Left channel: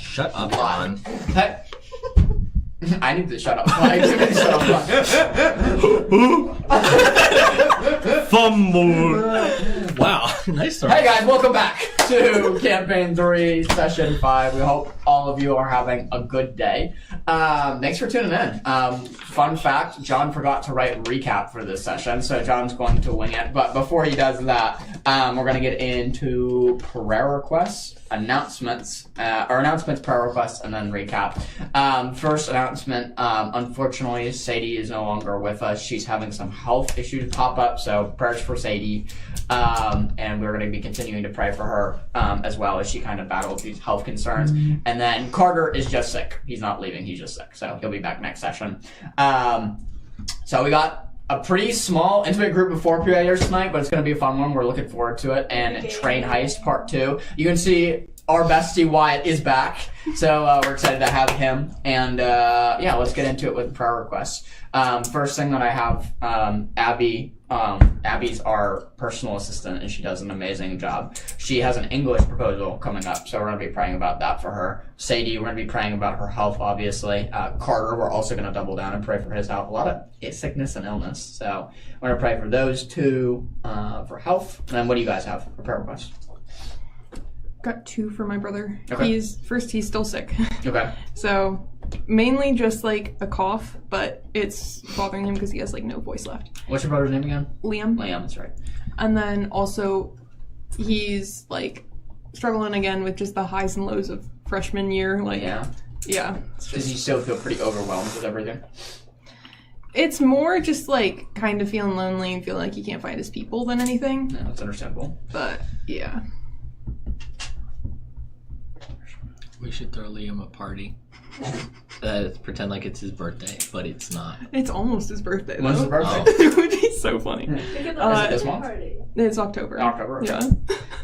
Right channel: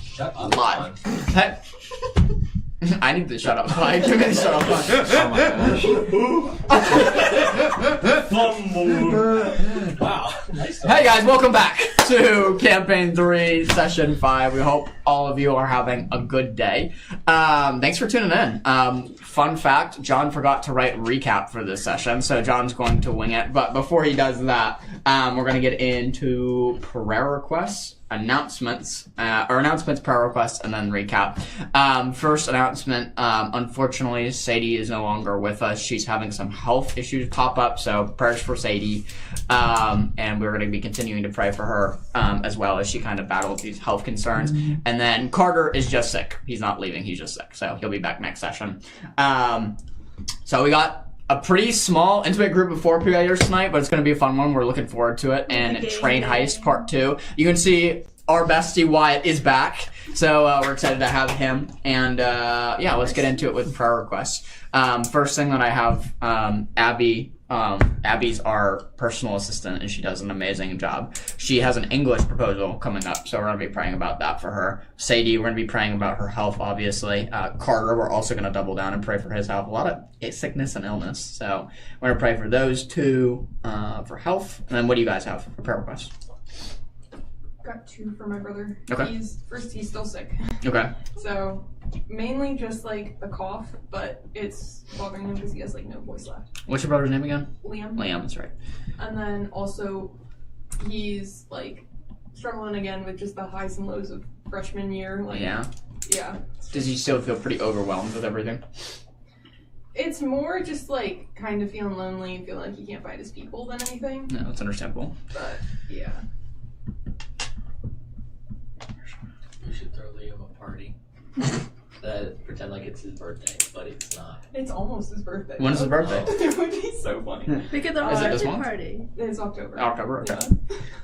Shut up, Lie. John. I need to shut up. I need to shut up. Fumble. Wow, nice start. Hey guys, welcome back to Campaign 3, Session 5. We hope all of you are having a good day. Thanks for tuning in. Fun fact, John forgot to write recap for this session, so John's going to wing it. But before he does that, we're going to get into prayer requests, announcements, prayer requests, and then recap. First announcement, unfortunately, Sadie is no longer with us. She's having some health issues pop up, so prayers for Sadie. And we're going to be continuing to pray for her as well as she kind of battles these health concerns. Mm-hmm. And then Carter is just sick. He's not leaving, he's just sick. So he'll be back next session. So we got a pretty small, intimate group of 4 players tonight, but it's going to be a fun one. We're looking forward to it. And Train Heist Part 2. You can see our bestie Wyatt is back. So we're excited to have him. And yeah, let's get into it with prayer requests. First thing that I have, Abby. Abby's our personal assistant, and she does an amazing job. She has an English proposal coming up, so we're going to be praying about that for her. Sadie, we're going to be praying about her health, obviously. Carter, we're also going to double down and pray for his health. A lot of sickness and illness, so we're going to pray for those two for health. And then what do you guys have for prayer requests? Got 2 for my brother. Okay. He's still sick. Okay. So mainly just like a cough, but it's bothering him because he has like no voice left. What's your brother's name again? Liam. Liam, that's right. And then also he's like struggling again with just the highs and lows of freshman year. Like yeah. Does he still feel pretty overwhelmed with everything? It's more just like kind of feeling lonely and feeling like he can't find his people than anything. No, it's understandable. But yeah. We should throw Liam a party. Pretend like it's his birthday, but it's not. It's almost his birthday. When's his birthday? It would be so funny. We could Is it this a month? party. It's October. October? Yeah.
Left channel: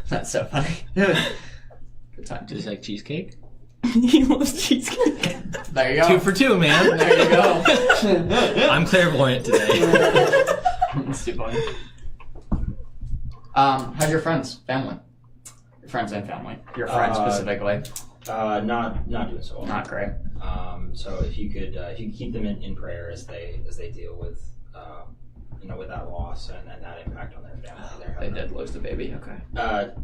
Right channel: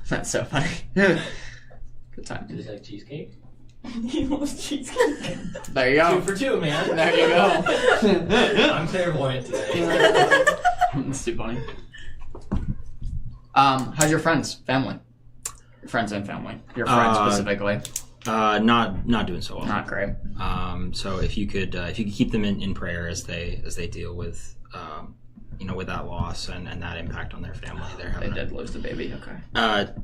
That's so funny. Good time. Does he like cheesecake? He loves cheesecake. There you go. 2 for 2, man. There you go. I'm clairvoyant today. That's too funny. How's your friends? Family? Friends and family. Your friends specifically. Not doing so well. Not great. So if you could keep them in prayer as they deal with with that loss and that impact on their family. They did lose the baby. Okay.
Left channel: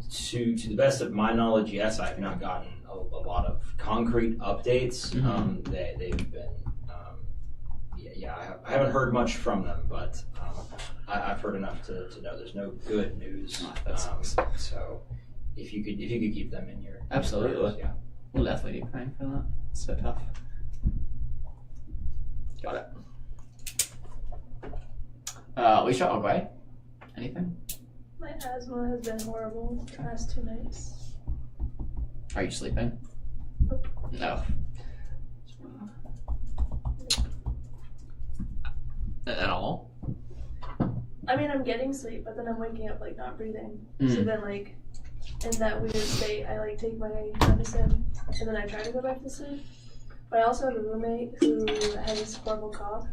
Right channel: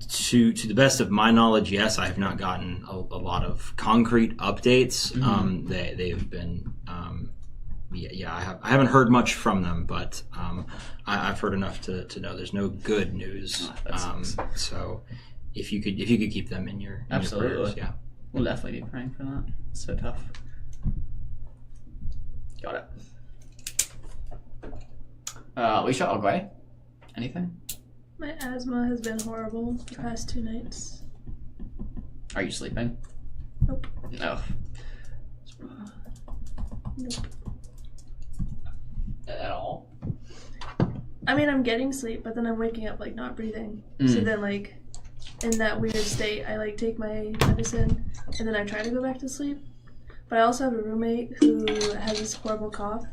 To the best of my knowledge, yes, I have not gotten a lot of concrete updates. Mm-hmm. They've been I haven't heard much from them, but I've heard enough to know there's no good news. So if you could keep them in your absolutely prayers, yeah. We'll definitely be praying for that. It's so tough. Got it. Alicia, Ogway? Anything? My asthma has been horrible the past 2 nights. Are you sleeping? Nope. No. Nope. At all? I mean, I'm getting sleep, but then I'm waking up like not breathing. So then like in that weird state, I like take my medicine and then I try to go back to sleep. But I also have a roommate who has this horrible cough,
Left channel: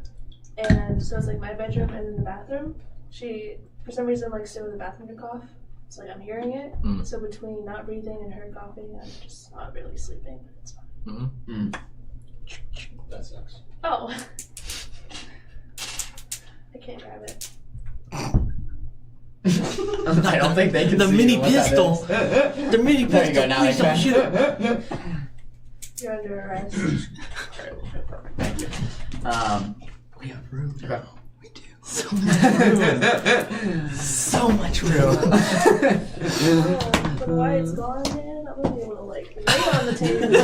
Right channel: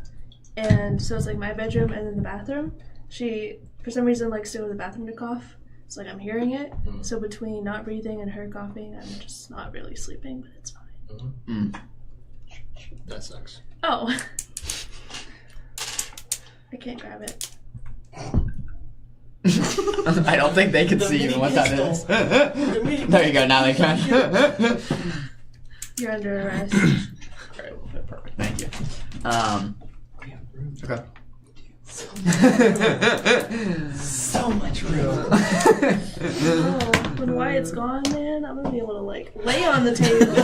and so it's like my bedroom and then the bathroom. She, for some reason, likes to go to the bathroom to cough. It's like I'm hearing it. So between not breathing and her coughing, I'm just not really sleeping, but it's fine. That sucks. Oh. I can't grab it. I don't think they can The see mini what pistol. That is. The mini There you go, now they can. You're under arrest. Alright, perfect. Thank you. We have room. Okay. We do. So much room. When Wyatt's gone, man, I'm gonna be able to like lay on the table.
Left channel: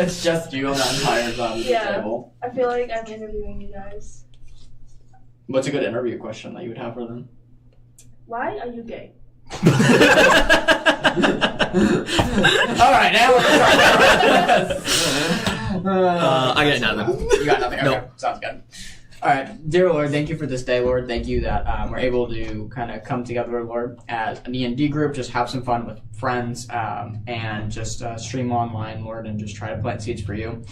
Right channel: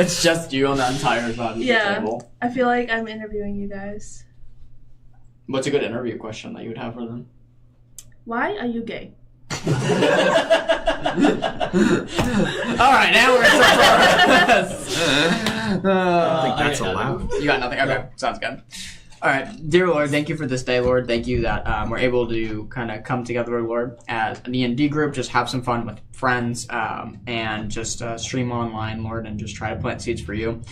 It's just you on the entire side of the table. I feel like I'm interviewing you guys. What's a good interview question that you would have for them? Why are you gay? All right, now we're I got nothing. You got nothing? Okay, Nope. sounds good. All right, dear Lord, thank you for this day, Lord. Thank you that we're able to kind of come together, Lord, as a D&D group, just have some fun with friends, and just stream online, Lord, and just try to plant seeds for you.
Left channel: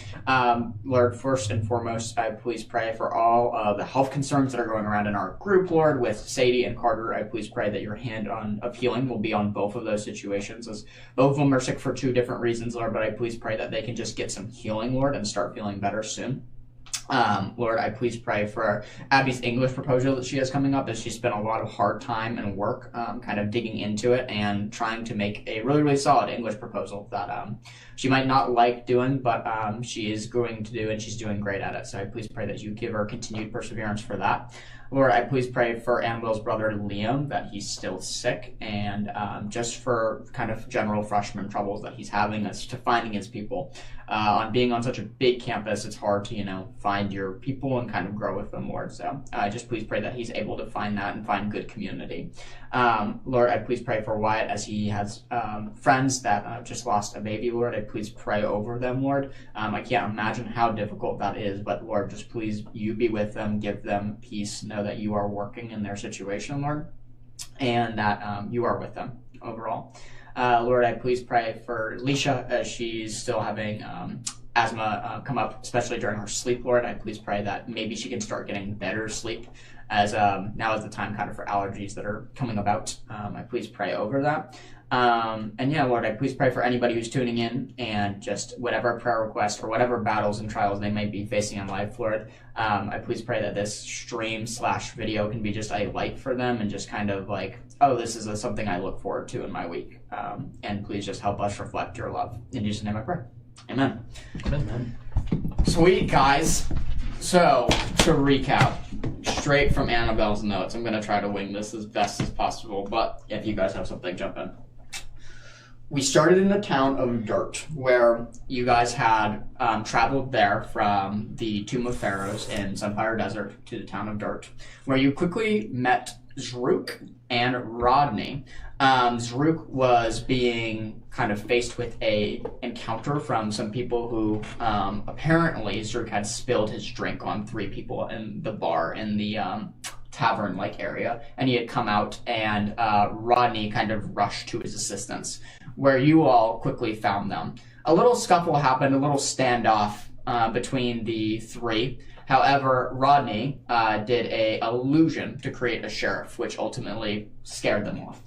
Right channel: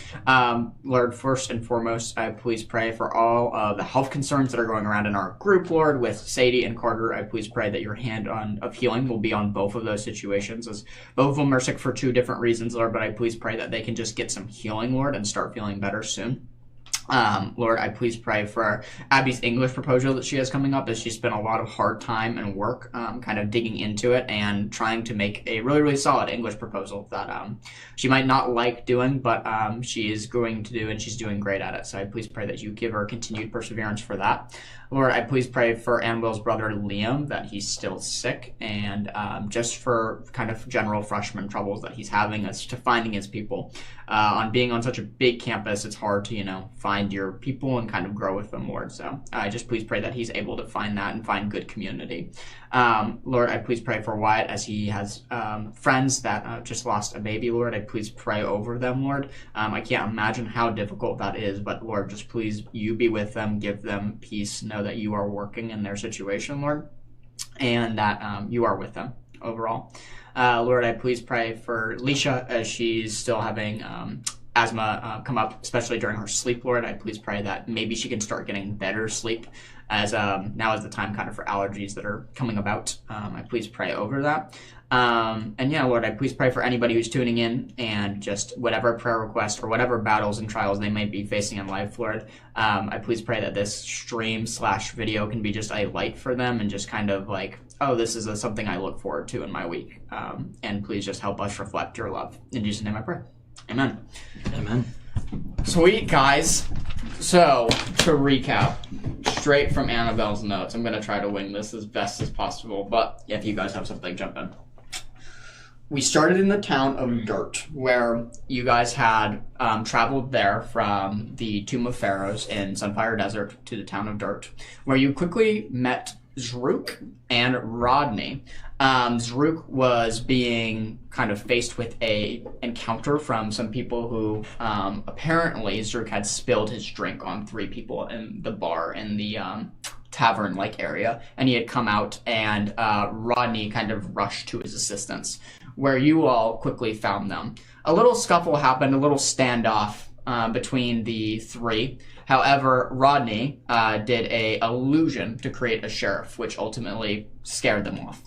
Lord, first and foremost, I please pray for all of the health concerns that are going around in our group, Lord, with Sadie and Carter. I please pray that your hand of healing will be on both of those situations, as both of them are sick for 2 different reasons, Lord, but I please pray that they can just get some healing, Lord, and start feeling better soon. Lord, I please pray for Abby's English proposal that she has coming up, as she spent a lot of hard time and work kind of digging into it and trying to make a really, really solid English proposal that she might not like doing, but she is going to do, and she's doing great at it. So I please pray that you give her continued perseverance for that. Lord, I please pray for Annabelle's brother Liam, that he's still sick, and just for kind of general freshman troubles that he's having as to finding his people. On being on such a big campus, it's hard to, find your people and kind of grow with them, Lord. So I just please pray that he's able to find that and find good community. Lord, I please pray for Wyatt, as he has friends that just lost a baby, Lord. I please pray over them, Lord. I can't imagine how difficult that is, but Lord, just please, you be with them, give them peace, know that you are working in their situation, Lord, and that you are with them overall. Lord, I please pray for Leisha, as she's still having asthma come up, especially during her sleep, Lord. I please pray that maybe she can start getting better sleep, as now is the time kind of for allergies that are coming about. I please pray over that. And yeah, Lord, I please pray for anybody who's tuning in, and just whatever prayer request or whatever battles and trials they may be facing in life, Lord. I please pray that this stream/video can be just a light for them, and just kind of like, oh, this is something I look forward to in my week. And please just help us reflect your love. In Jesus' name I pray. Amen. Amen. Sweet, guys. So, to recap, straight from Annabelle's notes, I'm going to try to wing this as best as possible, but if you guys have something, jump in. We started in the town of Dirt, where you guys had traveled there from the Tomb of Pharaohs in Sunfire Desert to the town of Dirt, where you quickly met Zrook and Rodney. Zrook was being kind of faced with a encounter from some people who apparently Zrook had spilled his drink on 3 people in the bar in the tavern-like area, and he had come out, and Rodney kind of rushed to his assistance, where you all quickly found them. A little scuffle happened, a little standoff between the 3. However, Rodney did a illusion to create a sheriff, which ultimately scared them off.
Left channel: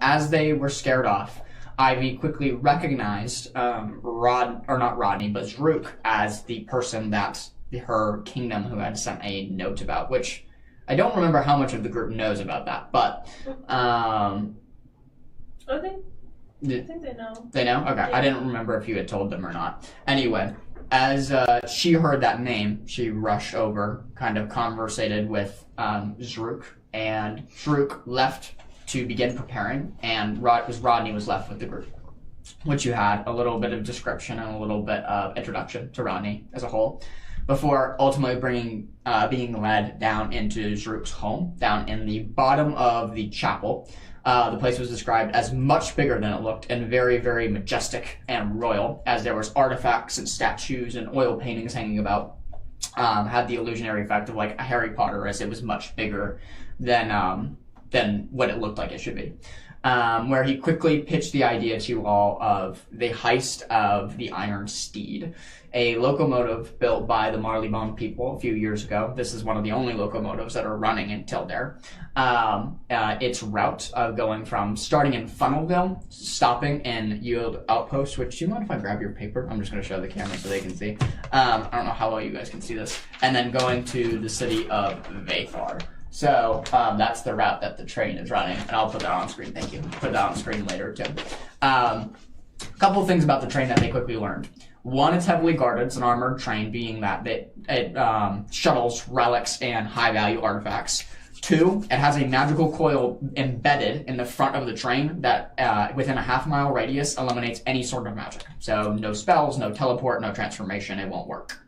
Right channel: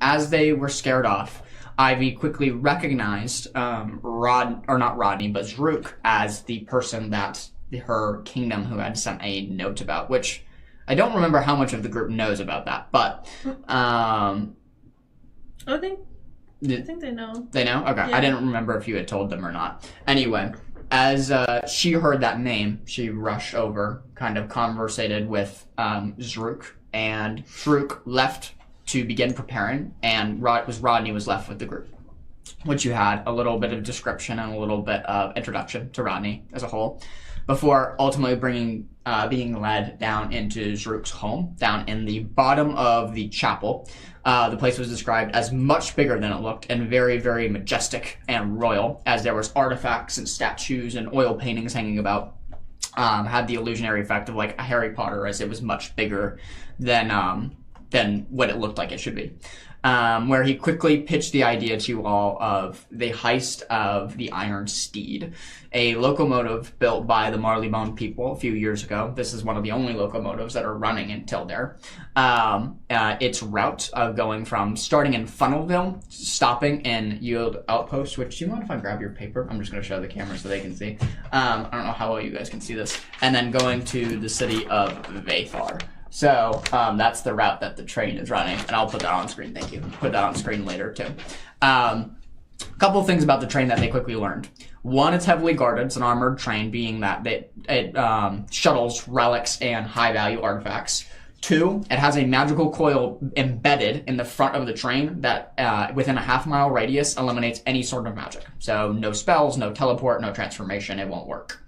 As they were scared off, Ivy quickly recognized not Rodney, but Zrook as the person that her kingdom who had sent a note about, which I don't remember how much of the group knows about that, but I think they know. They know? Okay. Yeah. I didn't remember if you had told them or not. Anyway, as she heard that name, she rushed over, kind of conversated with Zrook, and Zrook left to begin preparing, and Rodney was left with the group, which you had a little bit of description and a little bit of introduction to Rodney as a whole, before ultimately being led down into Zrook's home, down in the bottom of the chapel. The place was described as much bigger than it looked, and very, very majestic and royal, as there was artifacts and statues and oil paintings hanging about. Had the illusionary effect of like a Harry Potter, as it was much bigger than what it looked like it should be. Where he quickly pitched the idea to you all of the heist of the Iron Steed, a locomotive built by the Marleybone people a few years ago. This is one of the only locomotives that are running in Tildare. Its route of going from starting in Funnelville, stopping in Yield Outpost, which, do you mind if I grab your paper? I'm just going to show the camera so they can see. I don't know how well you guys can see this. And then going to the city of Vathar. So that's the route that the train is running, and I'll put that on screen. Thank you. Put that on screen later too. A couple of things about the train that they quickly learned. One, it's heavily guarded. It's an armored train, being that it shuttles relics and high-value artifacts. 2, it has a magical coil embedded in the front of the train that within a half-mile radius eliminates any sort of magic. So no spells, no teleport, no transformation. It won't work.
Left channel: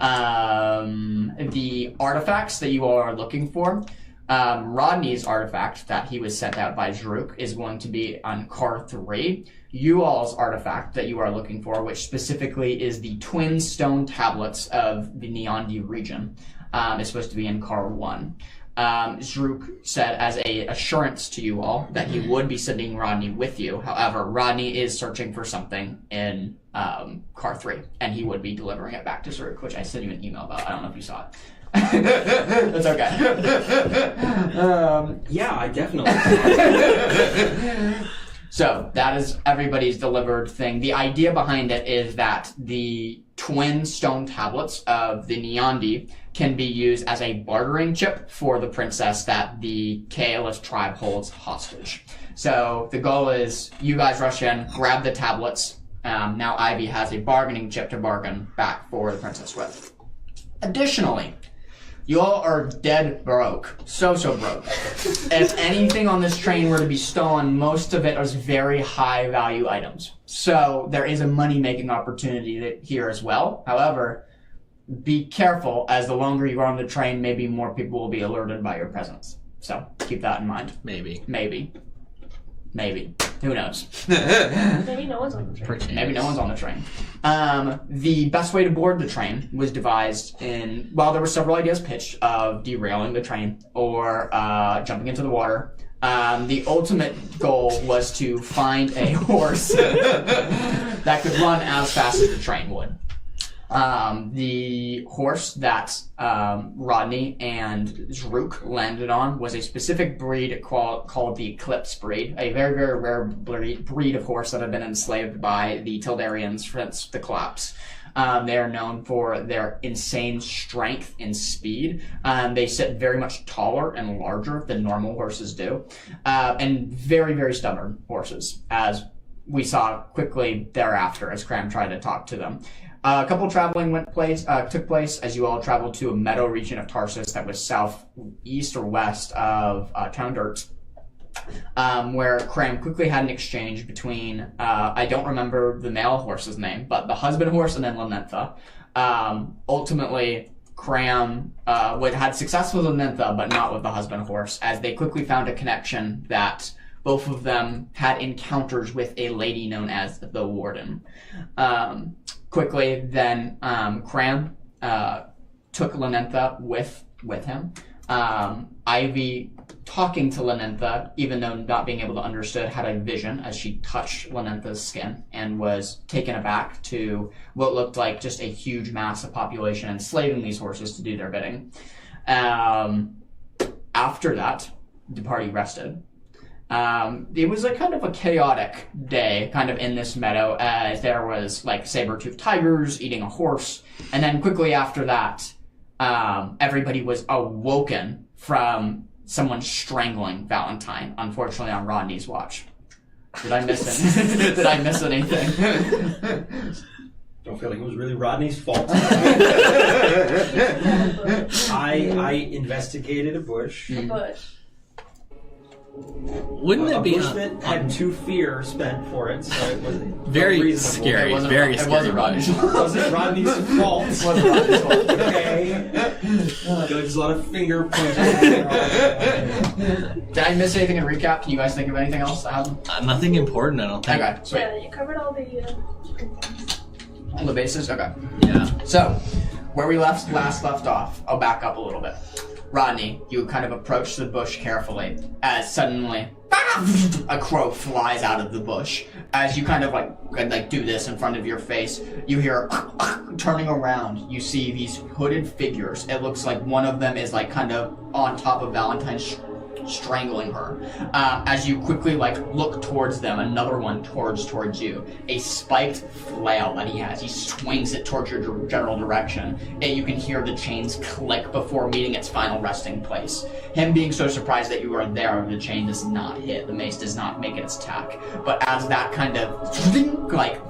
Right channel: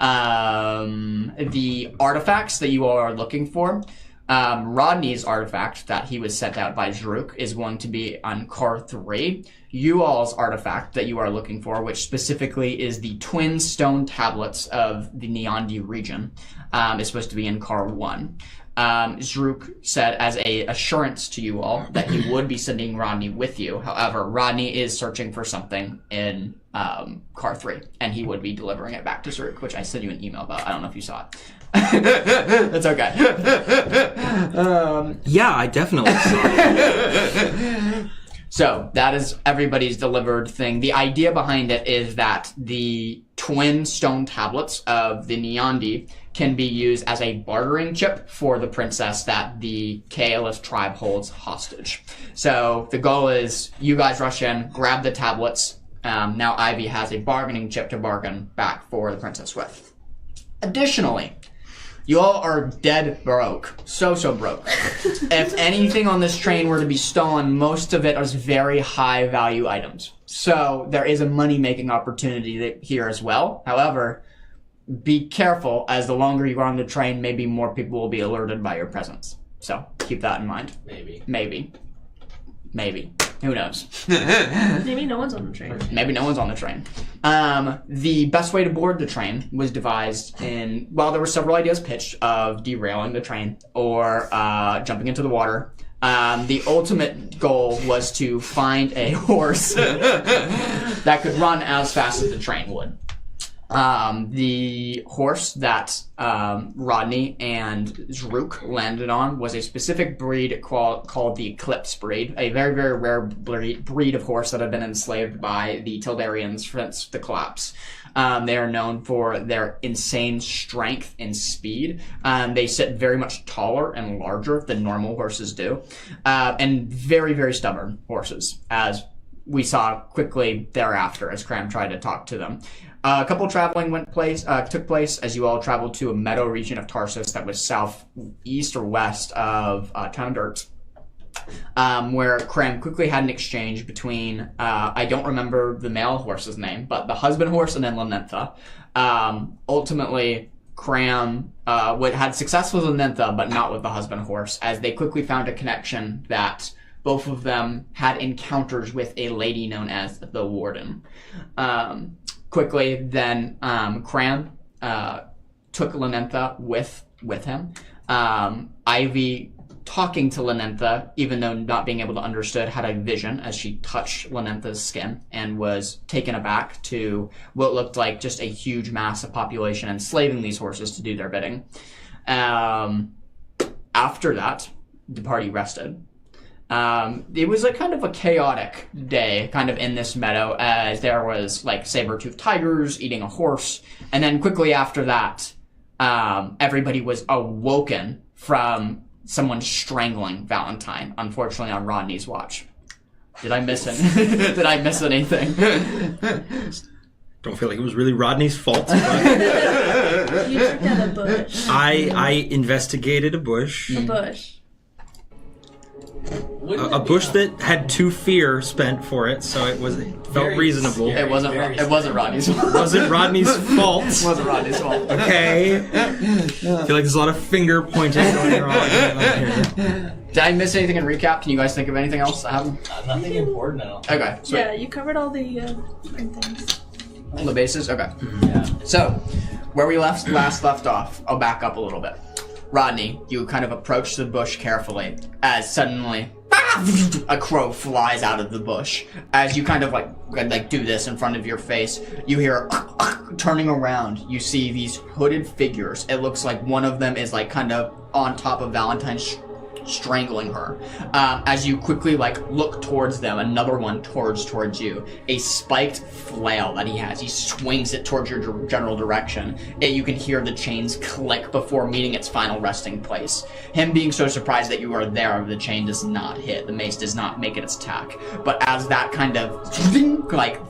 The artifacts that you all are looking for, Rodney's artifact that he was sent out by Zrook is going to be on car 3. You all's artifact that you are looking for, which specifically is the twin stone tablets of the Neondi region, is supposed to be in car 1. Zrook said as a assurance to you all that he would be sending Rodney with you. However, Rodney is searching for something in car 3, and he would be delivering it back to Zrook, which I sent you an email about. I don't know if you saw it. It's okay. Yeah, I definitely saw it. So that is everybody's delivered thing. The idea behind it is that the twin stone tablets of the Neandi can be used as a bartering chip for the princess that the Kaelith tribe holds hostage. So the goal is you guys rush in, grab the tablets. Now Ivy has a bargaining chip to bargain back for the princess with. Additionally, you all are dead broke. So broke. If anything on this train were to be stolen, most of it is very high value items. So there is a money-making opportunity here as well. However, be careful, as the longer you are on the train, maybe more people will be alerted by your presence. So keep that in mind. Maybe. Who knows? Maybe no one's on the train. Maybe no one's on the train. The best way to board the train was devised while there were several ideas pitched of derailing the train or jumping into the water. The ultimate goal was to find a horse that could run as fast as the train would. The horse that Rodney and Zrook landed on was a specific breed called the Eclipse breed, a very, very rare breed of horse that had been enslaved by the Tildarians since the collapse. They are known for their insane strength and speed. They sit very much taller and larger than normal horses do, and very, very stubborn horses, as we saw quickly thereafter as Cram tried to talk to them. A couple of traveling took place as you all traveled to a meadow region of Tarsus that was southeast or west of Town Dirt, where Cram quickly had an exchange between, I don't remember the male horse's name, but the husband horse and then Lanentha. Ultimately, Cram had success with Lanentha, but not with the husband horse, as they quickly found a connection that both of them had encounters with a lady known as the Warden. Quickly, then Cram took Lanentha with him. Ivy, talking to Lanentha, even though not being able to understand, had a vision as she touched Lanentha's skin and was taken aback to what looked like just a huge mass of population enslaving these horses to do their bidding. After that, the party rested. It was a kind of a chaotic day, kind of in this meadow, as there was like saber-toothed tigers eating a horse, and then quickly after that, everybody was awoken from someone strangling Valentine, unfortunately on Rodney's watch. Did I miss anything? Did I miss anything? Don't feel like it was really Rodney's fault. You took down a bush. I investigated a bush. A bush. Wouldn't A it be bush that had 2 fear spent for it, so it was Very reasonable. scary. It wasn't Rodney's fault. Wasn't Rodney's fault. It wasn't Rodney's fault. Okay. I feel like there's a lot of finger pointing going on. Did I miss anything in recap? Can you guys think of anything else that happened? nothing important, I don't think. Okay, sweet. Yeah, you covered all the main things. All the bases? Okay. Yeah. So, where we last left off, I'll back up a little bit. Rodney, you kind of approach the bush carefully, as suddenly a crow flies out of the bush. As you kind of like do this in front of your face, you hear turning around. You see these hooded figures. It looks like one of them is like kind of on top of Valentine, strangling her. As you quickly look towards them, another one towards you. A spiked flail that he has. He swings it towards your general direction. And you can hear the chains click before meeting its final resting place. Him being so surprised that you are there, the chain does not hit. The mace does not make its attack. But as that kind of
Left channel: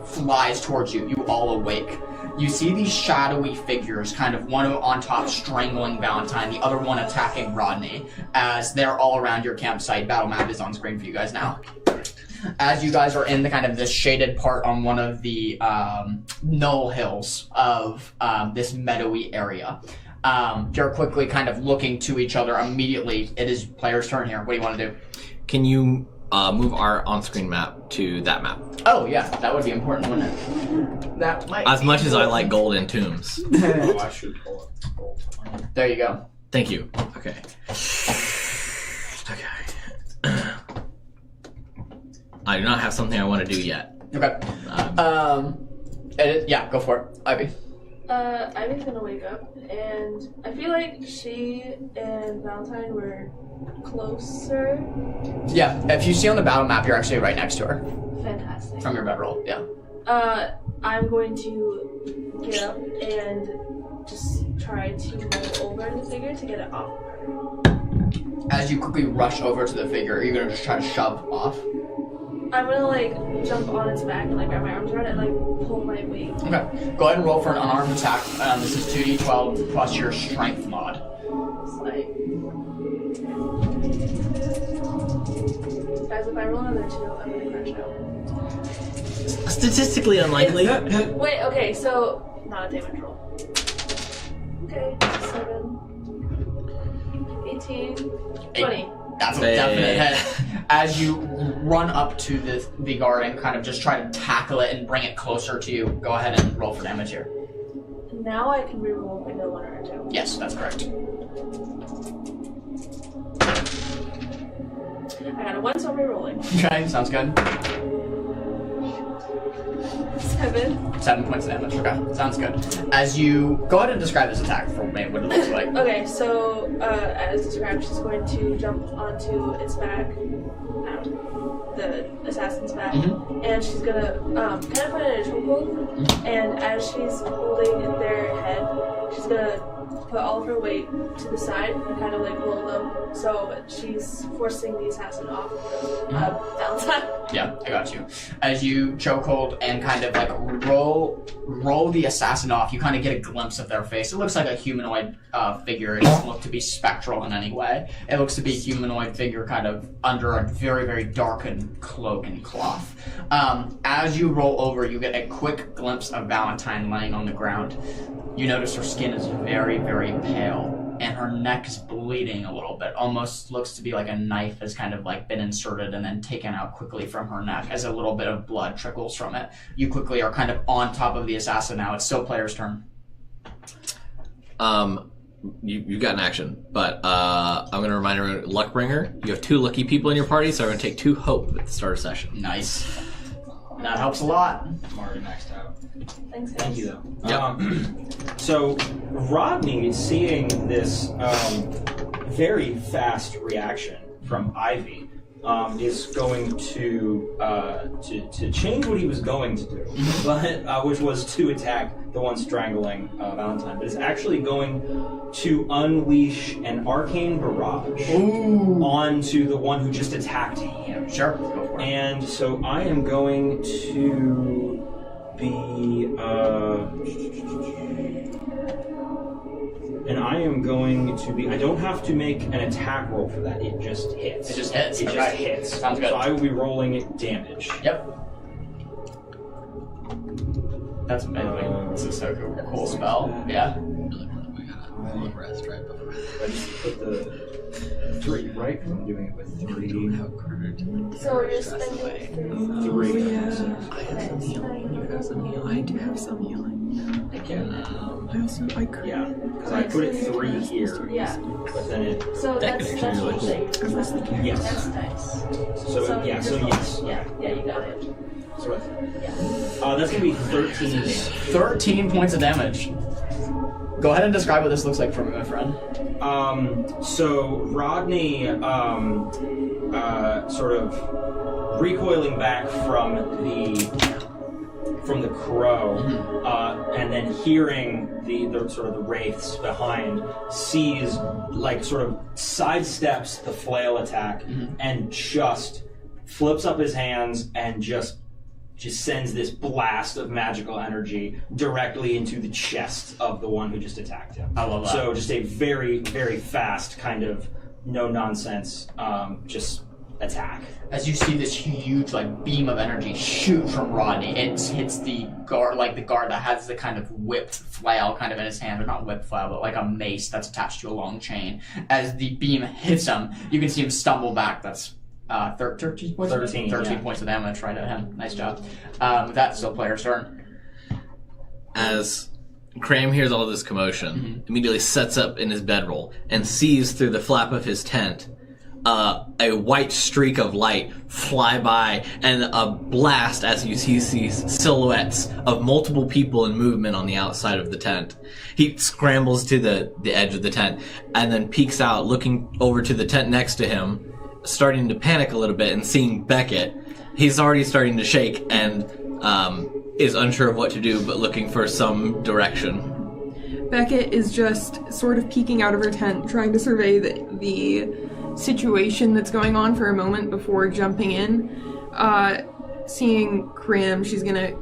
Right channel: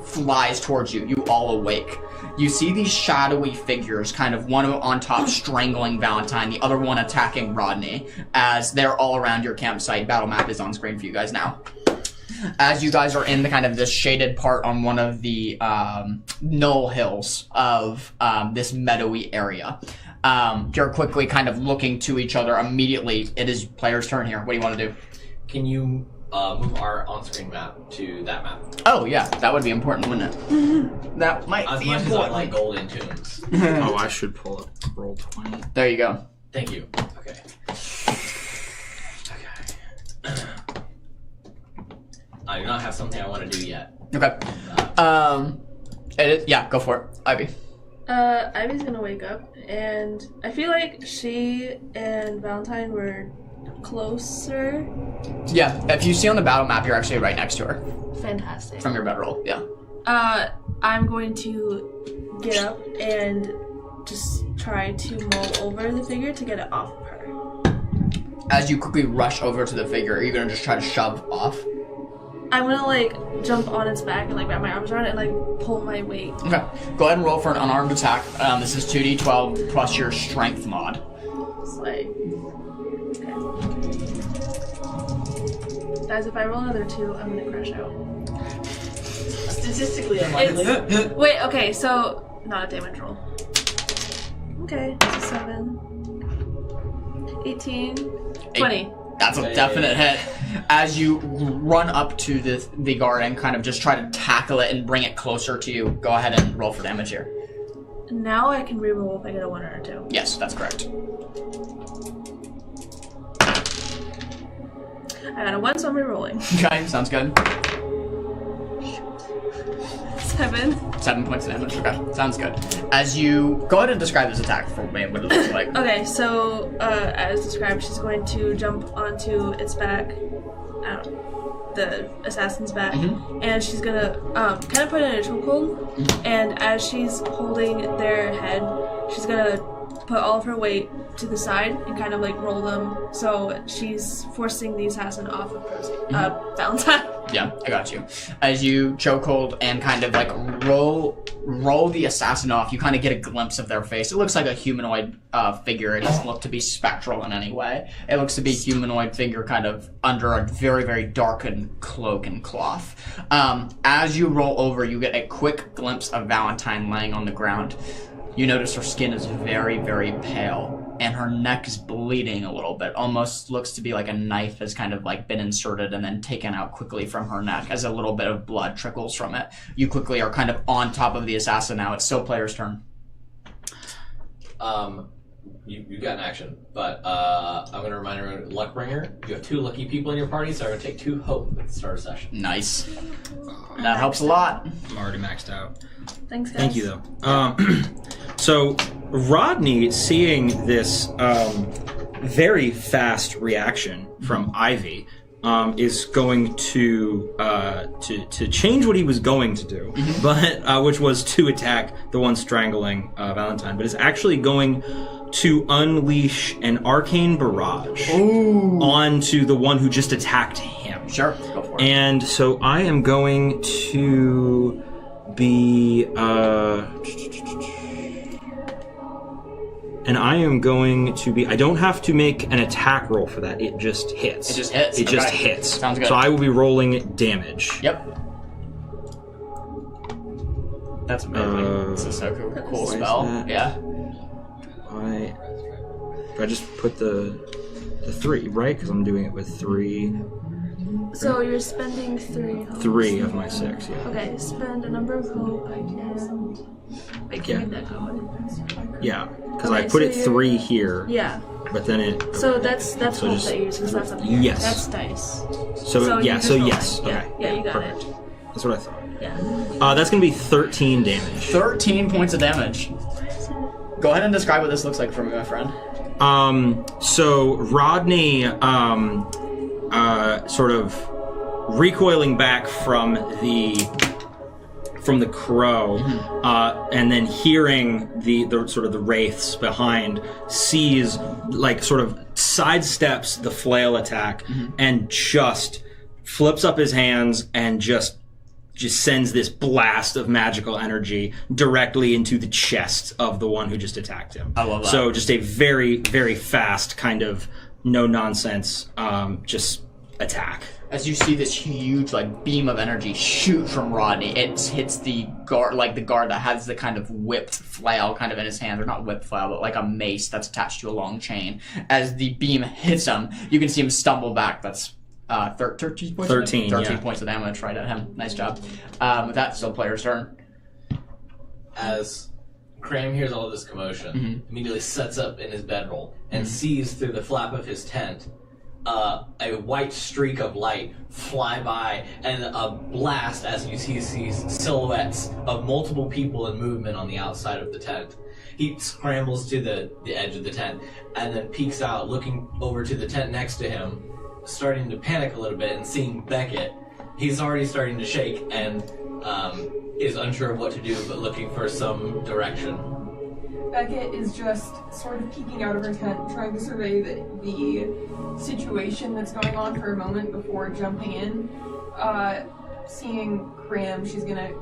flies towards you, you all awake. You see these shadowy figures, kind of one on top strangling Valentine, the other one attacking Rodney, as they're all around your campsite. Battle map is on screen for you guys now. As you guys are in the kind of this shaded part on one of the knoll hills of this meadowy area, you're quickly kind of looking to each other immediately. It is player's turn here. What do you want to do? Can you move our on-screen map to that map. Oh yeah, that would be important, wouldn't it? That might. As be much as I important. like golden tombs. Oh, I should pull up roll 20. There you go. Thank you. Okay. Okay. I do not have something I want to do yet. Okay. Yeah, go for it, Ivy. Ivy's gonna wake up, and I feel like she and Valentine were closer. Yeah, if you see on the battle map, you're actually right next to her Fantastic. from your bedroll. Yeah. I'm going to get up and just try to mull over the figure to get it off of her. As you quickly rush over to the figure, you're gonna just try to shove off. I'm gonna like jump on its back and like wrap my arms around it and like pull my weight. Okay. Go ahead and roll for an unarmed attack. This is 2d12 plus your strength mod. Slay. Guys, if I roll another 2, I'm gonna crash out. Statistically unlikely. Wait, okay, so not a damage roll. Okay, so 7, 18, 20. That's a Hey. definite hit. As you run up to the guard and kind of just try to tackle it and bring it closer to you, go ahead and roll for damage here. Now I can reroll if I get a 1 or a 2. Yes, that's correct. I got a 1, so I'm rerolling. Okay, sounds good. 7. 7 points of damage. Okay, sounds good. As you go ahead and describe this attack for me, what it looks like. Okay, so as described, she's going to jump onto its back, the assassin's back, and she's gonna kind of put it in a chokehold. And as she's holding their head, she's gonna put all of her weight to the side and kind of like roll them. So she's forcing the assassin off of Valentine. Yeah, I got you. As you chokehold and kind of like roll the assassin off, you kind of get a glimpse of their face. It looks like a humanoid figure. It doesn't look to be spectral in any way. It looks to be a humanoid figure kind of under a very, very darkened cloak and cloth. As you roll over, you get a quick glimpse of Valentine laying on the ground. You notice her skin is very, very pale, and her neck is bleeding a little bit. Almost looks to be like a knife has kind of like been inserted and then taken out quickly from her neck as a little bit of blood trickles from it. You quickly are kind of on top of the assassin now. It's still player's turn. You got an action, but I'm going to remind everyone, Luckbringer, you have 2 lucky people in your party, so I'm going to take 2 hope at the start of session. Nice. That helps a lot. I'm already maxed out. Thanks, guys. Thank you, though. So, Rodney, seeing this very fast reaction from Ivy, is going to change what he was going to do, but which was to attack the one strangling Valentine, but is actually going to unleash an arcane barrage onto the one who just attacked him. Sure, go for it. And so I am going to be, I don't have to make an attack roll for that. It just hits. It just hits. It just Okay. hits. Sounds good. So I will be rolling damage. Yep. That's amazing. This is so cool spell. Yeah. I just put the 3, right? Because I'm doing it with 3. So you're spending 3. 3 of my 6. Okay, spend a number of healing. I do have some healing. Wait, can you net healing? I could. Yeah, because Okay, I put so it you're- 3 here, Yeah. but then it. So that's so what just- they use because that's up here. Yes. That's dice. So you yeah, just so roll. yes. Yeah, Okay. yeah, you got Perfect. it. That's what I thought. Yeah. That's gonna be 13 damage. 13 points of damage. Go ahead and describe what this looks like for me, my friend. So Rodney, sort of recoiling back from the crow, and then hearing the sort of the wraiths behind, sees, like, sort of sidesteps the flail attack and just flips up his hands and just sends this blast of magical energy directly into the chest of the one who just attacked him. I love that. So just a very, very fast kind of no-nonsense just attack. As you see this huge like beam of energy shoot from Rodney, it hits the guard, that has the kind of whipped flail kind of in his hand, or not whipped flail, but like a mace that's attached to a long chain. As the beam hits him, you can see him stumble back. That's 13 points. 13, 13 yeah. points of damage right at him. Nice job. With that, still player's turn. As Cram hears all this commotion, immediately sets up in his bedroll and sees through the flap of his tent a white streak of light fly by and a blast as he sees silhouettes of multiple people in movement on the outside of the tent. He scrambles to the edge of the tent and then peeks out, looking over to the tent next to him, starting to panic a little bit and seeing Beckett. He's already starting to shake and is unsure of what to do, but looking for some direction. Beckett is just sort of peeking out of her tent, trying to survey the situation that's going on for a moment before jumping in. Seeing Cram, she's gonna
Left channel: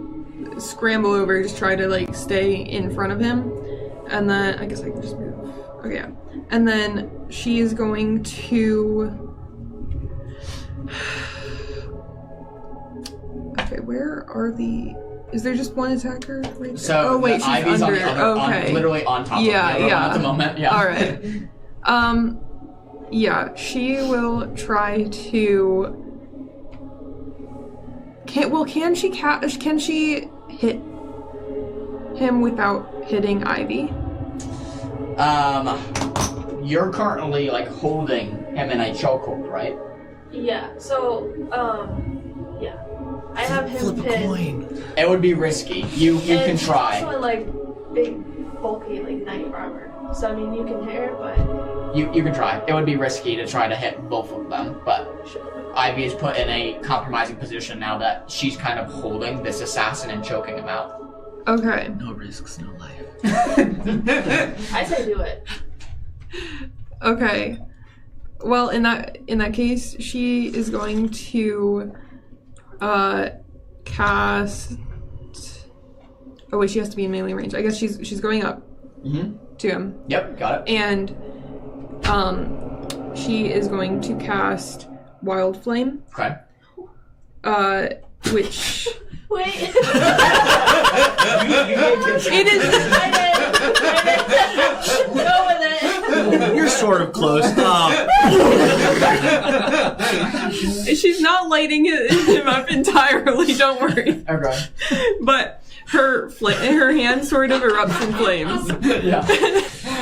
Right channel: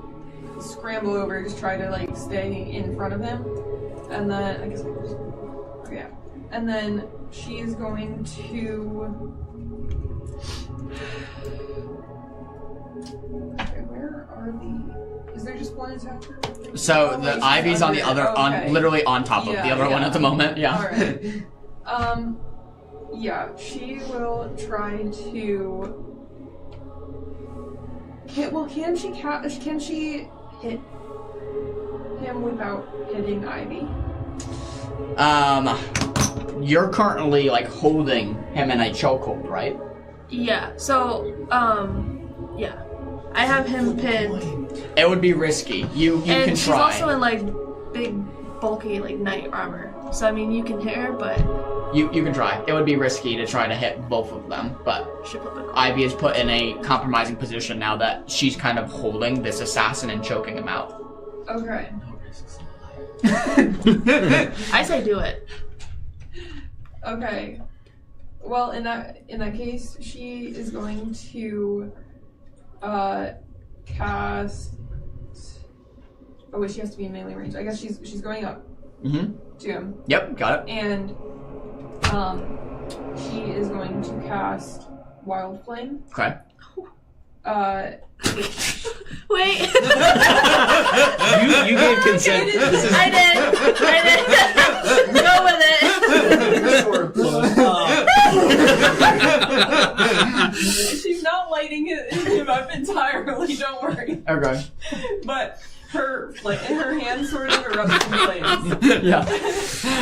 scramble over, just try to like stay in front of him, and then I guess I can just move. Okay, yeah. And then she's going to. Okay, where are the? Is there just one attacker? Right So oh, wait, the Ivy's on the other, okay. literally on top of the other one at the moment. Yeah. All right. Yeah, she will try to. Can she hit him without hitting Ivy? You're currently like holding him in a chokehold, right? Yeah. So, yeah. I have him pinned. It would be risky. You And can she's try. also in like big, bulky like knight armor. So I mean, you can hit her, but You can try. It would be risky to try to hit both of them, but Ivy is put in a compromising position now that she's kind of holding this assassin and choking him out. Okay. No risks, no life. I say do it. Okay. Well, in that case, she is going to cast. Oh wait, she has to be in melee range. I guess she's going up to him. Yep, got it. And she is going to cast Wild Flame. Okay. Which Wait. You gave consent. I did. Go with it. You're sort of close. she's not lighting him up entirely. Don't worry. Okay. But her hand sort of erupts in flames. Yeah.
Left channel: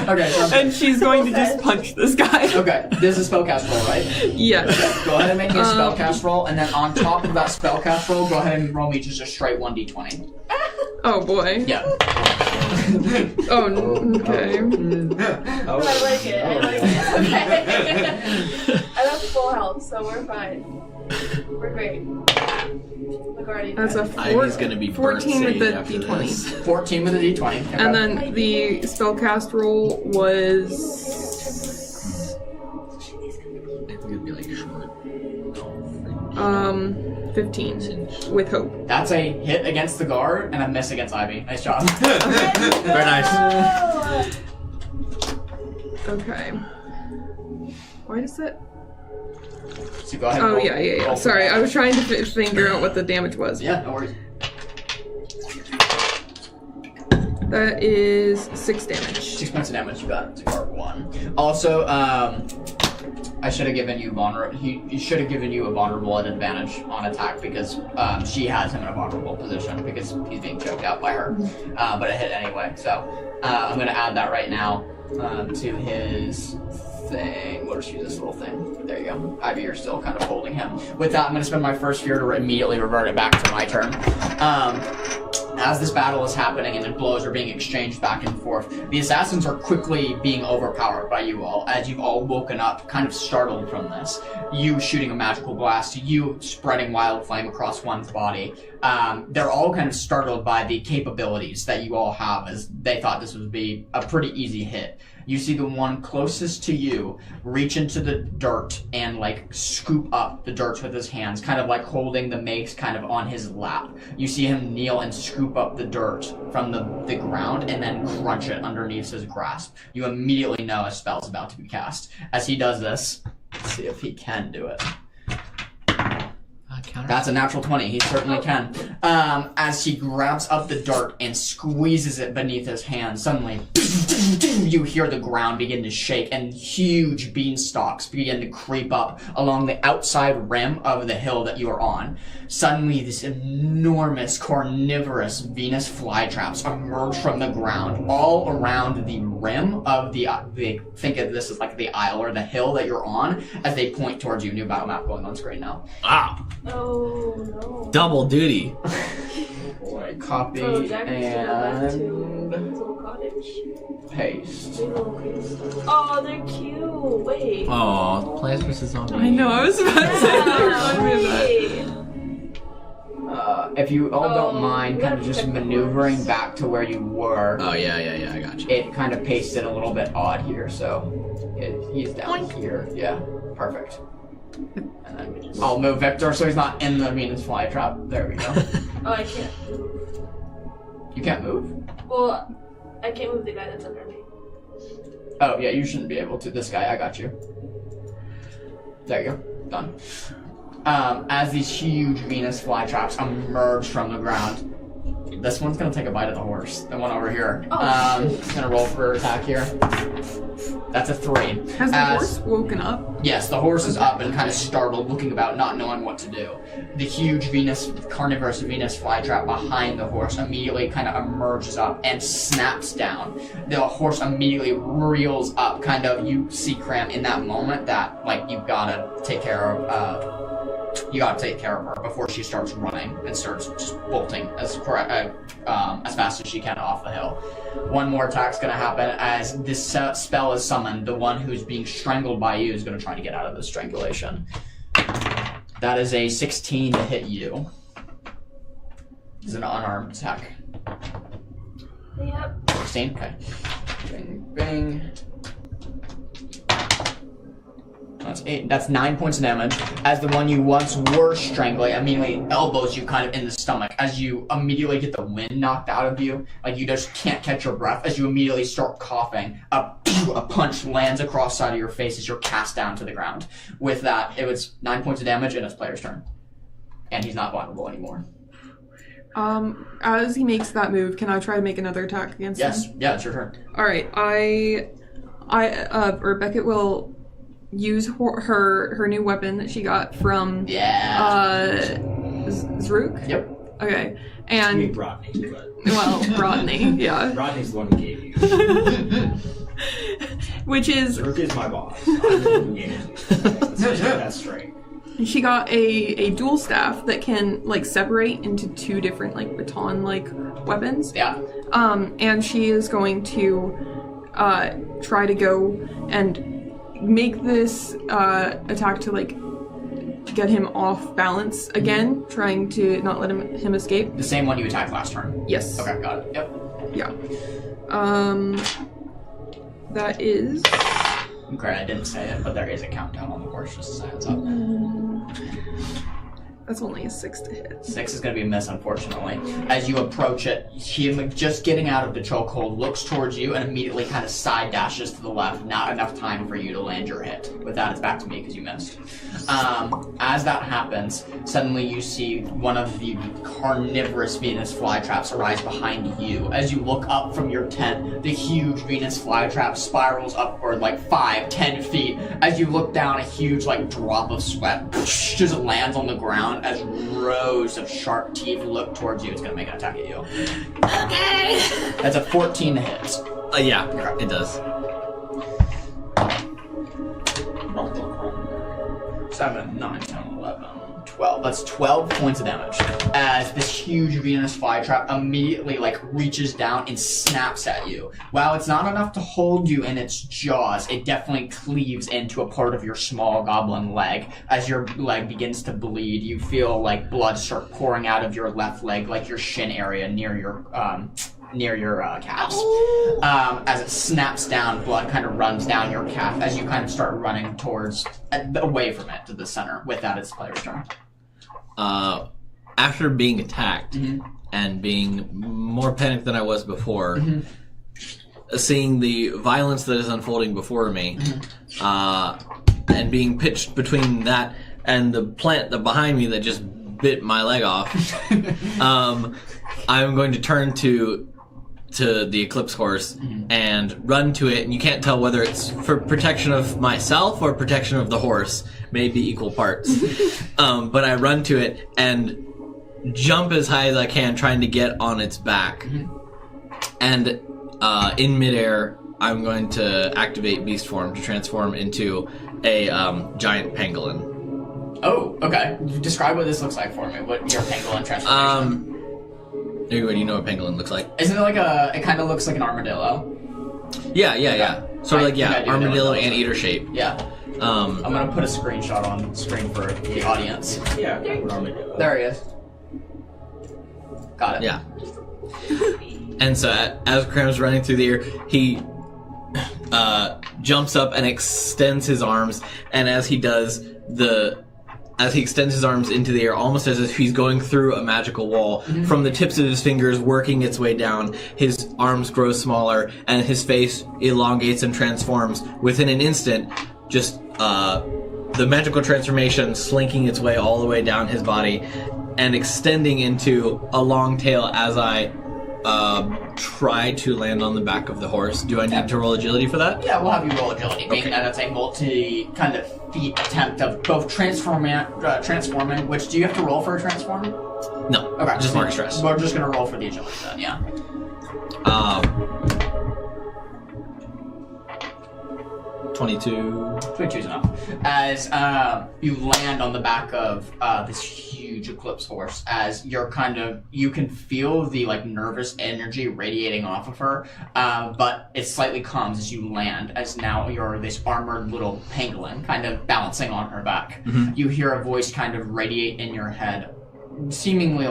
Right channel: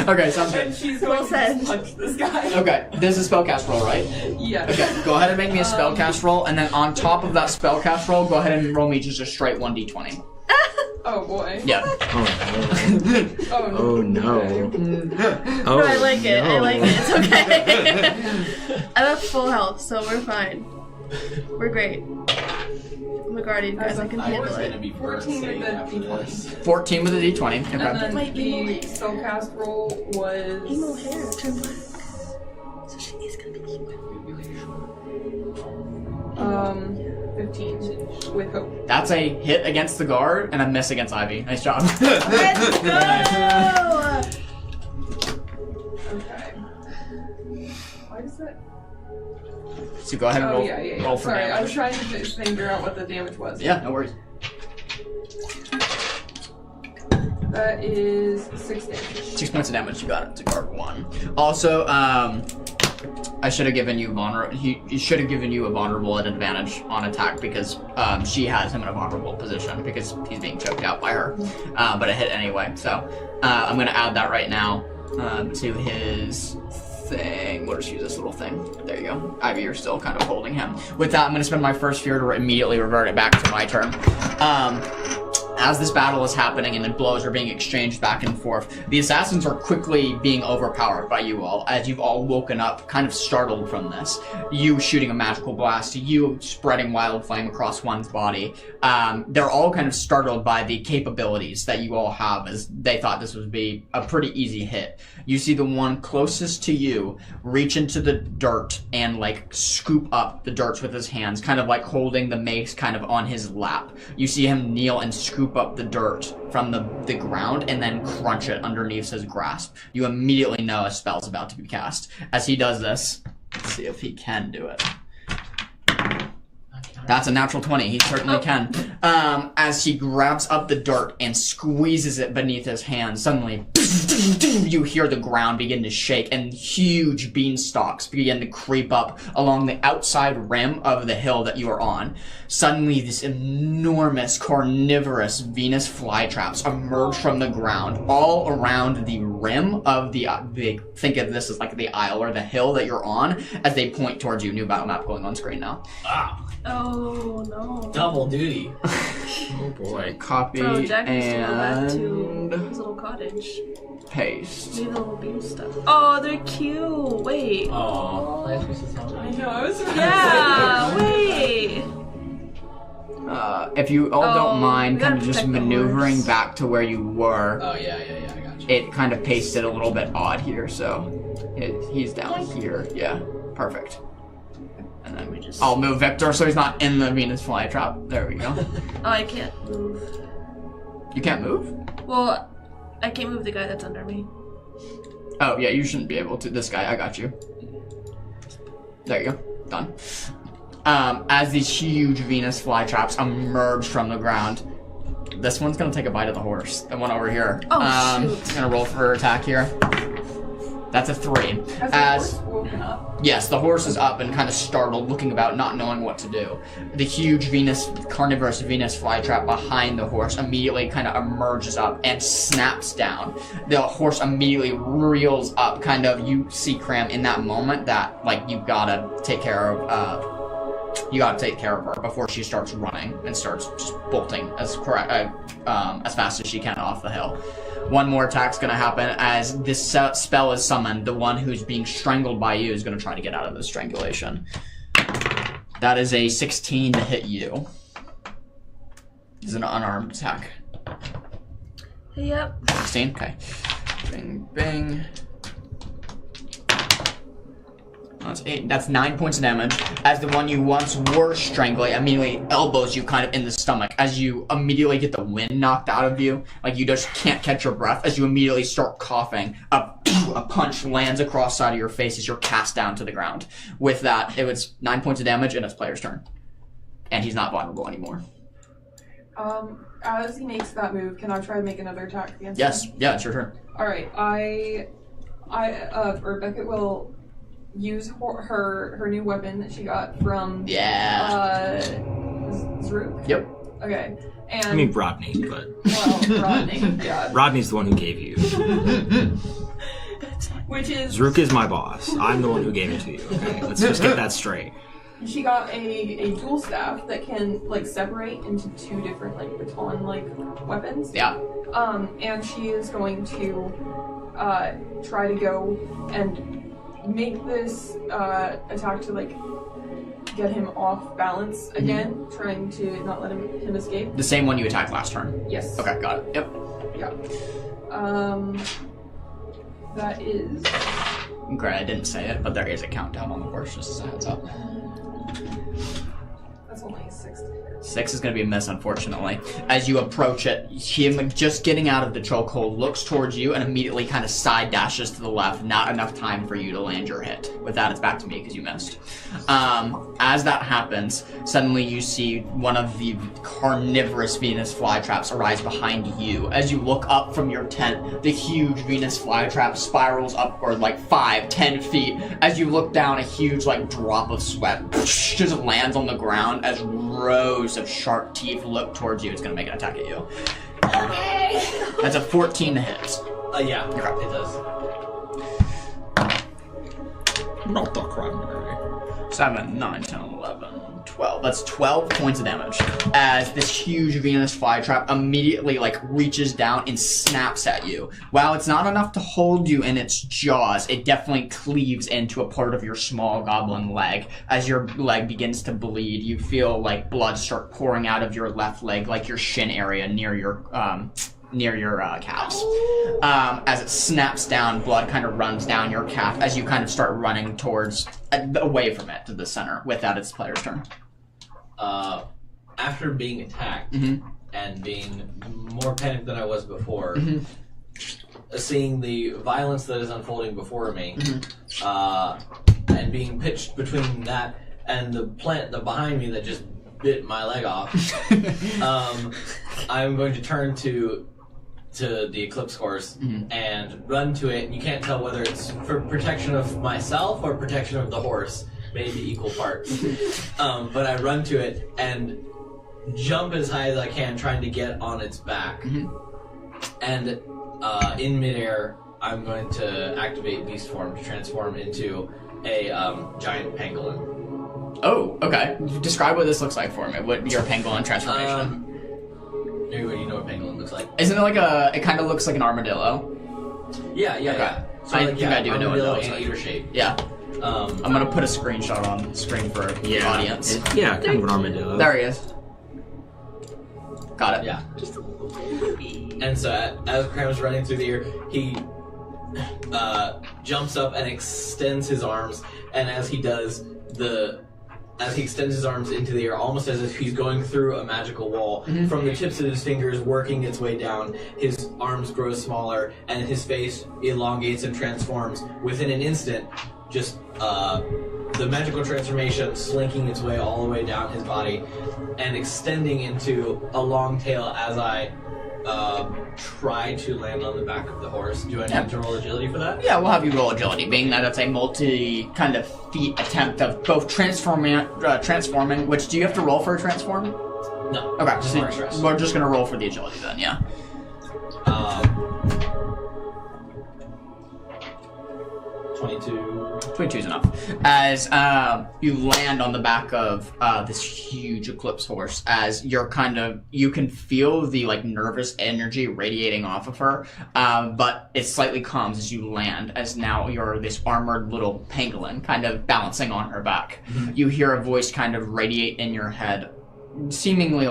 Okay, sounds good. And she's going to just punch this guy. Okay, this is a spellcast roll, right? Yes. Okay, go ahead and make me a spellcast roll, and then on top of that spellcast roll, go ahead and roll me just a straight 1d20. Oh boy. Yeah. Oh no. Okay. No, I like it. I like it. It's okay. I'm at full health, so we're fine. We're great. I'm a guardian. That's guys. a I can Ivy's do it. gonna be 14 with the after d20. this. 14 with a d20. Okay. And then the spellcast roll was So she is gonna be. It'd be like short. 15 with hope. That's a hit against the guard and a miss against Ivy. Nice job. Very nice. Okay. Why does that? So go ahead and Oh roll. yeah. roll for Sorry, I damage. was trying to figure out what the damage was. Yeah, no worries. That is 6 damage. 6 points of damage. You got it to guard 1. Also, I should have given you he should have given you a vulnerable at advantage on attack because she has him in a vulnerable position because he's being choked out by her. But it hit anyway. So I'm going to add that right now to his thing. We'll just use this little thing. There you go. Ivy, you're still kind of holding him. With that, I'm going to spend my first fear to immediately revert it back to my turn. As this battle is happening and the blows are being exchanged back and forth, the assassins are quickly being overpowered by you all, as you've all woken up, kind of startled from this. You shooting a magical blast, you spreading wild flame across one's body. They're all kind of startled by the capabilities that you all have, as they thought this would be a pretty easy hit. You see the one closest to you reach into the dirt and like scoop up the dirt with his hands, kind of like holding the mace kind of on his lap. You see him kneel and scoop up the dirt from the ground and then crunch it underneath his grasp. You immediately know a spell's about to be cast. As he does this, let's see if he can do it. That's a natural 20. He certainly can. As he grabs up the dirt and squeezes it beneath his hand, suddenly you hear the ground begin to shake and huge beanstalks begin to creep up along the outside rim of the hill that you are on. Suddenly, this enormous carnivorous Venus flytraps emerge from the ground all around the rim of the think of this as like the aisle or the hill that you're on as they point towards you. New battle map going on screen now. Wow. Oh no. Double duty. Oh boy. Copy Bro, Jack needs to go back to and his little cottage. paste. Maybe the little baby stuff. Oh, they're cute. Wait. Aw, Plants vs. Zombies. I know, I was about Yeah, to say. wait. If you all don't mind we kind gotta of just protect the maneuvering horse. back to where you were, Oh, yeah, I got you. it kind of pasted a little bit odd here, so he's down Oink. here. Yeah, perfect. And then We just- I'll move Victor so he's not in the Venus flytrap. There we go. Oh, I can't move. You can't move? Well, I can't move the guy that's under me. Oh, yeah, you shouldn't be able to. This guy, I got you. There you go. Done. As these huge Venus flytraps emerge from the ground, this one's gonna take a bite of the horse. The one over here. Oh, shoot. It's gonna roll for attack here. That's a 3. Has the horse woken up? Yes, the horse is up and kind of startled, looking about, not knowing what to do. The huge carnivorous Venus flytrap behind the horse immediately kind of emerges up and snaps down. The horse immediately reels up, you see Cram in that moment that, you gotta take care of her before she starts running and starts just bolting as fast as she can off the hill. One more attack's gonna happen as this spell is summoned. The one who's being strangled by you is gonna try to get out of the strangulation. That is a 16 to hit you. This is an unarmed attack. Yep. 16? Okay. Bing, bing. That's 8. That's 9 points of damage. As the one you once were strangling immediately elbows you kind of in the stomach. As you immediately get the wind knocked out of you, you just can't catch your breath. As you immediately start coughing, a punch lands across the side of your face as you're cast down to the ground. With that, it was 9 points of damage, and it's player's turn. And he's not vulnerable anymore. As he makes that move, can I try to make another attack against him? Yes, yeah, it's your turn. Alright, Beckett will use her new weapon that she got from Zrook. Yep. Okay, I and mean Rodney, but Rodney, yeah, Rodney's the one who gave you. which is Zrook is my boss. I'm the one who gave it to you. Okay? Let's just get that straight. she got a dual staff that can separate into 2 different baton weapons. Yeah. And she is going to try to go and make this attack to get him off balance again, trying to not let him escape. The same one you attacked last turn. Yes. Okay, got it. Yep. Yeah. That is Okay, I didn't say it, but there is a countdown on the horse, just as a heads up. that's only a 6 to hit. 6 is going to be a miss, unfortunately. As you approach it, him just getting out of the chokehold looks towards you and immediately kind of side dashes to the left. Not enough time for you to land your hit. With that, it's back to me because you missed. As that happens, suddenly you see one of the carnivorous Venus flytraps arise behind you. As you look up from your tent, the huge Venus flytrap spirals upward 5-10 feet. As you look down, a huge drop of sweat just lands on the ground. As rows of sharp teeth look towards you, it's gonna make an attack at you. Okay. That's a 14 to hit. Yeah, it does. Not the crime. 7, 9, 10, 11, 12. That's 12 points of damage. As this huge Venus flytrap immediately reaches down and snaps at you. While it's not enough to hold you in its jaws, it definitely cleaves into a part of your small goblin leg. As your leg begins to bleed, you feel blood start pouring out of your left leg, your shin area near your calves. As it snaps down, blood kind of runs down your calf as you kind of start running away from it to the center. With that, it's the player's turn. After being attacked and being more panicked than I was before, seeing the violence that is unfolding before me, and being pitched between that and the plant behind me that just bit my leg off, I'm going to turn to to the Eclipse horse and run to it, and you can't tell whether it's for protection of myself or protection of the horse. Maybe equal parts. But I run to it and jump as high as I can, trying to get on its back. And in midair, I'm going to activate Beast Form to transform into a giant pangolin. Oh, okay. Describe what this looks like for me. What your pangolin transformation? Do you know what pangolin looks like? Isn't it like it kind of looks like an armadillo? Yeah. So I think I do know what armadillo that looks anteater shape. Yeah. I'm gonna put a screenshot on the screen for the audience. Yeah, kind of an armadillo. There he is. Got it. Yeah. And so as Cram's running through the air, he jumps up and extends his arms, and as he does, as he extends his arms into the air, almost as if he's going through a magical wall, from the tips of his fingers working its way down, his arms grow smaller, and his face elongates and transforms within an instant, just the magical transformation slinking its way all the way down his body and extending into a long tail as I try to land on the back of the horse. Do I need to roll agility for that? Yeah, we'll have you roll agility, being that it's a multi kind of feat attempt of both transforming. Which do you have to roll for a transform? No. Okay, Just mark stress. We're just gonna roll for the agility then. Yeah. 22. 22 is enough. As you land on the back of this huge Eclipse horse, as you're you can feel the nervous energy radiating off of her, but it slightly calms as you land, as now you're this armored little pangolin kind of balancing on her back. You hear a voice kind of radiate in your head, seemingly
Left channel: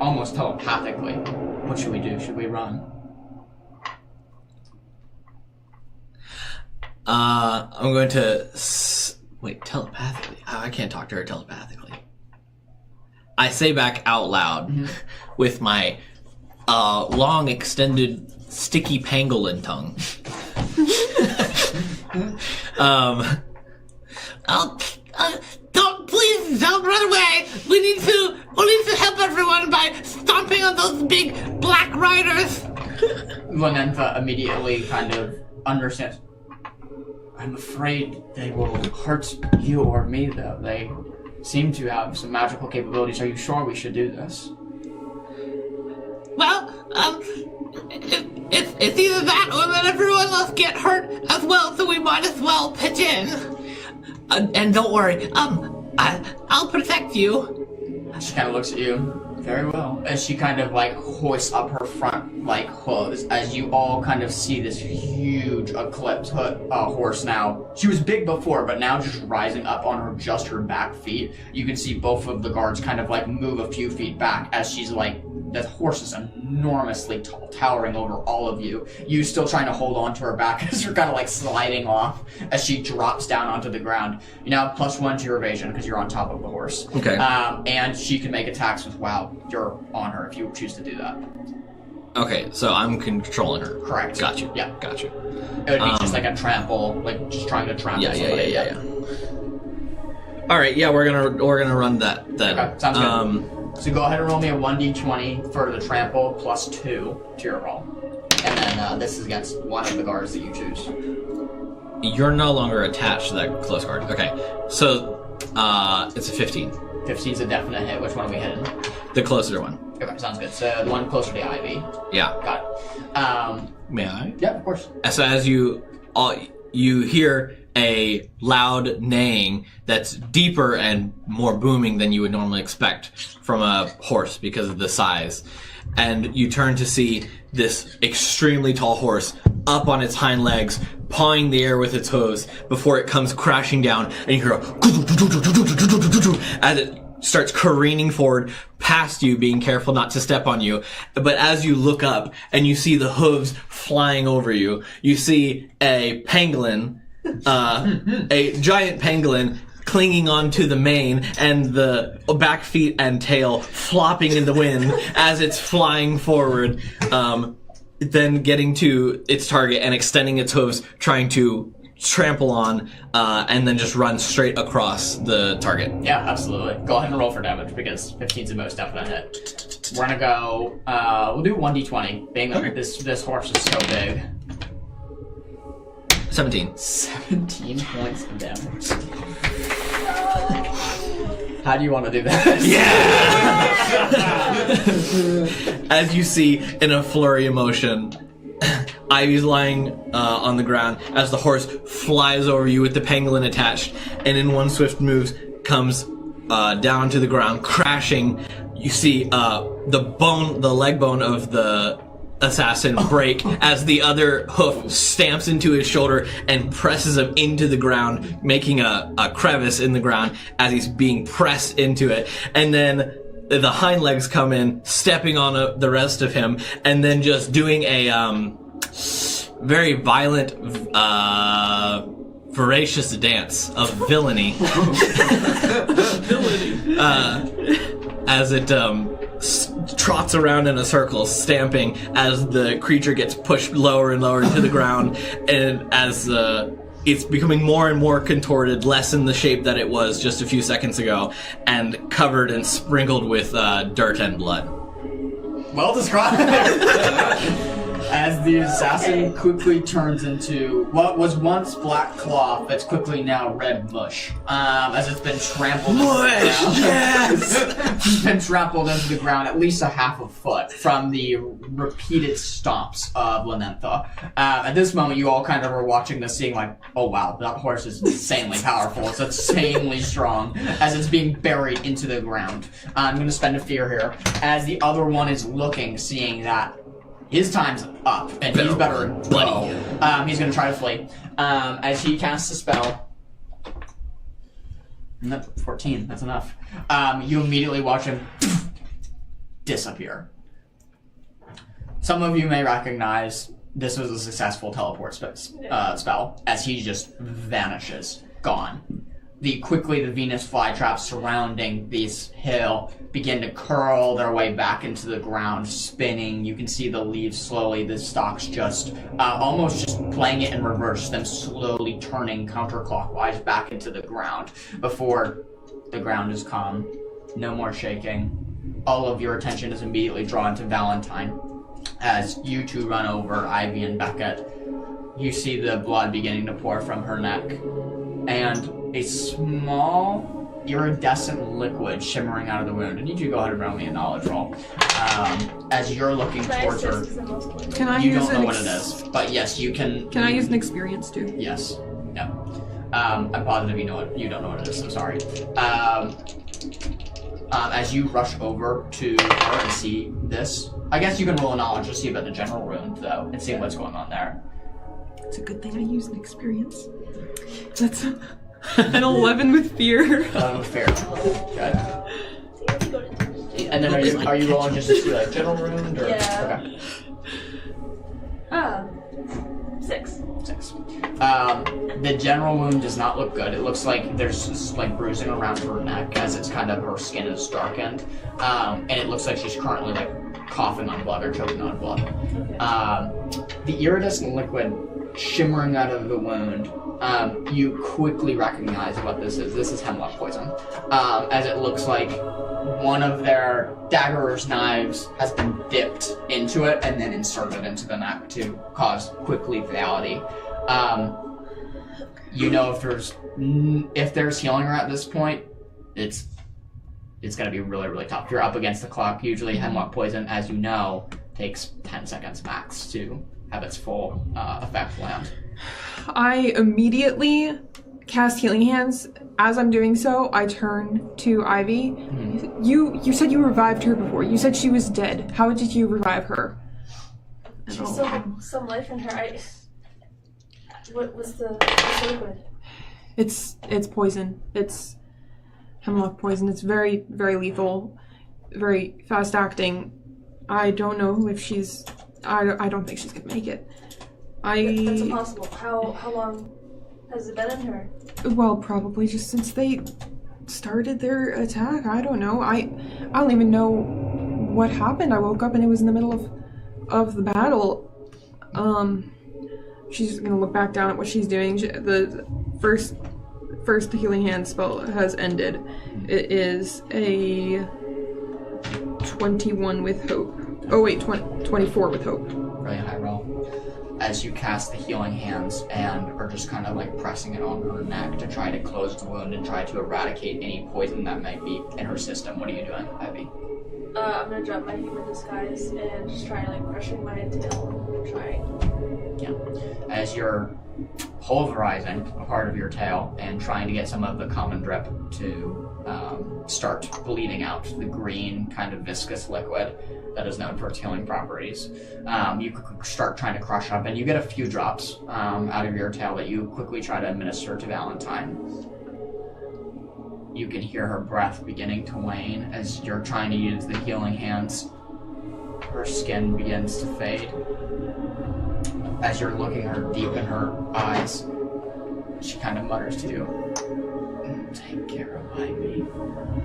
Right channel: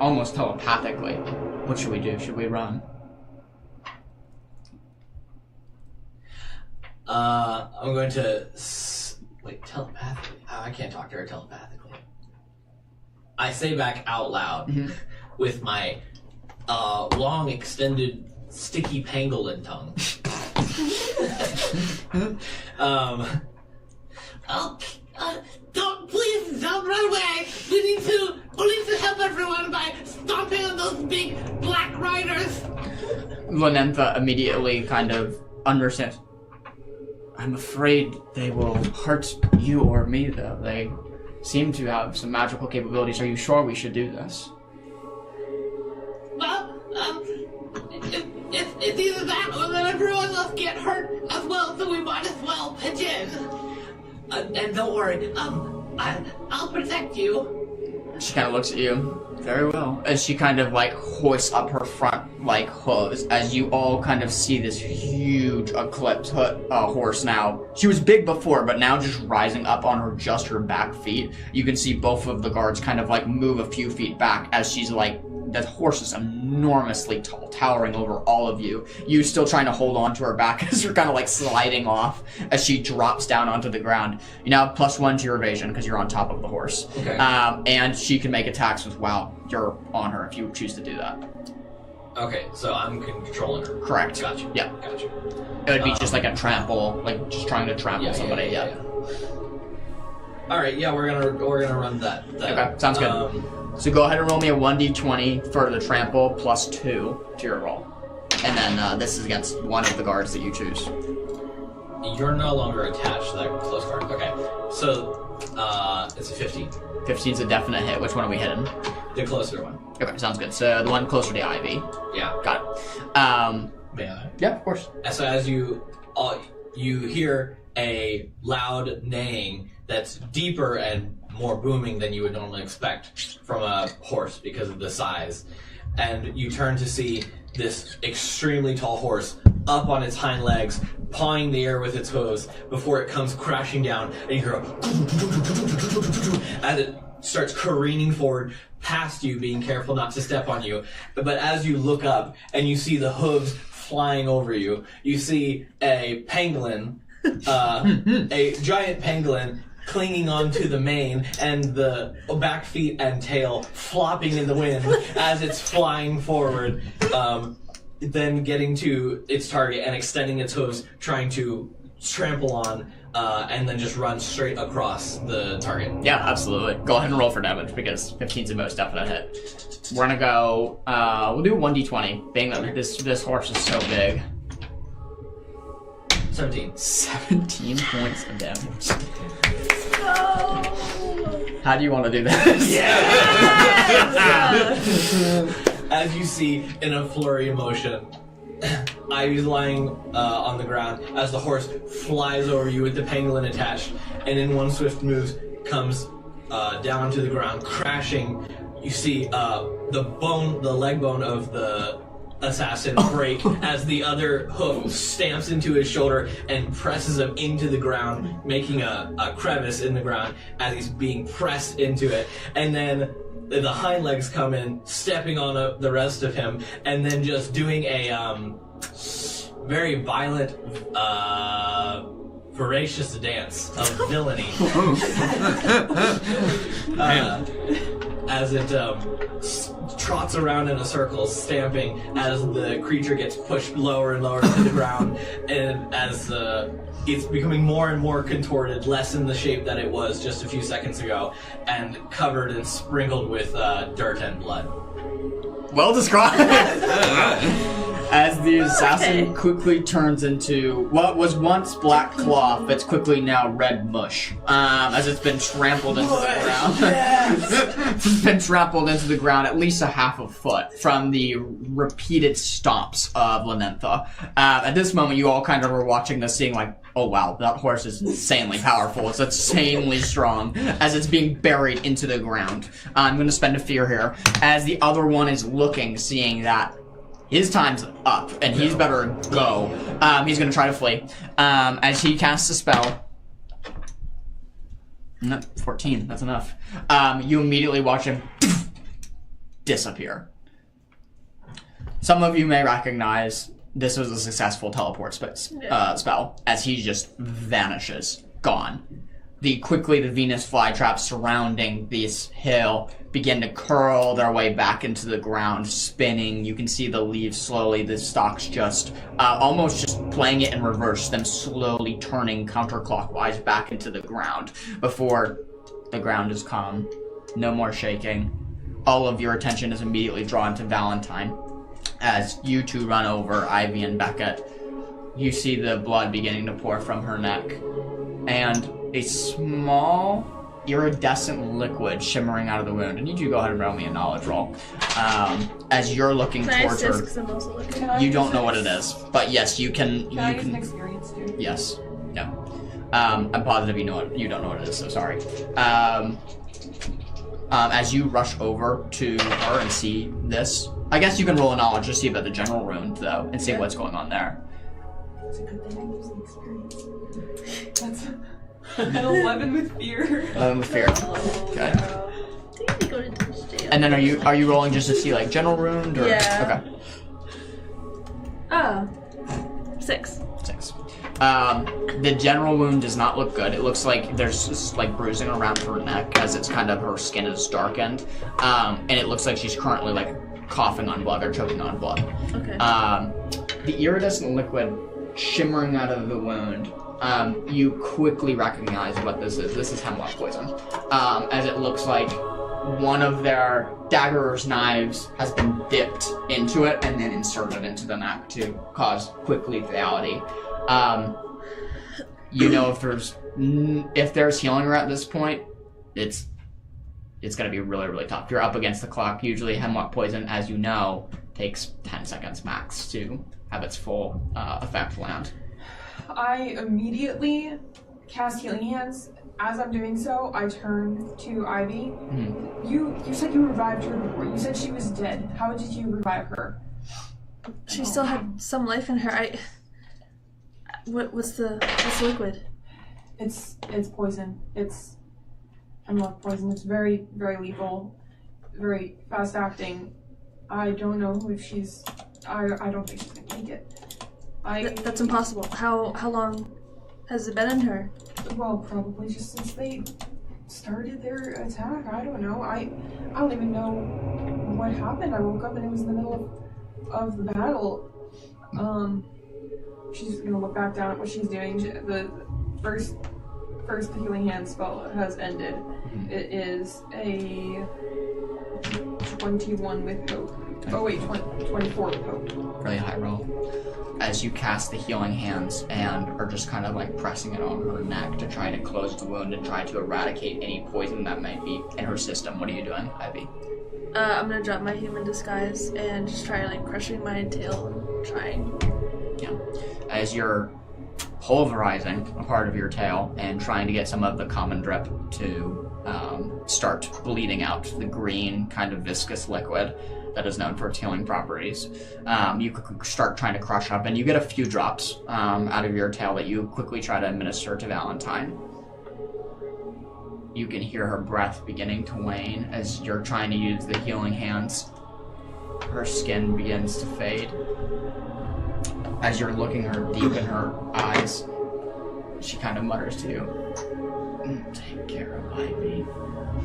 almost telepathically. What should we do? Should we run? I'm going to... Wait, telepathically? I can't talk to her telepathically. I say back out loud with my long, extended, sticky pangolin tongue. Please don't run away! We need to help everyone by stomping on those big black riders! Lanentha immediately kind of understands. I'm afraid they will hurt you or me, though. They seem to have some magical capabilities. Are you sure we should do this? Well, it's either that or that everyone else get hurt as well, so we might as well pitch in. And don't worry, I'll protect you. She kind of looks at you. Very well. As she kind of hoists up her front hooves, as you all kind of see this huge Eclipse horse now. She was big before, but now just rising up on her back feet. You can see both of the guards kind of move a few feet back as she's that horse is enormously tall, towering over all of you. You still trying to hold on to her back as you're kind of sliding off as she drops down onto the ground. You now +1 to your evasion because you're on top of the horse. Okay. And she can make attacks while you're on her if you choose to do that. Okay, so I'm controlling her. Correct. Got you. Yeah. Got you. It would be just a trample, just trying to trample somebody. Yeah. All right. Yeah, we're gonna run that. Okay, sounds good. So go ahead and roll me a 1d20 for the trample +2 to your roll. And then this is against one of the guards that you choose. You're no longer attached to that close guard. Okay, so it's a 15. 15 is a definite hit. Which one are we hitting? The closer one. Okay, sounds good. So the one closer to Ivy. Yeah. Got it. May I? Yeah, of course. So as you hear a loud neighing that's deeper and more booming than you would normally expect from a horse because of the size. And you turn to see this extremely tall horse up on its hind legs, pawing the air with its hooves before it comes crashing down, and you hear as it starts careening forward past you, being careful not to step on you. But as you look up and you see the hooves flying over you, you see a pangolin, a giant pangolin clinging onto the mane and the back feet and tail flopping in the wind as it's flying forward, then getting to its target and extending its hooves, trying to trample on, and then just run straight across the target. Yeah, absolutely. Go ahead and roll for damage because 15's the most definite hit. We're gonna go. We'll do 1d20. Being that this horse is so big. 17. 17 points of damage. How do you want to do that? Yeah. As you see in a flurry of motion, Ivy's lying on the ground as the horse flies over you with the pangolin attached, and in one swift move comes down to the ground, crashing. You see the leg bone of the assassin break as the other hoof stamps into his shoulder and presses him into the ground, making a crevice in the ground as he's being pressed into it. And then the hind legs come in, stepping on the rest of him, and then just doing a very violent, voracious dance of villainy. As it trots around in a circle, stamping as the creature gets pushed lower and lower into the ground, and as it's becoming more and more contorted, less in the shape that it was just a few seconds ago, and covered and sprinkled with dirt and blood. Well described. As the assassin quickly turns into what was once black cloth, that's quickly now red mush. As it's been trampled into the ground. Yes! It's been trampled into the ground at least a half a foot from the repeated stomps of Lanentha. At this moment, you all kind of are watching this, seeing like, oh wow, that horse is insanely powerful. It's insanely strong. As it's being buried into the ground. I'm going to spend a fear here. As the other one is looking, seeing that his time's up, and he's better go. He's going to try to flee. As he casts a spell. Nope, 14, that's enough. You immediately watch him disappear. Some of you may recognize this was a successful teleport spell, as he just vanishes, gone. Quickly, the Venus flytraps surrounding this hill begin to curl their way back into the ground, spinning. You can see the leaves slowly, the stalks just almost just playing it in reverse, them slowly turning counterclockwise back into the ground before the ground is calm. No more shaking. All of your attention is immediately drawn to Valentine. As you two run over, Ivy and Beckett, you see the blood beginning to pour from her neck, and a small iridescent liquid shimmering out of the wound. I need you to go ahead and roll me a knowledge roll. As you're looking towards her, you don't know what it is, but yes, you can. Can I use an experience too? Yes. Yeah. I'm positive you don't know what it is, so sorry. As you rush over to her and see this, I guess you can roll a knowledge to see about the general wound, though, and see what's going on there. It's a good thing I used an experience. That's an 11 with fear. 11 with fear. Okay. And then are you rolling just to see like general wound or? Yeah. Okay. 6. 6. The general wound does not look good. It looks like there's just like bruising around her neck as it's kind of her skin is darkened, and it looks like she's currently like coughing on blood or choking on blood. Okay. The iridescent liquid shimmering out of the wound. You quickly recognize what this is. This is hemlock poison, as it looks like one of their dagger's knives has been dipped into it and then inserted into the neck to cause quick lethality. You know, if there's healing her at this point, it's going to be really, really tough. You're up against the clock. Usually hemlock poison, as you know, takes 10 seconds max to have its full effect land. I immediately cast Healing Hands. As I'm doing so, I turn to Ivy. Mm-hmm. You said you revived her before. You said she was dead. How did you revive her? She still had some life in her. What's the liquid? It's poison. It's hemlock poison. It's very, very lethal, very fast acting. I don't know if she's. I don't think she's gonna make it. That's impossible. How long has it been in her? Well, probably just since they started their attack. I don't know. I don't even know what happened. I woke up and it was in the middle of the battle. she's gonna look back down at what she's doing. The first healing hand spell has ended. It is a 21 with hope. Oh wait, 24 with hope. Really high roll. As you cast the healing hands and are just kind of like pressing it on her neck to try to close the wound and try to eradicate any poison that might be in her system. What are you doing, Ivy? I'm gonna drop my human disguise and just try like crushing my tail and trying. Yeah. As you're pulverizing a part of your tail and trying to get some of the common drip to start bleeding out the green kind of viscous liquid that is known for its healing properties. You start trying to crush up, and you get a few drops out of your tail that you quickly try to administer to Valentine. You can hear her breath beginning to wane as you're trying to use the healing hands. Her skin begins to fade. As you're looking her deep in her eyes, she kind of mutters to you, "Take care of Ivy,"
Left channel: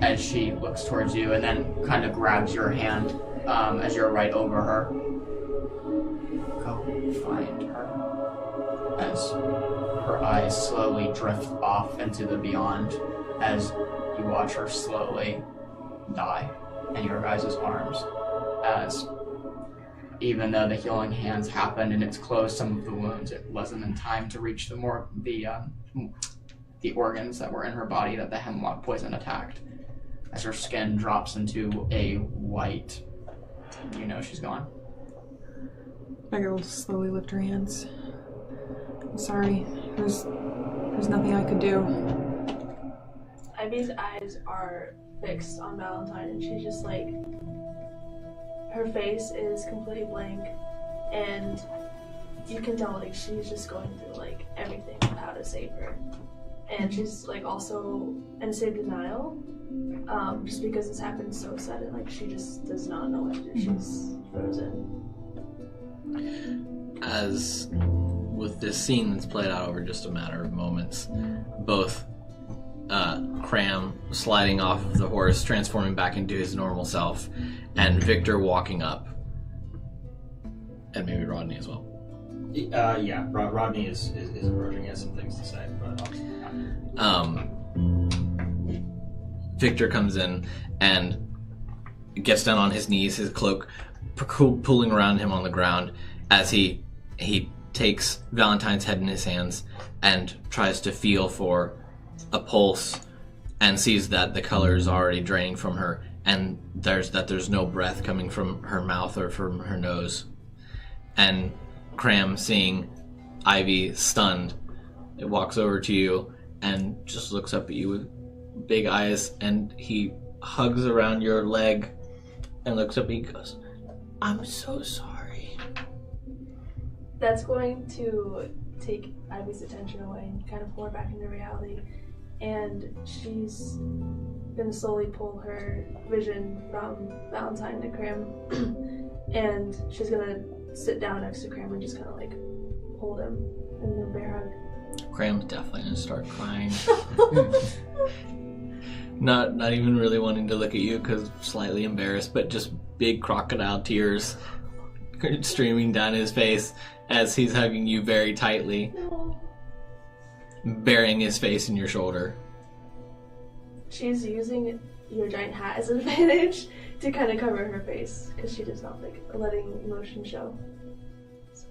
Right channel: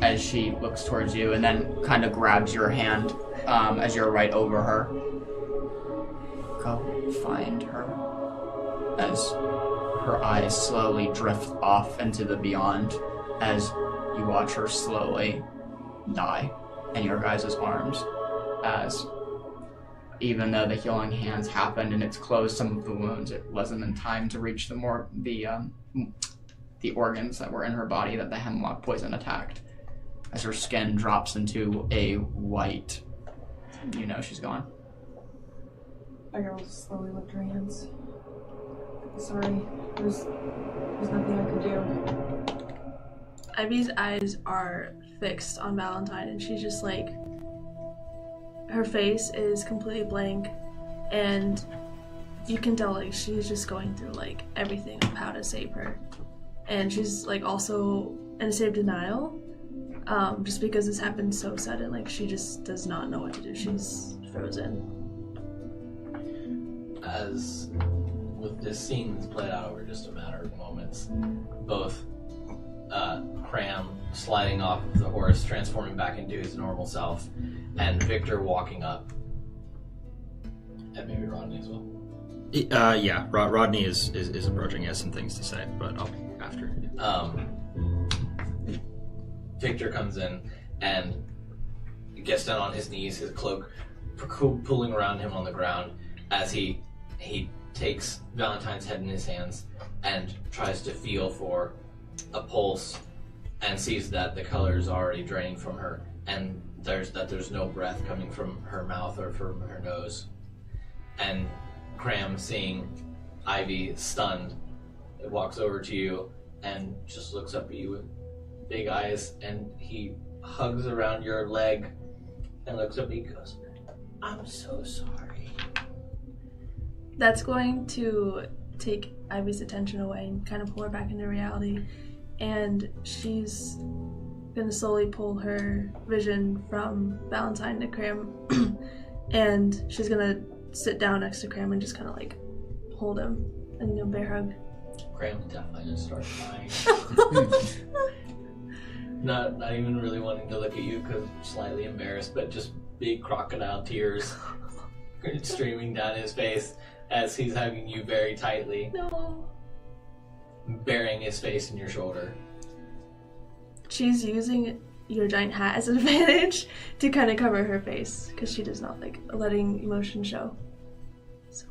as she looks towards you and then kind of grabs your hand as you're right over her. Go find her. As her eyes slowly drift off into the beyond, as you watch her slowly die in your guys' arms, as even though the healing hands happened and it's closed some of the wounds, it wasn't in time to reach the organs that were in her body that the hemlock poison attacked. As her skin drops into a white, you know she's gone. Beggar will slowly lift her hands. I'm sorry. There's nothing I could do. Ivy's eyes are fixed on Valentine, and she's just like, her face is completely blank, and you can tell like she's just going through like everything of how to save her, and she's like also in a state of denial, just because this happened so sudden. Like she just does not know what to do. She's frozen. As with this scene that's played out over just a matter of moments, both Cram sliding off of the horse, transforming back into his normal self, and Victor walking up, and maybe Rodney as well. Yeah, Rodney is approaching. He has some things to say, but after. Victor comes in and gets down on his knees, his cloak pulling around him on the ground, as he takes Valentine's head in his hands and tries to feel for a pulse, and sees that the color is already draining from her, and there's no breath coming from her mouth or from her nose. And Cram, seeing Ivy stunned, it walks over to you and just looks up at you with big eyes, and he hugs around your leg and looks up at you and goes, "I'm so sorry." That's going to take Ivy's attention away and kind of pull her back into reality. And she's gonna slowly pull her vision from Valentine to Cram, and she's gonna sit down next to Cram and just kind of like hold him in a bear hug. Cram's definitely gonna start crying. Not even really wanting to look at you because slightly embarrassed, but just big crocodile tears streaming down his face as he's hugging you very tightly. No. Burying his face in your shoulder. She's using your giant hat as an advantage to kind of cover her face because she does not like letting emotion show. So.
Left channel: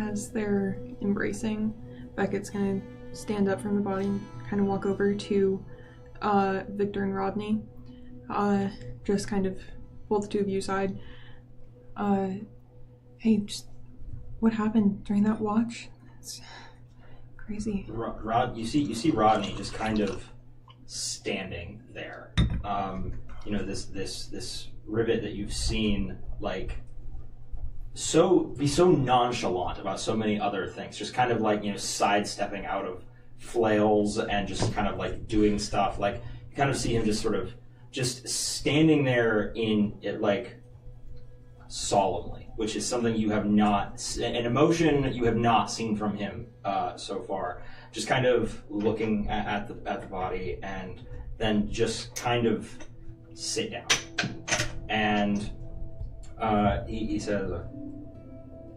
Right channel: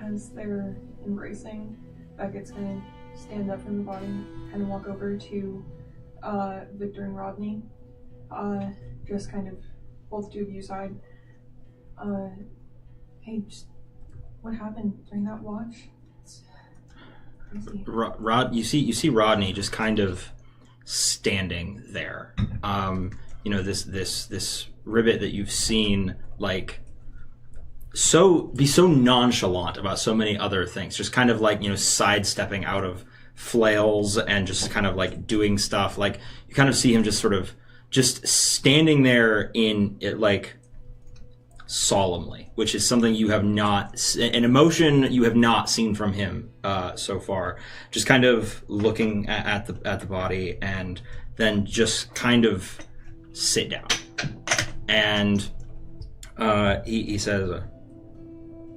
As they're embracing, Beckett's gonna stand up from the body and kind of walk over to Victor and Rodney. Just kind of pull the two of you aside. Hey, just what happened during that watch? It's crazy. You see Rodney just kind of standing there. This ribbit that you've seen like be so nonchalant about so many other things, just kind of like, sidestepping out of flails and just kind of like doing stuff. Like you kind of see him just sort of just standing there in it, like solemnly, which is something you have not, an emotion you have not seen from him so far. Just kind of looking at the body, and then just kind of sit down. And he says,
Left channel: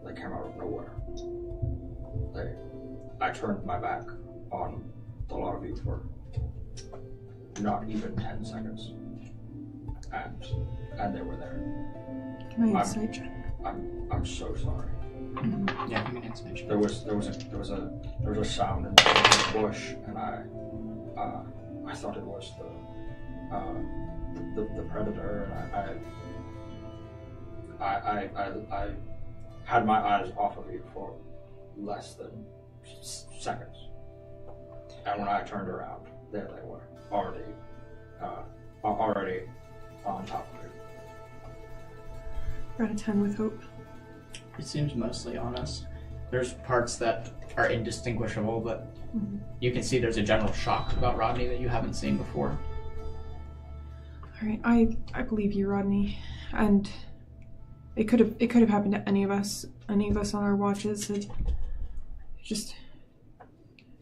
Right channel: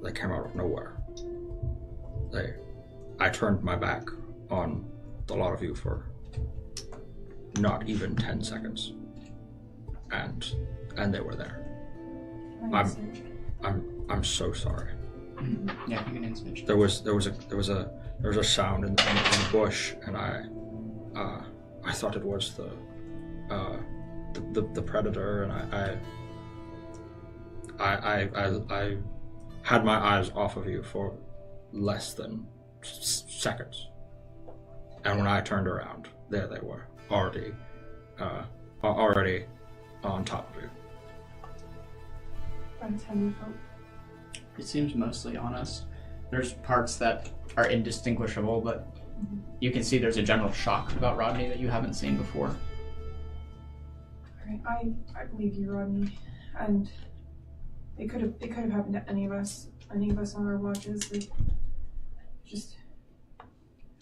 "That came out of nowhere. I turned my back on the lot of you for not even 10 seconds. And they were there. Can I insight check? I'm so sorry. Mm-hmm. Yeah, give me an insight check. There was a sound in the bush, and I thought it was the predator, and I had my eyes off of you for less than seconds, and when I turned around, there they were, already on top of you. Got a 10 with hope. It seems mostly honest. There's parts that are indistinguishable, but you can see there's a general shock about Rodney that you haven't seen before. Alright, I believe you, Rodney. And it could have happened to any of us on our watches. Just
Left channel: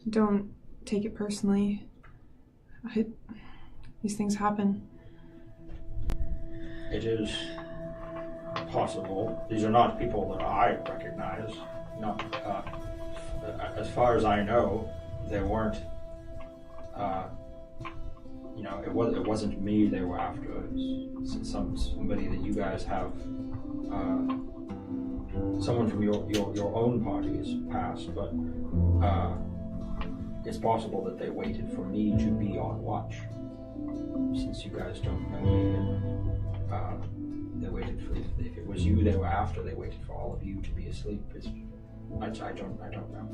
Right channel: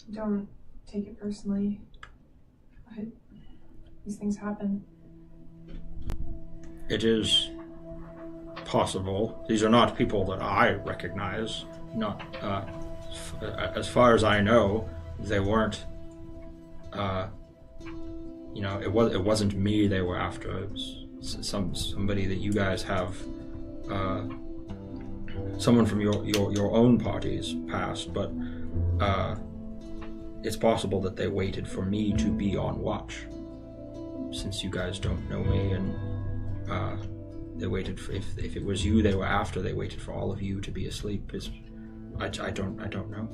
don't take it personally. These things happen. It is possible. These are not people that I recognize. Not as far as I know, they weren't. It wasn't me they were after. It was somebody that you guys have. Someone from your own party's past, but it's possible that they waited for me to be on watch. Since you guys don't know me, and they waited for, if it was you they were after, they waited for all of you to be asleep. I don't know.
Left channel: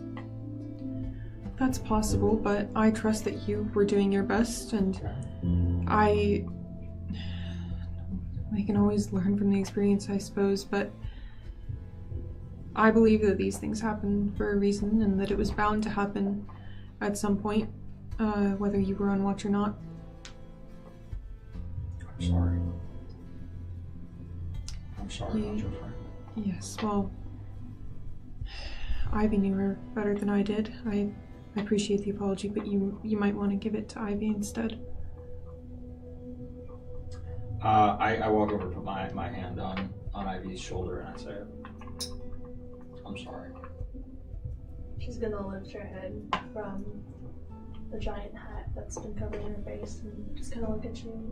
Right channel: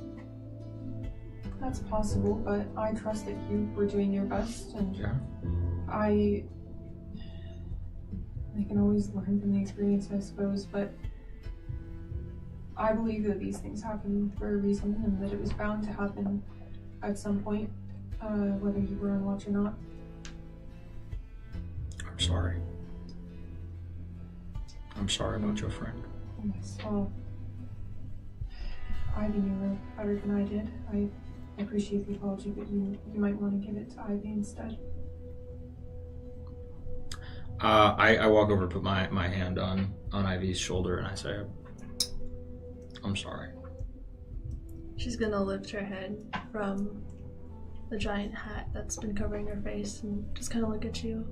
That's possible, but I trust that you were doing your best, and Yeah. I can always learn from the experience, I suppose, but I believe that these things happen for a reason, and that it was bound to happen at some point, whether you were on watch or not. I'm sorry. I'm sorry about your friend. Yes, well, Ivy knew her better than I did. I appreciate the apology, but you might want to give it to Ivy instead. I walk over, put my hand on Ivy's shoulder, and I say, I'm sorry. She's gonna lift her head from the giant hat that's been covering her face and just kind of look at you.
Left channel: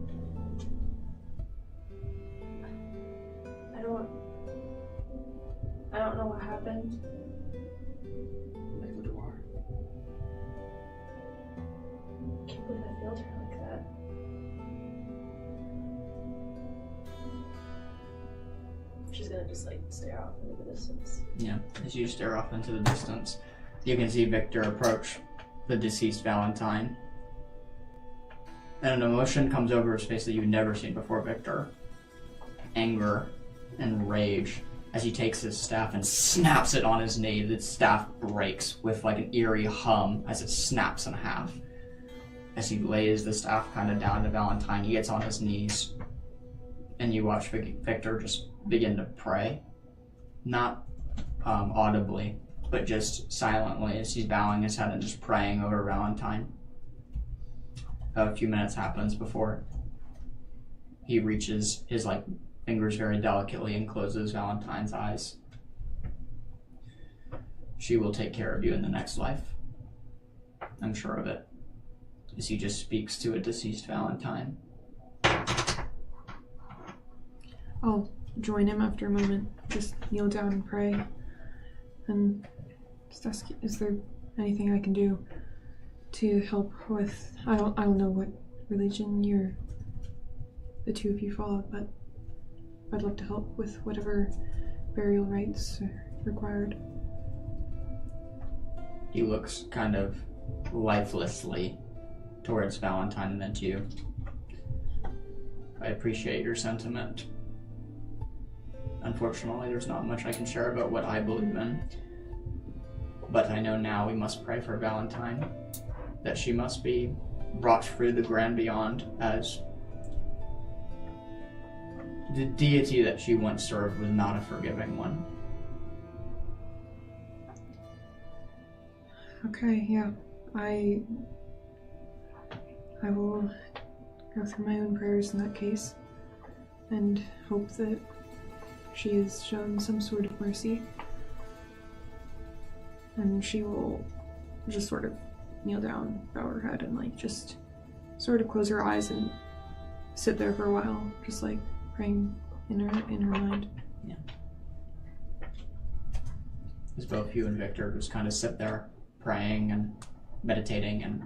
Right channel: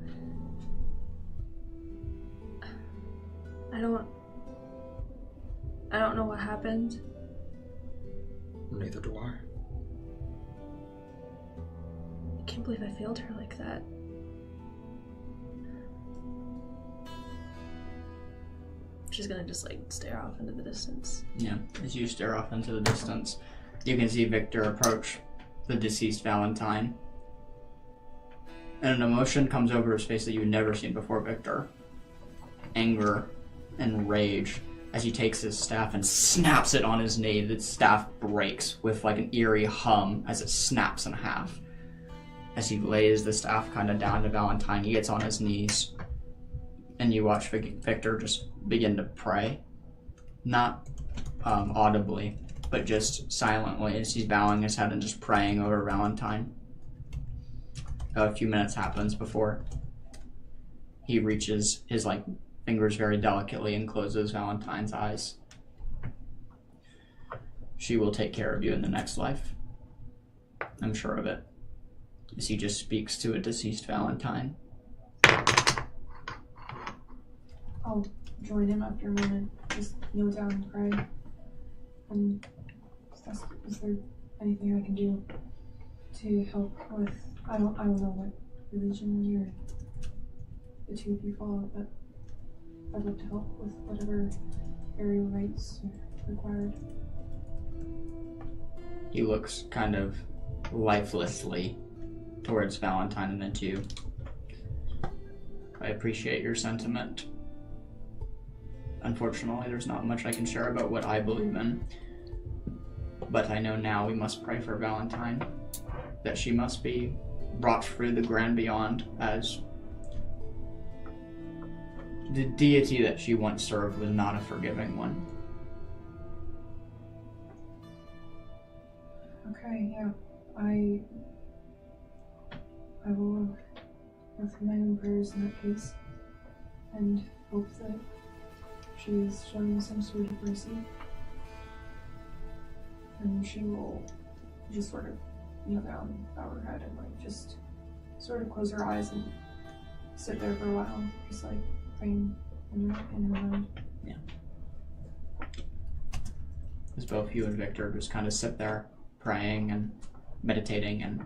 I don't know what happened. Neither do I. I can't believe I failed her like that. She's gonna just stare off into the distance. Yeah, as you stare off into the distance, you can see Victor approach the deceased Valentine. And an emotion comes over his face that you've never seen before, Victor. Anger and rage as he takes his staff and snaps it on his knee. The staff breaks with an eerie hum as it snaps in half. As he lays the staff kind of down to Valentine, he gets on his knees. And you watch Victor just begin to pray. Not audibly, but just silently as he's bowing his head and just praying over Valentine. A few minutes happens before he reaches his fingers very delicately and closes Valentine's eyes. She will take care of you in the next life. I'm sure of it. As he just speaks to a deceased Valentine. I'll join him after a moment. Just kneel down and pray. And just ask, is there anything I can do to help with, I don't know what religion the two of you follow, but I'd love to help with whatever burial rites are required. He looks kind of lifelessly towards Valentine and then to you. I appreciate your sentiment. Unfortunately, there's not much I can share about what I believe in. But I know now we must pray for Valentine, that she must be brought through the grand beyond, as the deity that she once served was not a forgiving one. Okay, yeah. I will go through my own prayers in that case, and hope that she is shown some sort of mercy. And she will just sort of kneel down, bow her head, and like just sort of close her eyes and sit there for a while, just like praying in her mind. Yeah. As both you and Victor just kind of sit there praying and meditating and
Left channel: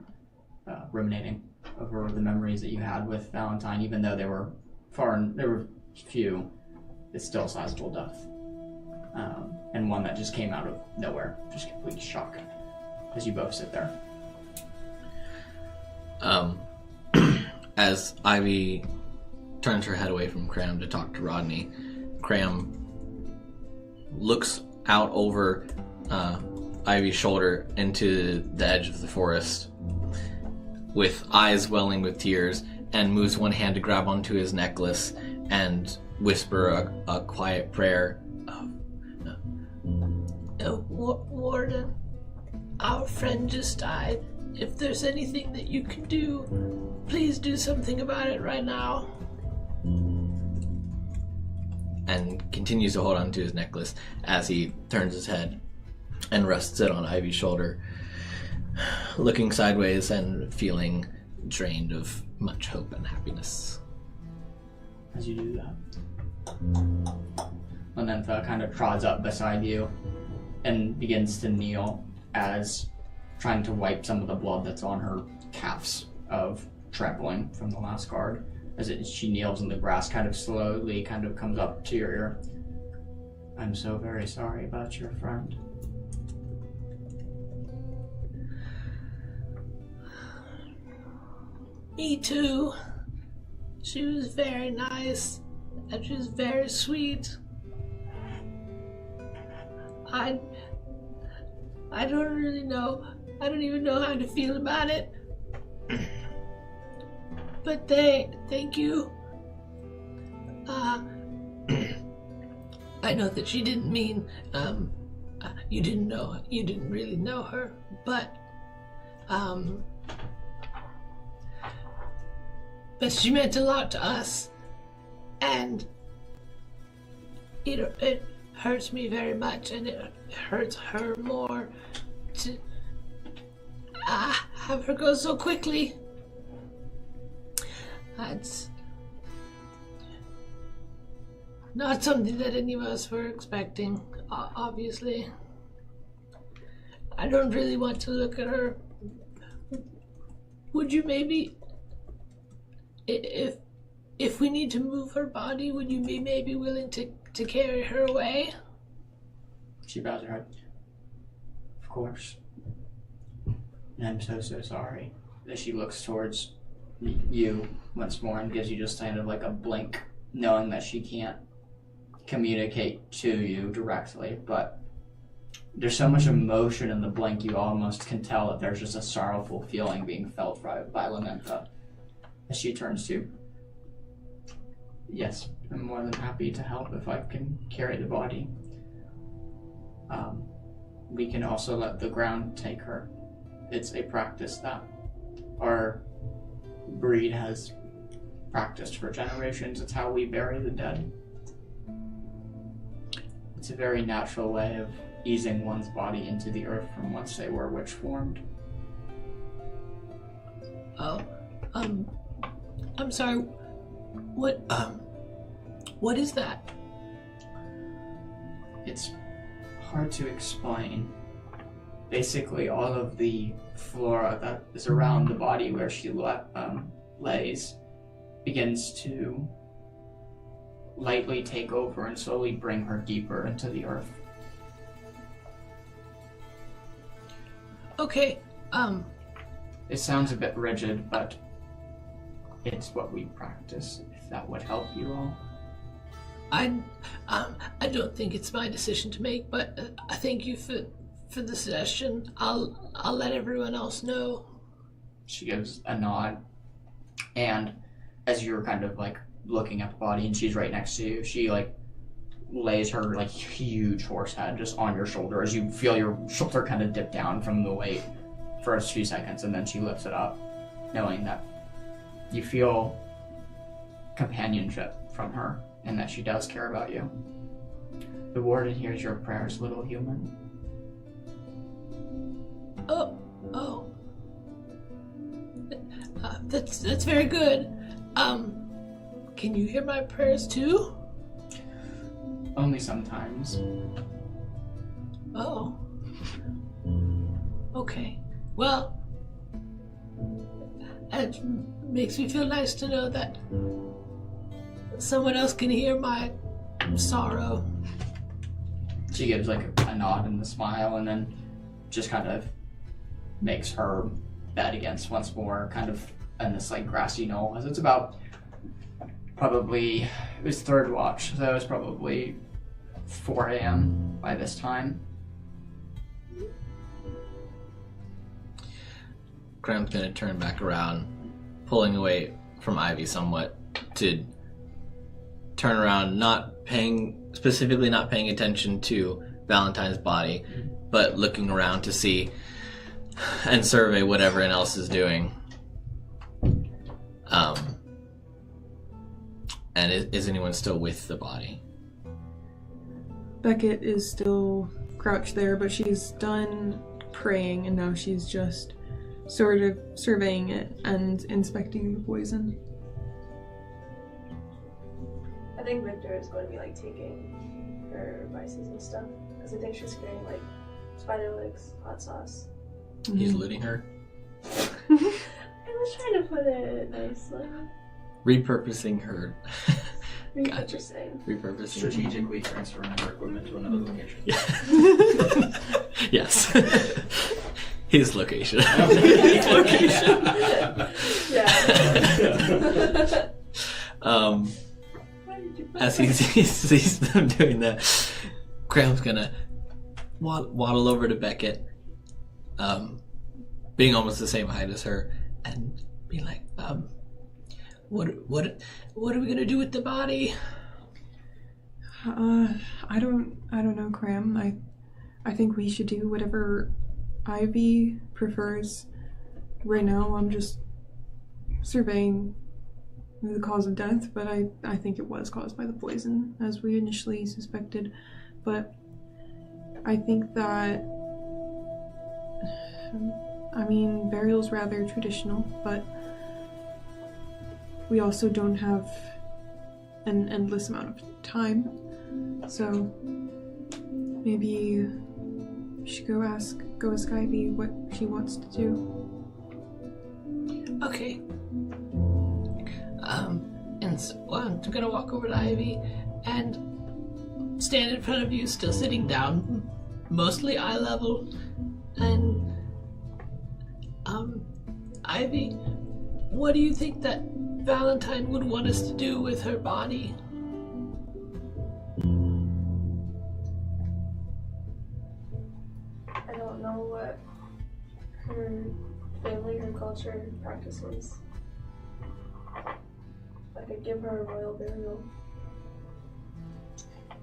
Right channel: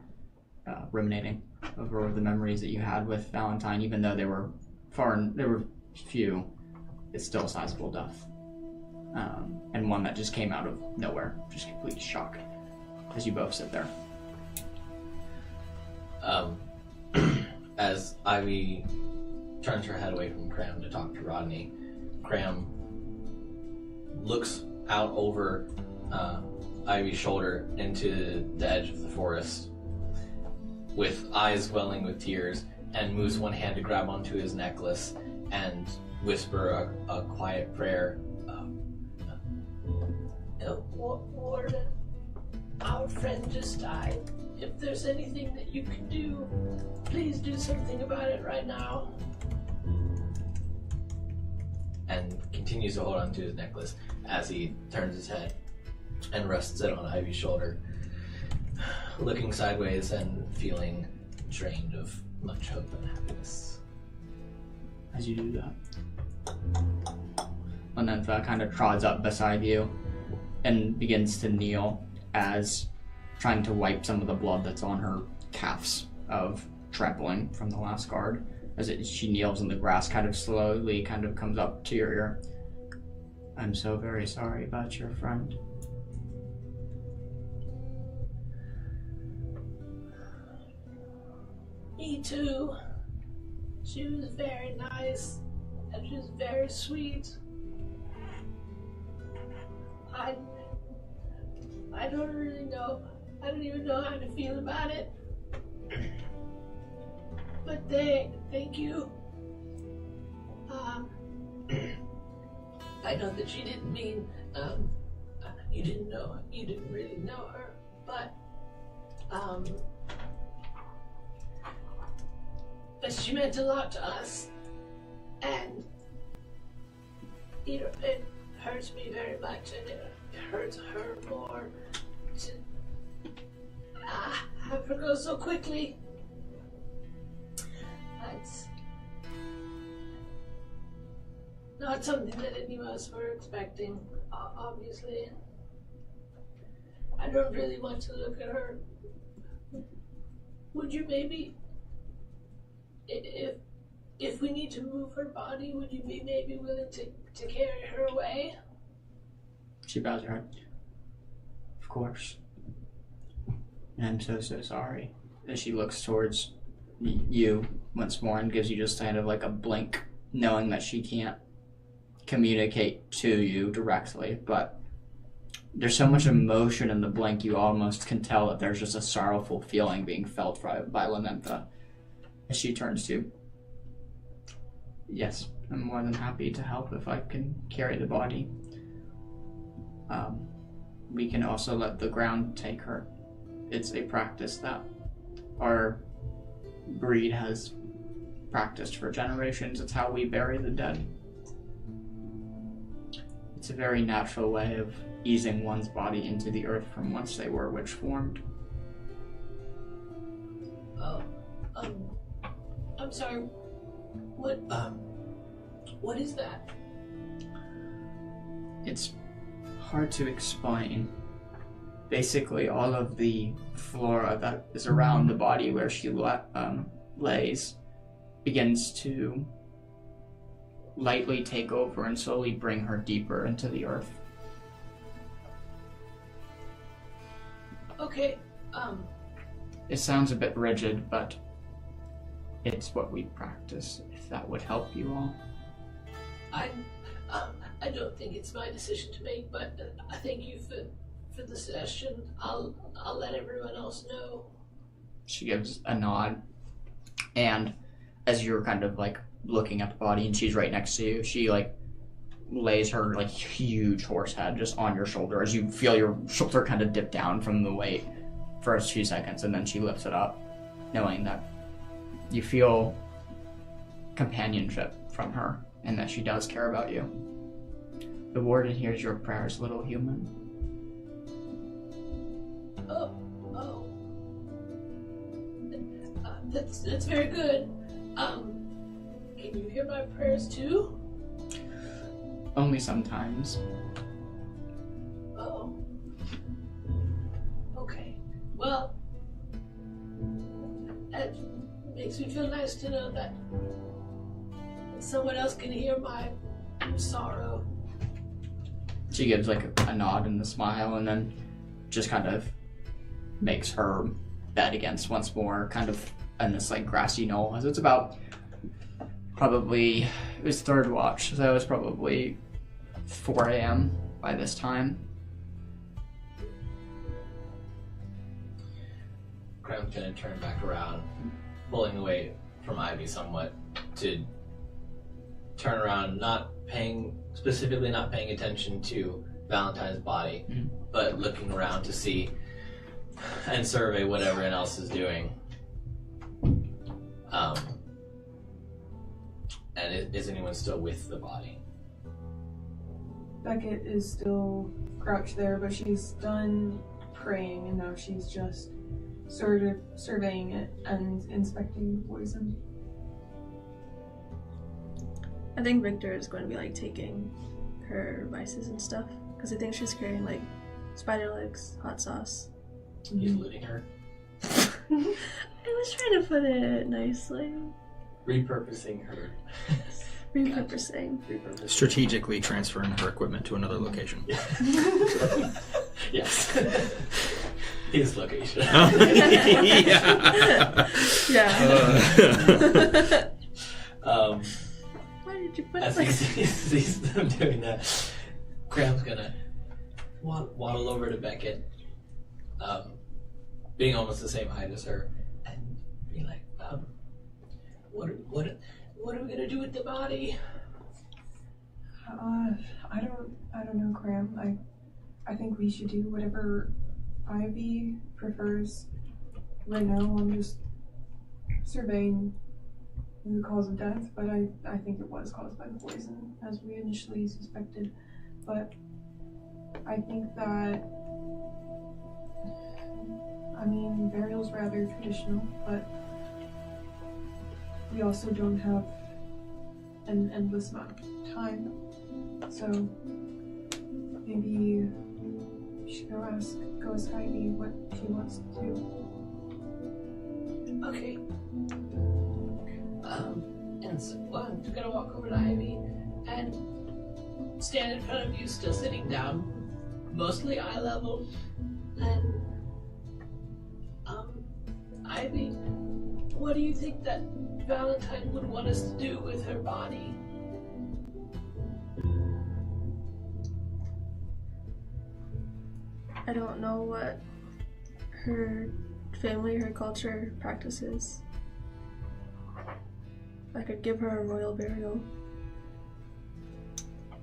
ruminating over the memories that you had with Valentine, even though they were few, it's still a sizable death. And one that just came out of nowhere, just complete shock as you both sit there. As Ivy turns her head away from Cram to talk to Rodney, Cram looks out over Ivy's shoulder into the edge of the forest with eyes welling with tears, and moves one hand to grab onto his necklace and whisper a quiet prayer. Warden, our friend just died. If there's anything that you can do, please do something about it right now. And continues to hold on to his necklace as he turns his head and rests it on Ivy's shoulder, looking sideways and feeling drained of much hope and happiness. As you do that, Lenentha kind of trods up beside you and begins to kneel, as trying to wipe some of the blood that's on her calves of trampling from the last guard. As she kneels in the grass, kind of slowly comes up to your ear. I'm so very sorry about your friend. Me too. She was very nice, and she was very sweet. I don't really know. I don't even know how to feel about it. But thank you. I know that she didn't mean, you didn't really know her, but she meant a lot to us, and it hurts me very much, and it hurts her more to have her go so quickly. That's not something that any of us were expecting, obviously. I don't really want to look at her. Would you maybe, if we need to move her body, would you be maybe willing to carry her away? She bows her head. Of course. And I'm so sorry. As she looks towards you once more and gives you just kind of like a blink, knowing that she can't communicate to you directly, but there's so much emotion in the blink, you almost can tell that there's just a sorrowful feeling being felt by Lenentha as she turns to, yes, I'm more than happy to help if I can carry the body. We can also let the ground take her. It's a practice that our breed has practiced for generations. It's how we bury the dead. It's a very natural way of easing one's body into the earth from whence they were witch formed. Oh, I'm sorry. What is that? It's hard to explain. Basically, all of the flora that is around the body where she lays begins to lightly take over and slowly bring her deeper into the earth. Okay, It sounds a bit rigid, but it's what we practice, if that would help you all. I don't think it's my decision to make, but I thank you for the suggestion. I'll let everyone else know. She gives a nod, and as you're kind of like looking at the body and she's right next to you, she like lays her like huge horse head just on your shoulder as you feel your shoulder kind of dip down from the weight for a few seconds, and then she lifts it up, knowing that you feel companionship from her and that she does care about you. The warden hears your prayers, little human. Oh. That's very good. Can you hear my prayers too? Only sometimes. Oh. Okay. Well, it makes me feel nice to know that someone else can hear my sorrow. She gives like a nod and a smile, and then just kind of makes her bed against once more, kind of in this like grassy knoll. As it's about probably, it was third watch, so it was probably 4 a.m. by this time. Graham's gonna turn back around, pulling away from Ivy somewhat, to turn around, specifically not paying attention to Valentine's body, but looking around to see and survey what everyone else is doing. And is anyone still with the body? Beckett is still crouched there, but she's done praying, and now she's just sort of surveying it and inspecting the poison. I think Victor is going to be like taking her vices and stuff, because I think she's carrying like spider legs, hot sauce. He's looting her? I was trying to put it nicely. Repurposing her. Repurposing. Repurposing. Strategically transferring her equipment to another location. Yeah. Yes. His location. Yeah. Why did you put As he sees them doing that, Graham's gonna waddle over to Beckett, being almost the same height as her, and be like, what are we gonna do with the body? I don't know, Graham. I think we should do whatever Ivy prefers. Right now, I'm just surveying the cause of death, but I think it was caused by the poison, as we initially suspected. But I think that, burial's rather traditional, but we also don't have an endless amount of time. So maybe we should go ask Ivy what she wants to do. Okay. And so, I'm gonna walk over to Ivy and stand in front of you, still sitting down, mostly eye level, and Ivy, what do you think that Valentine would want us to do with her body? I don't know what her family, her culture practices. I could give her a royal burial.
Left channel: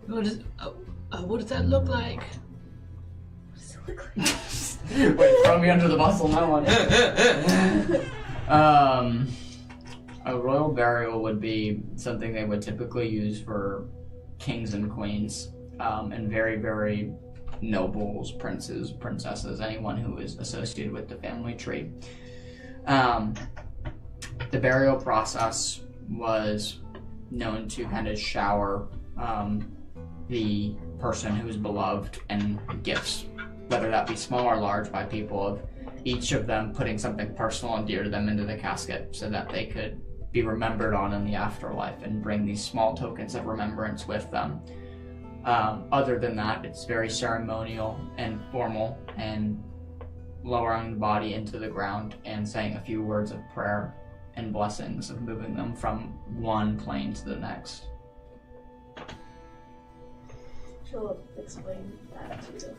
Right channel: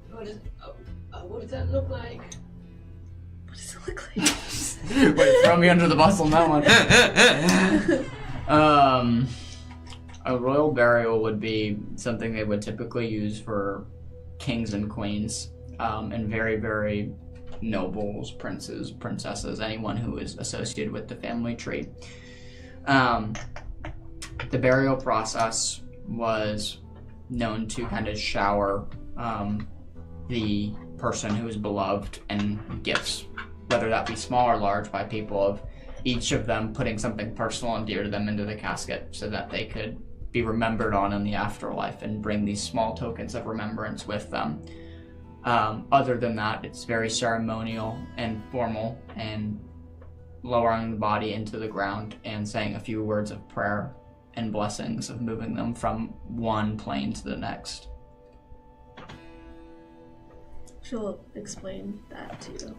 What does that look like? What does it look like? Wait, throw me under the bus on that one. A royal burial would be something they would typically use for kings and queens, and very, very nobles, princes, princesses, anyone who is associated with the family tree. The burial process was known to kind of shower the person who is beloved and gifts, whether that be small or large, by people, of each of them putting something personal and dear to them into the casket so that they could be remembered on in the afterlife and bring these small tokens of remembrance with them. Other than that, it's very ceremonial and formal, and lowering the body into the ground and saying a few words of prayer and blessings of moving them from one plane to the next. She'll explain that too.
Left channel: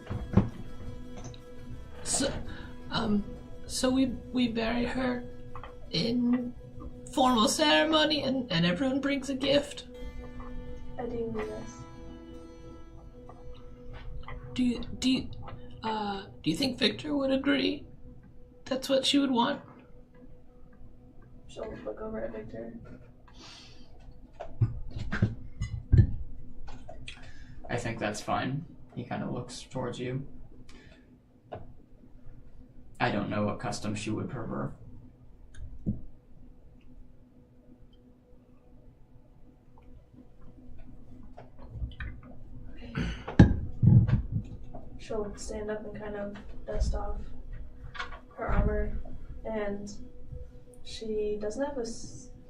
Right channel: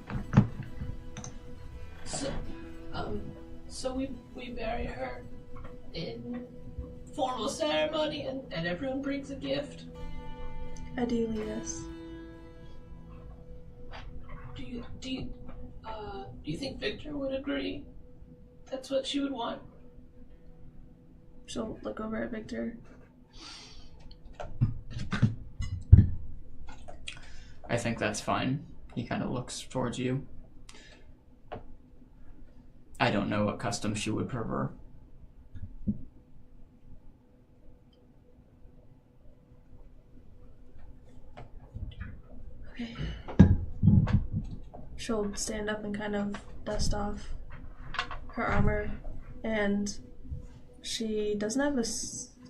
So we bury her in formal ceremony, and everyone brings a gift. Ideally, yes. Do you think Victor would agree? That's what she would want. She'll look over at Victor. I think that's fine. He kind of looks towards you. I don't know what custom she would prefer. Okay. She'll stand up and kind of dust off her armor, and she doesn't have a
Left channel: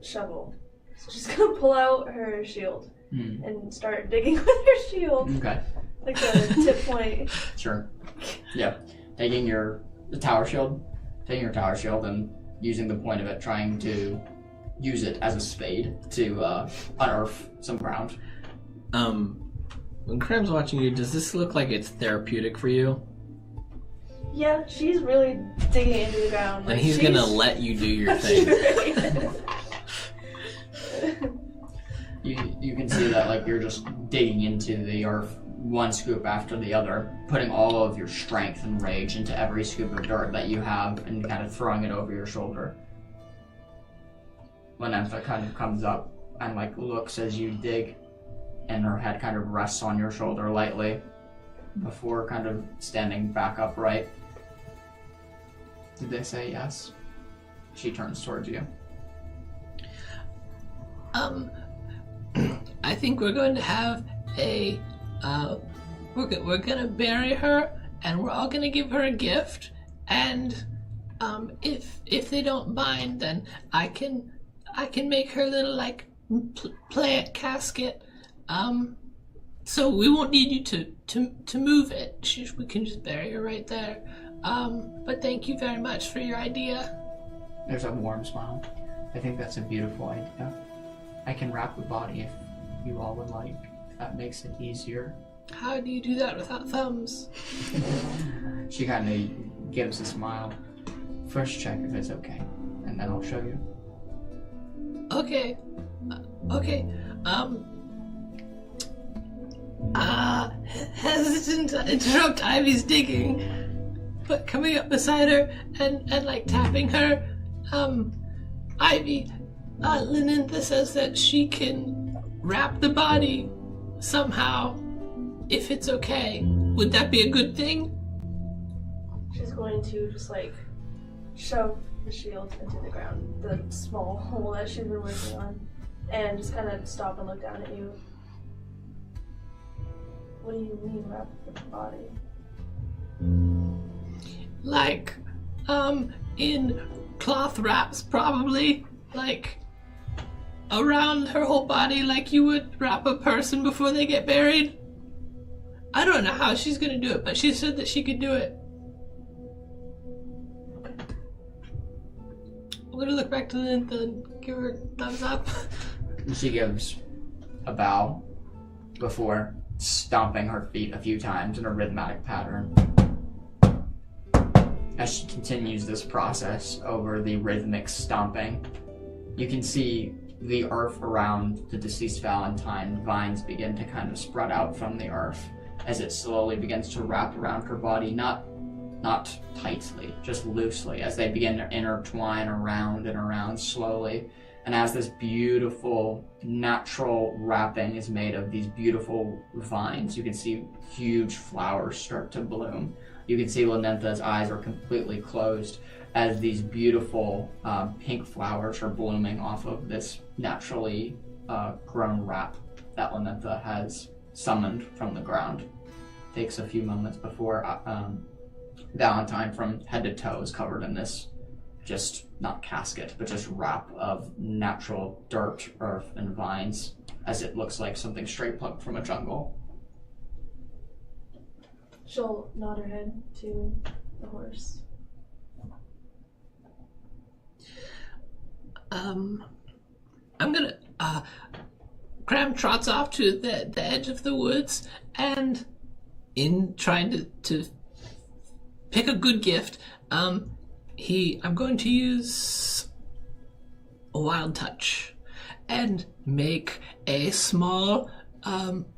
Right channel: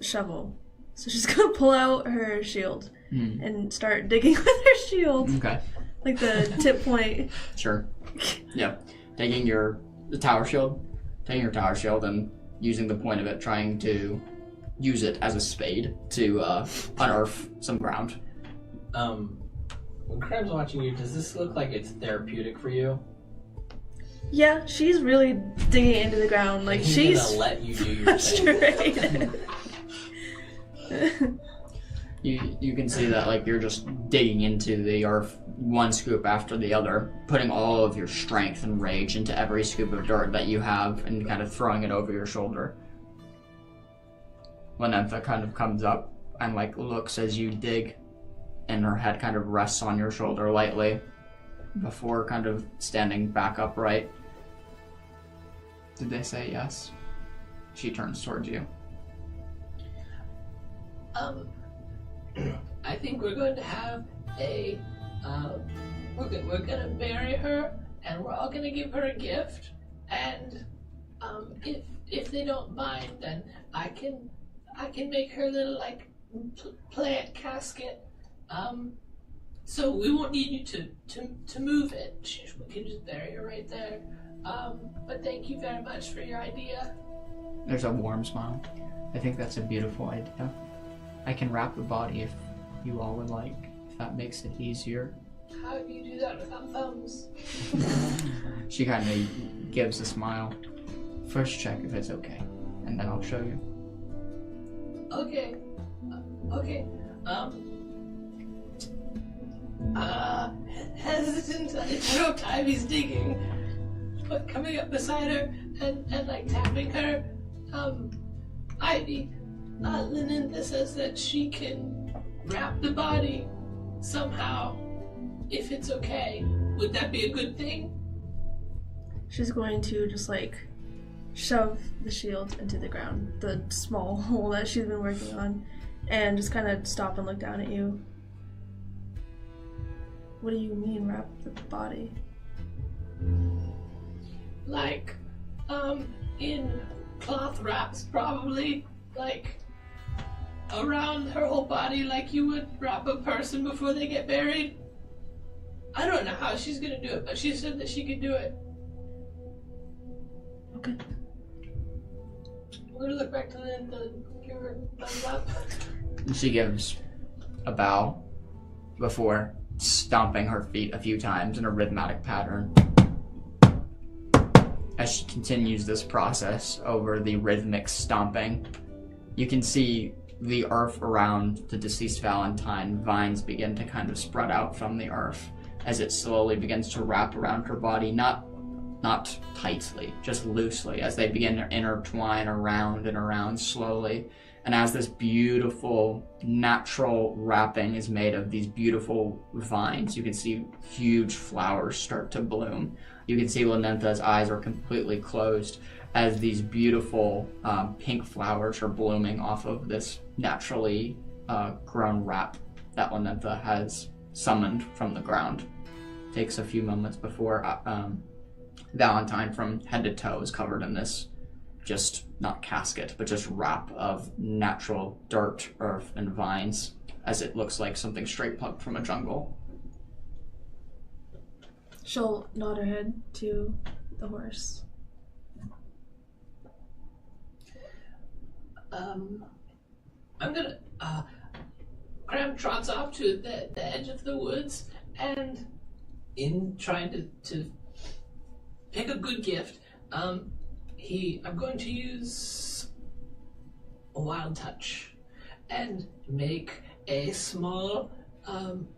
shovel, so she's gonna pull out her shield and start digging with her shield. Okay. Like the tip point. Sure. Yep. Taking your tower shield and using the point of it, trying to use it as a spade to unearth some ground. When Krem's watching you, does this look like it's therapeutic for you? Yeah, she's really digging into the ground. Like and he's she's gonna let you do your thing. straight. You can see that like you're just digging into the earth one scoop after the other, putting all of your strength and rage into every scoop of dirt that you have and kind of throwing it over your shoulder. Lenentha kind of comes up and like looks as you dig, and her head kind of rests on your shoulder lightly before kind of standing back upright. Did they say yes? She turns towards you. I think we're going to have a, we're gonna bury her, and we're all gonna give her a gift, and, if they don't mind, then I can make her little, like, plant casket, so we won't need you to move it. We can just bury her right there, but thank you very much for your idea. There's a warm smile. I think that's a beautiful idea. I can wrap the body if you all would like, if that makes it easier. How do you do that without thumbs? She kind of gives a smile. First check if it's okay, and then I'll show you. Okay. Okay. Hesitant to interrupt Ivy's digging, but coming up beside her and like tapping her, Ivy, Lenentha says that she can wrap the body somehow, if it's okay. Would that be a good thing? She's going to just like shove the shield into the ground, the small hole that she's been working on, and just kind of stop and look down at you. What do you mean wrap the body? Like, in cloth wraps, probably, like, around her whole body, like you would wrap a person before they get buried. I don't know how she's gonna do it, but she said that she could do it. Okay. I'm gonna look back to Linda and give her a thumbs up. She gives a bow before stomping her feet a few times in a rhythmic pattern. As she continues this process over the rhythmic stomping, you can see the earth around the deceased Valentine. Vines begin to kind of spread out from the earth as it slowly begins to wrap around her body, not tightly, just loosely, as they begin to intertwine around and around slowly. And as this beautiful natural wrapping is made of these beautiful vines, you can see huge flowers start to bloom. You can see Lenentha's eyes are completely closed as these beautiful pink flowers are blooming off of this naturally grown wrap that Lenentha has summoned from the ground. Takes a few moments before Valentine from head to toe is covered in this, just not casket, but just wrap of natural dirt, earth, and vines, as it looks like something straight plucked from a jungle. She'll nod her head to the horse. I'm gonna, Cram trots off to the edge of the woods, and in trying to pick a good gift, I'm going to use a wild touch and make a small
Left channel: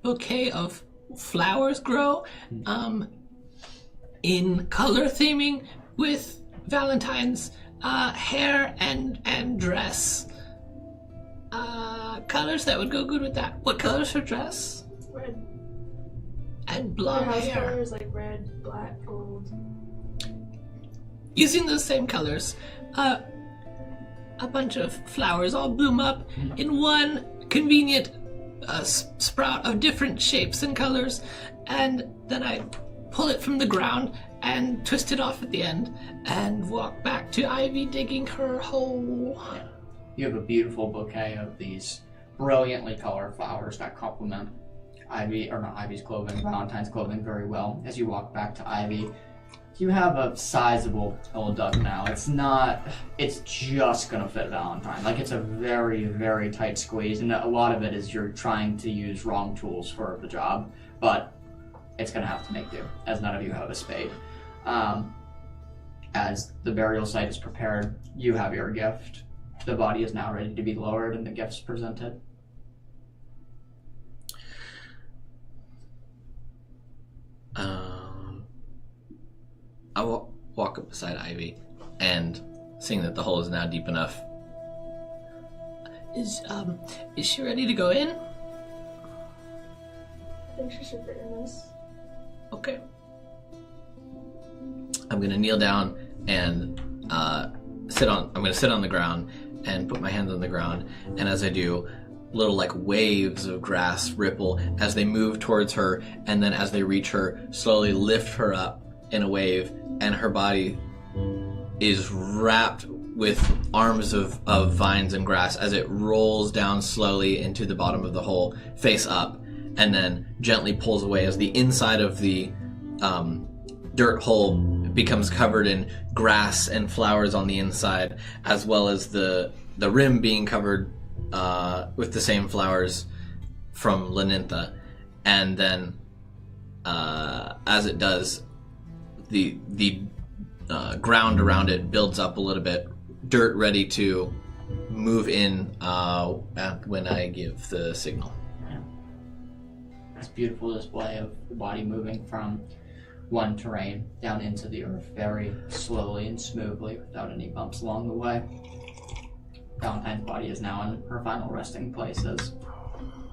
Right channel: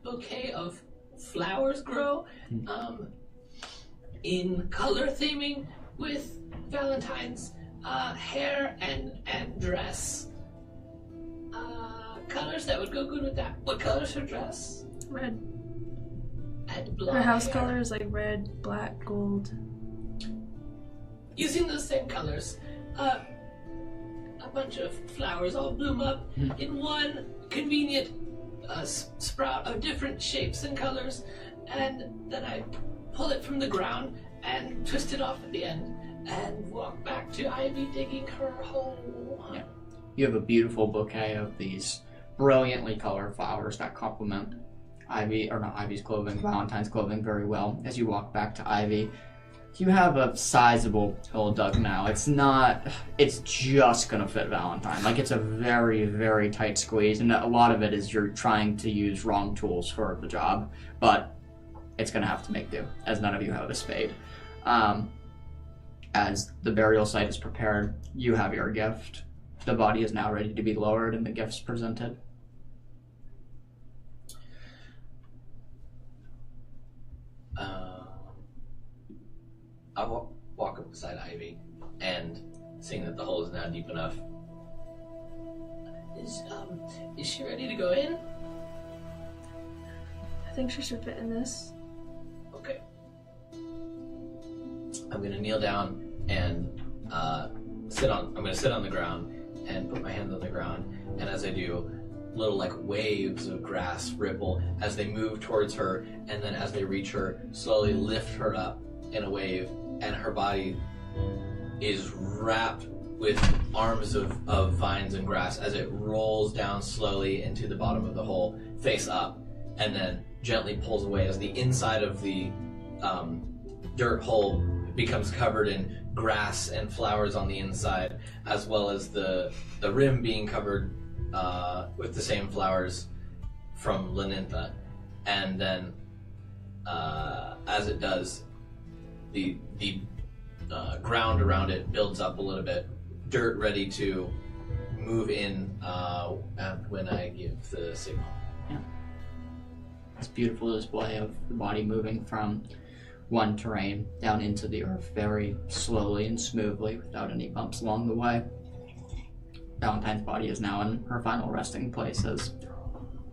bouquet of flowers grow in color theming with Valentine's hair and dress. Colors that would go good with that. What color's her dress? Red. And Her blonde house hair. color is like red, black, gold. using those same colors, a bunch of flowers all bloom up in one convenient sprout of different shapes and colors, and then I pull it from the ground and twist it off at the end and walk back to Ivy digging her hole. You have a beautiful bouquet of these brilliantly colored flowers that complement Ivy's clothing, Valentine's clothing very well. As you walk back to Ivy, you have a sizable hole dug now. It's just gonna fit Valentine. Like, it's a very, very tight squeeze, and a lot of it is you're trying to use wrong tools for the job, but it's gonna have to make do, as none of you have a spade. As the burial site is prepared, you have your gift. The body is now ready to be lowered and the gifts presented. I'll walk up beside Ivy, and seeing that the hole is now deep enough. Is she ready to go in? I think she should fit in this. Okay. I'm gonna kneel down and sit on the ground and put my hands on the ground, and as I do, little like waves of grass ripple as they move towards her, and then as they reach her, slowly lift her up in a wave, and her body is wrapped with arms of vines and grass as it rolls down slowly into the bottom of the hole, face up, and then gently pulls away as the inside of the dirt hole becomes covered in grass and flowers on the inside, as well as the rim being covered with the same flowers from Lenintha. And then as it does, the ground around it builds up a little bit, dirt ready to move in when I give the signal. Yeah. This beautiful display of the body moving from one terrain down into the earth very slowly and smoothly without any bumps along the way. Valentine's body is now in her final resting place, as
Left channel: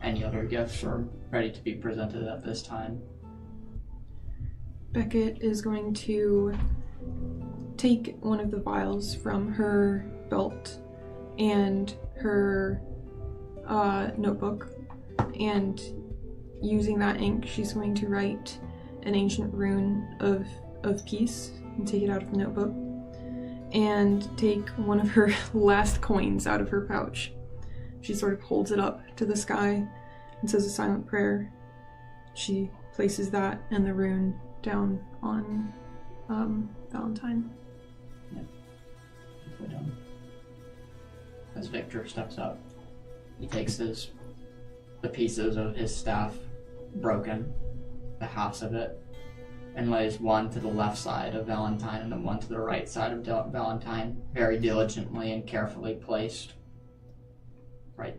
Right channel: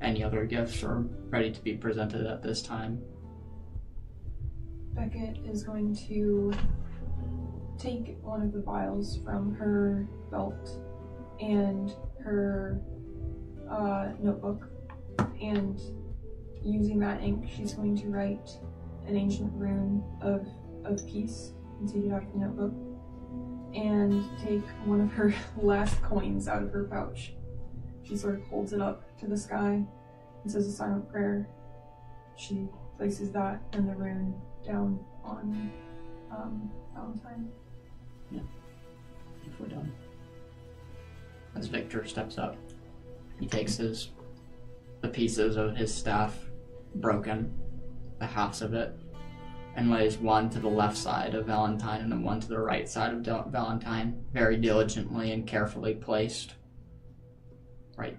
any other gifts are ready to be presented at this time. Beckett is going to take one of the vials from her belt and her notebook, and using that ink, she's going to write an ancient rune of peace and take it out of the notebook, and take one of her last coins out of her pouch. She sort of holds it up to the sky and says a silent prayer. She places that and the rune down on Valentine. Yeah. If we're done. As Victor steps up, he takes the pieces of his staff, broken, the halves of it, and lays one to the left side of Valentine and then one to the right side of Valentine, very diligently and carefully placed, right,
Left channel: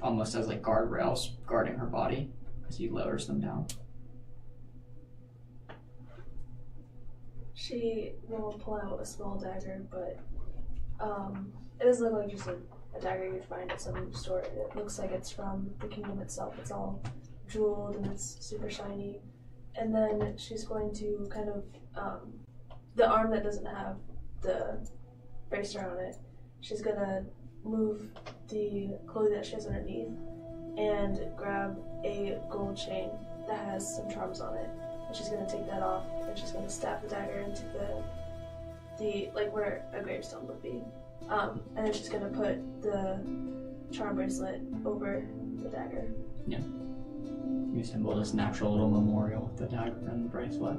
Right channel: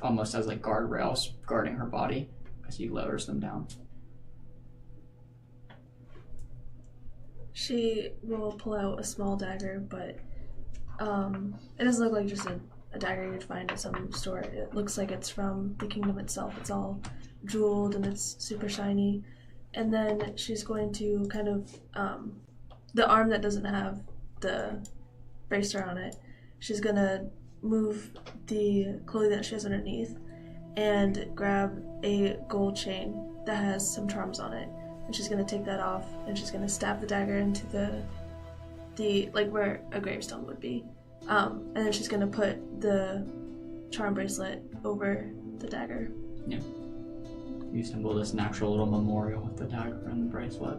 almost as like guardrails guarding her body as he lowers them down. She will pull out a small dagger, but it doesn't look like just a dagger you'd find at some store. It looks like it's from the kingdom itself. It's all jeweled and it's super shiny. And then she's going to kind of, the arm that doesn't have the bracer on it, she's going to move the clothing that she has underneath and grab a gold chain that has some charms on it. And she's going to take that off, and she's going to stab the dagger into the like where a gravestone would be. And then she's going to put the charm bracelet over the dagger. Yeah. You assemble this natural little memorial with the dagger and the bracelet.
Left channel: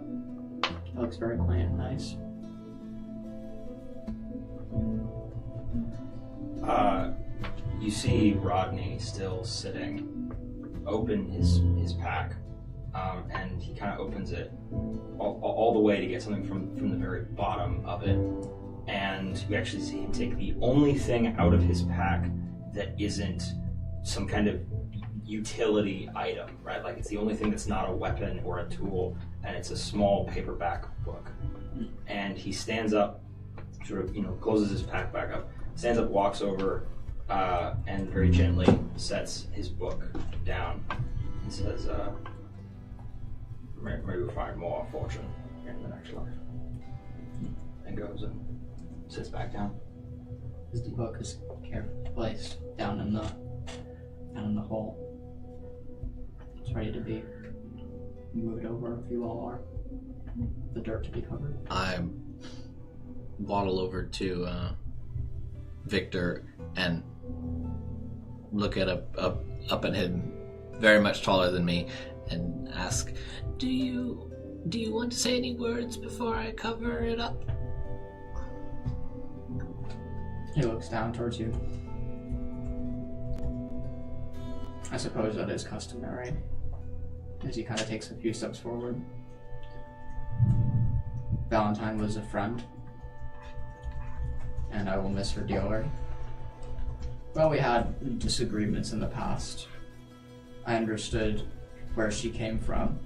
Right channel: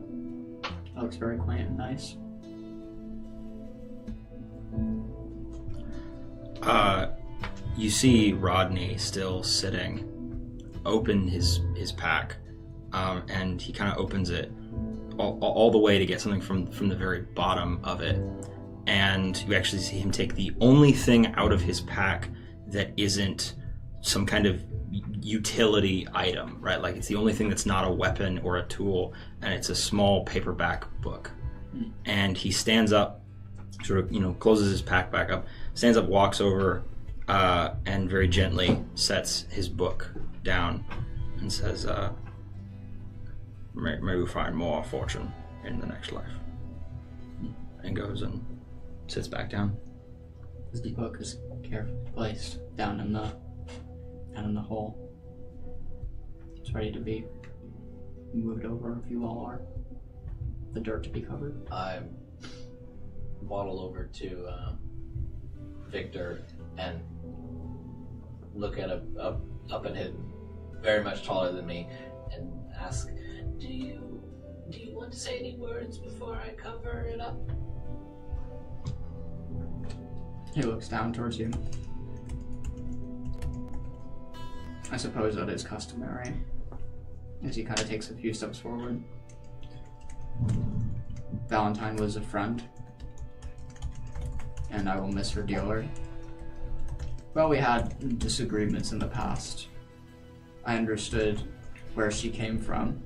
It looks very quaint and nice. You see Rodney still sitting, open his pack, and he kind of opens it all the way to get something from the very bottom of it. And you actually see him take the only thing out of his pack that isn't some kind of utility item, right? Like, it's the only thing that's not a weapon or a tool, and it's a small paperback book. And he stands up, sort of, closes his pack back up, stands up, walks over, and very gently sets his book down and says, may we find more fortune in the next life. and goes and sits back down. The book is carefully placed down in the hole. It's ready to be moved over if you all are. The dirt to be covered. I waddle over to Victor and look at up at him, very much taller than me, and ask, Do you want to say any words before I cover it up? He looks down towards you. I suppose that is customary. As he kind of takes a few steps forward. Valentine was a friend, and I will miss her dearly. Well, we had disagreements in the past. I understood where she came from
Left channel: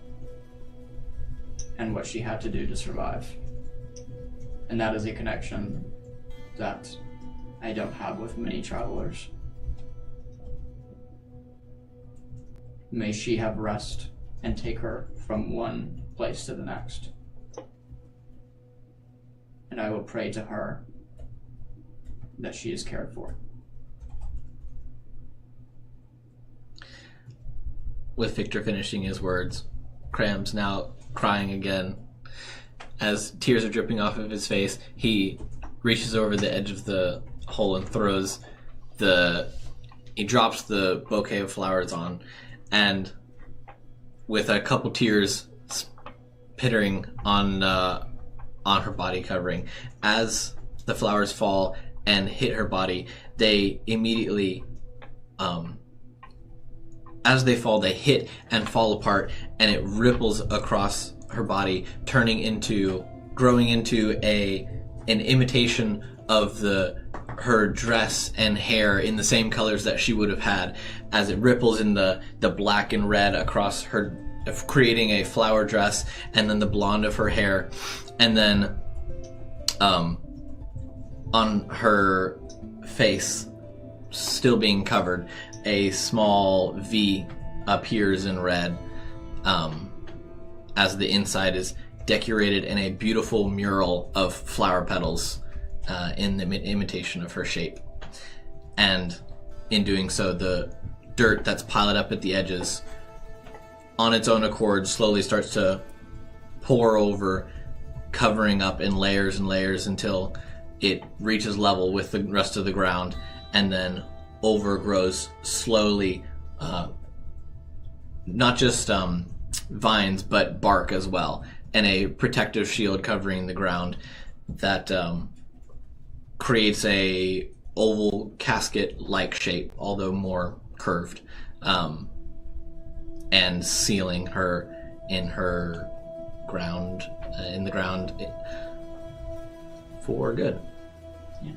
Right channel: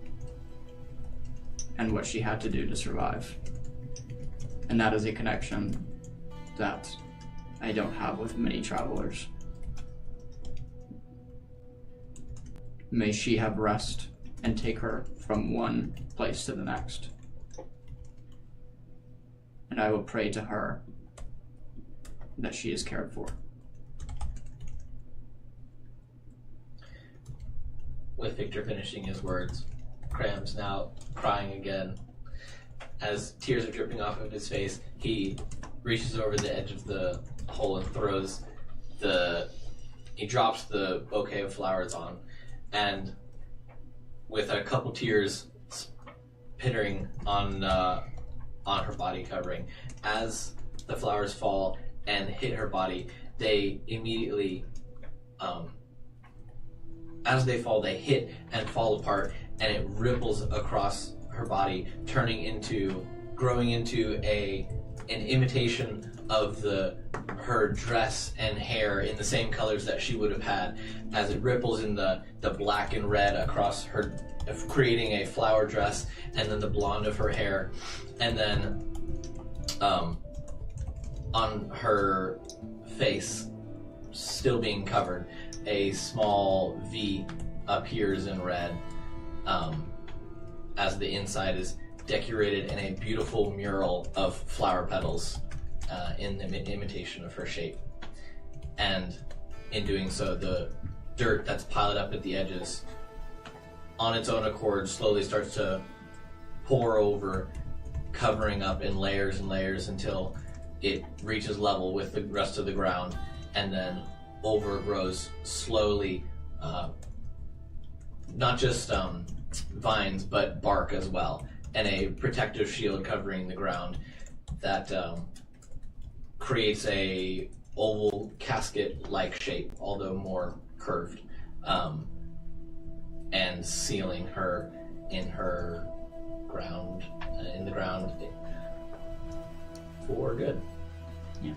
and what she had to do to survive. And that is a connection that I don't have with many travelers. May she have rest and take her from one place to the next. And I will pray to her that she is cared for. With Victor finishing his words, Cram's now crying again. As tears are dripping off of his face, he reaches over the edge of the hole and he drops the bouquet of flowers on, and with a couple tears pittering on her body covering, as the flowers fall and hit her body, they immediately, as they fall, they hit and fall apart, and it ripples across her body, growing into an imitation of her dress and hair in the same colors that she would have had, as it ripples in the black and red across her, creating a flower dress, and then the blonde of her hair, and then on her face, still being covered, a small V appears in red, as the inside is decorated in a beautiful mural of flower petals in the imitation of her shape. And in doing so, the dirt that's piled up at the edges, on its own accord, slowly starts to pour over, covering up in layers and layers until it reaches level with the rest of the ground, and then overgrows slowly, not just vines, but bark as well, and a protective shield covering the ground that creates a oval casket-like shape, although more curved, and sealing her in the ground for good. Yeah.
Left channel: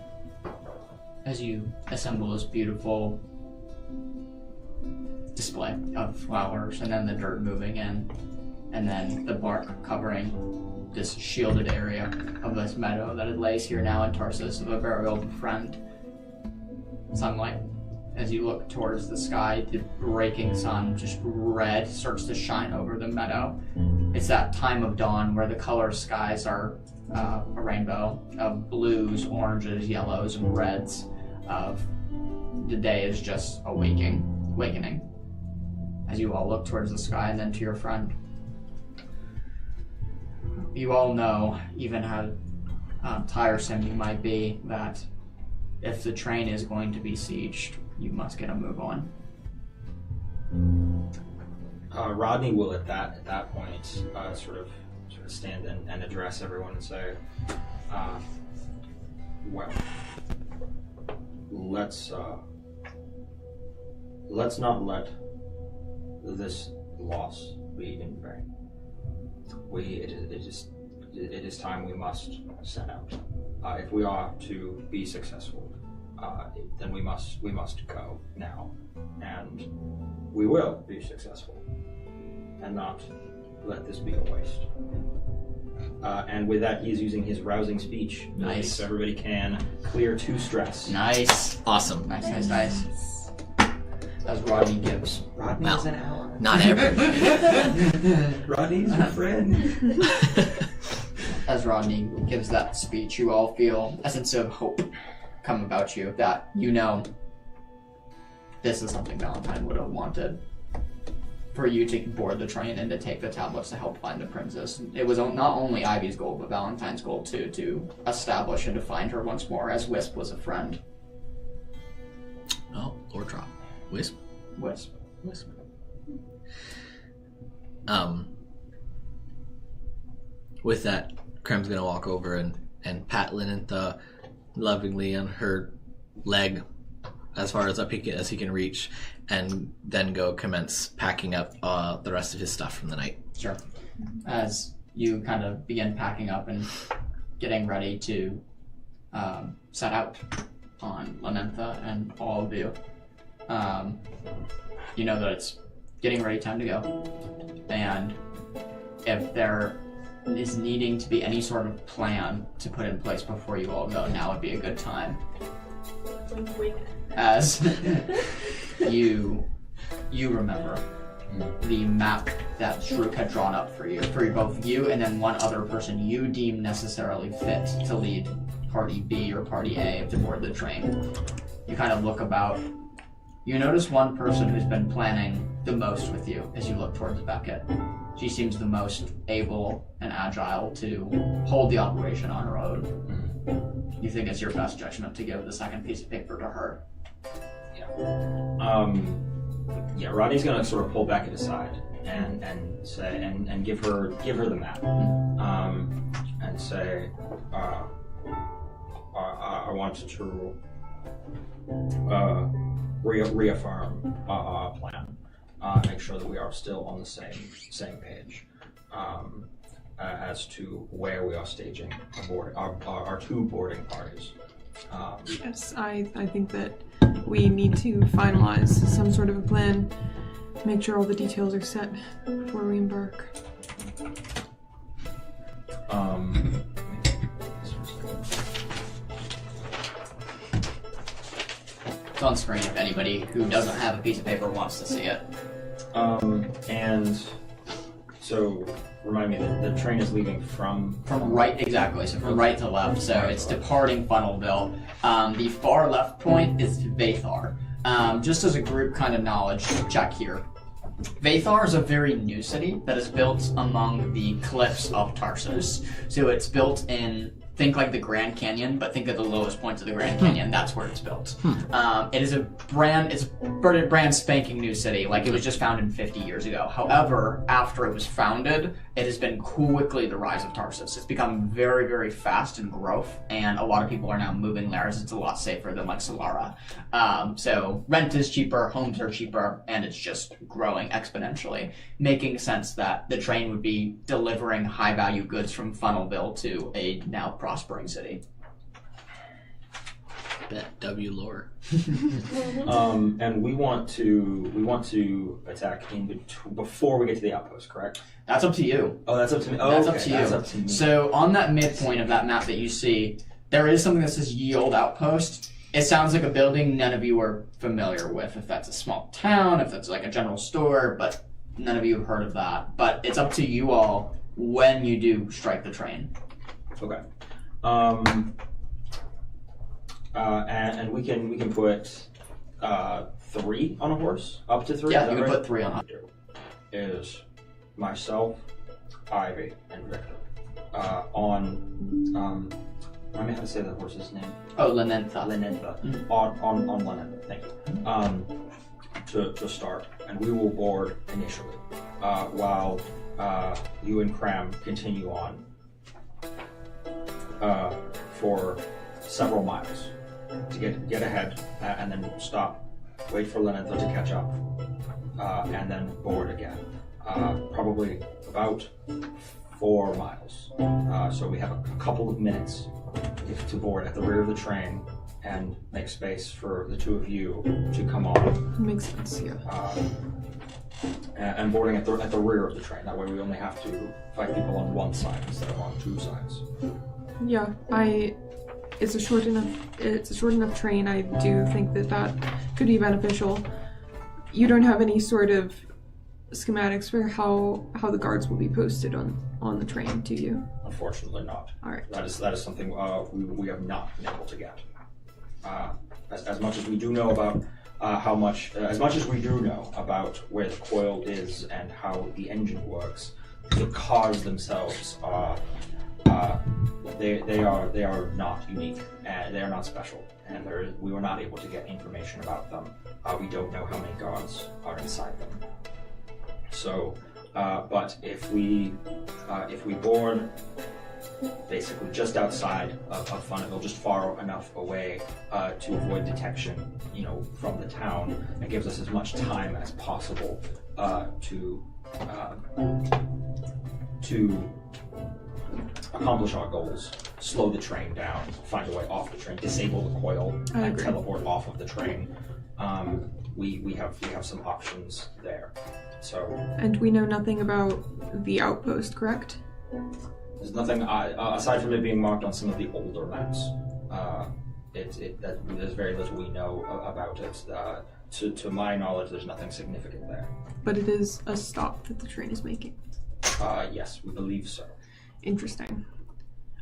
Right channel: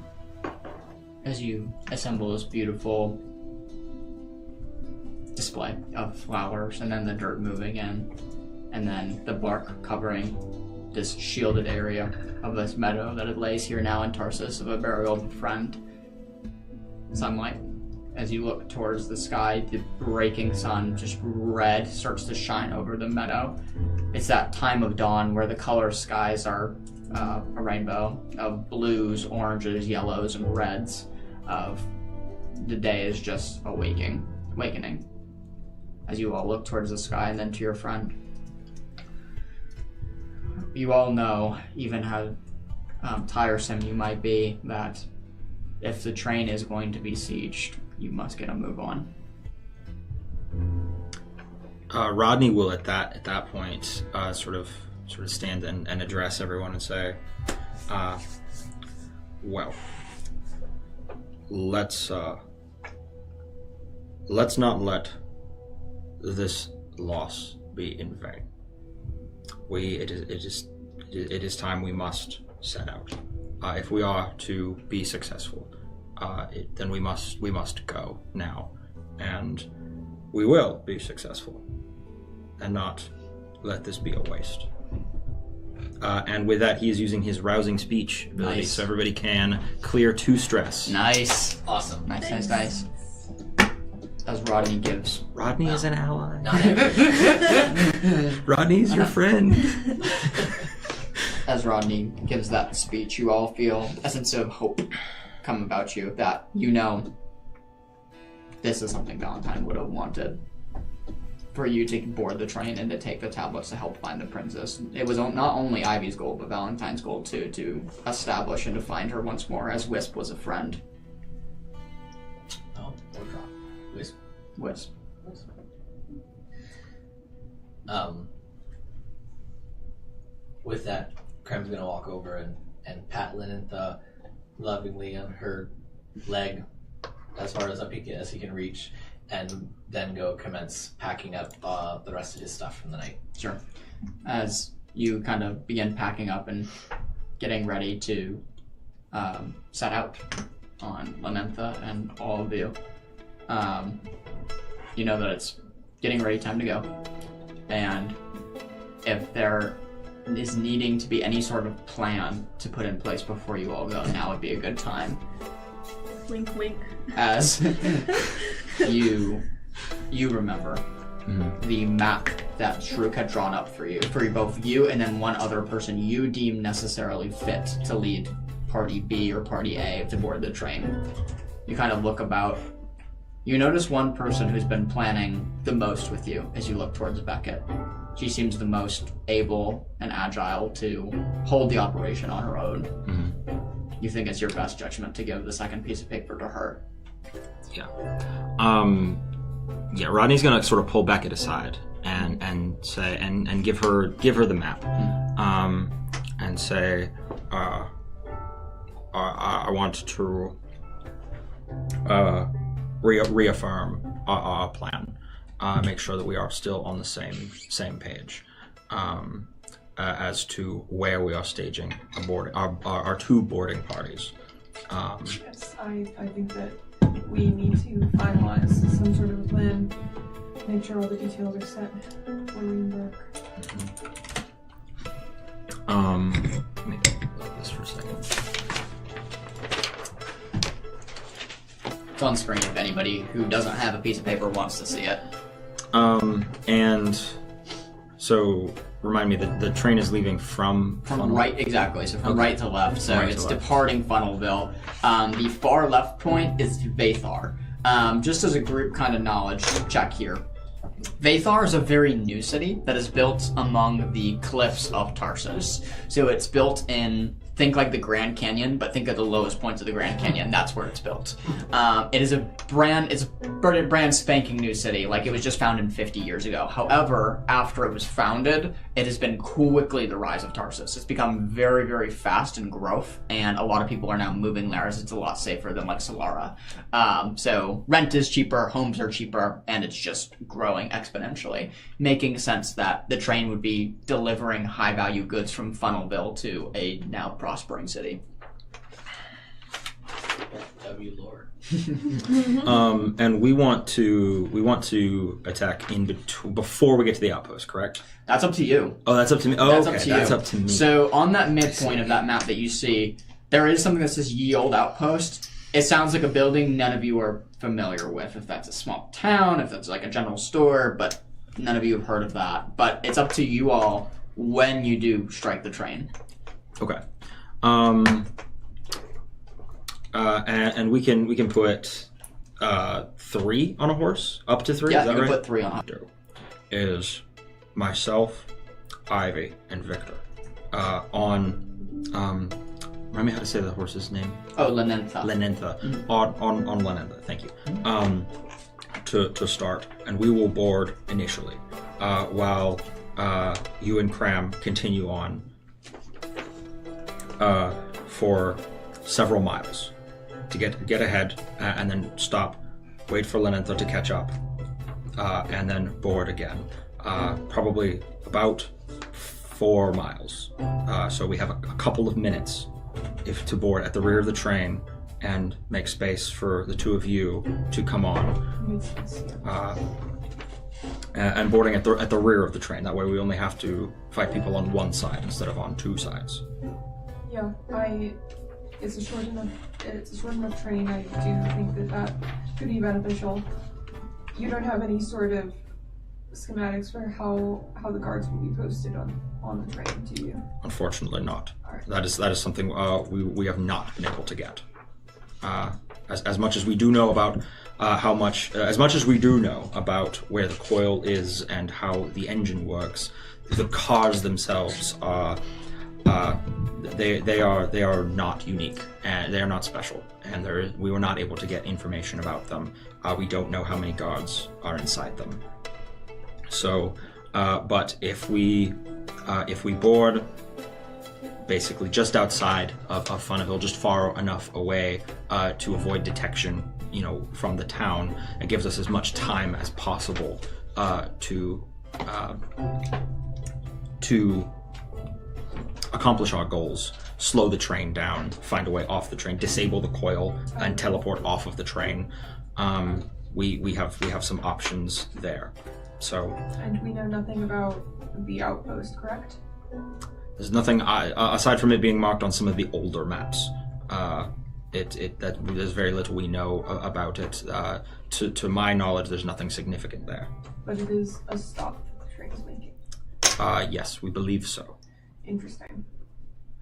As you assemble this beautiful display of flowers, and then the dirt moving in, and then the bark covering this shielded area of this meadow that it lays here now in Tarsus of a very old friend. Sunlight. As you look towards the sky, the breaking sun, just red, starts to shine over the meadow. It's that time of dawn where the color skies are a rainbow of blues, oranges, yellows, and reds. Of the day is just awakening. As you all look towards the sky and then to your friend. You all know, even how tiresome you might be, that if the train is going to be sieged, you must get a move on. Rodney will at that point sort of stand and address everyone and say, well, let's not let this loss be in vain. It is time we must set out. If we are to be successful, then we must go now, and we will be successful, and not let this be a waste. And with that, he is using his rousing speech ability, Nice. so everybody can clear 2 stress. Nice. Awesome. Nice. As Rodney gives. Rodney Well, is an ally. Not every. Rodney's your friend. as Rodney gives that speech, you all feel a sense of hope come about you, that you know this is something Valentine would have wanted. For you to board the train and to take the tablets to help find the princess. It was not only Ivy's goal, but Valentine's goal too, to establish and to find her once more, as Wisp was a friend. Oh, or drop. Wisp. With that, Krem's gonna walk over and pat Lynantha lovingly on her leg as far as up as he can reach, and then go commence packing up the rest of his stuff from the night. Sure. As you kind of begin packing up and getting ready to set out on Lynantha and all of you, you know that it's getting ready time to go. And if there is needing to be any sort of plan to put in place before you all go, now would be a good time. Wink, wink. As you remember the map that Shrook had drawn up for both you and then one other person you deem necessarily fit to lead Party B or Party A to board the train. You kind of look about. You notice one person who's been planning the most with you as you look towards Beckett. She seems the most able and agile to hold the operation on her own. You think it's your best judgment to give the second piece of paper to her. Yeah, Rodney's gonna sort of pull Beckett aside and say and give her the map, and say, I want to reaffirm our plan, make sure that we are still on the same page, as to where we are staging our two boarding parties. Yes, I think that we need to finalize some sort of a plan, make sure all the details are set before we embark. Let me look this for a second. It's on screen if anybody who doesn't have a piece of paper wants to see it. And so remind me that the train is leaving from right, exactly. So from right to left. So Right it's to left. departing Funnelville. The far left point is Vathar. Just as a group kind of knowledge check here. Vathar is a very new city that is built among the cliffs of Tarsus. So it's built in, think like the Grand Canyon, but think of the lowest points of the Grand Canyon. That's where it's built. It is a brand spanking new city. Like, it was just founded 50 years ago. However, after it was founded, it has been quickly the rise of Tarsus. It's become very, very fast in growth, and a lot of people are now moving there as it's a lot safer than like Solara. So rent is cheaper, homes are cheaper, and it's just growing exponentially, making sense that the train would be delivering high-value goods from Funnelville to a now prospering city. Bet W lore. And we want to attack before we get to the outpost, correct? That's up to you. Oh, that's up to me. Oh, That's okay. up to you. That's up to me. So on that midpoint of that map that you see, there is something that says Ye Old Outpost. It sounds like a building none of you are familiar with, if that's a small town, if that's like a general store, but none of you have heard of that. But it's up to you all when you do strike the train. Okay. And we can put 3 on a horse, up to 3. Yeah, is that you can right? put 3 on. Is myself, Ivy, and Victor on. Remind me how to say the horse's name. Oh, Lynantha. Lynantha. On Lynantha. Thank you. To start, and we will board initially, while you and Cram continue on for several miles to get ahead, and then stop, wait for Lynantha to catch up, and then board again. Probably about 4 miles. So we have a couple of minutes to board at the rear of the train and make space for the two of you to come on. Makes sense, yeah. And boarding at the rear of the train. That way we only have to fight people on one side instead of on 2 sides. Yeah, it's a short enough train. I do think that could be beneficial. You don't have any sort of schematics for how the guards will be posted on the train, do you? Unfortunately not. All right. That is something we have not been able to get. As much as we do know about as much as we do know about where the coil is and how the engine works, the cars themselves are they are not unique and they are not special, and we were not able to get information about them. We don't know how many guards are inside them. So, but if we board basically just outside of Funnaville, just far enough away to avoid detection, from the town, it gives us as much time as possible to accomplish our goals. Slow the train down, find a way off the train, disable the coil, and teleport off of the train. We have some options there. So. And we know nothing about the outpost, correct? There's nothing aside from it being marked on some of the older maps. There's very little we know about it. To my knowledge, there's nothing significant there. But it is a stop that the train is making. Yes, we believe so. Interesting.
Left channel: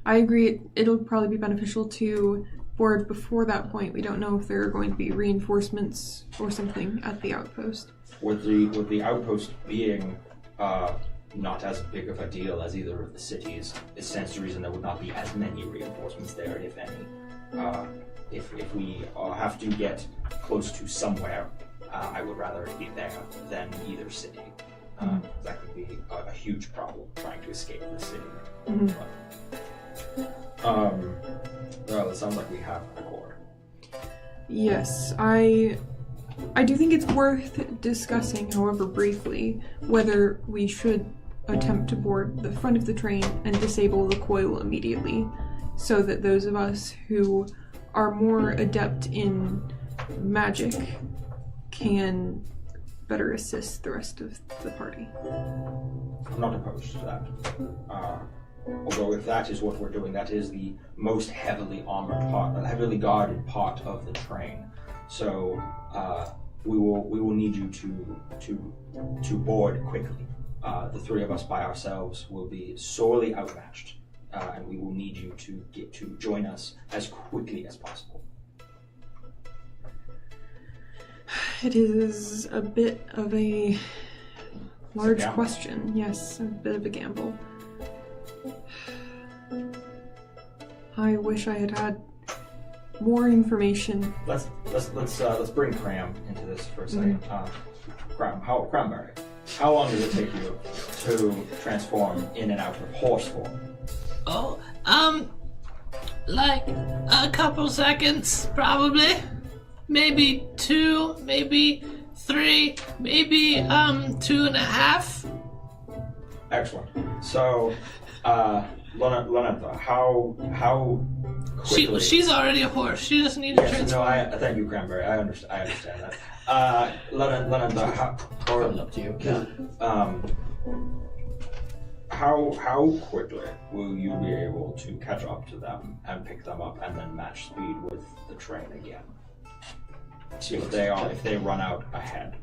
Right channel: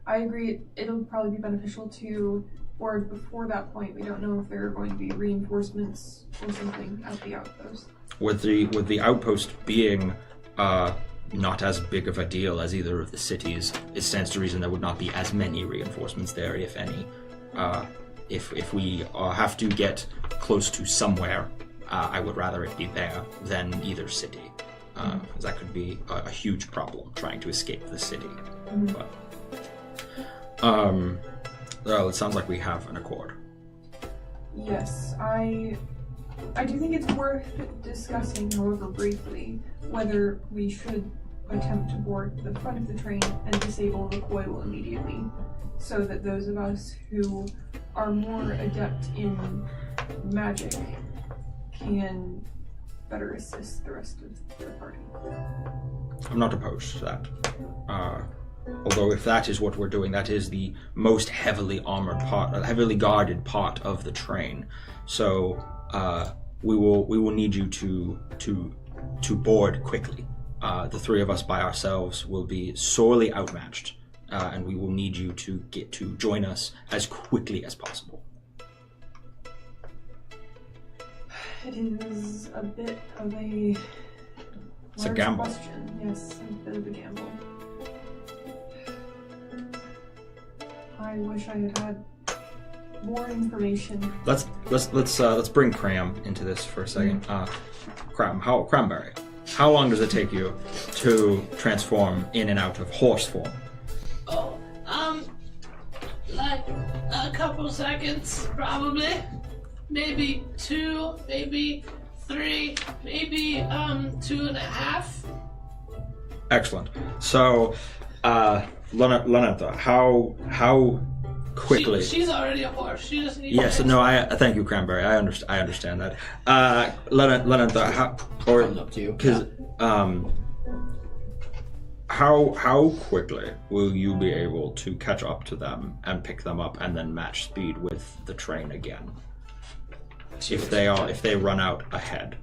I agree. It'll probably be beneficial to board before that point. We don't know if there are going to be reinforcements or something at the outpost. With the outpost being not as big of a deal as either of the cities, it stands to reason there would not be as many reinforcements there, if any. If we have to get close to somewhere, I would rather it be there than either city. That could be a huge problem, trying to escape the city. Well, it sounds like we have an accord. Yes, I do think it's worth discussing, however briefly, whether we should attempt to board the front of the train and disable the coil immediately, so that those of us who are more adept in magic can better assist the rest of the party. I'm not opposed to that. Although if that is what we're doing, that is the most heavily guarded part of the train. So we will need you to board quickly. The three of us by ourselves will be sorely outmatched, and we will need you to get to join us as quickly as possible. It is a bit of a large question. Yes, a bit of a gamble. I wish I had more information. Let's bring Cram into this for a second. Cranberry, how long does it take you to transform in and out of horse form? Oh, like a couple seconds, probably. Maybe 2, maybe 3, maybe 2.5. Excellent. So, Lenantha, how quickly? She's already a horse. She just needs. Yes. No. Thank you, Cranberry. I understand that. Lenantha, up to you. How quickly will you be able to catch up to them and pick them up and then match speed with the train again? If they run out ahead.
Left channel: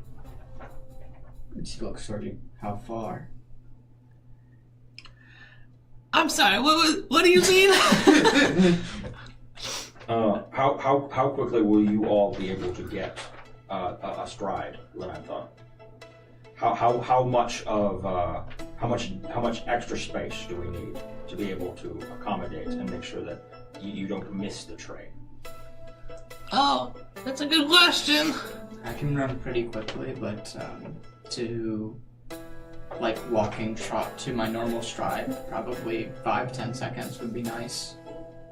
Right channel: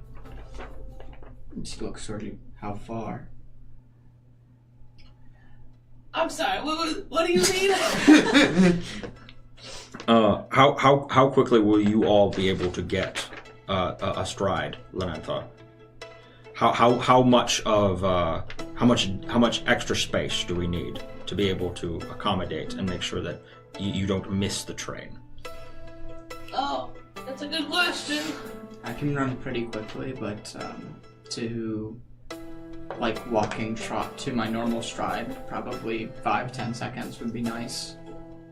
Let's look, sorry. How far? I'm sorry. What do you mean? How quickly will you all be able to get astride, Lenantha? How much extra space do we need to be able to accommodate and make sure that you don't miss the train? Oh, that's a good question. I can run pretty quickly, but to walking trot to my normal stride, probably 5-10 seconds would be nice.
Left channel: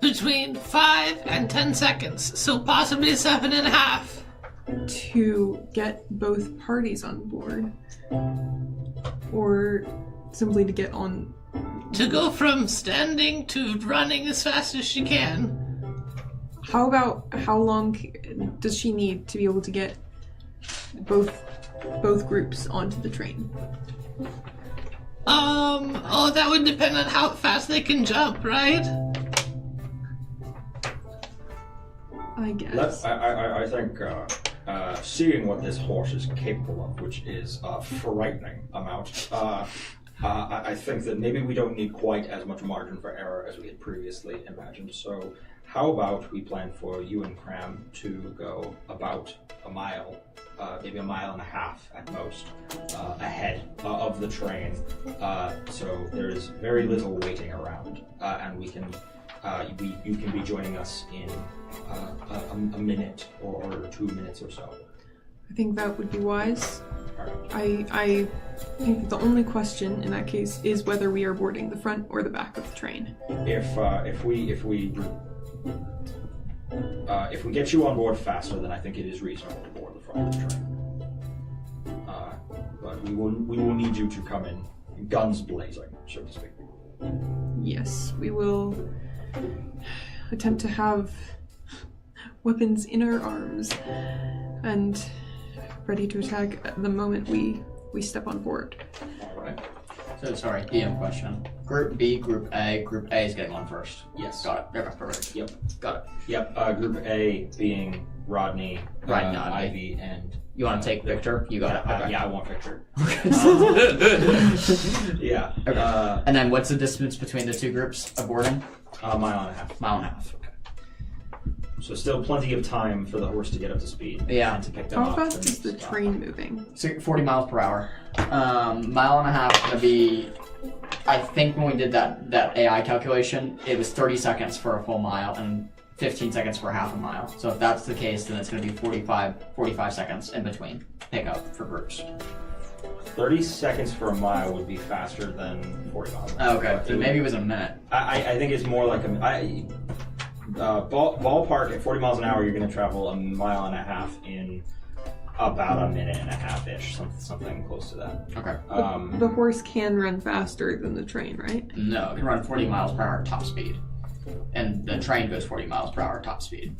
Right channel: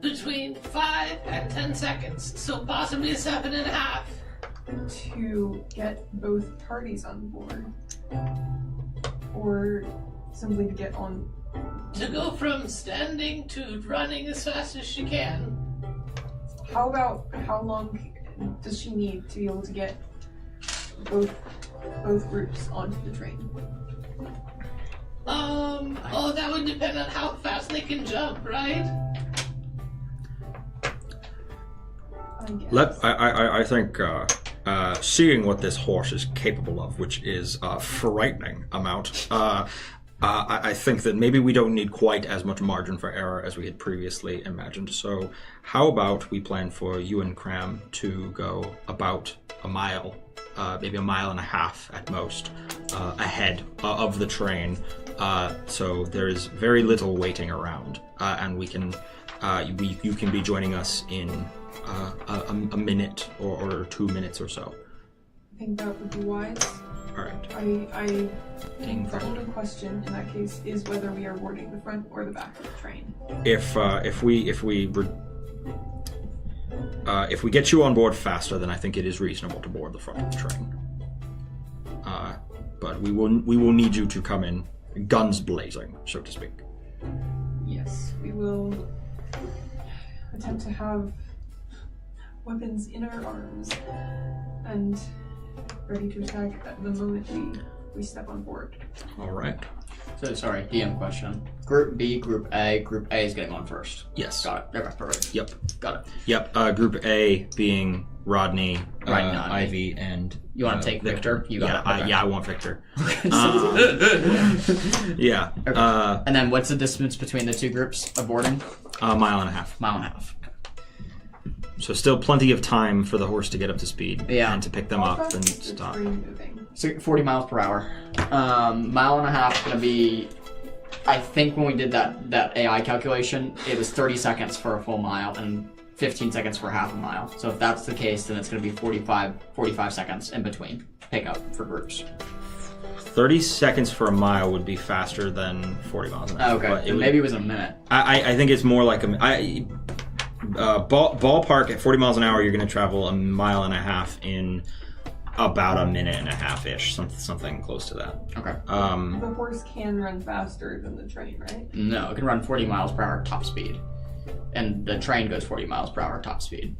Between 5 and 10 seconds, so possibly 7.5. To get both parties on board, or simply to get on. To go from standing to running as fast as she can. How long does she need to be able to get both groups onto the train? That would depend on how fast they can jump, right? I guess. I think seeing what this horse is capable of, which is a frightening amount, I think that maybe we don't need quite as much margin for error as we had previously imagined. So how about we plan for you and Cram to go about a mile, maybe a mile and a half at most, ahead of the train, so there is very little waiting around, and we can, you can be joining us in a minute or 2 minutes or so. I think that would be wise. All right. I think the only question in that case is whether we are boarding the front or the back of the train. If we get you on board faster, then I think it is reasonable to board the front of the train. But we will need you to come in guns blazing, so to speak. Yes, we will attempt to have weapons in our arms and ready to attack at the moment we step on board. All right. So, sorry, DM question. Group B, Group A. Group A is getting on first. Yes. Got it. Okay, perfect. Yep. Got it. Yep. Group A being Rodney, Rodney. Ivy, and... You want to take Victor? You got it. Okay. Yeah, I want Victor. Yeah. Okay. And then what's the distance between the two groups of boarding? A mile and a half. Mile and a half. So still plenty of time for the horse to get up to speed and to pick them How up fast and is the stop. train moving? 40 miles per hour. Mile and a half going to be... I think when we did that AI calculation, it was 30 seconds for a full mile and 15 seconds for half a mile. So if that's the case, then it's going to be 45 seconds in between pickup for groups. 30 seconds for a mile would be faster than 40 miles an hour. Okay, maybe it was a minute. I think it's more like ballpark at 40 miles an hour, you're going to travel a mile and a half in about a minute and a half-ish, something close to that. Okay. The horse can run faster than the train, right? No, it can run 40 miles per hour top speed. And the train goes 40 miles per hour top speed.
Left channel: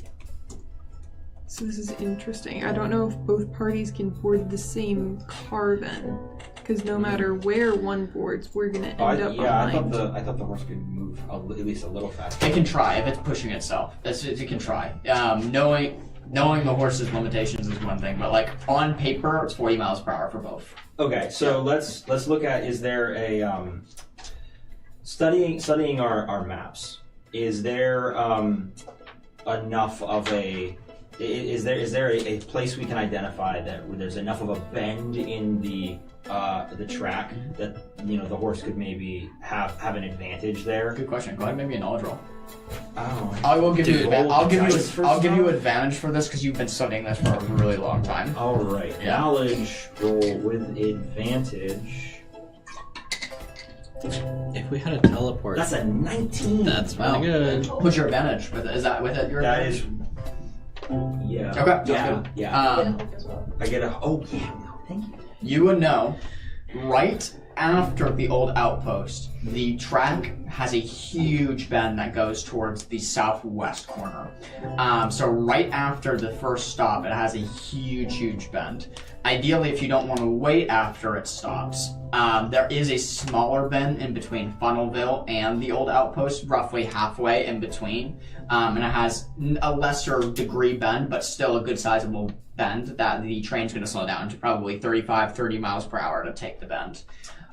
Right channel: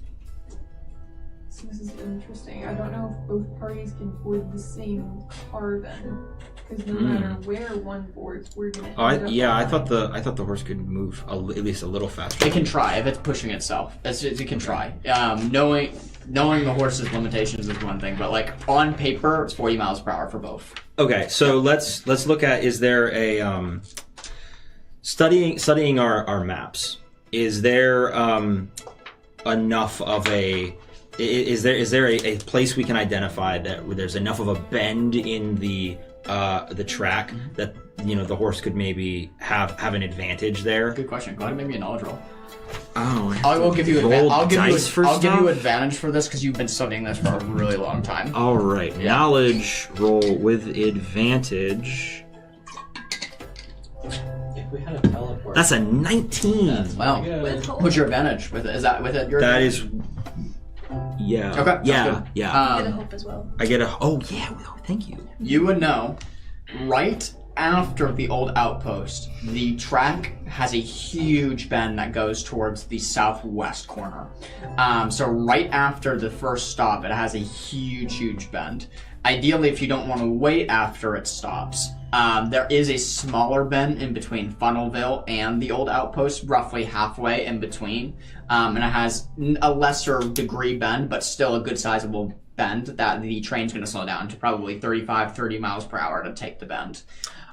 So this is interesting. I don't know if both parties can board the same car then, because no matter where one boards, we're gonna end up behind. I thought the horse could move at least a little faster. It can try if it's pushing itself. It can try. Knowing the horse's limitations is one thing, but like on paper, it's 40 miles per hour for both. Okay, so let's look at, is there a studying our maps? Is there enough of a is there a place we can identify that where there's enough of a bend in the track that the horse could maybe have an advantage there? Good question. Go ahead and make me a knowledge roll. Oh, I will give you. I'll give you it. advantage for this because you've been studying this for a really long time. All right, knowledge roll with advantage. If we had a teleport, That's a 19. that's pretty good. What's your advantage with it? Is that with it? Your That advantage? is. Yeah. Okay, sounds Yeah. good. Yeah. I get a hope as well. I get a. Oh yeah. Oh, thank you. You would know, right after the old outpost, the track has a huge bend that goes towards the southwest corner. So right after the first stop, it has a huge bend. Ideally, if you don't want to wait after it stops, there is a smaller bend in between Funnelville and the old outpost, roughly halfway in between. And it has a lesser degree bend, but still a good sizable bend that the train's going to slow down to probably 30 miles per hour to take the bend.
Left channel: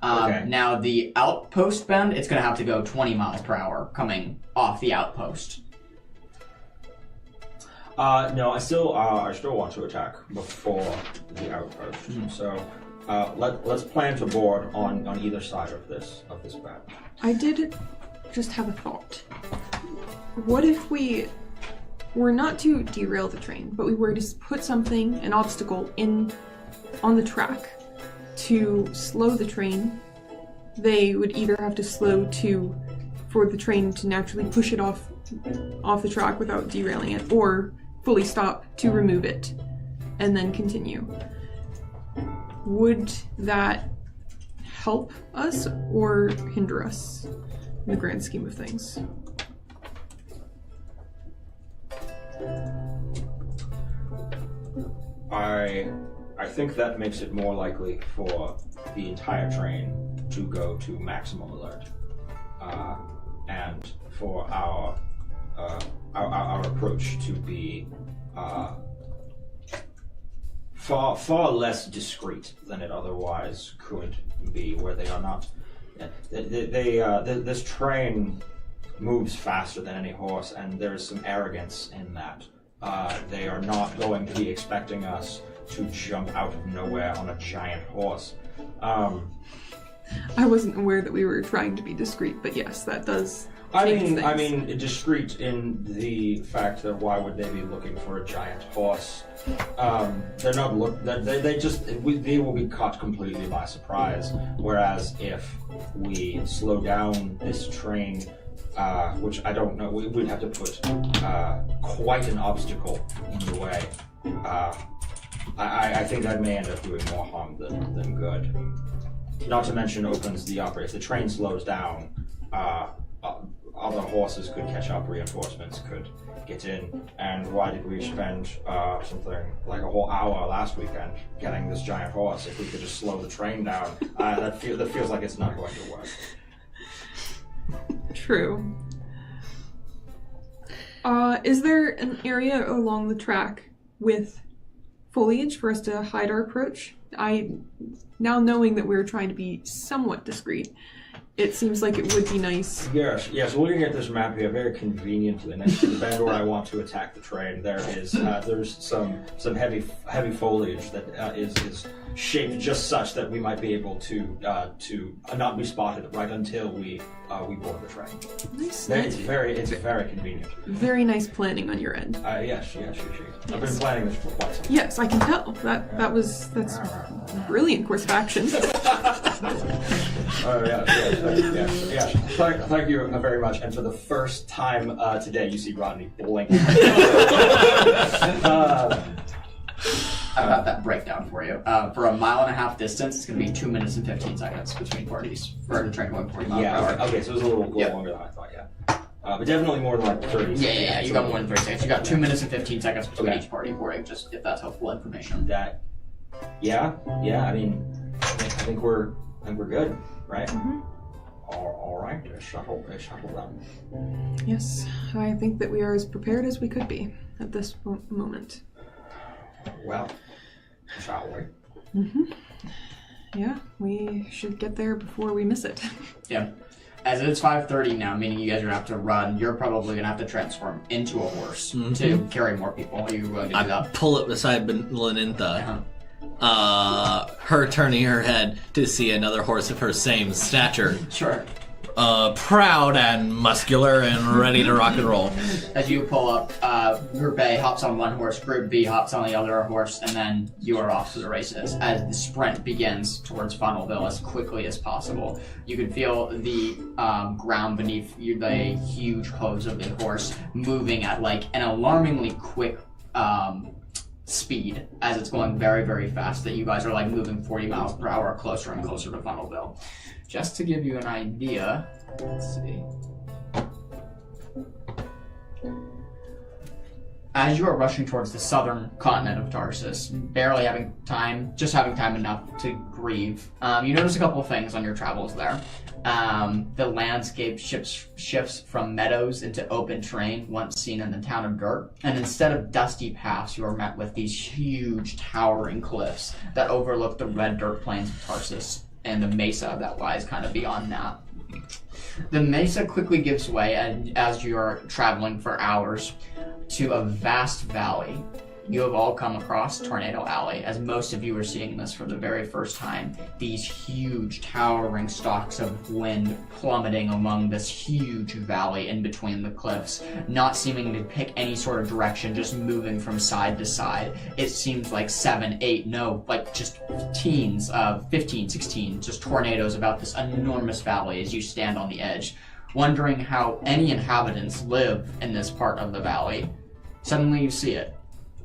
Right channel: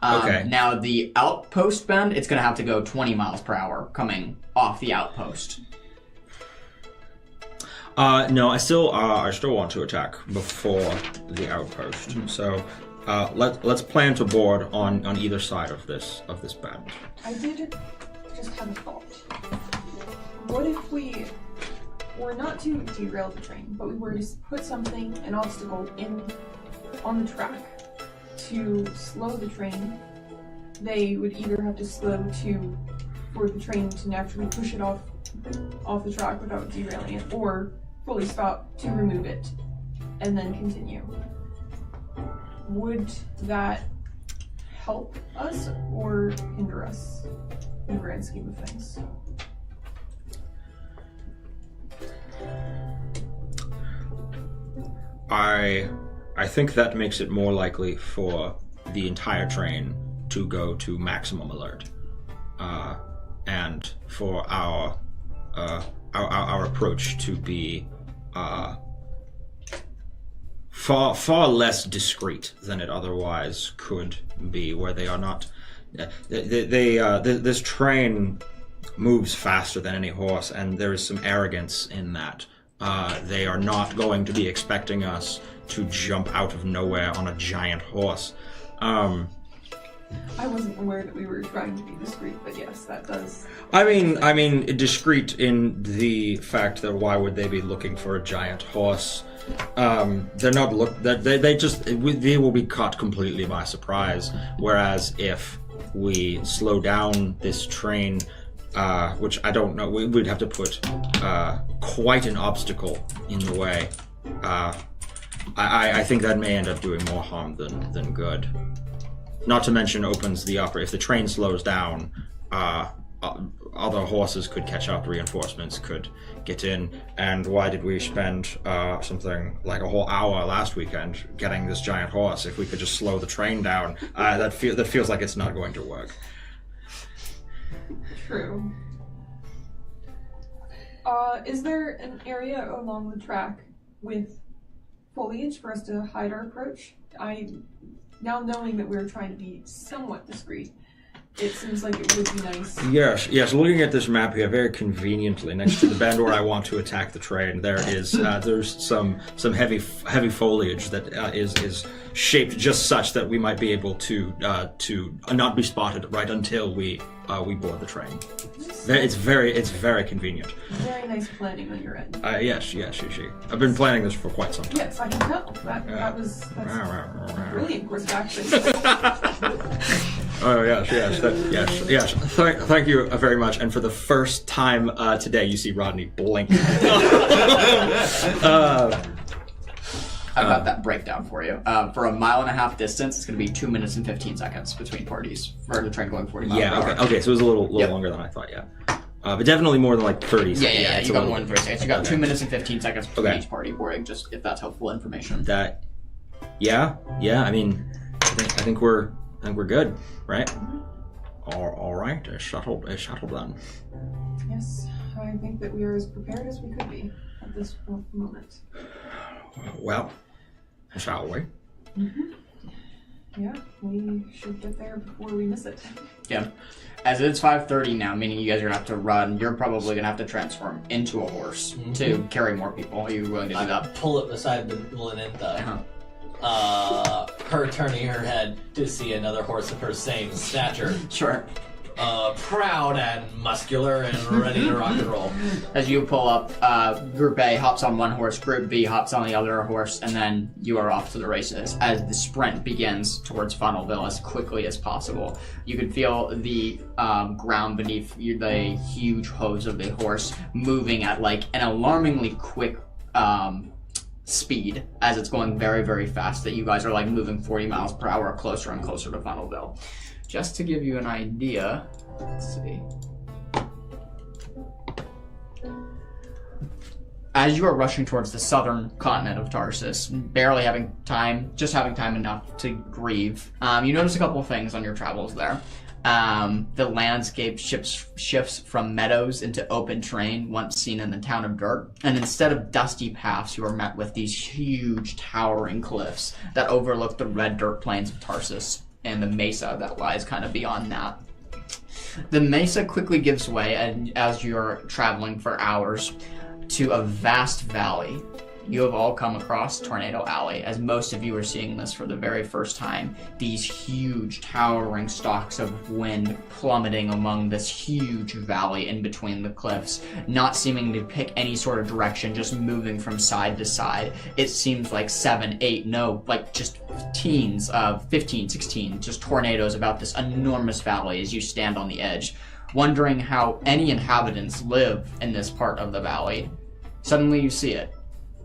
Okay. Now, the outpost bend, it's going to have to go 20 miles per hour coming off the outpost. No, I still want to attack before the outpost. So, let's plan to board on either side of this bend. I did just have a thought. What if we were not to derail the train, but we were to put something, an obstacle, on the track to slow the train? They would either have to slow for the train to naturally push it off the track without derailing it, or fully stop to remove it and then continue. Would that help us or hinder us in the grand scheme of things? I think that makes it more likely for the entire train to go to maximum alert, and for our approach to be far less discreet than it otherwise could be, where they are not. This train moves faster than any horse, and there is some arrogance in that. They are not going to be expecting us to jump out of nowhere on a giant horse. I wasn't aware that we were trying to be discreet, but yes, that does. I mean, discreet in the fact that why would they be looking for a giant horse? They're not they will be caught completely by surprise. Whereas if we slow down this train, which I don't know, we'd have to put quite an obstacle in the way. I think that may end up doing more harm than good. Not to mention opens the upper. If the train slows down, other horses could catch up, reinforcements could get in. And why did we spend something like a whole hour last weekend getting this giant horse? If we could just slow the train down, that feels like it's not going to work. True. Is there an area along the track with foliage for us to hide our approach? Now knowing that we're trying to be somewhat discreet, it seems like it would be nice. Yes. Looking at this map here, very conveniently next to the bend where I want to attack the train, there's some heavy foliage that is shaped just such that we might be able to not be spotted right until we board the train. Nice. It's very convenient. Very nice planning on your end. Yes. I've been planning this for quite some time. Yes, I can tell. That's a brilliant course of action. Oh yes. Thank you very much. And for the first time today, you see Rodney blink. I've got that breakdown for you. For a 1.5 mile distance, it's going to be 2 minutes and 15 seconds between parties for the train going 40 miles per hour. Okay, so it was a little longer than I thought, but definitely more than like 30 seconds. Yeah, you got more than 30 seconds. You got 2 minutes and 15 seconds between each party boarding, just if that's helpful information. I mean, I think we're good, right? Mm-hmm. All right, a shuttle then. Yes, I think that we are as prepared as we could be at this moment. Well, shall we? Mm-hmm. Yeah, we should get there before we miss it. Yeah. As it's 5:30 now, meaning you guys are going to have to run, you're probably going to have to transform into a horse to carry more people. Are you willing to do that? Pull up beside Lenintha. Her turning her head to see another horse of her same stature. Sure. Proud and muscular and ready to rock and roll. As you pull up, Group A hops on one horse, Group B hops on the other horse, and then you are off to the races. As the sprint begins towards Funnelville as quickly as possible, you can feel the ground beneath you, the huge hooves of the horse moving at like an alarmingly quick speed as it's going very, very fast, that you guys are like moving 40 miles per hour closer and closer to Funnelville. Just to give you an idea, let's see. As you are rushing towards the southern continent of Tarsus, barely having time enough to grieve, you notice a couple of things on your travels there. The landscape shifts from meadows into open terrain once seen in the town of Dirt, and instead of dusty paths, you are met with these huge towering cliffs that overlook the red dirt plains of Tarsus and the mesa that lies kind of beyond that. The mesa quickly gives way as you are traveling for hours to a vast valley. You have all come across Tornado Alley, as most of you are seeing this for the very first time. These huge towering stalks of wind plummeting among this huge valley in between the cliffs, not seeming to pick any sort of direction, just moving from side to side. It seems like 7, 8, no, like just teens of 15, 16, just tornadoes about this enormous valley as you stand on the edge, wondering how any inhabitants live in this part of the valley. Suddenly you see it.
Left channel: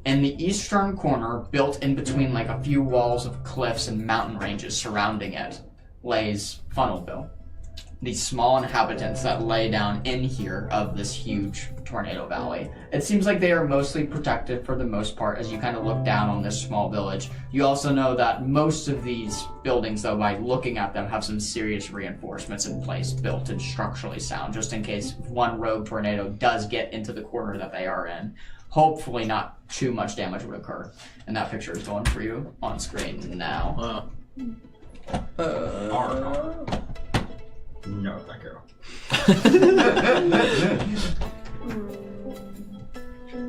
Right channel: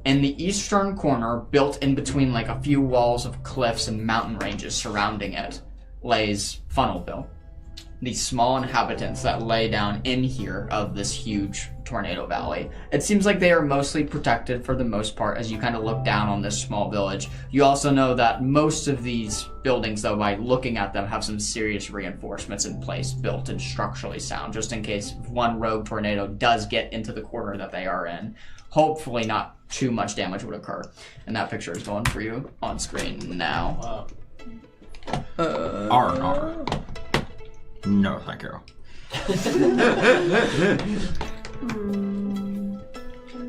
In the eastern corner, built in between like a few walls of cliffs and mountain ranges surrounding it, lays Funnelville. These small inhabitants that lay down in here of this huge tornado valley. It seems like they are mostly protected for the most part as you kind of look down on this small village. You also know that most of these buildings, though, by looking at them, have some serious reinforcements in place, built and structurally sound, just in case one rogue tornado does get into the corner that they are in. Hopefully not too much damage would occur. And that picture is going for you on screen now. Wow. R. No, thank you.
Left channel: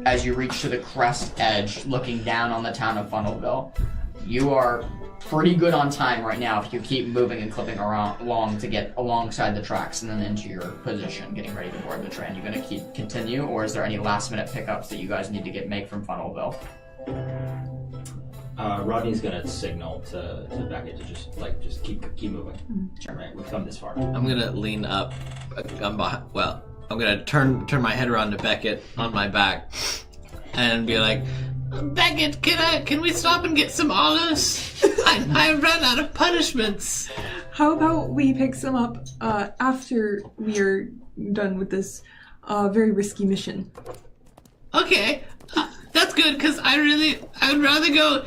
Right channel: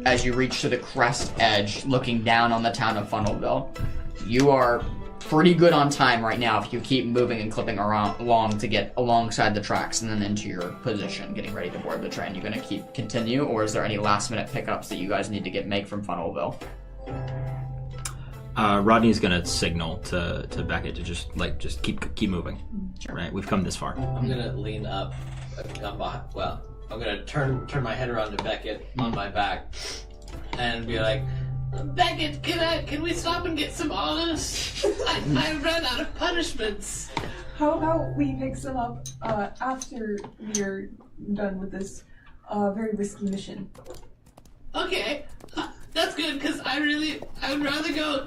As you reach to the crest edge, looking down on the town of Funnelville, you are pretty good on time right now if you keep moving and clipping along to get alongside the tracks and then into your position, getting ready to board the train. You gonna continue, or is there any last minute pickups that you guys need to make from Funnelville? Rodney's gonna signal to Beckett to just keep moving. Sure. Right, we've come this far. I'm gonna lean up. I'm gonna turn my head around to Beckett on my back and be like, Beckett, can we stop and get some olives? I ran out of punishments. How about we pick some up after we are done with this very risky mission? Okay, that's good because I would rather go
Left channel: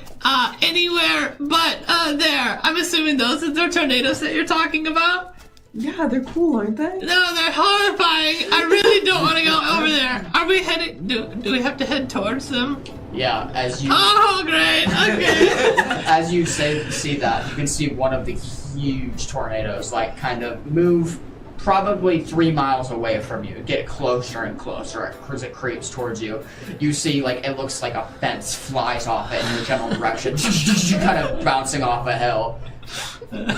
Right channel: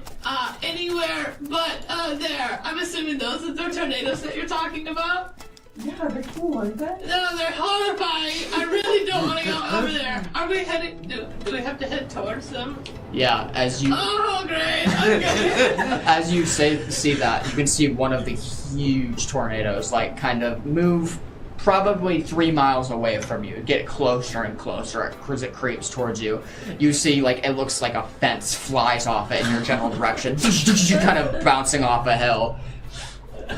anywhere but there. I'm assuming those are the tornadoes that you're talking about. Yeah, they're cool, aren't they? No, they're horrifying. I really don't want to go over there. Are we heading? Do we have to head towards them? Yeah, as you Oh, great. Okay. as you see that, you can see one of the huge tornadoes kind of move probably 3 miles away from you, get closer and closer as it creeps towards you. You see, it looks like a fence flies off it in your general direction, kind of bouncing off a hill.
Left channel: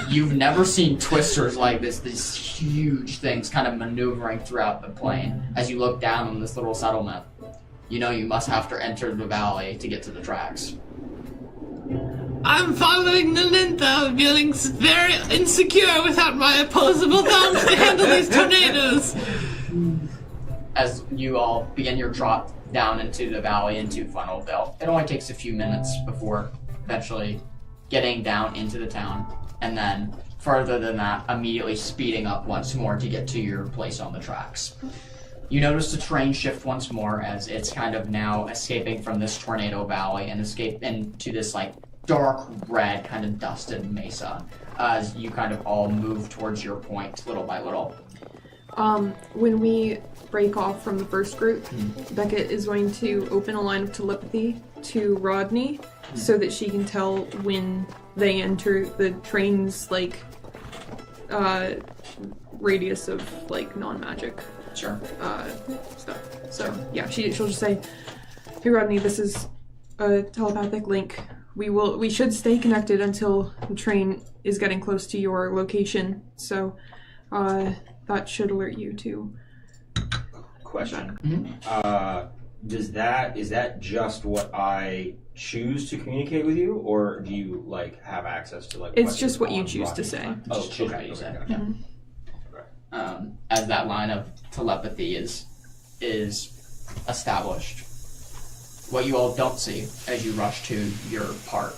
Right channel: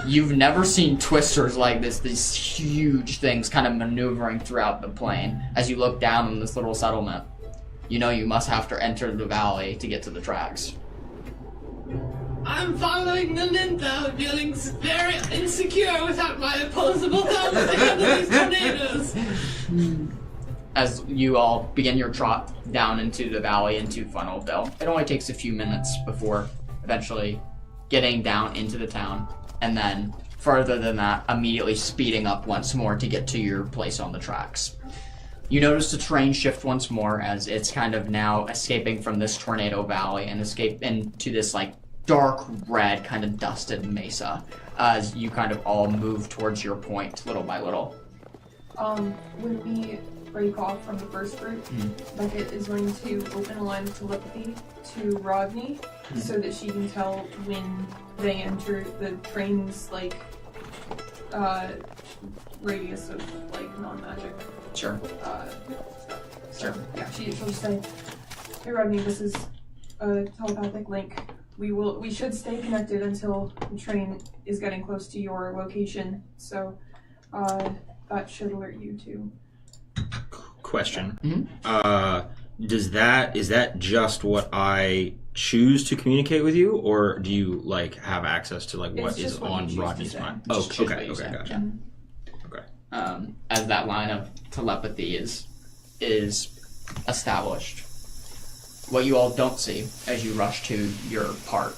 You've never seen twisters like this, these huge things kind of maneuvering throughout the plain. As you look down on this little settlement, you know you must have to enter the valley to get to the tracks. I'm following the Lintha, feeling very insecure without my opposable thumbs to handle these tornadoes. As you all begin your trot down into the valley, into Funnelville, it only takes a few minutes before eventually getting down into the town, and then further than that, immediately speeding up once more to get to your place on the tracks. You notice the train shift once more as it's kind of now escaping from this tornado valley and escape into this dark red kind of dusted mesa as you kind of all move towards your point little by little. When we break off from the first group, Beckett is going to open a line of telepathy to Rodney so that she can tell when they enter the train's radius of non-magic Sure. stuff. So yeah, she'll just say, "Hey Rodney, this is a telepathic link. We should stay connected until the train is getting close to your location. So that should alert you to." Question. Mm-hmm. Is that just what I choose to communicate with you, or do you have access to It's just what you choose to Rodney's say. mind? Just choose what you Okay, say. gotcha. Mm-hmm. Okay. As that line of telepathy is established. What you all don't see as you rush to your part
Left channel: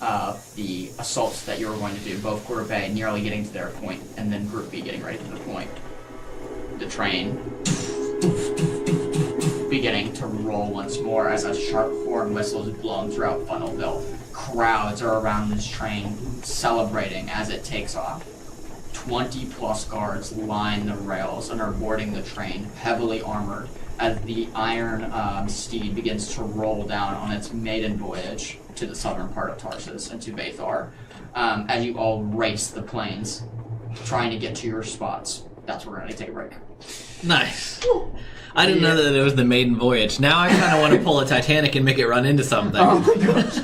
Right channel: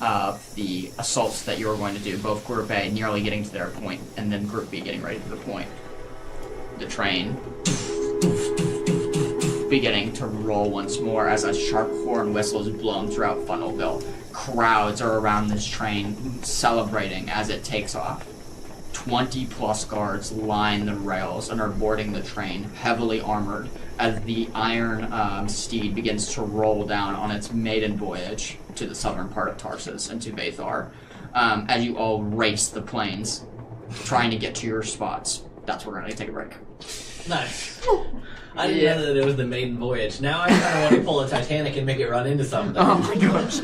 of the assaults that you're going to do, both Group A nearly getting to their point, and then Group B getting ready to the point. The train beginning to roll once more as a sharp horn whistle is blown throughout Funnelville. Crowds are around this train celebrating as it takes off. 20 plus guards line the rails and are boarding the train, heavily armored, as the iron steed begins to roll down on its maiden voyage to the southern part of Tarsus and to Bathar. As you all race the plains, trying to get to your spots. That's where we're going to take a break. nice. I didn't know that it was the maiden voyage. Now I kind of want to pull a Titanic and make it run into something. Oh my gosh.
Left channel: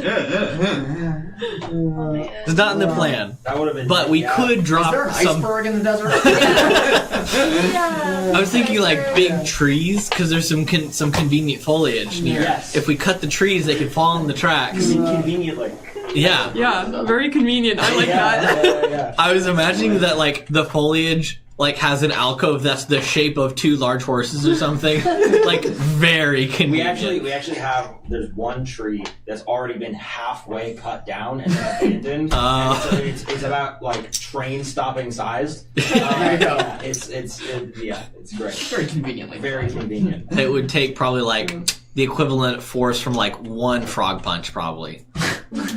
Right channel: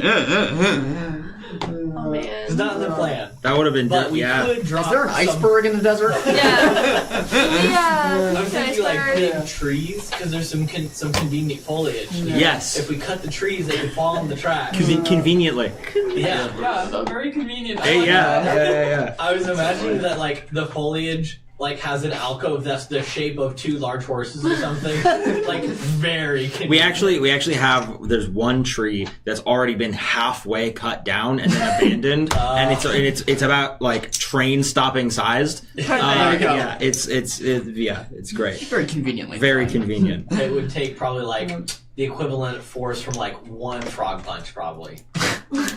Oh man. It's not in the plan. That would have been. But we could drop Is there an some... iceberg in the desert? Yeah. I was thinking big trees, because there's some convenient foliage. Yes. If we cut the trees, they could fall on the tracks. Conveniently. Yeah. Yeah, very convenient. I like Yeah. that. Yeah. I was imagining that the foliage has an alcove that's the shape of two large horses or something. Very convenient. We actually have. There's one tree that's already been halfway cut down and then abandoned, and it's about train stopping sized. There you go. Yeah, it's great. Very conveniently. Very convenient. It would take probably the equivalent force from one frog punch, probably.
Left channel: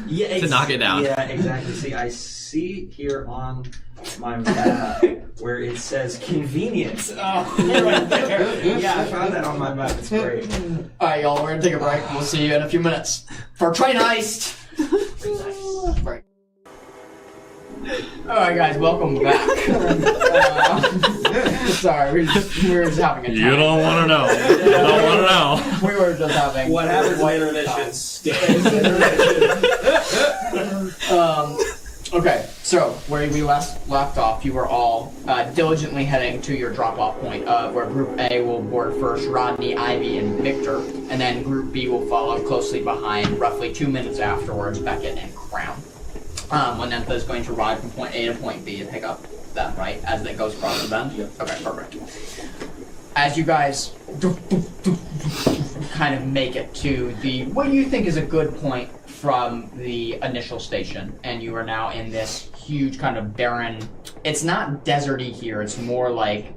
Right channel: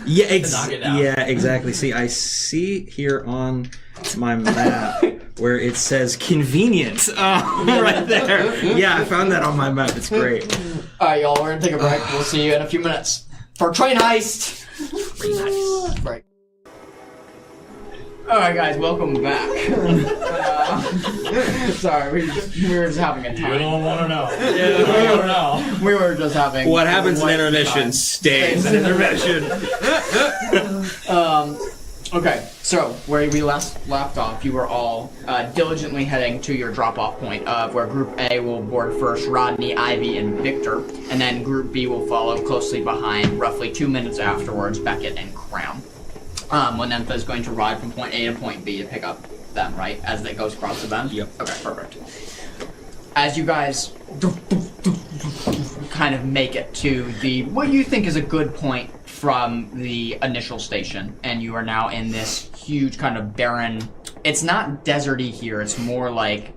Yeah, to knock it down. Yeah, exactly. See, I see here on my map where it says convenient right there. Yeah, I found that on my map. It's great. Alright, y'all, we're gonna take a break. We'll see you in a few minutes for Train Heist! Break. Alright, guys, welcome back. Sorry, we were just having a time. You don't want to know. You don't want to know. We were just having What happens in intermission stays in intermission. Okay, so where we left off, you were all diligently heading to your drop-off point of where Group A will board first, Rodney, Ivy, and Victor, and then Group B will follow closely behind, roughly 2 minutes afterwards, Beckett and Crown. When Nympha is going to ride from point A to point B to pick up them, right, as it goes across the bend? Yep. Okay, perfect. As you guys kind of make it to the what you think is a good point from the initial station, and you are now in this huge kind of barren, it's not deserty here, it's more like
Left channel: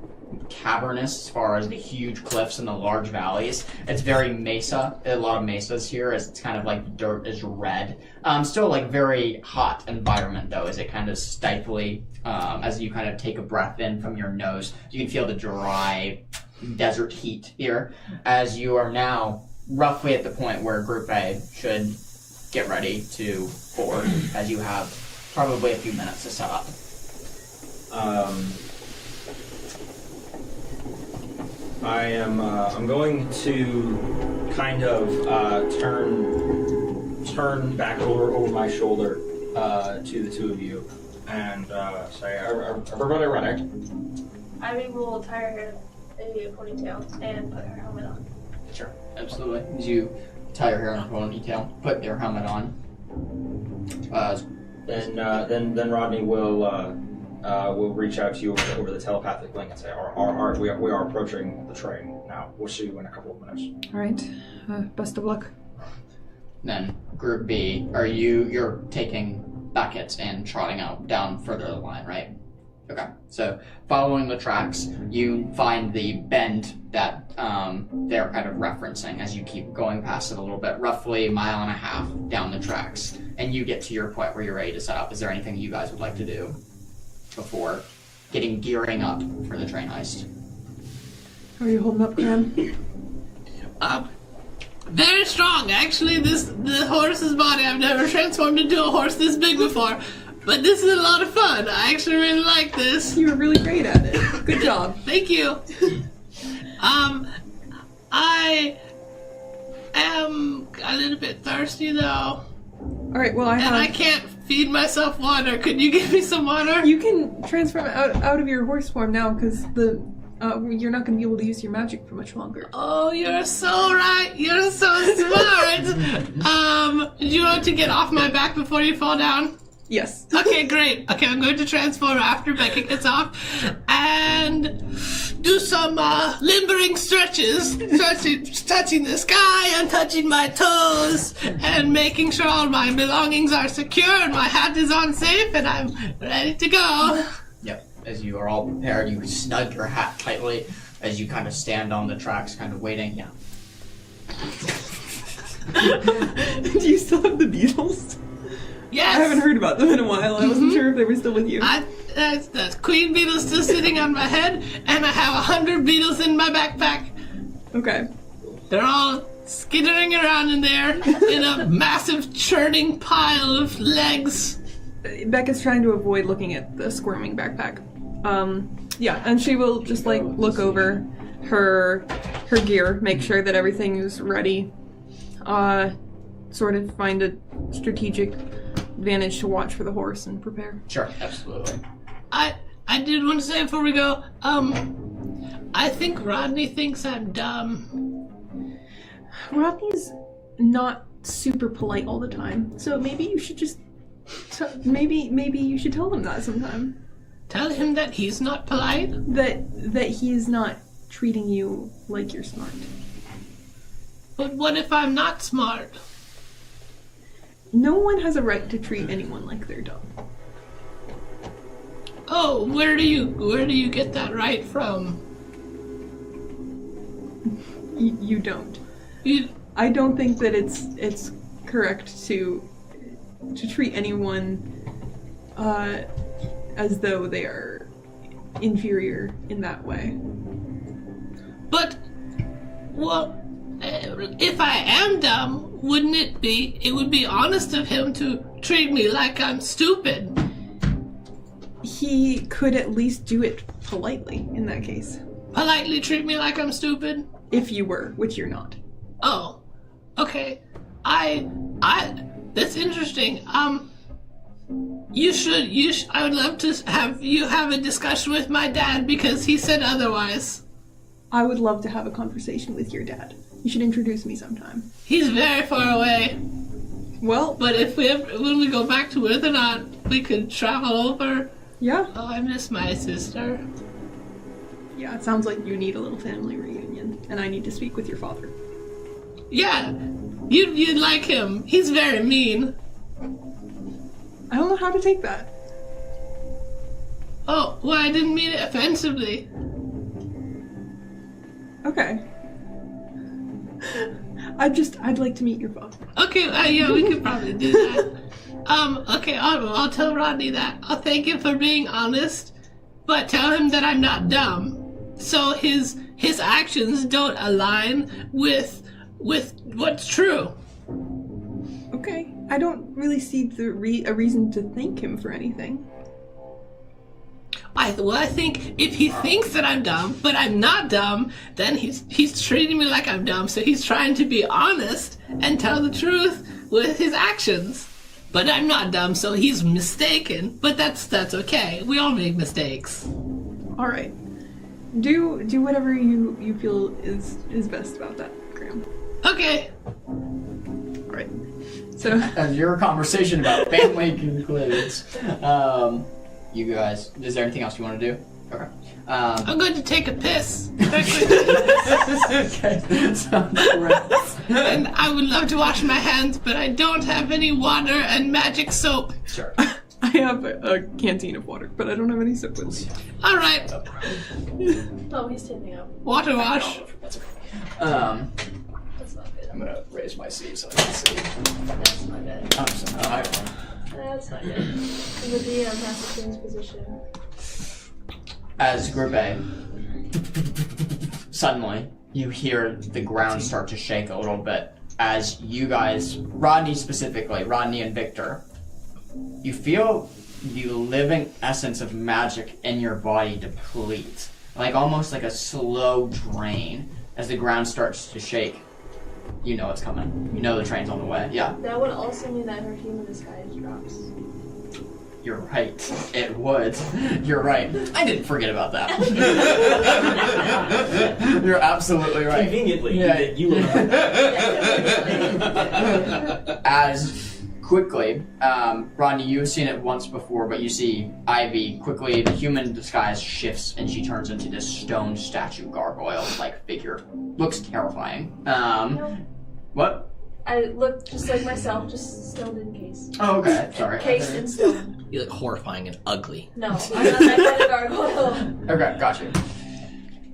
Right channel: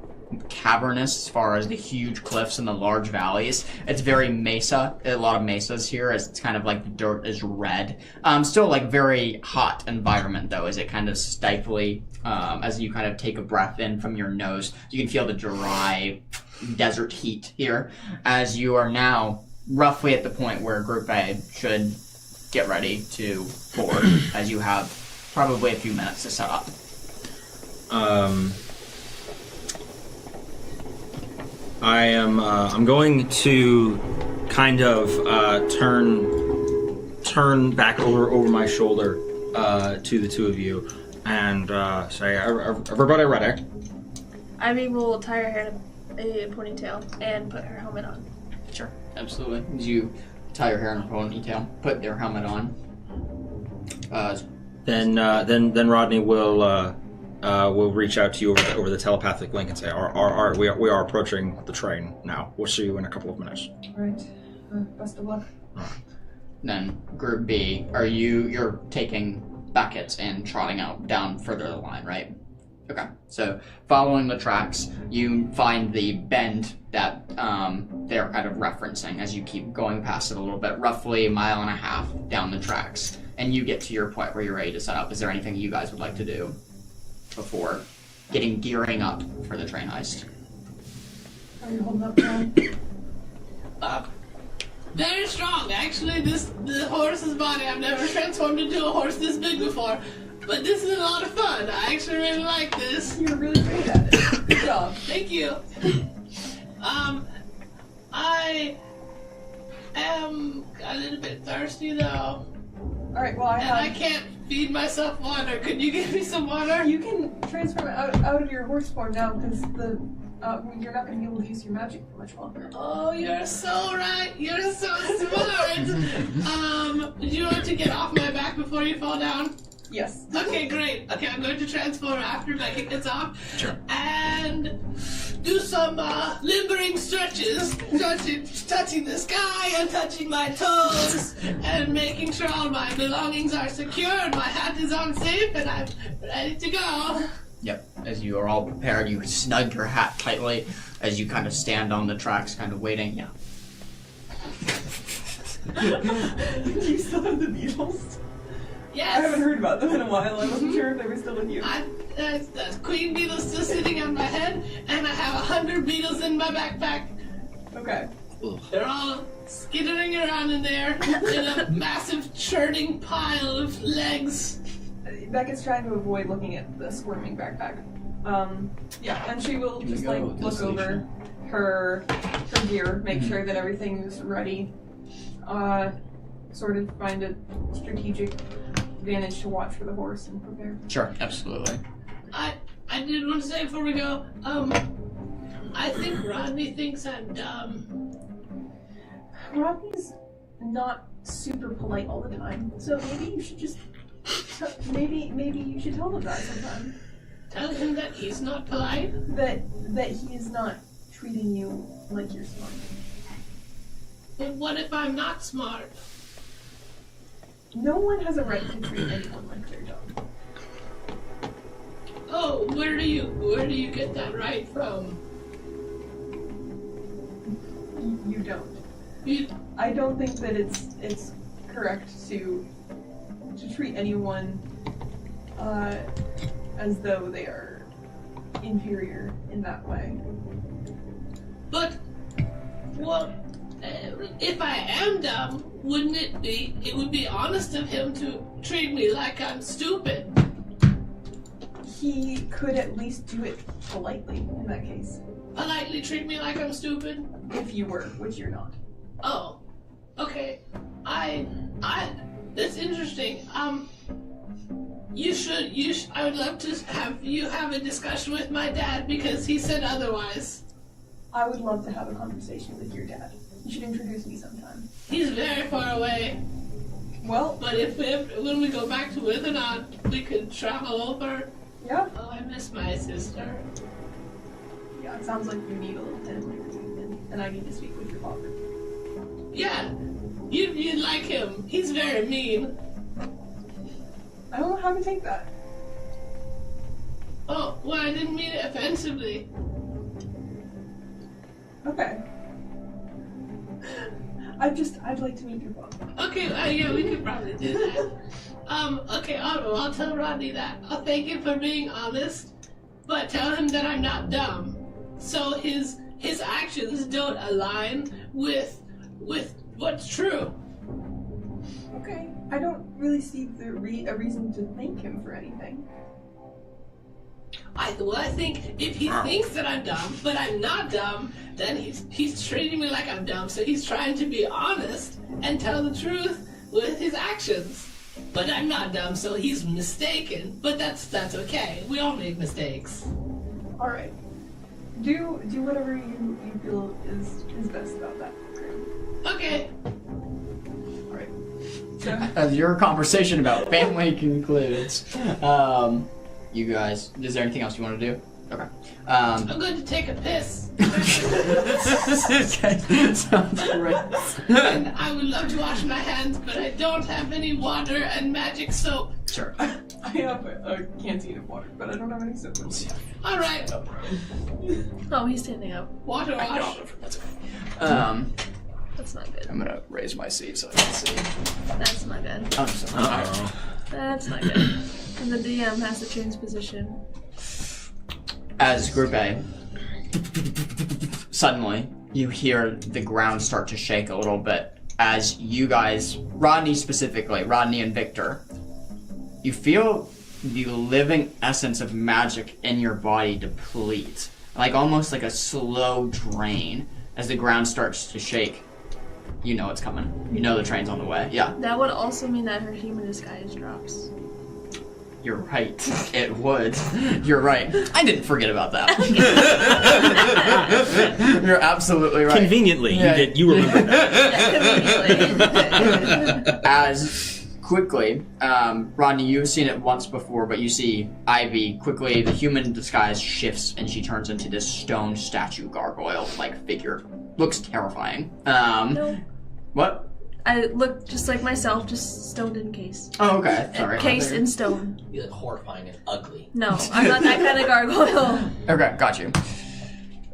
cavernous as far as the huge cliffs and the large valleys. It's very mesa, a lot of mesas here, as it's kind of like the dirt is red. Still like very hot environment though, as it kind of stifly, as you kind of take a breath in from your nose. You can feel the dry desert heat here, as you are now roughly at the point where Group A should get ready to board, as you have probably a few minutes to set up. I'm going to kind of turn back over my shoulder to the two of you and say, everybody ready? Ivy will tie her hair in a ponytail and put her helmet on. Sure, absolutely. As you tie your hair in a ponytail, put your helmet on. Then Rodney will reach out to you over the telepathic link and say, we are approaching the train now. We'll see you in a couple of minutes. All right. Best of luck. Then Group B, you're taking Beckett and trotting out down further the line, right? Okay. So following the tracks, you find the bend that they're kind of referencing as you keep going past it a little bit, roughly 1.5 miles down the tracks, and you get to your point where you're ready to set up. Is there anything you guys would like to do before gearing up for the train heist? How are you holding up, Cam? Very strong, actually. The horse's body, I've never transformed into a horse this big before. But this is a lot of fun. I actually really like this. You were really great at it. Good job. Thank you. I am a little bit thirsty though. Alright, well I can't feed myself water. Could you give me some water? You can transform out of your horse form now, because you're not going to be able to use your magic for much longer. Oh, you're so right. You're so smart. Do you want to get off my back before you fall down? Yes. Okay, great. Okay, I'm going to transform after Beckett gets off and do some limbering stretches. Touching the sky and touching my toes and making sure all my belongings are secure and my hat is on safe and I'm ready to go. Yep. As you are all prepared, you snug your hat tightly as you kind of stand on the tracks, kind of waiting. Yeah. Do you still have the beetles? Yes. I haven't heard about them in a while. I wasn't sure if they were still with you. The queen beetle's still sitting on my head, and I have 100 beetles in my backpack. Okay. They're all skittering around in there in a massive churning pile of legs. Becca's trying to avoid looking at the squirming backpack. Yeah, and she will just like look over her gear, make sure that everything is ready. Sort of find a strategic advantage to watch for the horse and prepare. Sure, absolutely. I did want to say before we go, I think Rodney thinks I'm dumb. Rodney's not super polite all the time, so maybe you should just maybe you should tell him that sometime. Tell him that he's not polite? That he's not treating you like you're smart. But what if I'm not smart? No one has a right to treat anyone like they're dumb. Oh, where do you get that right from? You don't. I don't think that it's correct to treat anyone as though they are inferior in that way. But, well, if I am dumb, wouldn't it would be honest of him to treat me like I'm stupid? He could at least do it politely in that case. Politely treat me like I'm stupid? If you were, which you're not. Oh, okay. That's interesting. I would love to have you have a discussion with my dad because he said otherwise. I would love to have a conversation with your dad. You should introduce me sometime. He's very far away. Well, But when we go back to Earth or not, we could travel over. yeah. Oh, I miss my sister. Yeah, it sounds like you need a little family reunion, and I need to speak with your father. Yeah, you'd like him. He's very mean. I don't know how to take that. Oh, well, I didn't mean it offensively. Okay. I'd like to meet your father. Okay, yeah, we could probably do that. Okay, I'll tell Rodney that. I'll thank him for being honest, but tell him that I'm not dumb. So his actions don't align with what's true. Okay. I don't really see a reason to thank him for anything. I think if he thinks that I'm dumb, but I'm not dumb, then he's treating me like I'm dumb, so he's trying to be honest and tell the truth with his actions. But I'm not dumb, so he's mistaken. But that's okay. We all make mistakes. All right. Do whatever you feel is best about that, Graham. Okay. All right. So As your conversation about family concludes, you guys, is there anything else you want to do? Okay. I'm going to take a piss. Okay, sounds great. And I would love to wash my hands, but I don't have any water and magic soap. Sure. I have a canteen of water, but I don't have any soap with me. All right. Oh, he's standing up. Water wash. That's okay. That's not good. I'm gonna raise my seat so I can see. That's not good. I'm sorry. That's not good. And the DM has to change position. As Group A, suddenly you hear the ground start to shake a little bit as you guys, Rodney specifically, Rodney and Victor, you feel the living essence of magic in your body deplete. Like almost like a slow drain as the ground starts to shake. You know it's coming. You know the train's on the way. Yeah. That would also mean that her human disguise drops. You're right. It would. You're right. I didn't forget about that. You're absolutely right. Conveniently, Yeah. you remember that. As quickly, Rodney, you've seen it once before, but you see Ivy quickly, the human disguise shifts and she turns into this stone statue gargoyle-like figure. Looks terrifying. No. What? I look just like myself, just stoned in case. Oh, okay. Sorry. Case in stone. You look horrifying and ugly. No, I'm not that kind of gargoyle. Okay, got you.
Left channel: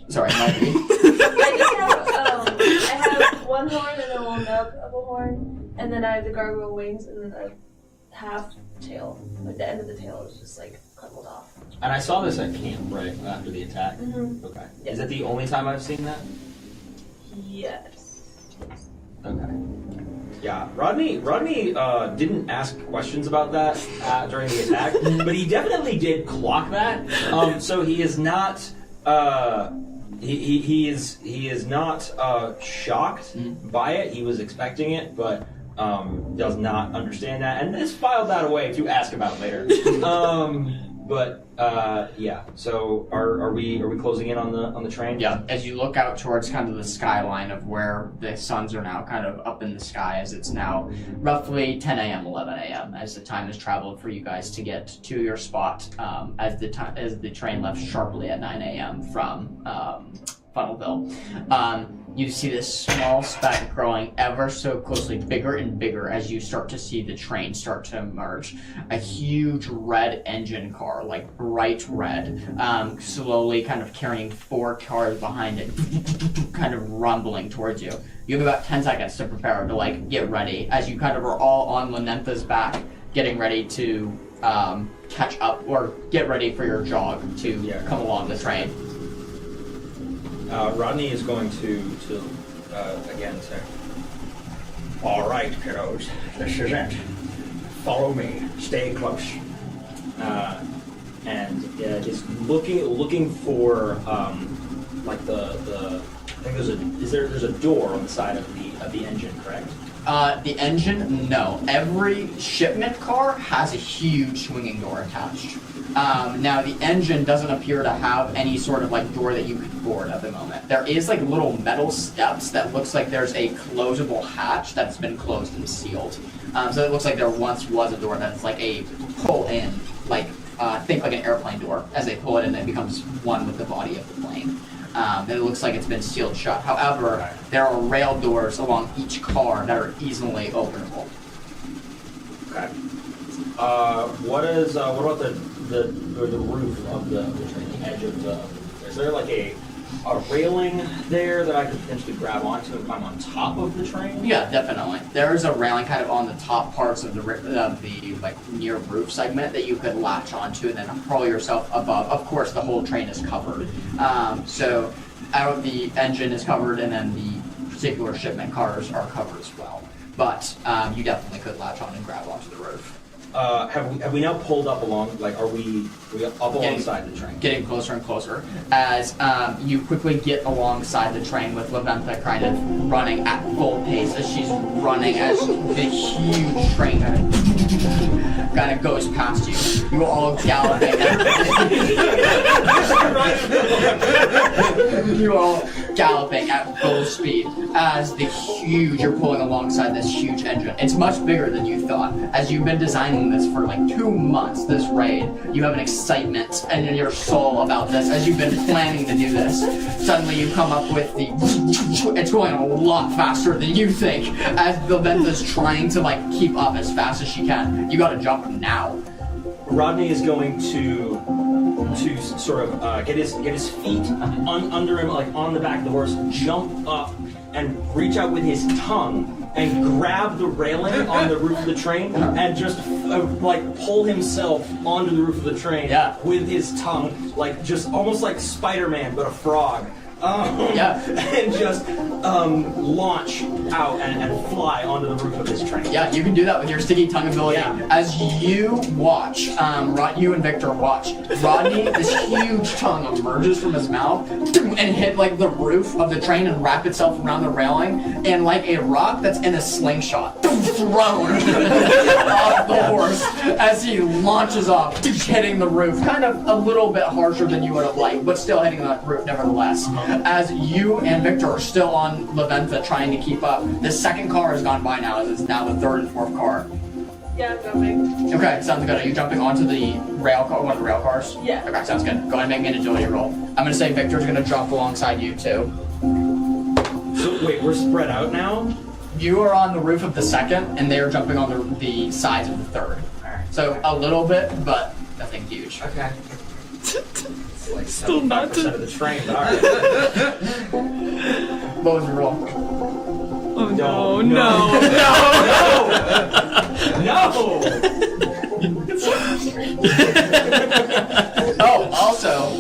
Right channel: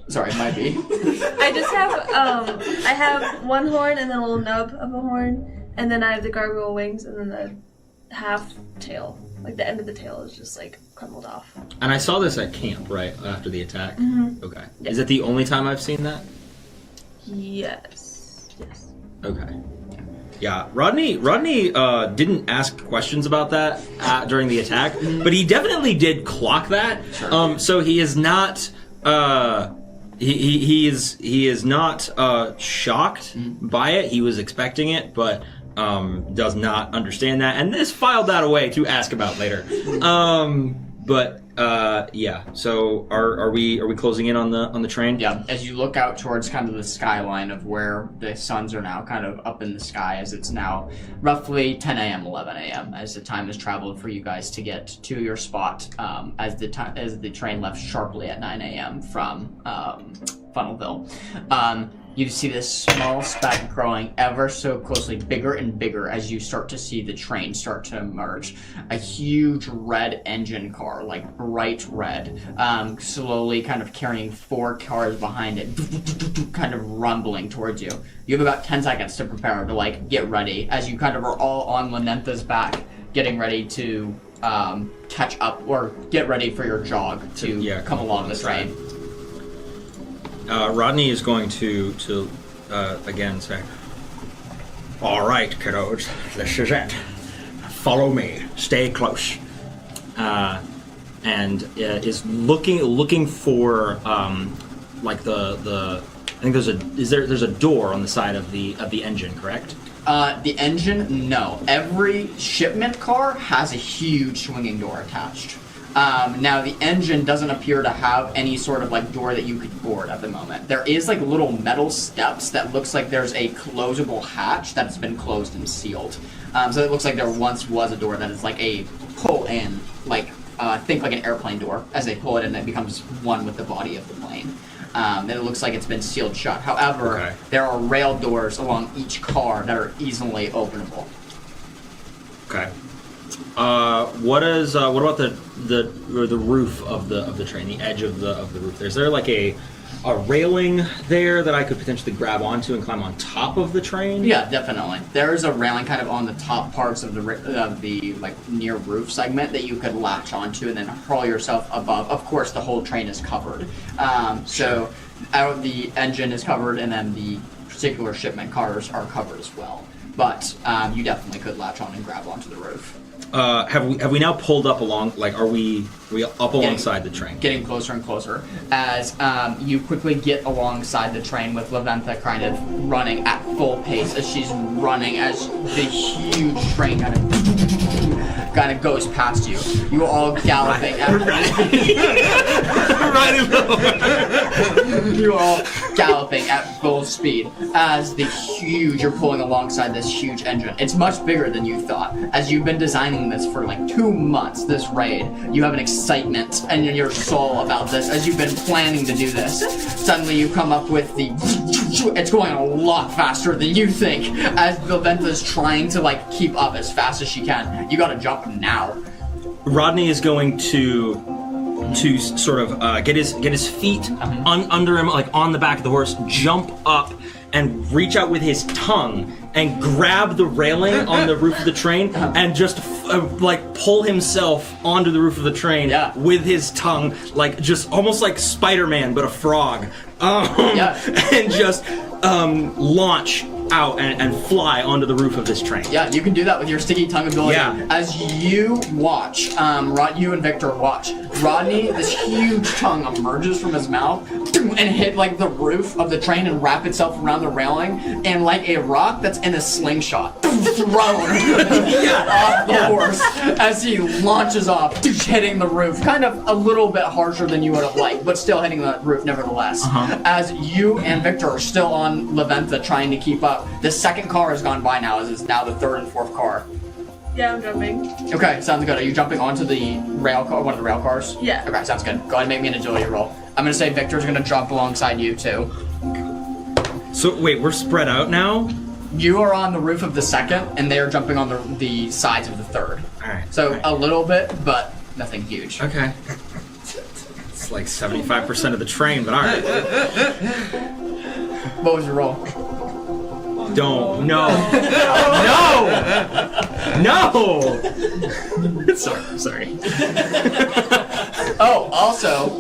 Sorry, might be. I just have, I have one horn and then a little nub of a horn, and then I have the gargoyle wings, and then the half tail, like the end of the tail is just like crumbled off. And I saw this at camp, right, after the attack? Mm-hmm. Okay. Is it the only time I've seen that? Yes. Okay. Yeah, Rodney didn't ask questions about that during the attack, but he definitely did clock that. So he is not he is not shocked by it. He was expecting it, but does not understand that, and this filed that away to ask about later. Yeah. So are we closing in on the train? Yeah, as you look out towards kind of the skyline of where the suns are now kind of up in the sky, as it's now roughly 10 a.m., 11 a.m., as the time has traveled for you guys to get to your spot, as the train left sharply at 9 a.m. from Funnelville. You see this small speck growing ever so closely, bigger and bigger as you start to see the train start to emerge. A huge red engine car, like bright red, slowly kind of carrying 4 cars behind it, kind of rumbling towards you. You have about 10 seconds to prepare to, like, get ready as you kind of are all on Lanentha's back, getting ready to catch up or get ready for your jog to come along the train. Rodney is going to again say, "All right, kiddos, this is it. Follow me. Stay close." And is looking for like the I think there's a door on the side of the engine, correct? The engine, no. Every shipment car has a huge swinging door attached. Now the engine doesn't appear to have any sort of like door that you could board at the moment. There is like little metal steps that looks like there's a closable hatch that's been closed and sealed. So it looks like there once was a door that is like a pull in, like think like an airplane door. As they pull it in, it becomes one with the body of the plane. It looks like it's been sealed shut. However, there are rail doors along each car that are easily openable. Okay. What about the roof of the train, the edge of the roof? Is there like a railing there that I could potentially grab onto and climb on top of the train? Yeah, definitely. There is a railing kind of on the top parts of the like near roof segment that you could latch onto and then hurl yourself above. Of course, the whole train is covered. So out the engine is covered, and then the particular shipment cars are covered as well. But you definitely could latch on and grab onto the roof. Have we now pulled up along? Like, are we up alongside the train? Getting closer and closer as you quickly get alongside the train with Laventa kind of running at full pace as she's running as the huge train kind of goes past you. You're all galloping. You're all galloping at full speed as you're pulling alongside this huge engine. It's much bigger than you thought. As you've been designing this for like 2 months, this raid, you have an excitement in your soul about this as you've been planning to do this. Suddenly you come up with it's going a lot faster than you think as Laventa's trying to like keep up as fast as she can. You gotta jump now. Rodney is going to sort of get his feet under him, like on the back of the horse, jump up and reach out with his tongue and grab the railing on the roof of the train and just like pull himself onto the roof of the train with his tongue, like just almost like Spider-Man but a frog. And just launch out and fly onto the roof of this train. Yeah, you can do that with your sticky tongue ability. Yeah. As you watch, you and Victor watch, Rodney, this huge tongue emerges from his mouth and hit like the roof of the train and wrap itself around the railing, and like a rock that's in a slingshot, thrown off the horse as he launches off, hitting the roof, kind of a little bit harsher than you would have liked, but still hitting the roof nevertheless. As you and Victor are still on Laventa trying to keep up, the second car has gone by now, as it's now the third and fourth car. Yeah, I'm jumping. Okay, sounds good. Are you jumping onto the rail car, one of the rail cars? Yeah. Okay, sounds good. Go ahead and make me an agility roll. I'm gonna say Victor's gonna jump alongside you too. So wait, we're spread out now? You are on the roof of the second, and they are jumping on the sides of the third. Alright. So a little bit, but nothing huge. Okay. It's like 75% of the train, but alright. What was your roll? Don't. No! Sorry. Oh, also,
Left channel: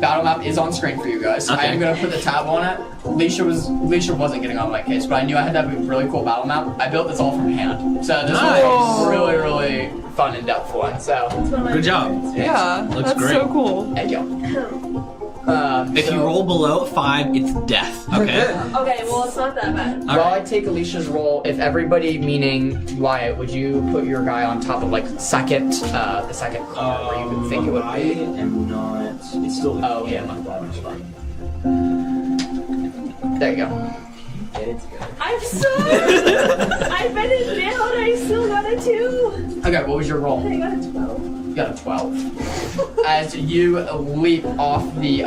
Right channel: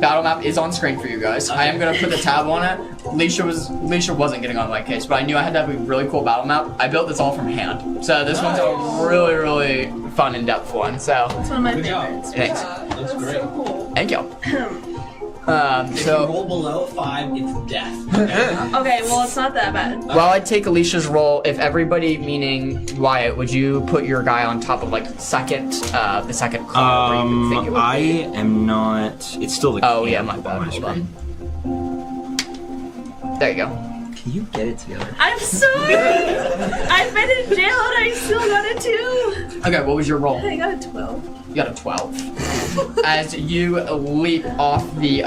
battle map is on screen for you guys. Okay. I am gonna put the tab on it. Alicia wasn't getting on my case, but I knew I had to have a really cool battle map. I built this all from hand, so this one's a really, really fun and depth one. So, It's one of my Good job. favorites. Yeah, Looks that's great. so cool. thank you. If you roll below 5, it's death. Okay. Okay, well, it's not that bad. While I take Alicia's roll, if everybody, meaning Wyatt, would you put your guy on top of like the second car where you think it would I be? am not. It's still the. Oh yeah, my bad. Hold on. There you go. Can you get it together? I'm sorry! I've been in jail and I still got a 2! Okay, what was your roll? I got a 12. You got a 12. As you leap off the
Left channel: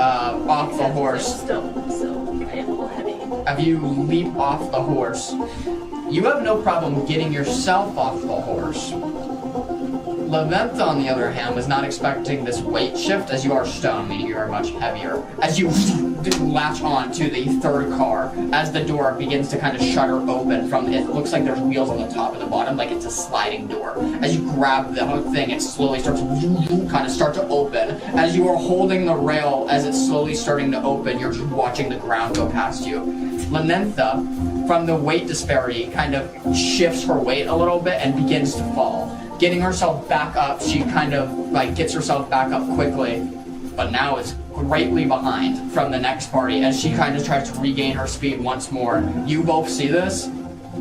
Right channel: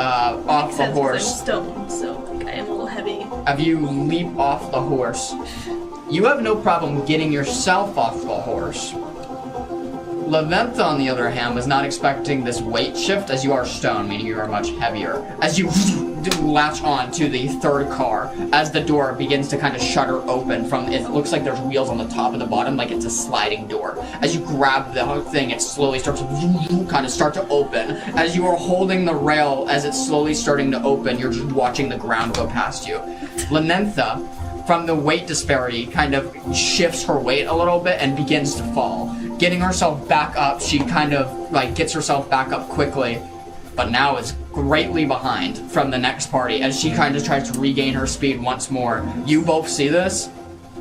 horse. I'm still kind of a little heavy. As you leap off the horse, you have no problem getting yourself off the horse. Leventha, on the other hand, was not expecting this weight shift, as you are stone, meaning you are much heavier. As you latch on to the third car, as the door begins to kind of shutter open from, it looks like there's wheels on the top and the bottom, like it's a sliding door. As you grab the thing, it slowly starts to kind of start to open. As you are holding the rail, as it's slowly starting to open, you're just watching the ground go past you. Lenentha, from the weight disparity, kind of shifts her weight a little bit and begins to fall. Getting herself back up, she kind of like gets herself back up quickly, but now is greatly behind from the next party as she kind of tries to regain her speed once more. You both see this.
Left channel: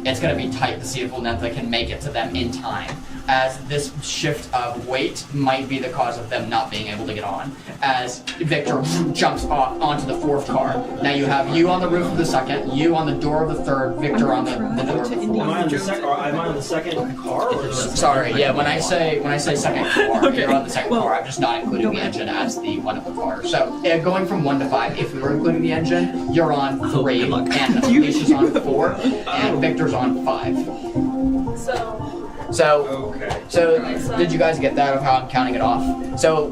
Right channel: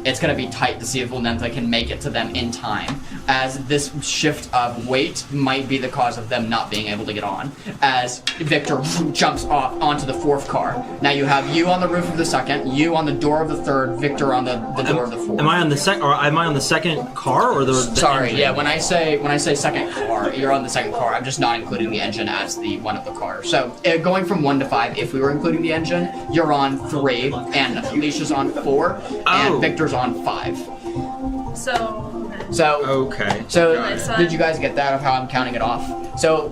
It's going to be tight to see if Lenentha can make it to them in time, as this shift of weight might be the cause of them not being able to get on. As Victor jumps off onto the fourth car. Now you have you on the roof of the second, you on the door of the third, Victor on the door of the fourth. Am I on the second? Or am I on the second car or the? Sorry, yeah. When I say second car, you're on the second car. I'm just not including the engine as the one of the cars. So going from 1 to 5, if we were including the engine, you're on 3, and Alicia's on 4, and Victor's on 5. So okay. So did you guys get that of how I'm counting it off? So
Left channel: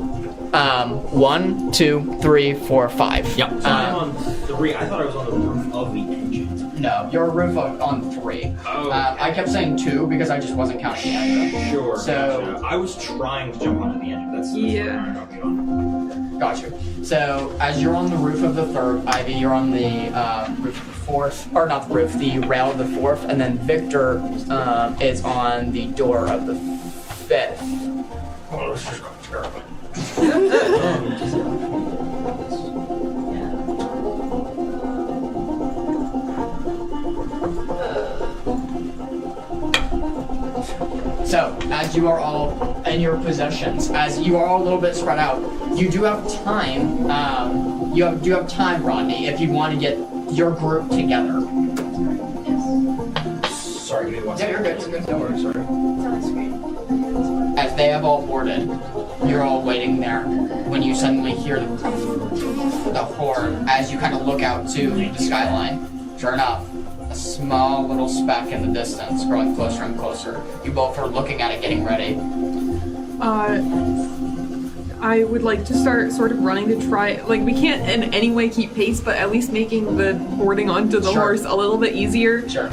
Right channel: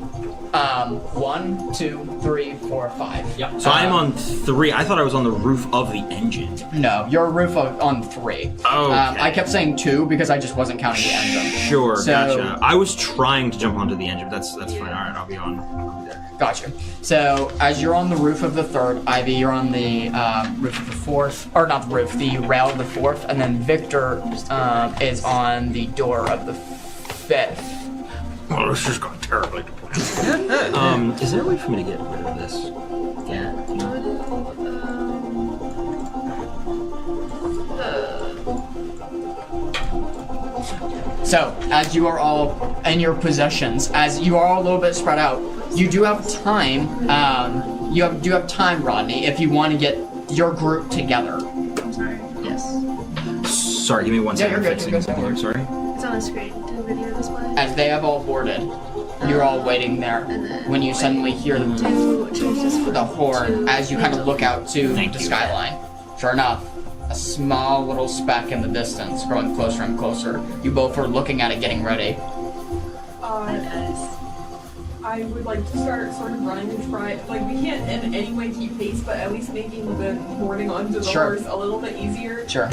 1, 2, 3, 4, 5. Yep. So I'm on 3. I thought I was on the roof of the engine. No, you're on 3. Oh. I kept saying 2 because I just wasn't counting the engine. Sure. So, gotcha. I was trying to jump onto the engine. That's fine. All right, I'll be on. Gotcha. So as you're on the roof of the third, Ivy, you're on the roof of the fourth, or not the roof, the rail of the fourth, and then Victor is on the door of the fifth. Well, this just got terribly. Is there a way for me to get rid of this? So, as you are all in your possessions, as you are all a little bit spread out, you do have time, do have time, Rodney, if you want to get your group together. Sorry, give me 1 second. You're good. I'm sorry. It's on the screen. Did you this one? As they have all boarded, you're all waiting there when you suddenly hear the horn as you kind of look out to the skyline. Sure enough, a small little speck in the distance, growing closer and closer. You both are looking at it, getting ready. I would like to start sort of running to try, like, we can't in any way keep pace, but at least making the boarding onto the horse a little bit easier. Sure.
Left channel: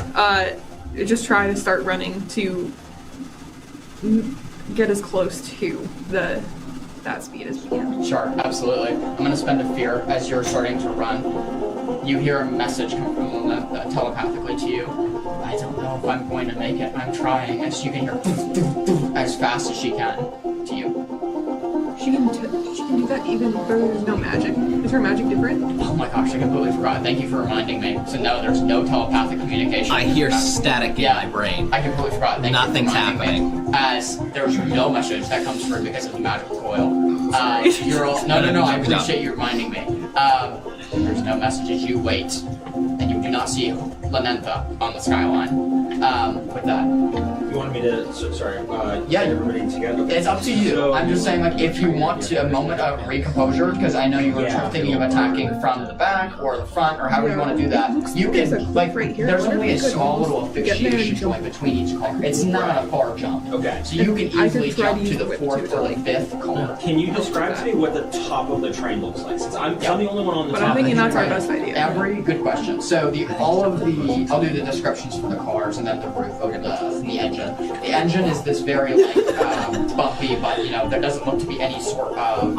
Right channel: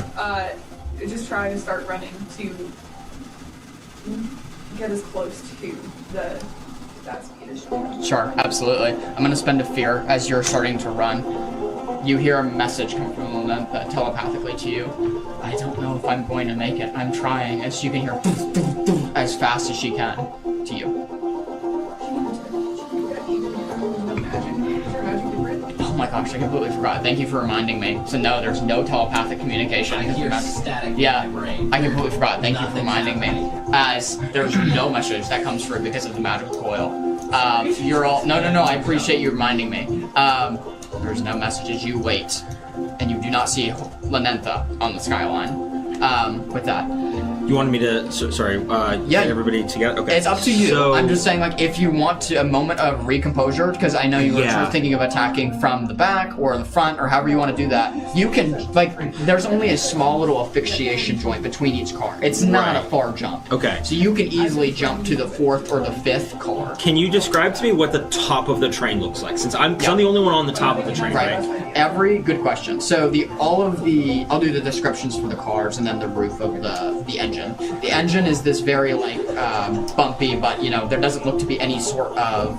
Just try to start running to get as close to that speed as you can. Sure, absolutely. I'm going to spend a fear as you're starting to run. You hear a message come from Luna telepathically to you. I don't know if I'm going to make it. I'm trying. As she can hear as fast as she can to you. She can do that even though there's no magic. Is her magic different? Oh my gosh, I completely forgot. Thank you for reminding me. So no, there's no telepathic communication. I hear static in my brain. I completely forgot. Thank Nothing's you for reminding me. As there's no message that comes through because of the magical coil. You're all no. I appreciate you reminding me. There's no messages. You wait, and you do not see Lenentha on the skyline. With that, You wanted me to, Yeah. get everybody together? Okay. it's up to you. So, I'm just saying, like, if you want to, a moment of recomposure, because I know you were thinking of attacking from the back or the front or however you want to do that. You can, like, there's only a small little asphyxiation point between each car. It's not a far jump. Okay. So you can easily jump to the fourth or the fifth car. Can you describe to me what the top of the train looks like? Since I'm the only one on the top of the train. Right. Good question. So I'll do the descriptions for the cars and then the roof of the engine. The engine is this very bumpy, but there doesn't look to be any sort of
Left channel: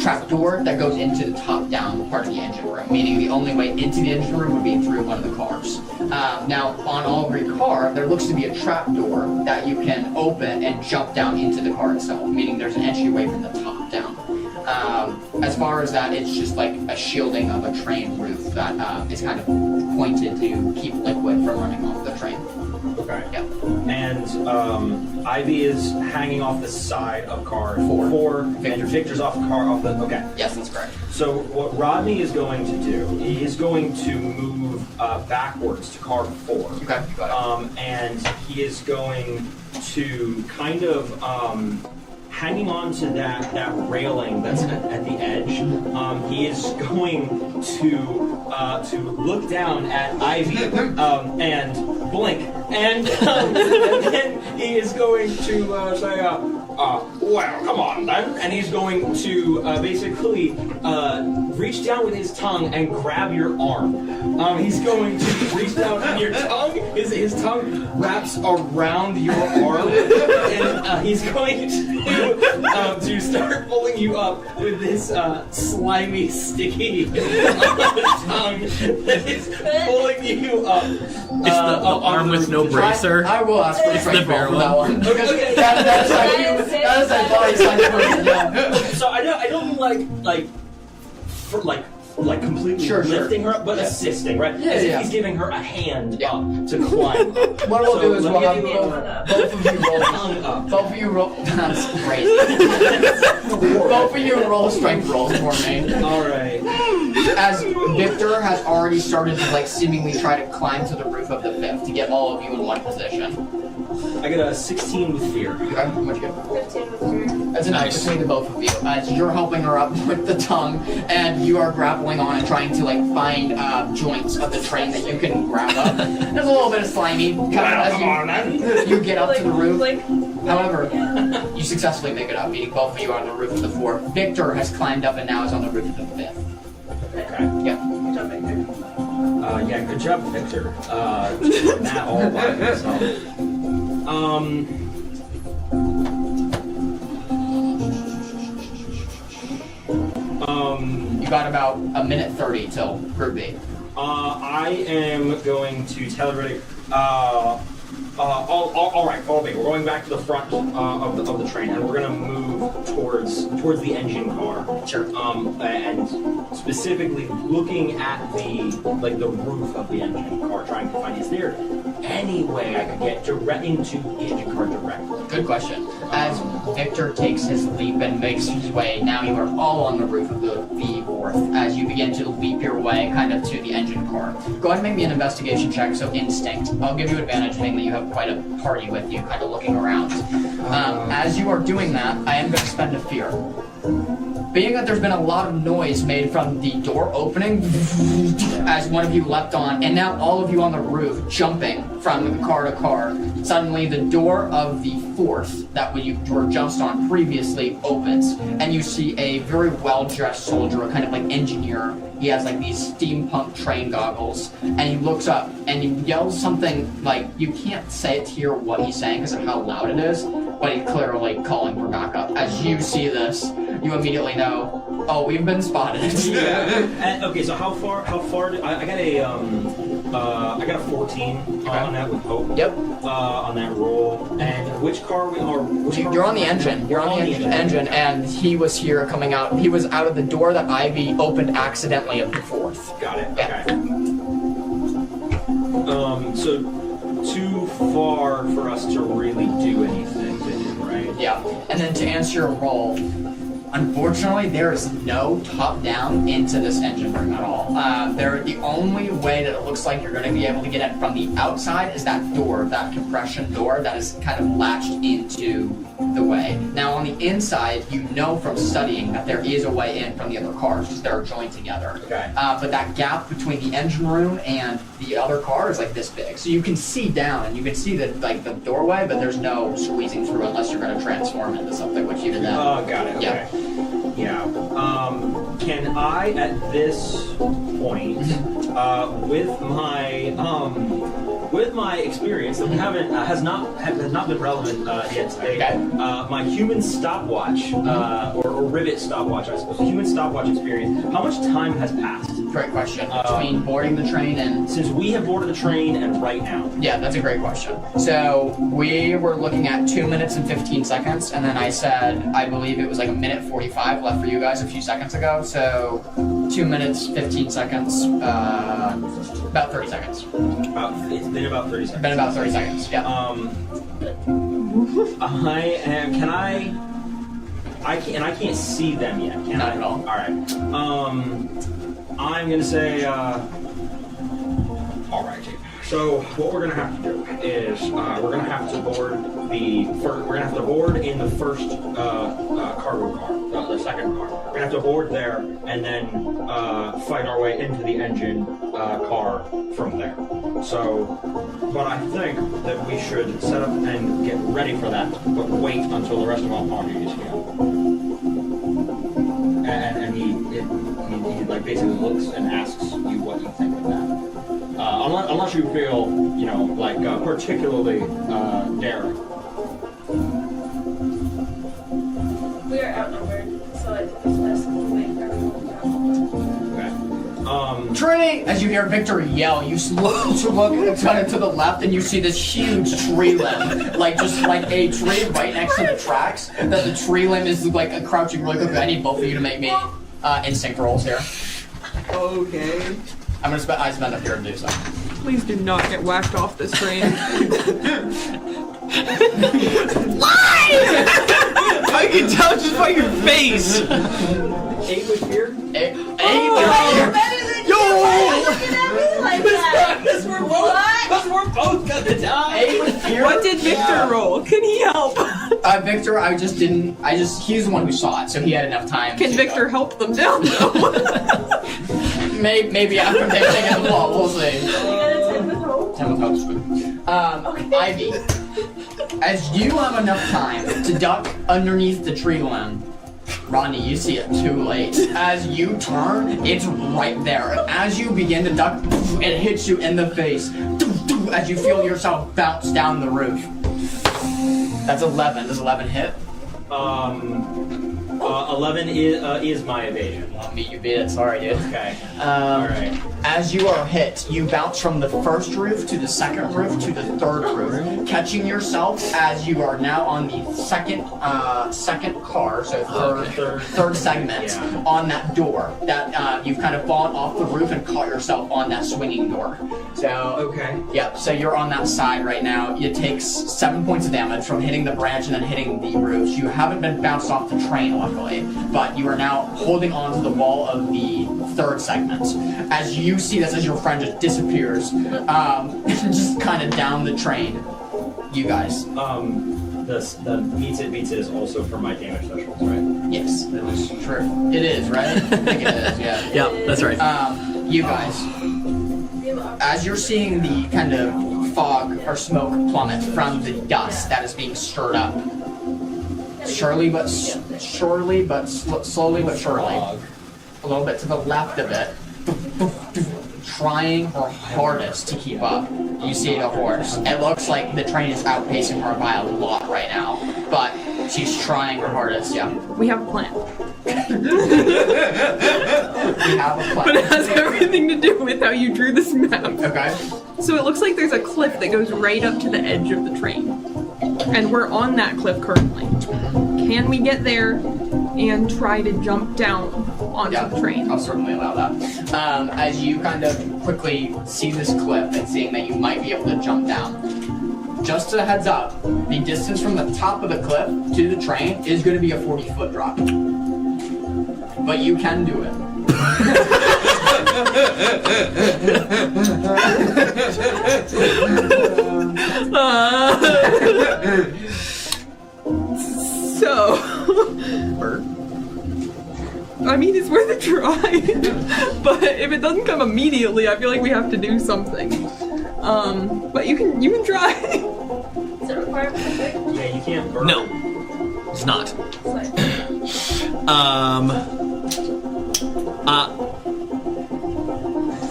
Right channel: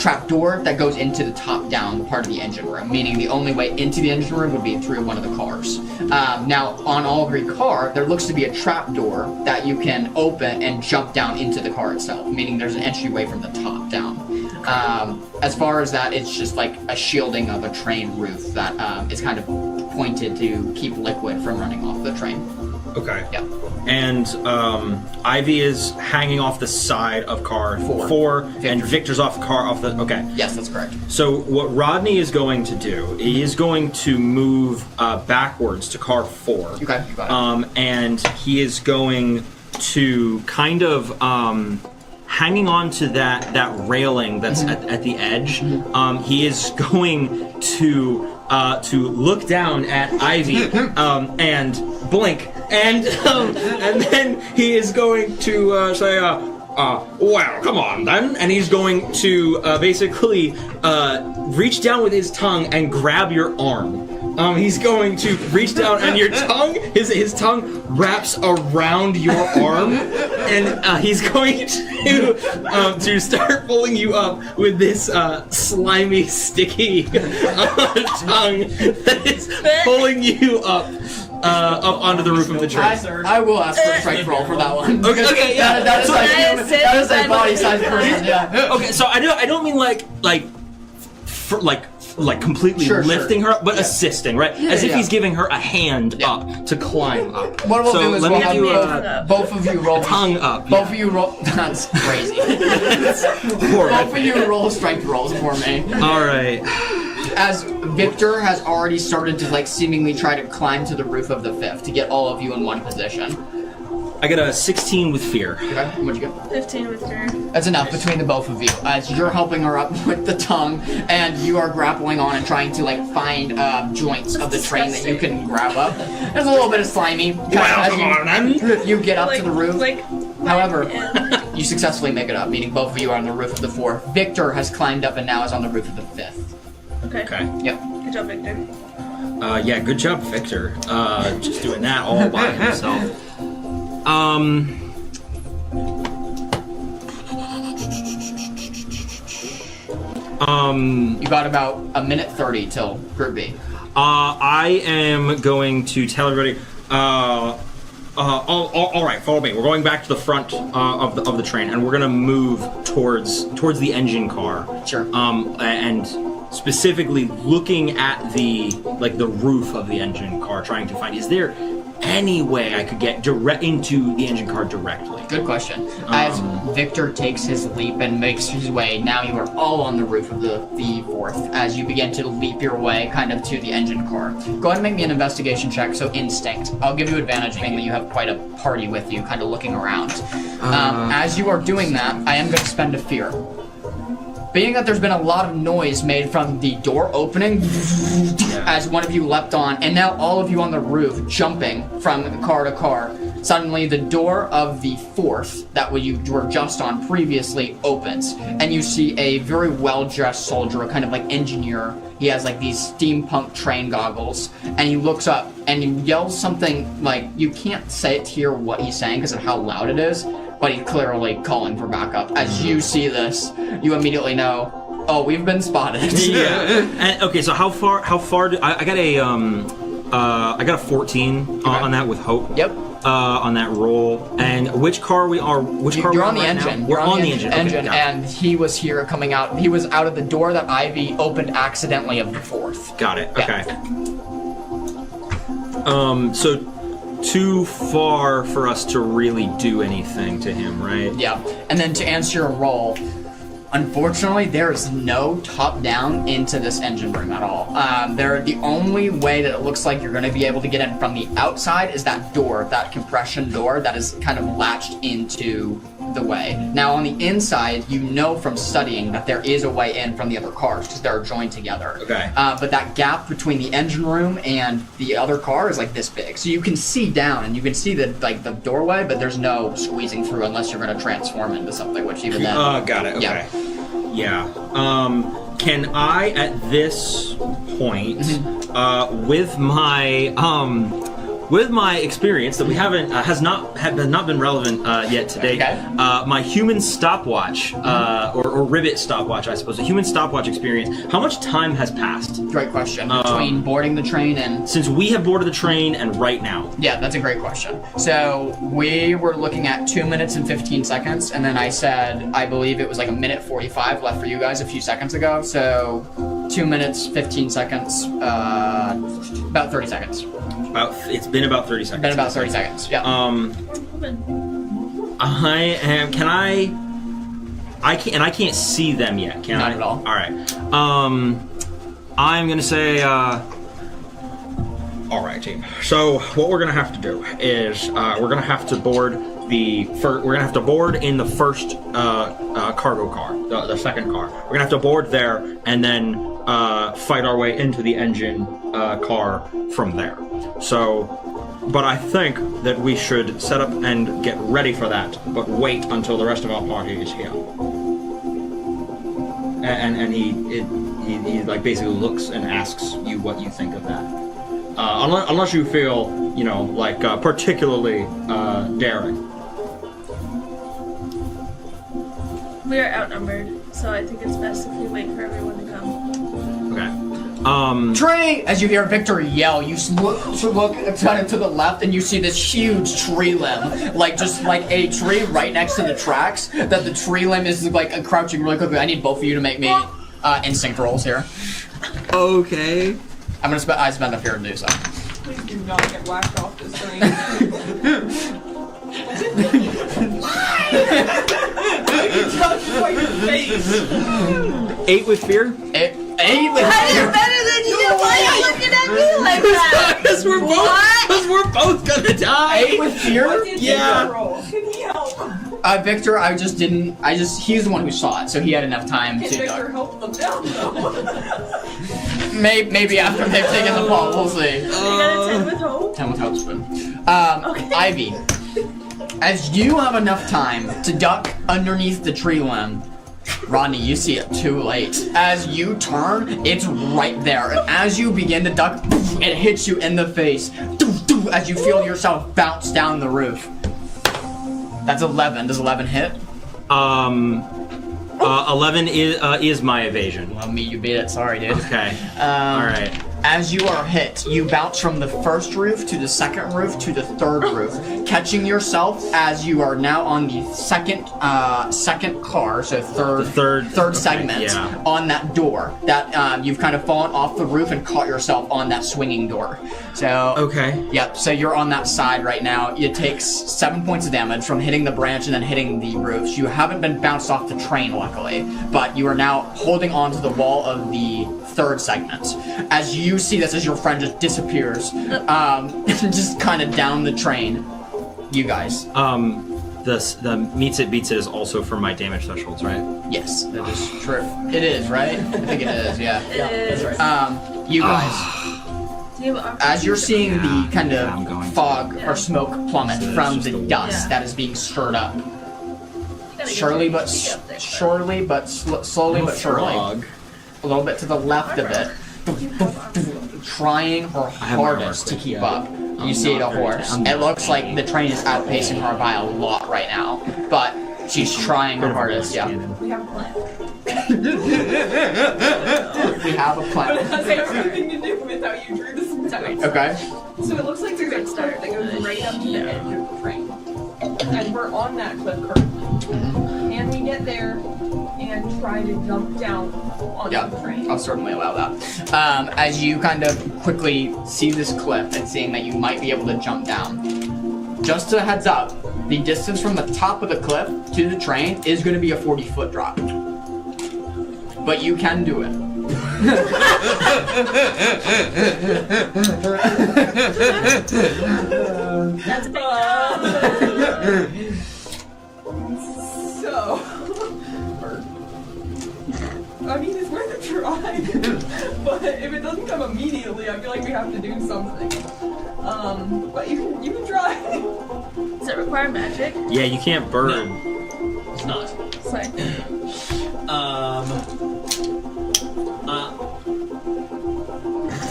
trapdoor that goes into the top-down part of the engine room. Meaning the only way into the engine room would be through one of the cars. Now on every car, there looks to be a trapdoor that you can open and jump down into the car itself. Meaning there's an entryway from the top down. As far as that, it's just like a shielding of a train roof that is kind of pointed to keep liquid from running off the train. Okay. Yep. And Ivy is hanging off the side of car 4, and Victor's off the. Okay. Yes, that's correct. So what Rodney is going to do, he is going to move backwards to car 4. Okay. Got it. And he is going to kind of hanging on to that railing that's at the edge. He is going to look down at Ivy and blink, and then he is going to say, Well, come on then. And he's going to basically reach down with his tongue and grab your arm. He's going to reach down and your tongue, his tongue wraps around your arm, and he's going to start pulling you up with this slimy, sticky tongue that is pulling you up onto the roof of the train. I will ask for a strength roll for that one. Okay, that is like body size person. Yeah. Okay, so I don't mean like completely lifting her up, but assisting, right? As if he's giving her a hand up to climb up. What we'll do is let we'll me have do both of you roll. tongue up. Both of you roll. That's crazy. Both of you roll strength rolls for me. All right. As Victor has already started to like seemingly try to climb to the roof of the 5th to get all of you in one position. I got a 16 with fear. Okay, what'd you get? 15 with her. That's enough between the both of you. As you're helping her up with the tongue, and you are grappling on and trying to like find joints of the train that you can grab up. There's a little bit of slimy. You get up to the roof. However, you successfully make it up, meaning both of you are on the roof of the 4th. Victor has climbed up and now is on the roof of the 5th. Okay. Yep. Good job, Victor. Yeah, good job, Victor. Just doing that all by himself. You got about a minute 30 till Group B. I am going to tell everybody. All right, follow me. We're going back to the front of the train, and we're gonna move towards the engine car. Sure. And specifically looking at the roof of the engine car, trying to find, is there any way I could get direct into the engine car directly? Good question. As Victor takes his leap and makes his way, now you are all on the roof of the 4th as you begin to leap your way kind of to the engine car. Go ahead and make me an investigation check, so instinct. I'll give you advantage, mainly you have quite a party with you, kind of looking around. As you are doing that, I am going to spend a fear. Being that there's been a lot of noise made from the door opening as one of you leapt on, and now all of you on the roof jumping from car to car, suddenly the door of the 4th that you were just on previously opens, and you see a very well-dressed soldier, a kind of like engineer. He has like these steampunk train goggles, and he looks up and he yells something like, you can't hear what he's saying because of how loud it is, but he's clearly calling for backup. As you see this, you immediately know, oh, we've been spotted. Yeah. And, okay, so how far I got a 14 on that with hope. Yep. On that roll. And which car we are? You're on the engine. You're on the engine, okay, and he was here coming out. He was out of the door that Ivy opened accidentally of the 4th. Got it. Yeah. Okay. So too far for us to really do anything to him, right? Yeah. And then to answer your roll, unfortunately, there is no top down into this engine room at all. The only way that it looks like you're going to be able to get in from the outside is that door, that compression door that is kind of latched into the way. Now, on the inside, you know from studying that there is a way in from the other cars because they're joined together. Okay. But that gap between the engine room and the other car is like this big, so you can see down and you can see the doorway, but there's no squeezing through unless you're going to transform into something, which even then. Got it. Okay. Yeah. Can I at this point, with my experience that we haven't has not been relevant yet today, my human stopwatch or rivet stopwatch, I suppose, a human stopwatch experience. How much time has passed? Great question. Between boarding the train and since we have boarded the train and right now. Yeah, that's a great question. So we were looking at 2 minutes and 15 seconds, and then I said I believe it was like a minute 45 left for you guys a few seconds ago. So 2 minutes 15 seconds, about 30 seconds. It's been about 30 seconds. Been about 30 seconds. Yeah. I can't see them yet, can Not I? at all. All right. I'm gonna say. All right, team. So what we're gonna have to do is we're gonna have to board we're gonna have to board in the first cargo car, the second car. We're gonna have to board there and then fight our way into the engine car from there. So But I think that we should set up and get ready for that, but wait until the rest of our party is here. And he like basically looks and asks you what you think of that. Unless you feel, like particularly daring. We are outnumbered, so I think it's best if we wait for everyone to come. Okay. Tree! As you hear Victor yell, you look kind of to the left and you see this huge tree limb. Just like a tree right next to the tracks. That the tree limb is like crouching really quickly. I need both of you to make me instinct rolls here. Okay. I spend up here to do so. Please do not get whacked off this train. I can tell just by your face. 8 with fear? 8 with That is better than you! Why are you looking at me like that? Because we're both gonna die. 8 with fear? What did Victor roll? Can he help? Victor, he's the one who saw it, so he had enough time Can to Victor help them down though? Maybe after they've taken the fall, we'll see. You gotta 10 with hope. 10 with hope's good. Ivy, as you have enough time to duck underneath the tree limb, Rodney, you see it too late. As you turn, it's right there. And as you begin to duck, it hits you in the face. As you feel yourself bounce down the roof. That's 11. Does 11 hit? 11 is my evasion. Well, me, you beat it. Sorry, dude. Okay. All right. As you are hit, you bounce from the first roof to the second roof to the third roof, catching yourself as you are now on the second car, so third segment on that door. That you've kind of fallen off the roof and caught yourself on that swinging door. So okay. Yep. So you're on that side right now. It takes 7 points of damage from hitting the branch and then hitting the roofs. You haven't been bounced off the train, luckily, but you are now holding on to the wall of the third segment. As you see this, as your friend just disappears, just kind of down the train. You guys. The meets it beats it is also for my damage thresholds, right? Yes, it is true. It is, right? I think it is. Yeah. Yeah, that's right. You guys. As you're seeing the kind of fog or smoke plummet from the dust that is being stirred up, slowly but surely, a little bit to the left of it, trying her hardest to keep up. You see the horse. It looks like the train is outpacing her by a lot right now, but she's trying her hardest. Yeah. We have a plan. We have a plan. But it has everything to do with how you drew this map. Okay. So it looks like there's a cliff that goes right up to the edge of the train. And we're on that cliff currently. Can we get there and try to jump down onto the train? I'll certainly allow that. As you kind of quickly see this cliff and seeing that you might be able to jump down, just a heads up, the distance from the top of the cliff to the train is going to be a 40-foot drop. But you can do it. So, I mean, it's worth a try. But if it doesn't come immediately, I feel like we have to do something. But you can try. Does it require magic? Yeah, you can't burn. No, it's not. Sorry.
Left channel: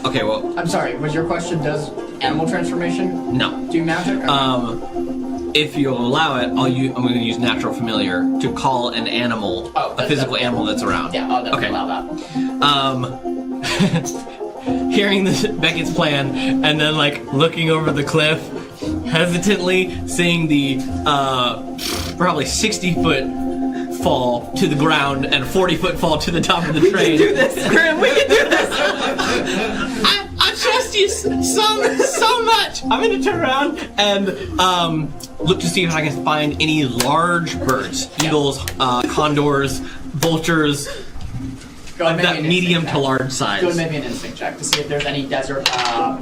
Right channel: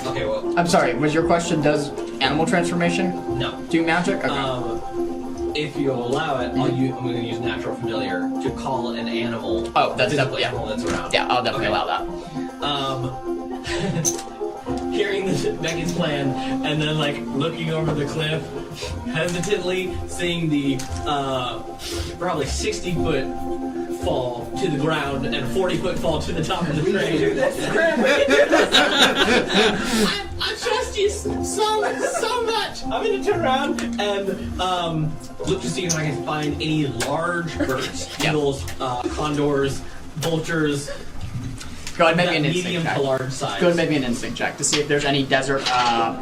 Okay, well, I'm sorry, was your question, does animal transformation no. do magic? Okay. If you'll allow it, I'm going to use natural familiar to call an animal, a physical animal that's around. Yeah, I'll definitely allow that. Hearing Beckett's plan, and then looking over the cliff, hesitantly seeing the probably 60-foot fall to the ground and a 40-foot fall to the top of the train. We can do this, Grim. We can do this. I trust you so much. I'm gonna turn around and look to see if I can find any large birds, eagles, condors, vultures. Go ahead, that medium to large size. Go ahead and make me an instinct check to see if there's any desert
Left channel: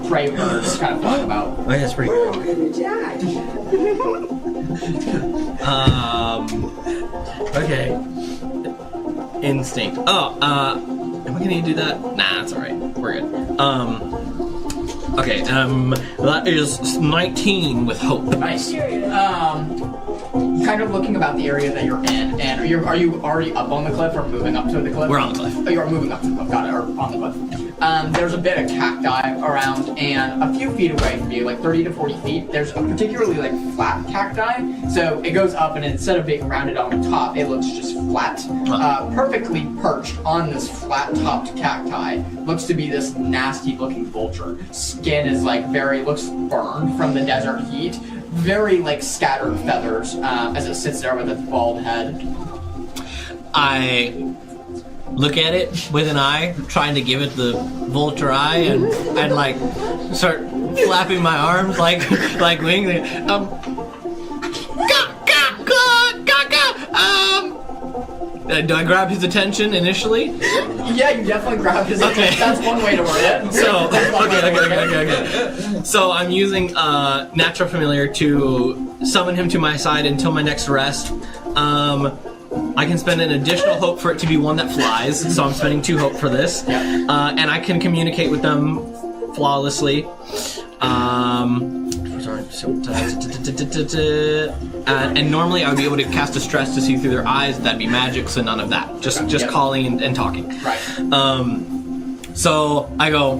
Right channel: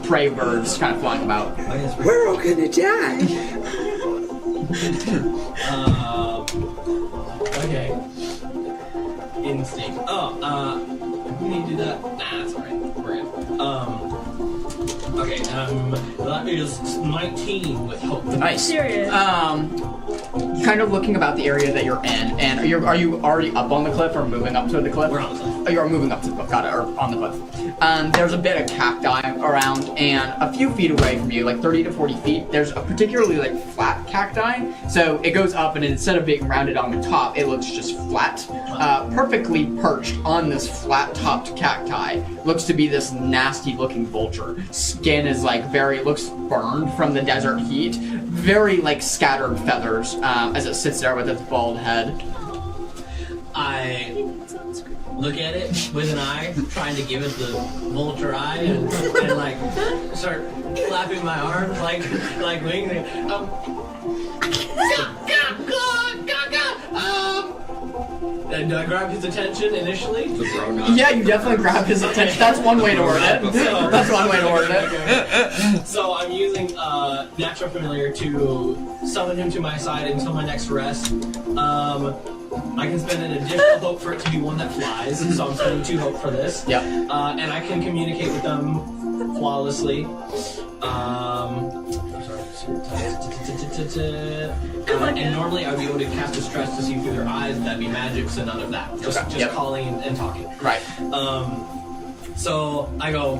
prey birds kind of flying about. We're all gonna die. Okay. Instinct. Oh, am I gonna do that? Nah, that's alright. We're good. Okay, that is 19 with hope. Nice. Serious. Kind of looking about the area that you're in, and are you already up on the cliff or moving up to the cliff? We're on the cliff. Oh, you're moving up to the cliff, got it, or on the cliff. There's a bit of cacti around, and a few feet away from you, like 30 to 40 feet, there's a particularly flat cacti. So it goes up, and instead of being rounded on the top, it looks just flat, perfectly perched on this flat-topped cacti. Looks to be this nasty-looking vulture. Skin is looks burned from the desert heat. Very scattered feathers as it sits there with its bald head. I look at it with an eye, trying to give it the vulture eye, and start flapping my arms like wings. Do I grab his attention initially? Yeah, you definitely grab his attention. That's one way to word it. So that's one way to word it. Okay. So I'm using Natural Familiar to summon him to my side until my next rest. I can spend an additional hope for it to be one that flies, so I'm spending 2 hope for this. Yep. And I can communicate with them flawlessly. And normally I would be able to cast a stress to see through their eyes. That'd be magic, so none of that. Just Yep. calling and talking. Right. So I go.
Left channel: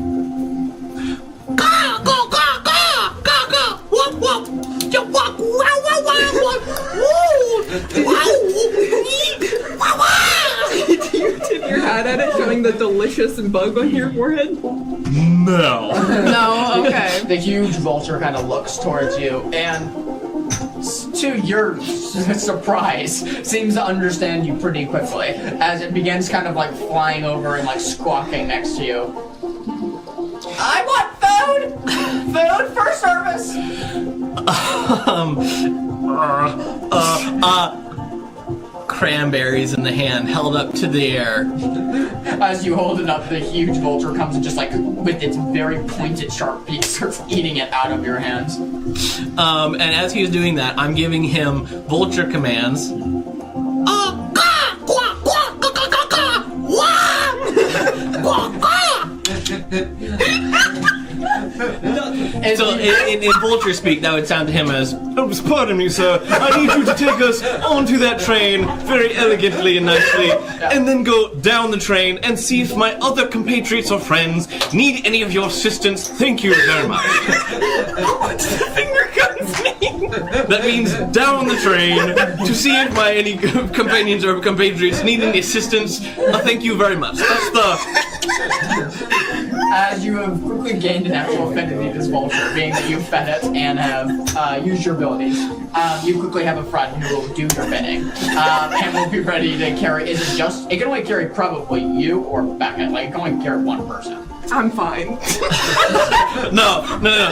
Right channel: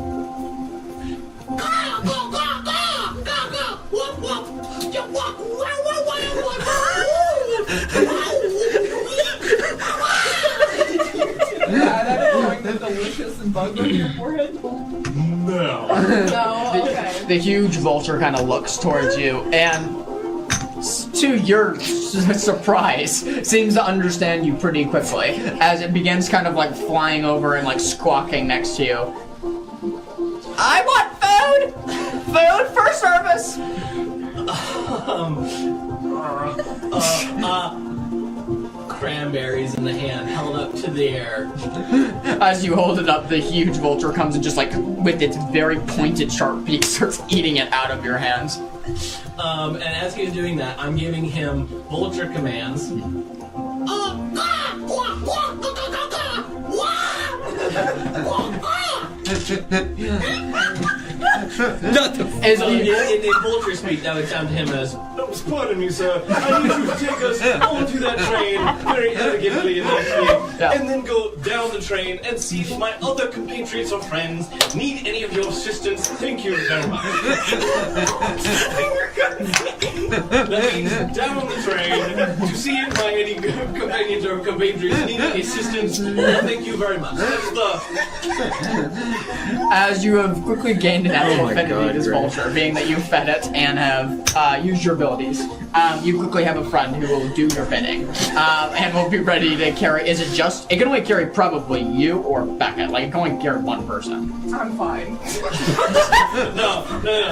Tip your hat at it, showing the delicious bug on your forehead. No. No, okay. The huge vulture kind of looks towards you, and to your surprise, seems to understand you pretty quickly as it begins kind of flying over and squawking next to you. I want food! Food for service! Cranberries in the hand held up to the air. As you hold it up, the huge vulture comes and just with its very pointed, sharp beak starts eating it out of your hands. And as he is doing that, I'm giving him vulture commands. So in vulture speak, that would sound to him as, pardon me, sir, I need you to take us onto that train very elegantly and nicely, and then go down the train and see if my other compatriots or friends need any of your assistance. Thank you very much. Finger guns me. That means down the train to see if my any companions or compatriots need any assistance. Thank you very much. That's the... As you have quickly gained an actual affinity with this vulture, being that you've fed it and have used your abilities, you quickly have a friend who will do your bidding, and will be ready to carry. Is it just? It can only carry probably you or Becca. It can only carry one person. I'm fine. No,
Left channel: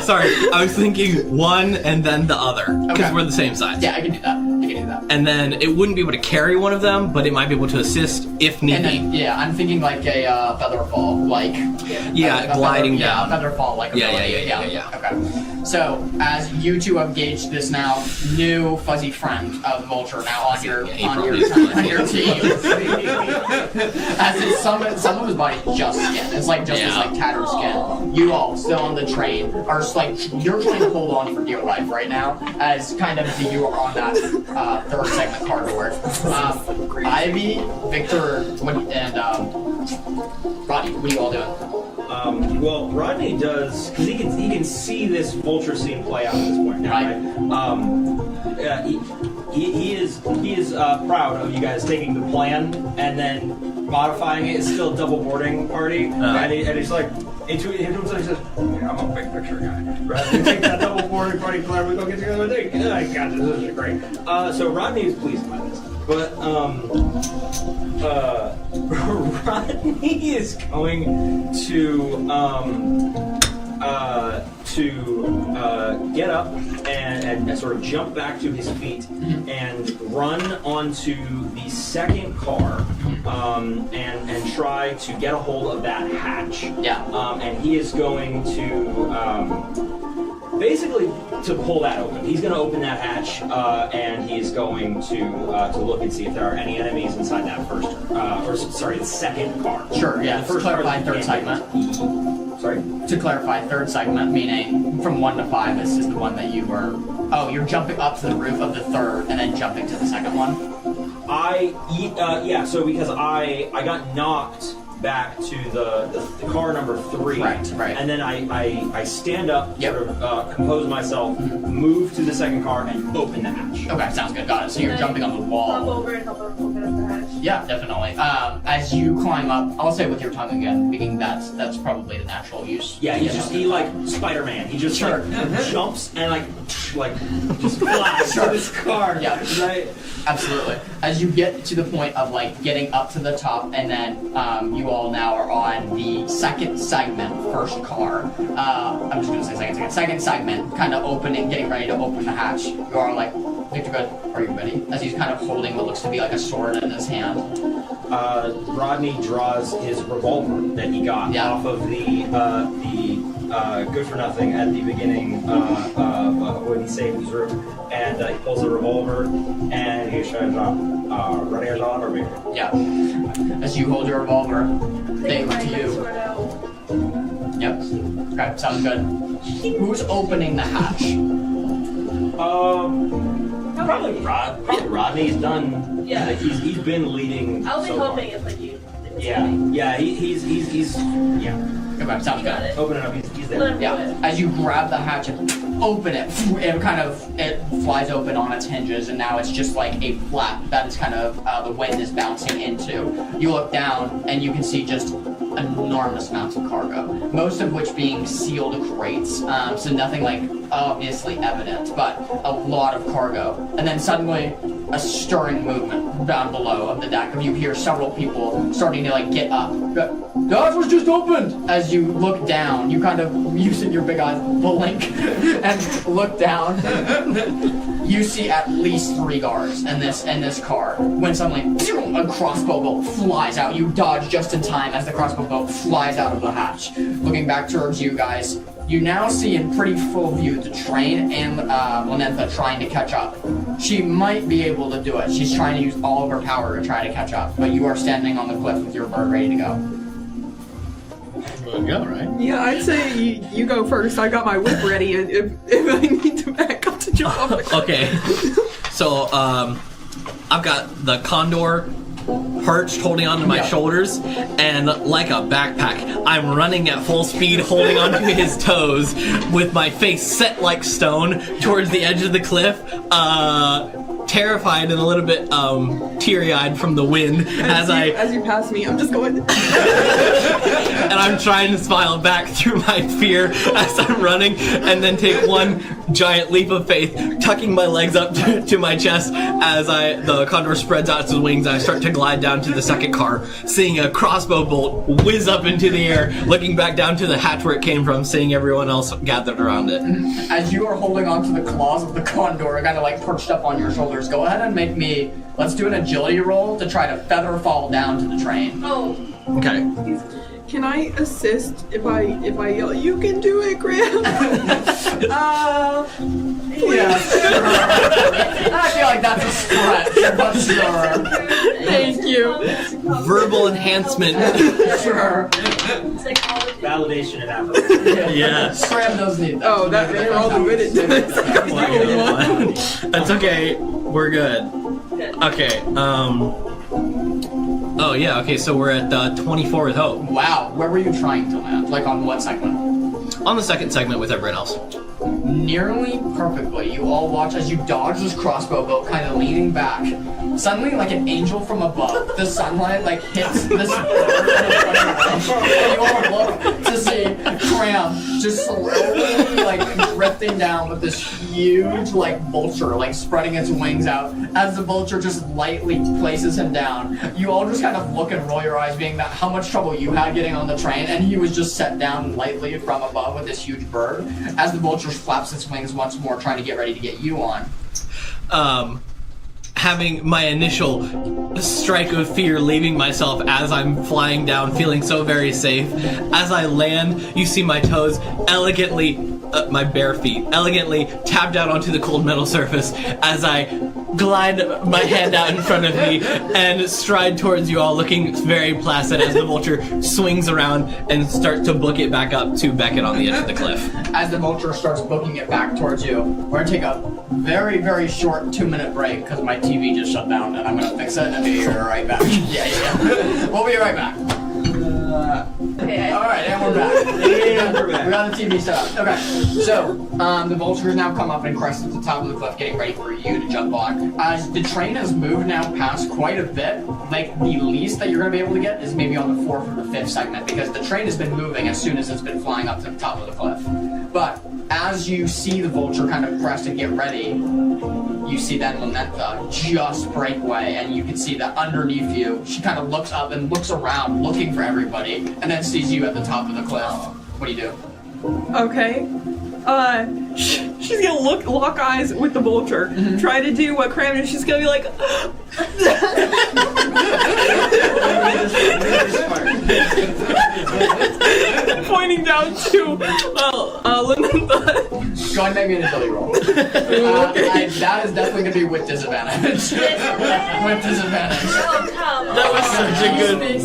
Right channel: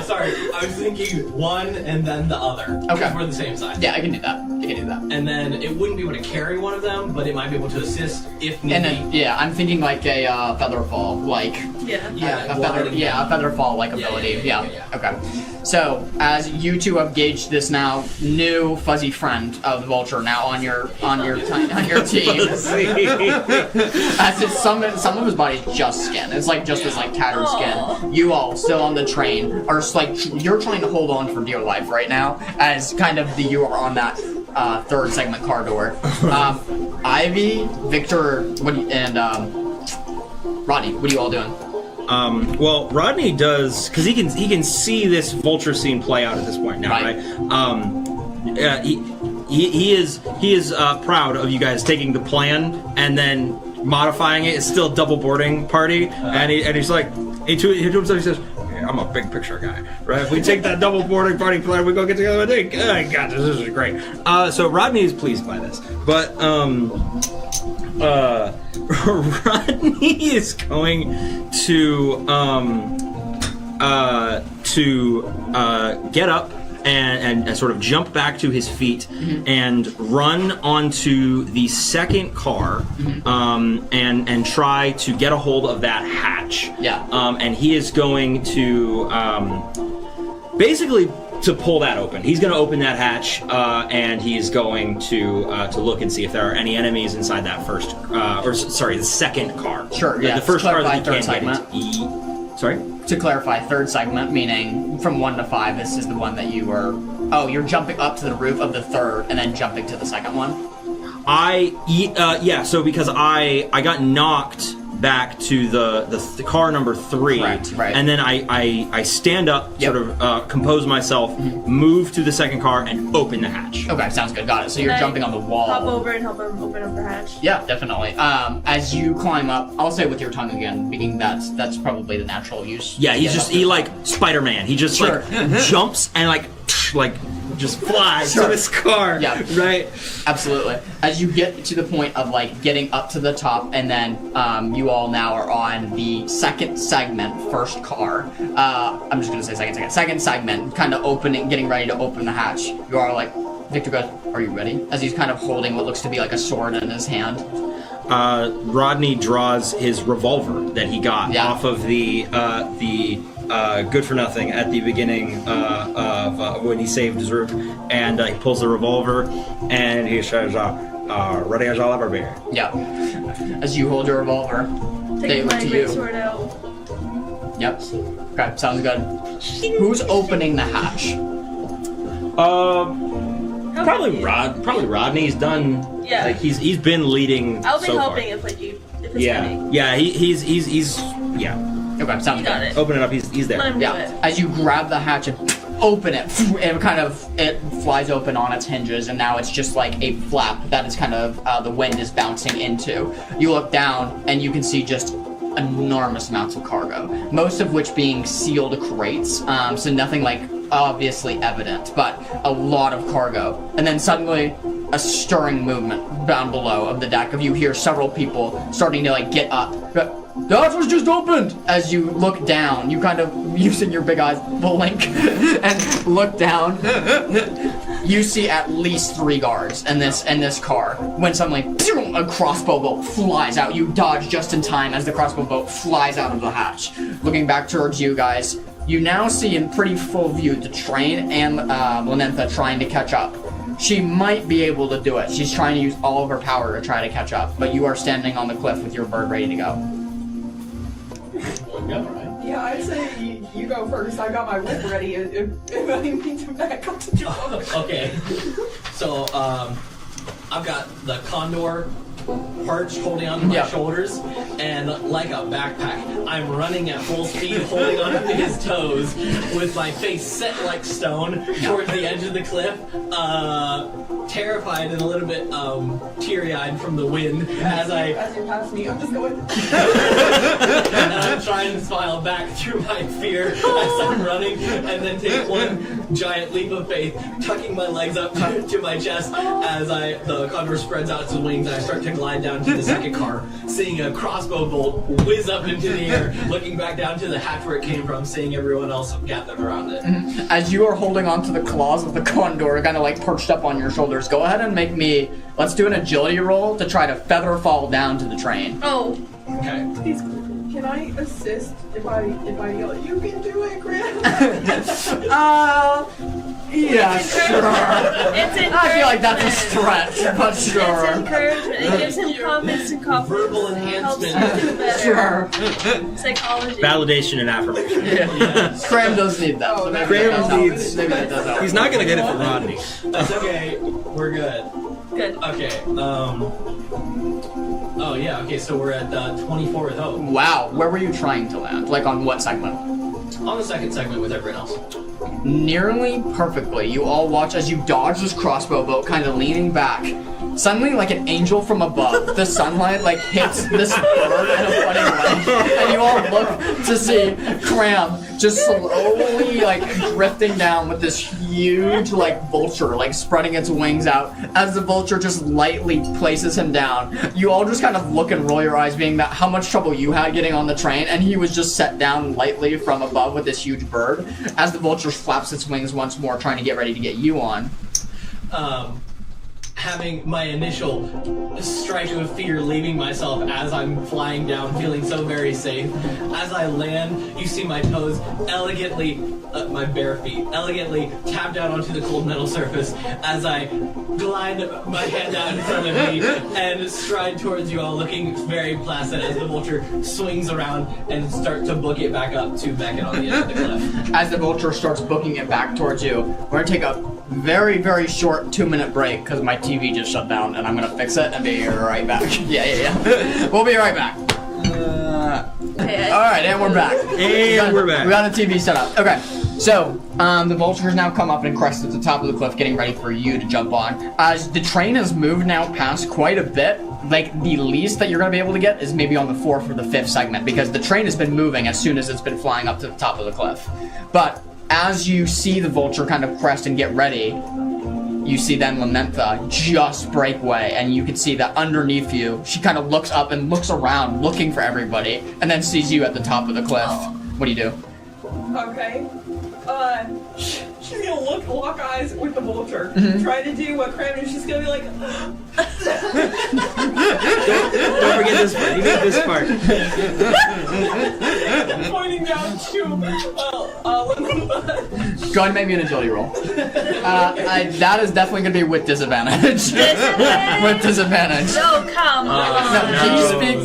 sorry. I was thinking one and then the other, because Okay. we're the same size. Yeah, I can do that. I can do that. And then it wouldn't be able to carry one of them, but it might be able to assist if need And be. then, yeah, I'm thinking a feather fall, Yeah, a gliding feather, down. Yeah, a feather fall ability. Yeah. Okay. So, as you two have gauged this now new fuzzy friend of the vulture now on your team, as it's some of his body just skin. It's just this tattered skin. You all still on the train are you're trying to hold on for dear life right now, as kind of you are on that third segment car door. Ivy, Victor, and Rodney, what are you all doing? Well, Rodney does, because he can see this vulture scene play out at this point now, right? He is proud of you guys taking the plan and then modifying it. It's still a double boarding party, and he's like, to himself, he says, hey, I'm a big picture guy, right? If we take that double boarding party plan, we go get together with it. I got this. This is great. So Rodney is pleased by this, but Rodney is going to get up and sort of jump back to his feet and run onto the second car and try to get a hold of that hatch. Yeah. And he is going to basically to pull that open. He's going to open that hatch and he's going to look and see if there are any enemies inside that the second car. Sure, yeah. The first car that Clarify he can't third get into. Sorry? To clarify, third segment, meaning from 1 to 5, this is the one that you were... Oh, you're jumping up to the roof of the third and then jumping to the second one? So because I got knocked back to the car number 3, Right. and then I stand up, Yep. sort of compose myself, move to the second car, and open the hatch. Okay, sounds good. Got it. So you're Can I jumping on the wall. Hop over and help him open up the hatch. Yeah, definitely. As you climb up, I'll say with your tongue again, meaning that's probably the natural use. Yeah, to get up. he like Spider-Man. He just Sure. like jumps and like just flies Sure. to this car. Yeah. Right. Absolutely. As you get to the point of like getting up to the top, and then you all now are on the second segment, first car. I'm just gonna say second segment, kind of opening, getting ready to open the hatch. You are like, Victor goes, "Are you ready?" As he's kind of holding what looks to be like a sword in his hand. Rodney draws his revolver that he got off of the good for nothing at the beginning of when he saved his room, and he pulls the revolver and he says, "Ready as I'll ever be." Yeah. As you hold your revolver, they Taking look my to great you. sword out. Yep. Okay, sounds good. Who's opening the hatch? Probably Rodney's done. Yeah. Like he's been leading. I'll be so helping far. if it's coming. Yeah. He's Okay, sounds You good. got it. open it up. He's there. Let him do Yeah, it. as you grab the hatch and open it, it flies open on its hinges, and now it's just like a flap that is kind of the wind is bouncing into. You look down and you can see just enormous amounts of cargo, most of which being sealed crates, so nothing like obviously evident, but a lot of cargo. And then suddenly a stirring movement down below of the deck of you hear several people starting to like get up. The hatch was just opened! As you look down, you kind of, using your big eyes, blink and look down. You see at least 3 guards in this car. When suddenly, a crossbow bolt flies out. You dodge just in time as the crossbow bolt flies out of the hatch. Looking back towards you guys, you now see in pretty full view the train and Lynetha trying to catch up. She might be able to do it. She's trying to use all of her power to try to catch up, but you are standing on the cliff with your bird ready to go. We'll go, right? Yeah, I'd say you go first. I got my whip ready if I need to back up to jump off the cliff. Okay. So, I've got the condor perched, holding onto my shoulders, and like a backpack, I'm running at full speed, holding onto his toes, with my face set like stone towards the edge of the cliff, terrified and a little bit teary-eyed from the wind as you pass me, I'm just going. and I'm trying to smile back through my fear as I'm running, and then take one giant leap of faith, tucking my legs up to my chest as the condor spreads out its wings. I start to glide down to the second car, seeing a crossbow bolt whiz up into the air, looking back down to the hatch where it came from, seeing everyone else gathered around it. As you are holding onto the claws of the condor, kind of like perched up on your shoulders, go ahead and make me. Let's do an agility roll to try to feather fall down to the train. Oh, Okay. Please, can I assist if I yell, "You can do it, Graham"? Yeah, sure. it's in I feel like that's a stretch, but sure. Thank you. Verbal enhancement. Sure. Psychology. Validation and affirmation. Yeah. Scram does need that. Oh, that's very well good. He's not gonna get it. Rodney. That's okay. We're good. Good. Okay. Oh yeah. Okay. So we're at 24 with hope. Wow, where were you trying to land? Like on what segment? On the second segment with everyone else. Nearly perfectly. You all watch as you dodge this crossbow bolt, kind of leaning back. Suddenly, like an angel from above, the sunlight like hits this bird in a funny way, and you all look to see Cram just slowly like drifting down with this huge like vulture like spreading its wings out. As the vulture just lightly places him down, you all just kind of look and roll your eyes, being that how much trouble you had getting on the train, and he was just set down lightly from above with this huge bird. As the vulture flaps its wings once more, trying to get ready to get you on. Having my initial strike of fear leaving myself as I'm flying down, feeling so very safe. As I land, you see my toes elegantly my bare feet elegantly tap down onto the cold metal surface as I glide my hand out in front of me and stride towards you all, looking very placid as the vulture swings around and starts to book it back up to Beckett on the edge of the cliff. As the vulture starts booking it back towards you, we're gonna take a very, very short 2-minute break because my TV just shut down and I'm gonna fix it and be right back. Yeah. We'll be right back. Alright, and we're back. And we're back. We got a TV set up. Okay, so the vultures now come up and crest at the top of the cliff, getting ready for you to jump on. As the train has moved now past quite a bit, like the least that you're going to be able to get is maybe on the 4th or the 5th segment, because the train has been moving as soon as it's been flying up to the top of the cliff. But as you see the vulture kind of crest and get ready, you see then Lynetha just break away, and you can see that underneath you, she kind of looks up and looks around, looking for everybody, and then sees you at the top of the cliff. What do you do? Okay. She's gonna lock eyes with the vulture. Try to do what Cram is. She's gonna be like. Don't forget this part. Pointing down to Lynetha. Go ahead and make me an agility roll. That is definitely going to be with disadvantage. With disadvantage. Oh, come on.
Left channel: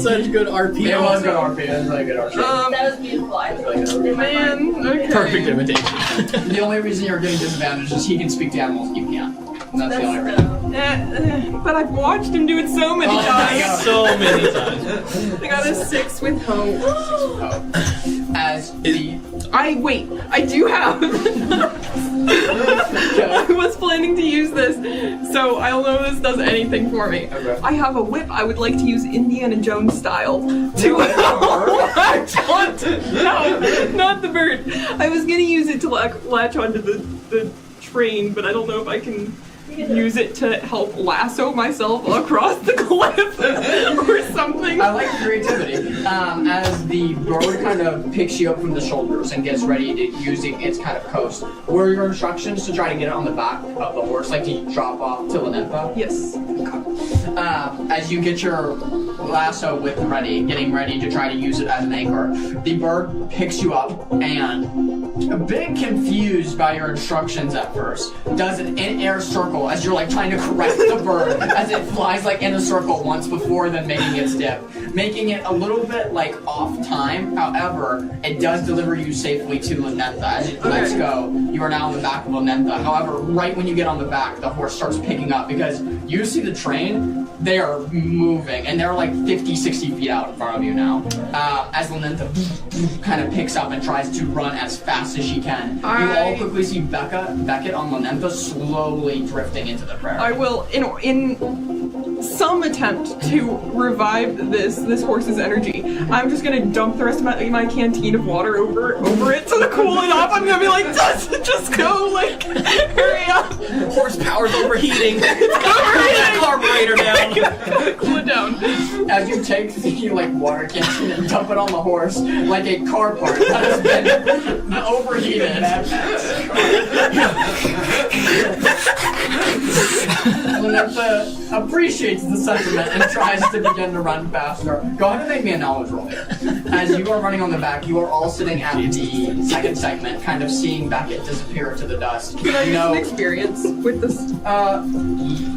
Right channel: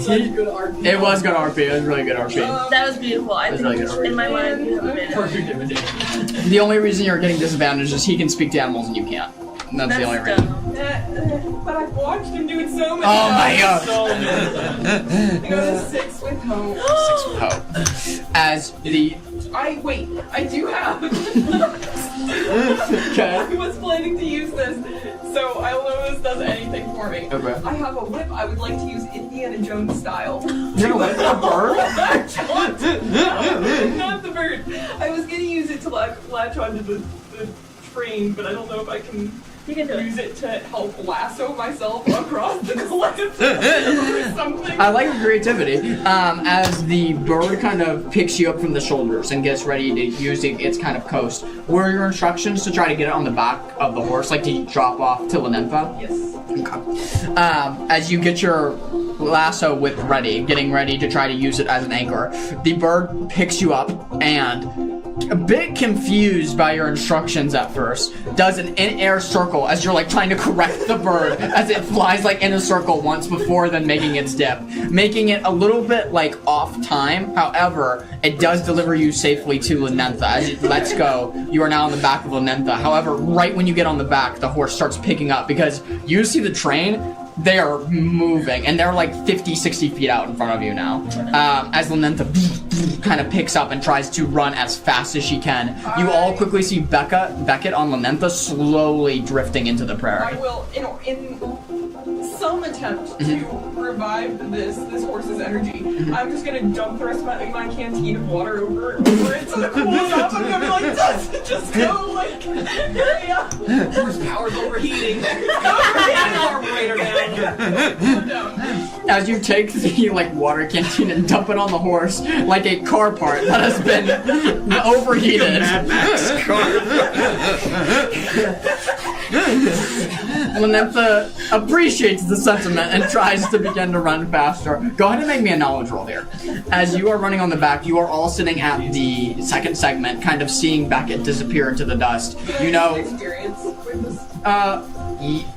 Such good RP. It was good RP. It was really good RP. That was beautiful. I think Really good. in my mind. Okay. Perfect imitation. The only reason you're getting disadvantage is he can speak to animals and you can't. And that's the only reason. But I've watched him do it so many Oh my times. god. So many times. I got a 6 with hope. 6 with hope. As the... I do have. Okay. I was planning to use this, so I don't know if this does anything for me. Okay. I have a whip I would like to use Indiana Jones style. No, latch onto, no, not the bird. I was gonna use it to latch onto the train, but I don't know if I can use it to help lasso myself across the cliff or something. I like your creativity. As the bird kind of picks you up from the shoulders and gets ready to using its kind of coast, were your instructions to try to get it on the back of the horse, like to drop off to Lynetha? Yes. As you get your lasso whip ready, getting ready to try to use it as an anchor, the bird picks you up and, a bit confused by your instructions at first, does an in-air circle as you're like trying to correct the bird as it flies like in a circle once before then making its dip, making it a little bit like off time. However, it does deliver you safely to Lynetha. As it lets go, you are now on the back of Lynetha. However, right when you get on the back, the horse starts picking up because you see the train. They are moving, and they're like 50, 60 feet out in front of you now. As Lynetha kind of picks up and tries to run as fast as she can. You all quickly see Beckett on Lynetha slowly drifting into the prairie. I will, in some attempt to revive this horse's energy, I'm just gonna dump the rest of my canteen of water over it to cool it off. I'm gonna be like, just go, like, hurry up. Horsepower's overheating. It's got the carburetor down. Cool it down. As you take the water canteen and dump it on the horse like a car part that has been overheated. Mad Max car. Lynetha appreciates the sentiment and tries to begin to run faster. Go ahead and make me a knowledge roll here. As you are running on the back, you are all sitting at the second segment, kind of seeing Beckett disappear into the dust. Can I use an experience with this?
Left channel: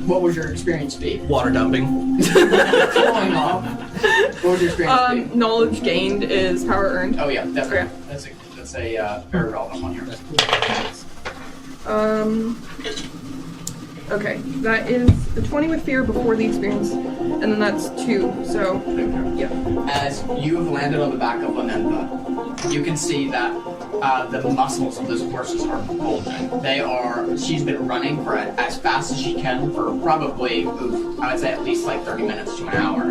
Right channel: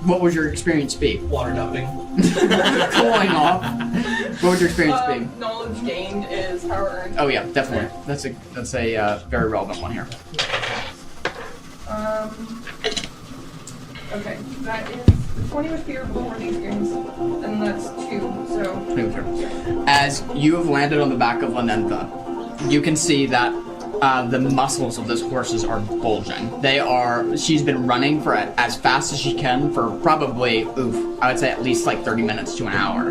What would your experience be? Water dumping. Falling off. What would your experience be? Knowledge gained is power earned. Oh yeah, definitely. That's a very relevant one here. Okay, that is 20 with fear before the experience, and then that's 2, so, yeah. As you have landed on the back of Lynetha, you can see that the muscles of those horses are bulging. She's been running for as fast as she can for probably, I would say at least like 30 minutes to an hour.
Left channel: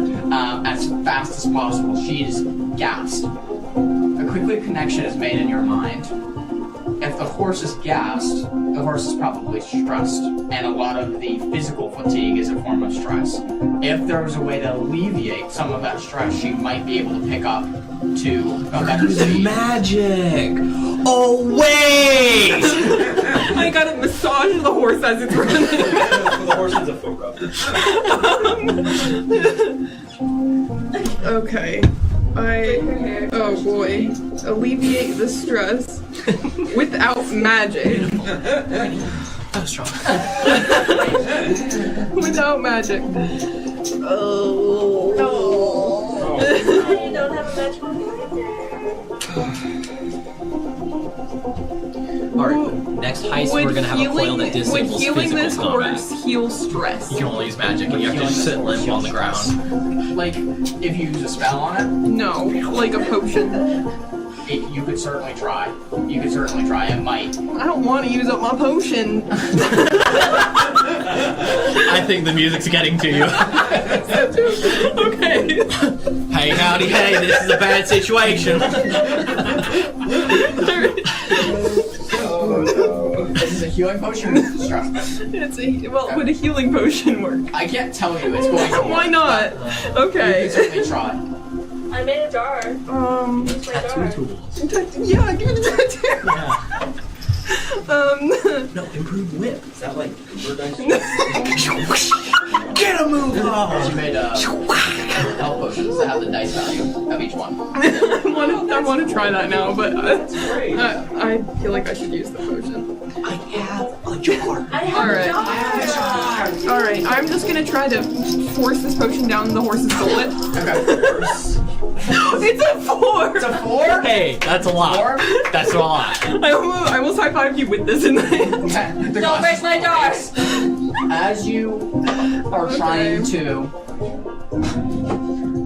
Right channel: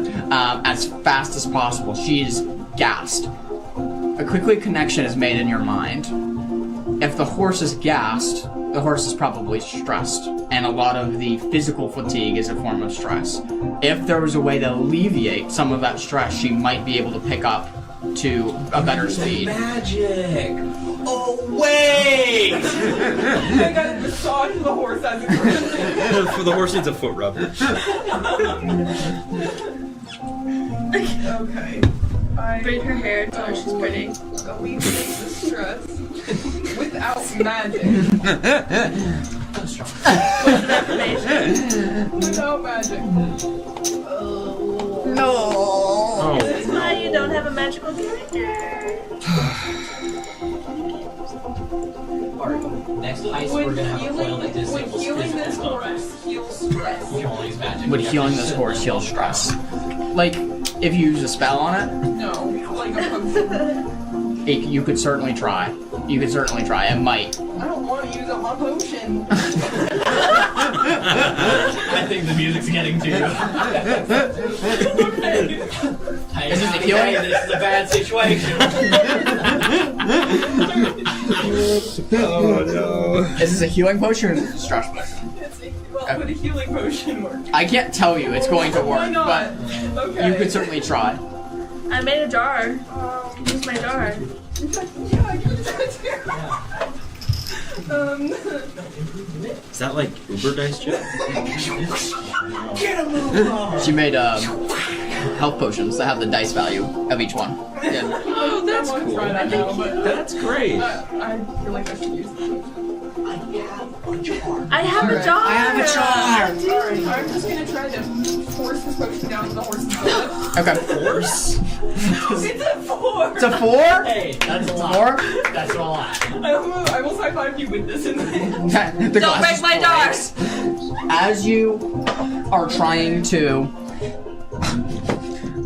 As fast as possible. She is gassed. A quick connection is made in your mind. If the horse is gassed, the horse is probably stressed, and a lot of the physical fatigue is a form of stress. If there was a way to alleviate some of that stress, she might be able to pick up to a better speed. Magic! Oh, wait! I gotta massage the horse as it's running. For the horse needs a foot rub. Okay. Braid her hair. Oh boy. Alleviate the stress without magic. That was strong. Without magic. Oh. Why you don't have a magical character? Alright, next heist we're gonna have a coil that would disables healing physical this combat. horse heal stress? You can only use magic. Would and you have to healing this sit horse limp heal on the stress? ground. Like, if you use a spell on it, No, like a potion. you could certainly try. You could certainly try. It might. I don't want to use up my potion. I think the music's getting to you. Okay. Hey, howdy, hey, this is a bad situation. Oh no. This is a healing potion or stress? Would a healing potion work? I can't tell you it's going to work. Why not? but Okay. You could certainly try. I made a jar. Use my jar. Yeah, give it to No, improved whip. Is that like Uber dice? Get a move on! So you made health potions that have the dice value of each one. I want to try that now, but That's great. I feel like I should use the potion. I have a jar. I have a jar. Alright, I'm just gonna try to force this potion down the horse's gullet. Okay. It's a 4! It's a 4? Hey, that's a lot. 4? That's a lot. I almost high-fived you with this in my hand. Okay. Don't make my jar! As you are trying to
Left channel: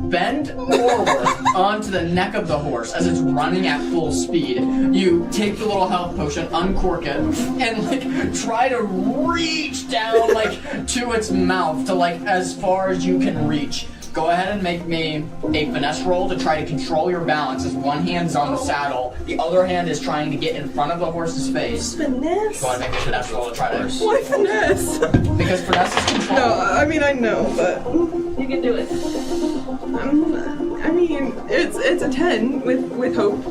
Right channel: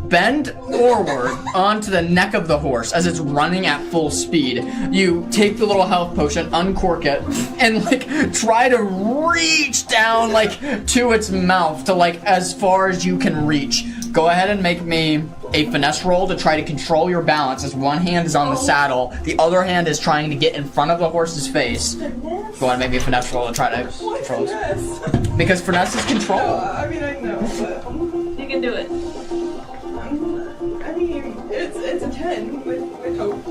bend forward onto the neck of the horse as it's running at full speed, you take the little health potion, uncork it, and like try to reach down like to its mouth to like as far as you can reach. Go ahead and make me a finesse roll to try to control your balance as one hand is on the saddle, the other hand is trying to get in front of the horse's face. Finesse. Go ahead and make me a finesse roll to try to Why finesse? because finesse is control. No, I mean I know, but You can do it. I mean it's a 10 with hope.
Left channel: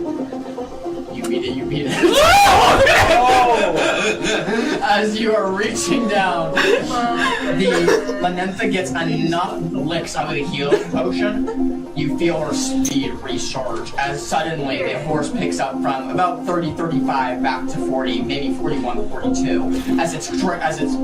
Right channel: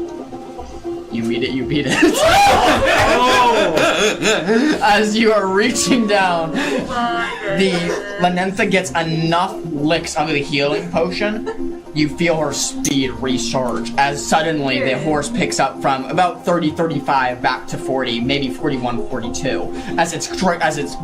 You beat it, you beat it. As you are reaching down, the Lanentha gets enough licks of the healing potion, you feel her speed recharge as suddenly the horse picks up from about 30, 35 back to 40, maybe 41, 42, as it's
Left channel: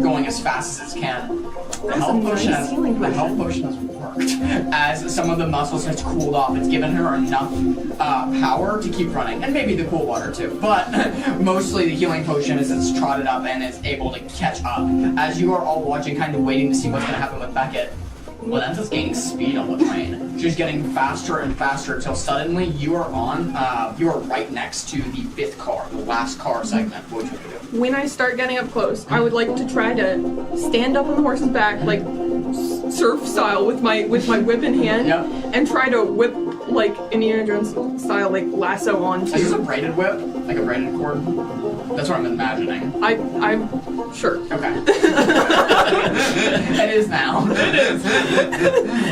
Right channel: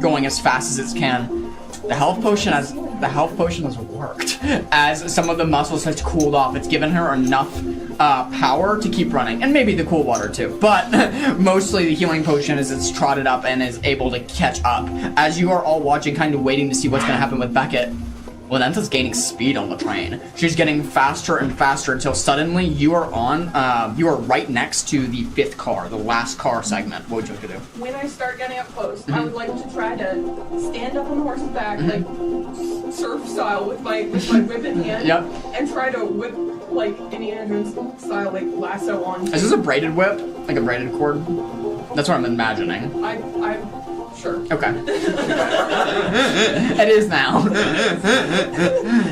going as fast as it can. The health potion has worked. As some of the muscles has cooled off, it's given her enough power to keep running, and maybe the cool water too. But mostly the healing potion is it's trotted up and is able to catch up. As you are all watching, kind of waiting to see what's going to happen with Beckett, Lanentha's gaining speed on the train. She's getting faster and faster until suddenly you are right next to the 5th car, the last car segment. What would you do? When I start getting up close, I would like to try to stand up on the horse's back, like surf style, with my whip in hand, Yep. and try to whip like Indiana Jones style, like lasso onto. Is this a braided whip? Like a braided cord? That's what I'm imagining. I'm sure. Okay. It is now.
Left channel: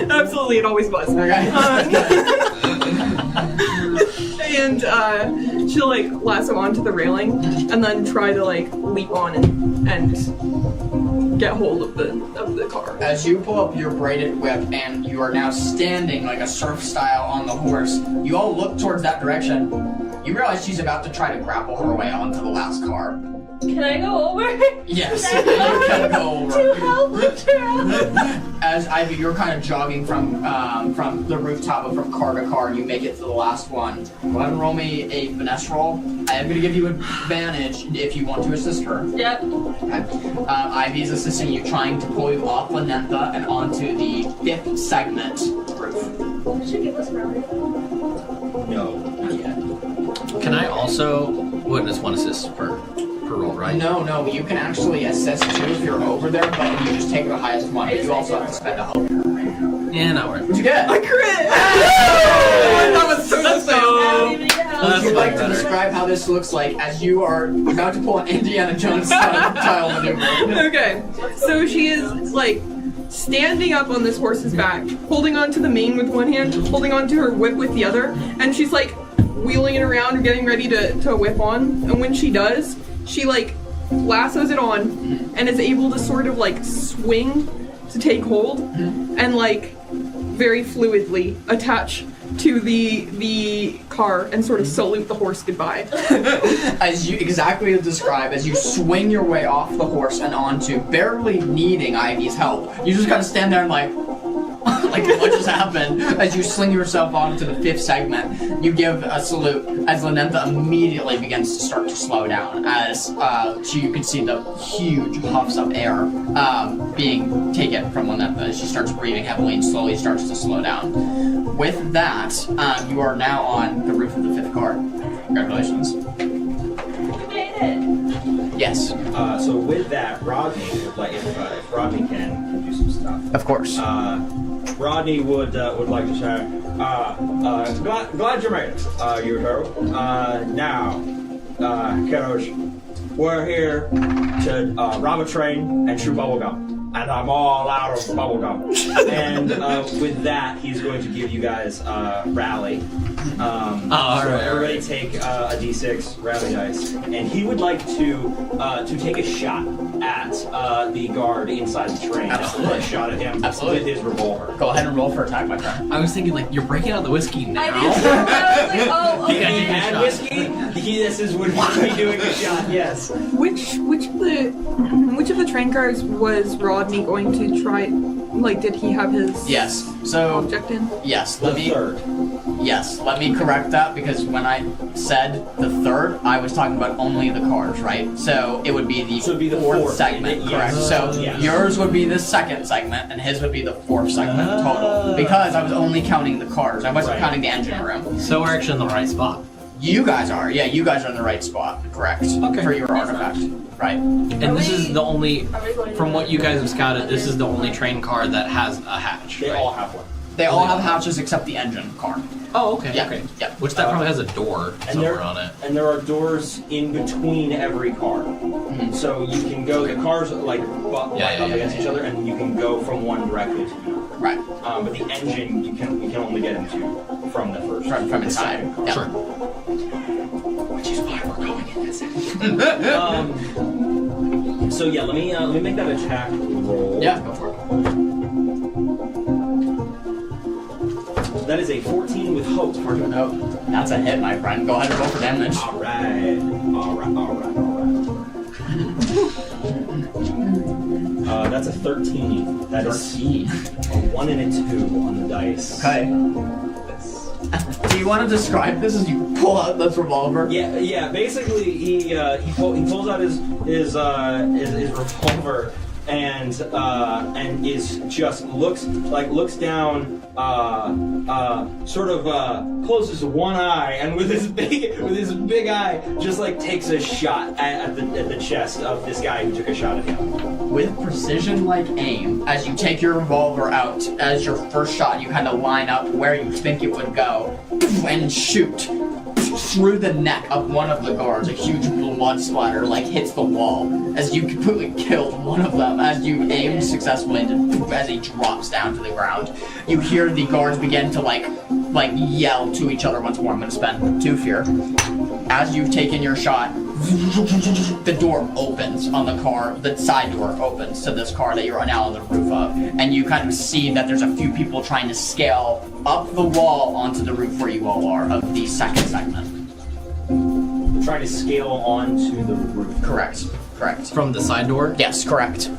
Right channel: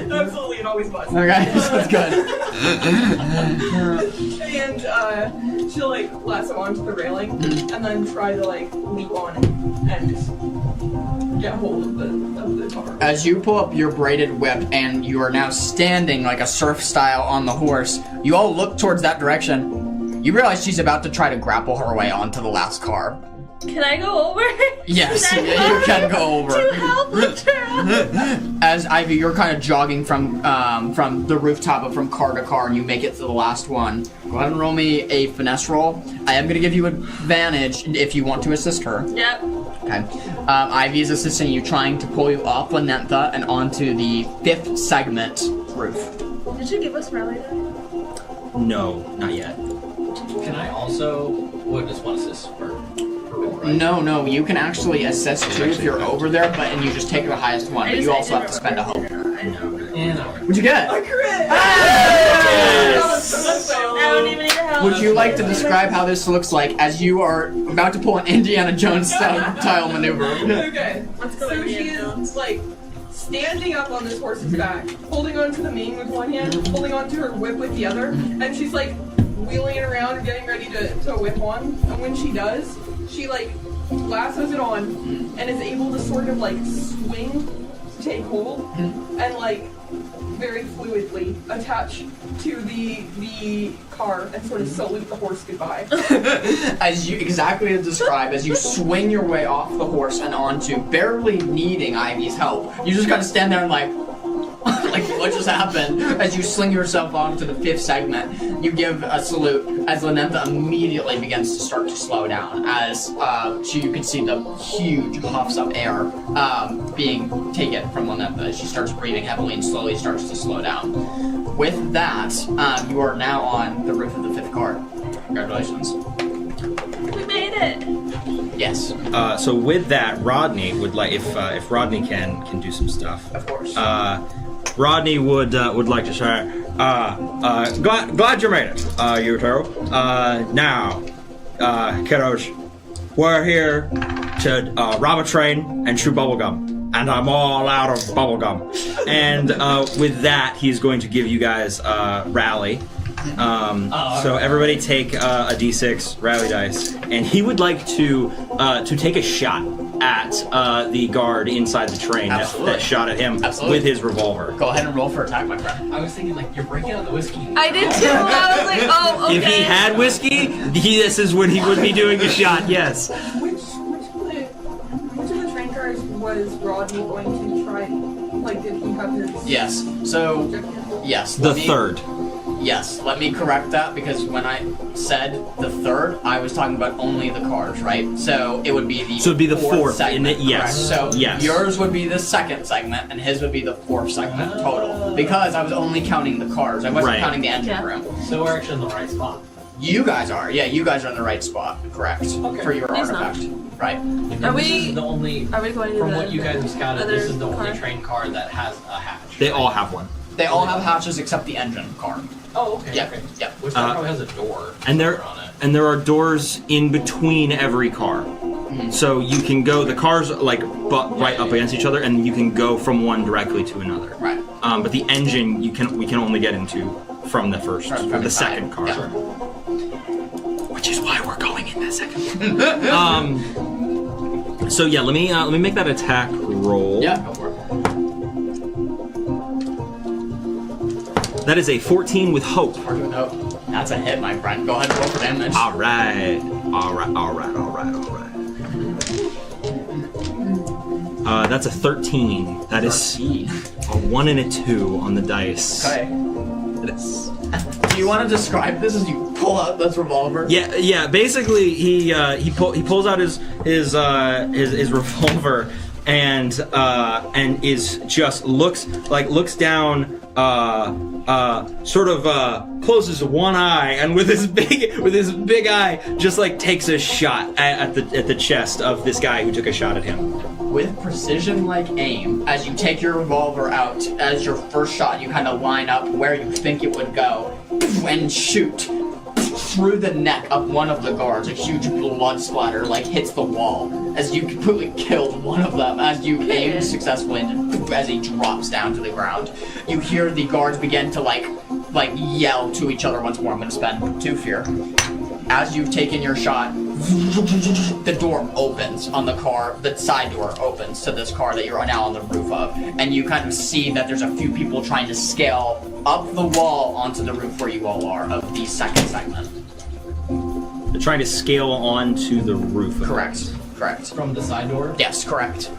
Absolutely, it always was. Okay, that's good. And she'll like lasso onto the railing, and then try to like leap on and get hold of the car. As you pull up your braided whip and you are now standing like a surf style on the horse, you all look towards that direction. You realize she's about to try to grapple her way onto the last car. Can I go over? Yes, Can I you can go over. To help lift her up. As Ivy, you're kind of jogging from the rooftop, but from car to car, and you make it to the last one. Go ahead and roll me a finesse roll. I am going to give you advantage if you want to assist her. Yep. Okay. Ivy is assisting you, trying to pull you off Lanentha and onto the 5th segment roof. Did you give us rally? No, not yet. Can I also... What is one assist per roll, right? No, you can actually assist too if you're over there, but you just take the highest one, but you also have to spend a hope. I know. Yeah, no worries. What'd you get? I crit! That was so I don't even need the help. Would you like to describe how this looks like as you are about to pull an Indiana Jones style maneuver? Okay, so she is like standing up on this horse's back, holding onto the mane with one hand, holding onto her whip with the other, and she's like wheeling it around and getting ready to whip on. And when she does, she like lassos it on and is able to sort of like swing to take hold and like very fluidly attach to the car and sort of salute the horse goodbye. As you exactly as described, as you swing your way off the horse and onto, barely needing Ivy's help, you just gotta stand there and like what just happened? As you sling yourself onto the 5th segment, you give a salute as Lynantha immediately begins to start to slow down. As you can see the huge puffs of air being taken from Lynantha as she starts breathing heavily and slowly starts to slow down. With that, you are now on the roof of the 5th car. Congratulations. We made it. Yes. So with that, Rodney would like if Rodney can do some stuff. Of course. Rodney would like to say, glad you made it, you two. Now, kiddos, we're here to rob a train and chew bubblegum. And I'm all out of bubblegum. And with that, he's going to give you guys rally. So everybody take a d6 rally dice, and he would like to take a shot at the guard inside the train. Absolutely. A shot at him Absolutely. with his revolver. Go ahead and roll for attack, my friend. I was thinking, like, you're breaking out the whiskey now. I did too. I was like, oh, okay. If he had whiskey, this is when he would be doing the shot. Yes. Which of the train cars was Rodney going to try? Like, did he have his Yes. So object in? yes, The third. Yes, let me correct that because when I said the 3rd, I was talking about only the cars, right? So it would be the So it'd be the 4th segment, yes. correct? So Yes. yours would be the 2nd segment, and his would be the 4th segment total. Because I was only counting the cars, I wasn't Right. counting the engine room. So we're actually in the right spot. You guys are, yeah, you guys are in the right spot, correct? Okay. For your He's artifact, right? And Are this we- is the only, Are we going to from the what you guys have scouted, this is the other only car? train car that has a hatch. They right? all have one. They all have hatches except the engine car. Oh, okay. Yeah, Okay. yeah. Which that probably has a door And somewhere on it. there are doors in between every car. So you can go. The cars like right up against each other, and you can go from one directly to another. Right. But the engine we can only get into from the first, From the inside. second car. Yeah. Which is why we're going in that second. So yeah, let me make that attack roll. Yeah, go for it. That is a 14 with hope. We're doing hope. That's a hit, my friend. Go ahead and roll for damage. All right. That's a 13. That is a 1 and a 2 on the dice. Okay. Do you want to describe this as you pull out this revolver? Yeah. Basically, he pulls out his revolver and is just looks down, sort of closes one eye, and with his big eye just like takes a shot at the chest of this guy who took a shot at him. With precision-like aim, as you take your revolver out, as your first shot, you kind of line up where you think it would go, and shoot through the neck of one of the guards. A huge blood splatter hits the wall as you completely killed one of them. As you aim successfully, and as he drops down to the ground, you hear the guards begin to like yell to each other once more. I'm going to spend 2 fear. As you've taken your shot, the door opens on the car, the side door opens to this car that you're now on the roof of, and you kind of see that there's a few people trying to scale up the wall onto the roof where you all are of the second segment. They're trying to scale onto the roof. Correct. From the side door? Yes, correct.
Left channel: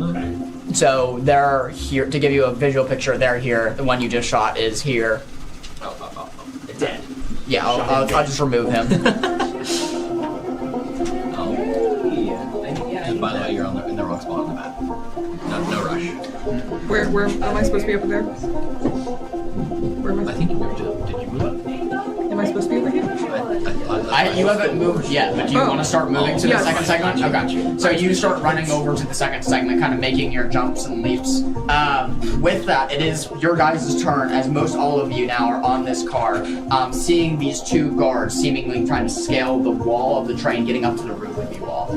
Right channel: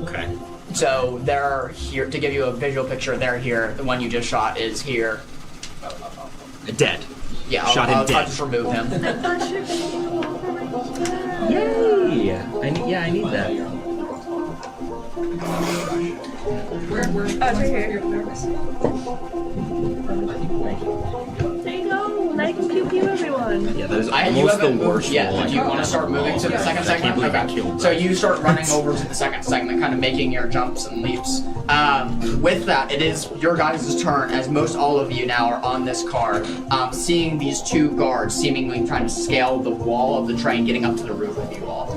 Okay. So they're here, to give you a visual picture, they're here. The one you just shot is here. Dead. Yeah, Shot I'll him dead. just remove him. I need By the way, that. you're in the wrong spot on the map. No rush. Where am I supposed to be over there? Where am I I? think you moved. Did you move? I know. Like, you everyone. Yeah, that is You almost haven't the moved worst yet, but do you Oh. want to start moving to the Yes. second segment? Okay. So you start running over to the second segment, kind of making your jumps and leaps. With that, it is your guys' turn, as most all of you now are on this car, seeing these 2 guards seemingly trying to scale the wall of the train, getting up to the roof with you all.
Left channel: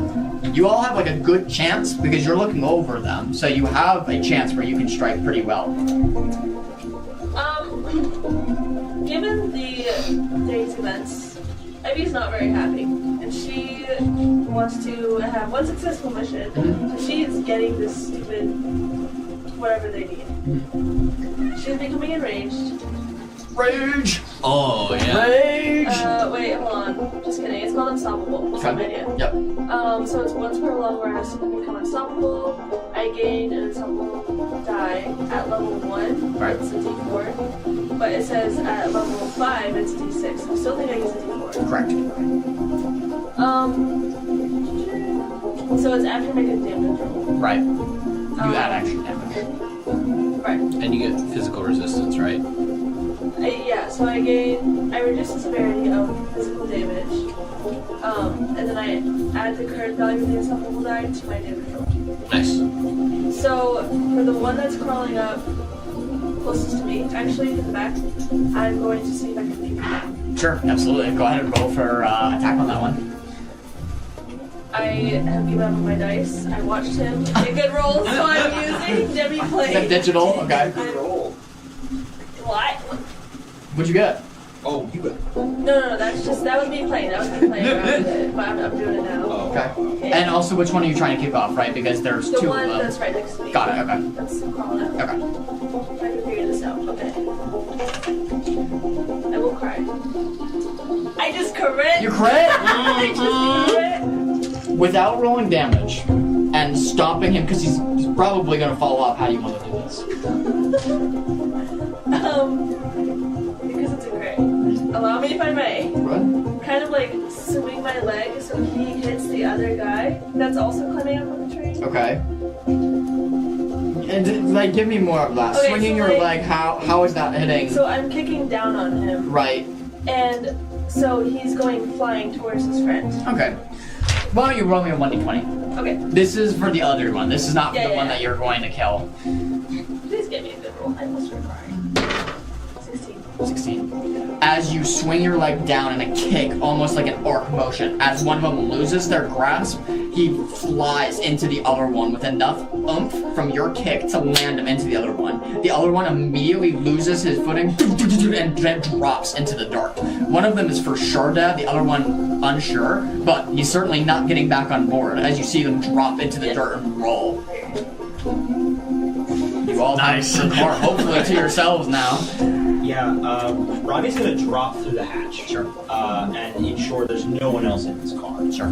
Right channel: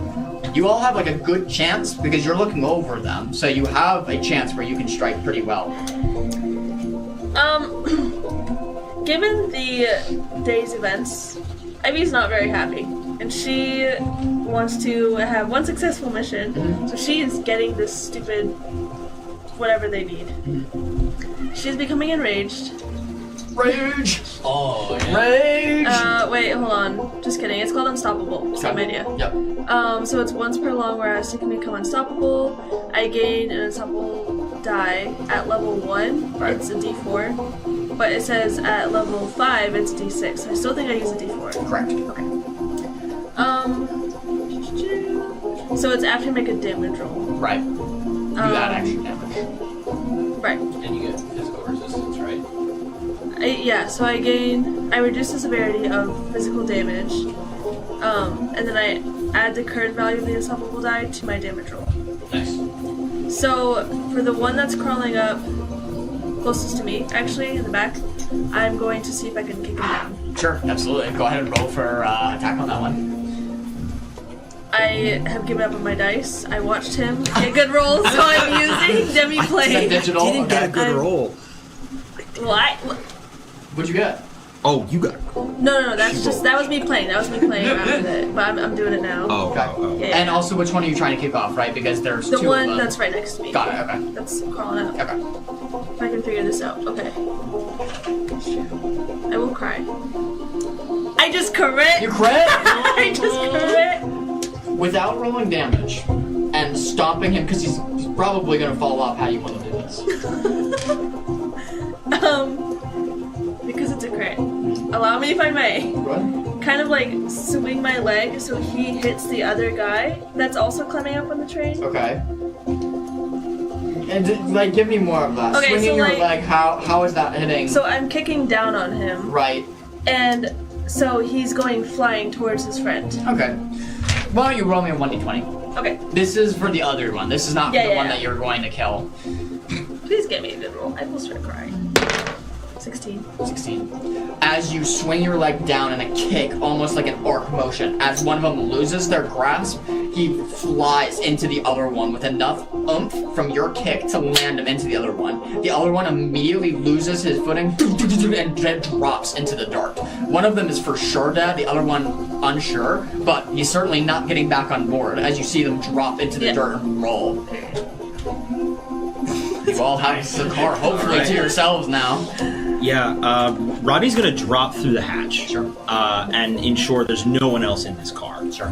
You all have a good chance because you're looking over them, so you have a chance where you can strike pretty well. Given the day's events, Ivy's not very happy, and she wants to have one successful mission, so she is getting this stupid whatever they need. She is becoming enraged, Rage! Oh, yeah. Rage! Wait, hold on. Just kidding. It's called Unstoppable. Same idea. Yep. So it's once per long where I was to become unstoppable. I gained an unstoppable die at level 1. Right. It's a D4. But it says at level 5, it's a D6. So I still think I use a D4. Correct. Okay. So it's after I make a damage roll. Right. Do that action damage. Right. And you get physical resistance, right? So I reduce the severity of physical damage, and then I add the current value of the unstoppable die to my damage roll. Nice. So for the one that's crawling up closest to me, actually in the back, I'm going to see if I can kick him down. Sure, absolutely. Go ahead and roll for attack on that one. I have given up on my dice. I watched him get good rolls, so I'm using Demi Is that Play. digital? Didn't get a Okay. good roll. What? What'd you get? Oh, you got. No, that was me playing. That was me playing around with it, but I'm doing it now. Oh, Okay. Yeah. And also, which one are you trying to kick off, right? Because there's The two one of them. that's right next to me. Got it, okay. That's crawling up. Okay. If I can figure this out. Okay. I will cry. I just crit! You crit? I just crit! Without rolling damage and stopping him, because he's probably going to fall off. How do you want to do this? Because it's a crit. Allow me to find my What? kind of like swing my leg so he hits the other guy that's also climbing up on the train. Okay. And like, give me more of that. Okay, Swinging so, your like- leg, how is that hitting? So I'm kicking down on him, Right. and so he's going flying towards his friend. Okay. Why don't you roll me a 1d20? Okay, This is for the other one. This is not for Yeah, the yeah, one yeah. that you're going to kill. please get me a good roll. I will start crying. 16. 16. As you swing your leg down in a kick, almost like an arc motion, as one of them loses their grasp, he flies into the other one with enough oomph from your kick to land him into the other one. The other one immediately loses his footing and then drops into the dirt. One of them is for sure dead, the other one unsure, but he's certainly not getting back on board as you see them drop into the dirt and roll. You all have the car hopefully to yourselves now. Yeah, Rodney's gonna drop through the hatch. Sure. And ensure there's no one else in his car. Sure.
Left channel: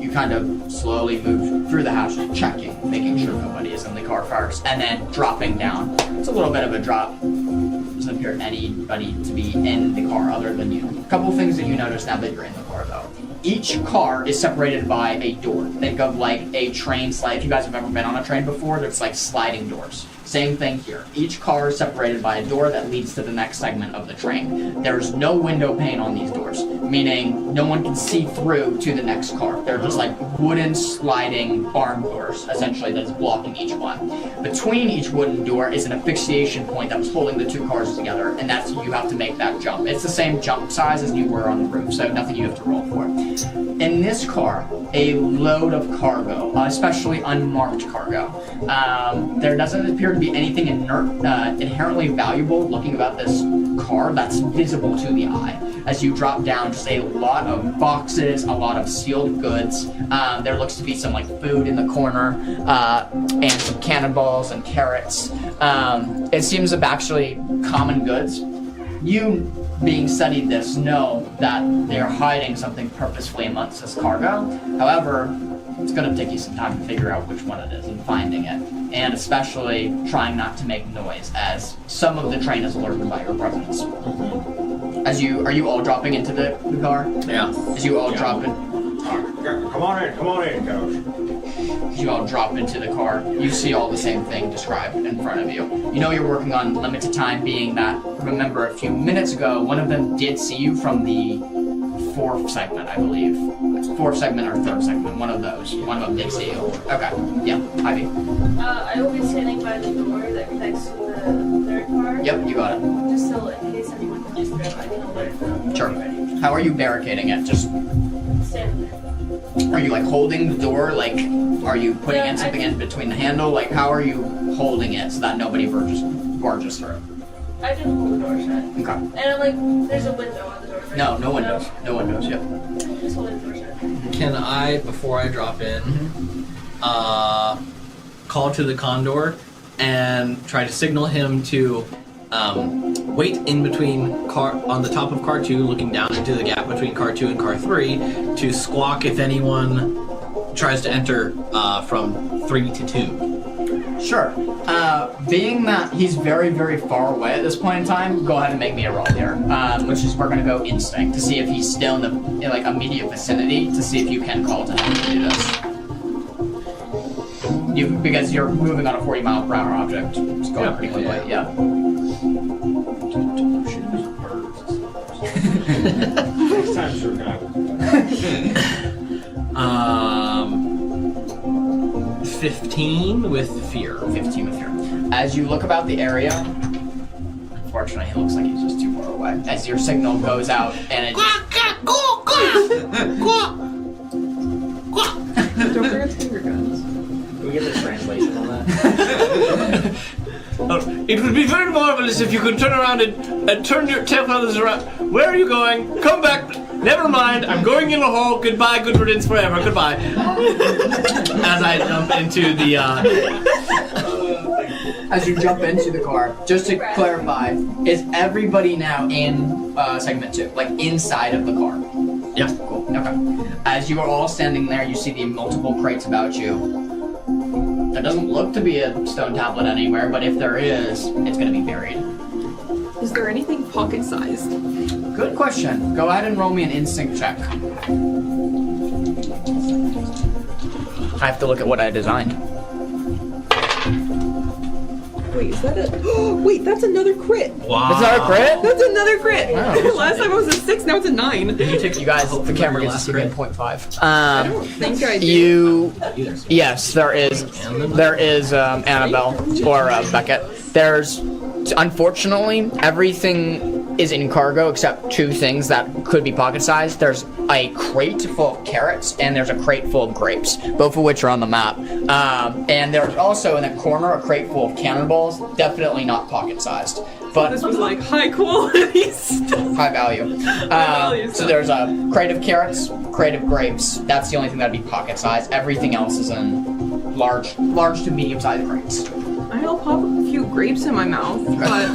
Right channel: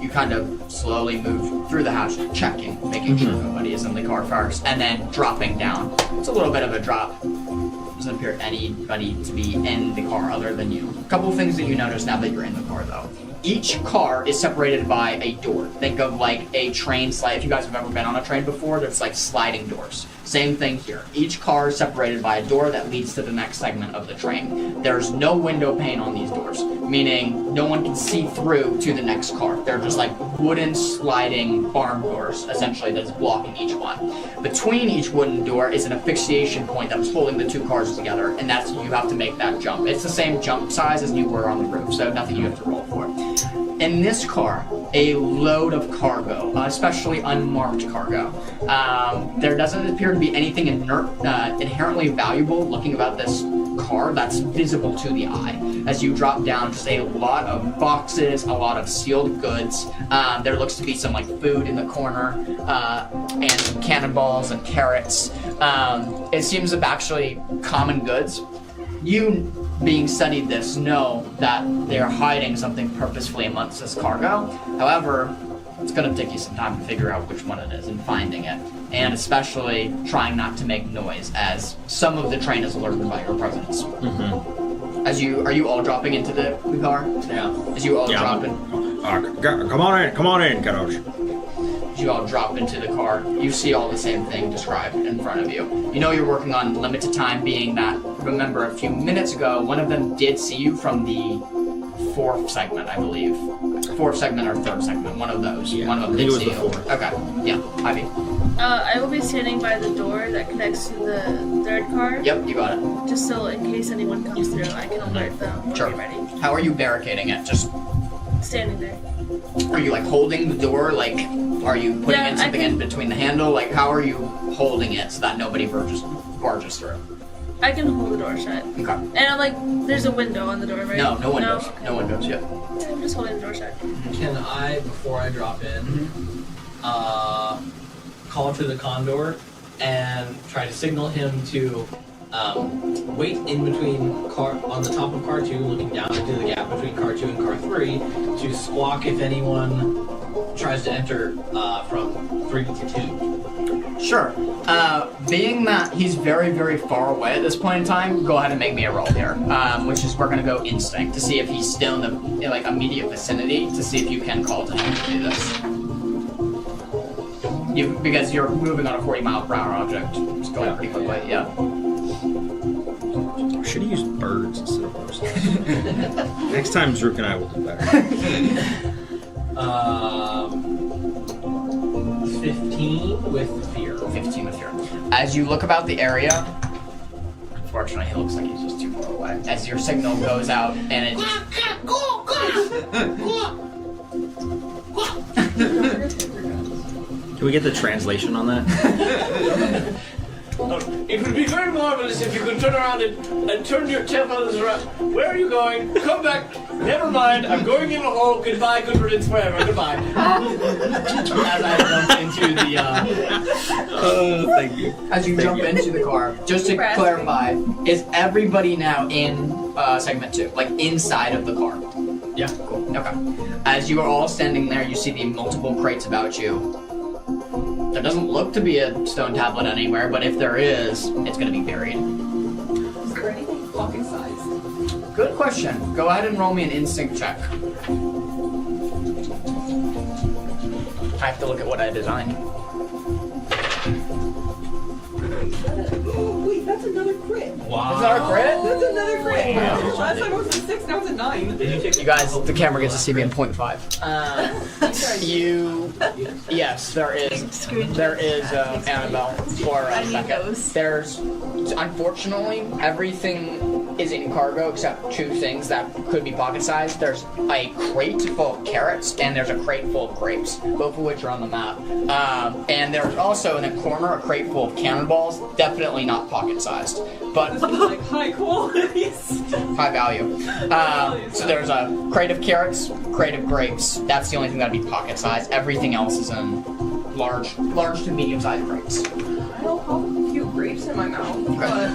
You kind of slowly move through the hatch, checking, making sure nobody is in the car first, and then dropping down. It's a little bit of a drop. Doesn't appear anybody to be in the car other than you. A couple things that you notice now that you're in the car, though. Each car is separated by a door. Think of like a train slide. If you guys have ever been on a train before, there's like sliding doors. Same thing here. Each car is separated by a door that leads to the next segment of the train. There's no window pane on these doors, meaning no one can see through to the next car. They're just like wooden sliding arm doors, essentially, that's blocking each one. Between each wooden door is an asphyxiation point that's holding the two cars together, and that's you have to make that jump. It's the same jump size as you were on the roof, so nothing you have to roll for. In this car, a load of cargo, especially unmarked cargo. There doesn't appear to be anything inherently valuable looking about this car that's visible to the eye. As you drop down, just a lot of boxes, a lot of sealed goods. There looks to be some like food in the corner, and some cannonballs and carrots. It seems of actually common goods. You, being studied this, know that they're hiding something purposefully amongst this cargo. However, it's going to take you some time to figure out which one it is and finding it. And especially trying not to make noise, as some of the train is alerted by your presence. Mm-hmm. Are you all dropping into the car? Yeah. As you all Yeah. drop in, Come on in, kiddos. you all drop into the car, you see all the same thing described in front of you. You know you're working on limited time, being that, remember, a few minutes ago, one of them did see you from the fourth segment, I believe. Fourth segment or third segment, one of those. Yeah, One of them I did think see it you. was the Okay, yeah, Ivy. I will be standing by the door that connects to the third car. Yep, you got it. Just so in case anyone comes through, I can alert them. Sure. Be ready. How are you barricading it? Just, Standing there. are you like holding the door? Like, are you putting Yeah, in I something can- in between the handle? Like, how are you holding it so that nobody barges through? I can hold the door shut. Okay. And I'm like, there's a window on the door, right? No windows. No windows, yep. I'm just holding the door shut. Can I, before I drop in, call to the Condor and try to signal him to wait in between on the top of car 2, looking down into the gap between car 2 and car 3 to squawk if anyone tries to enter from 3 to 2. Sure. Being that he's very, very far away at this point in time, go ahead and make me a roll here. Which is, we're gonna go instinct to see if he's still in the immediate vicinity, to see if you can call to him to do this. Because you're moving on a 40-mile-per-hour object, it's going pretty quickly. Yeah. Should have used birds instead of horses. Next time, Zrook and I will do better. 15 with fear. 15 with fear. As you look about the area, unfortunately, he looks like he's just too far away. As your signal goes out, and it. Do we get the translation on that? It would be very marvelous if you could turn around and turn your tailfeathers around. Where are you going? Come back. Never mind. I'm going in the hole. Goodbye. Good riddance forever. Goodbye. As I jump into the. Thank you. As you jump into the car, just to clarify, is everybody now in segment 2, like inside of the car? Yeah. Cool. Okay. As you are all standing there, you see the multiple crates about you. There doesn't look to be a stone tablet anywhere, but if there is, it's going to be buried. Is there anything pocket-sized? Good question. Go ahead and roll me an instinct check. I have to look at what I designed. Wait, is that a... Wait, that's another crit. Wow. Is that a crit? That's another crit. Wow. Last time I was a 6, now it's a 9. You guys, the camera gets to see me in 0.5. Thank you. You... Yes, there is Annabelle or Beckett. There's... Unfortunately, everything is in cargo except 2 things that could be pocket-sized. There's a crate full of carrots, and there's a crate full of grapes, both of which are on the map. And there's also in the corner a crate full of cannonballs, definitely not pocket-sized, but This one's like high quality stuff. high value. So there's a crate of carrots, crate of grapes. That's the only thing that'd be pocket-sized. Everything else is in large to medium-sized crates. I'll pop a few grapes in my mouth, but...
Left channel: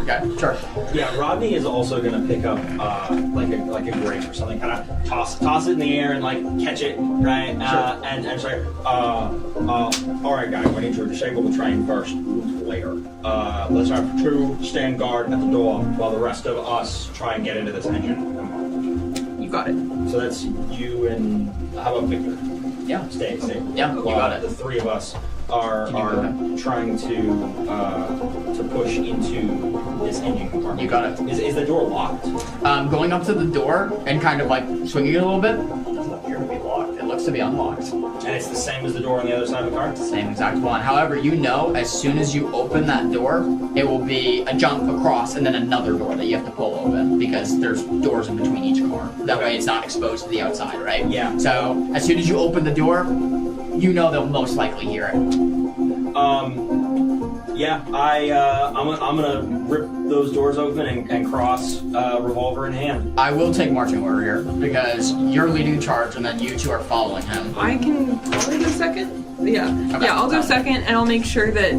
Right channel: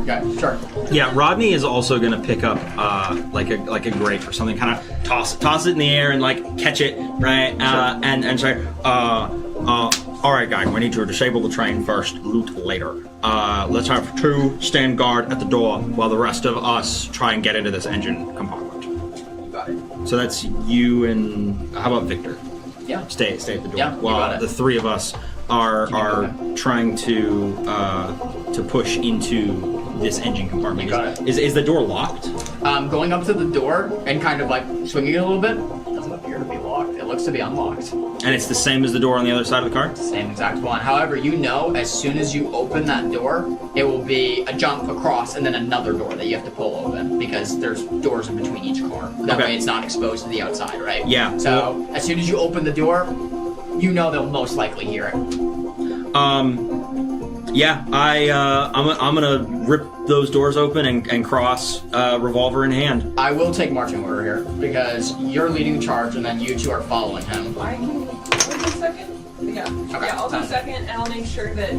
Okay, sure. Yeah, Rodney is also gonna pick up like a grape or something, kind of toss it in the air and like catch it, right? And say, all right, guys, we need to disable the train first, loot later. Let's have 2 stand guard at the door while the rest of us try and get into this engine compartment. You got it. So that's you and how about Victor? Yeah. Stay at the door. Yeah, you while got it. the 3 of us are trying to push into this engine compartment. You got it. Is the door locked? Going up to the door and kind of like swinging it a little bit, doesn't appear to be locked. It looks to be unlocked. And it's the same as the door on the other side of the car? Same exact one. However, you know as soon as you open that door, it will be a jump across and then another door that you have to pull open because there's doors in between each car. That way it's not exposed to the outside, right? Yeah. So as soon as you open the door, you know they'll most likely hear it. Yeah, I'm gonna rip those doors open and cross, revolver in hand. I will take marching order here because you're leading the charge and then you 2 are following him. I can do second? Yeah. Okay. Yeah, I'll go second, and I'll make sure that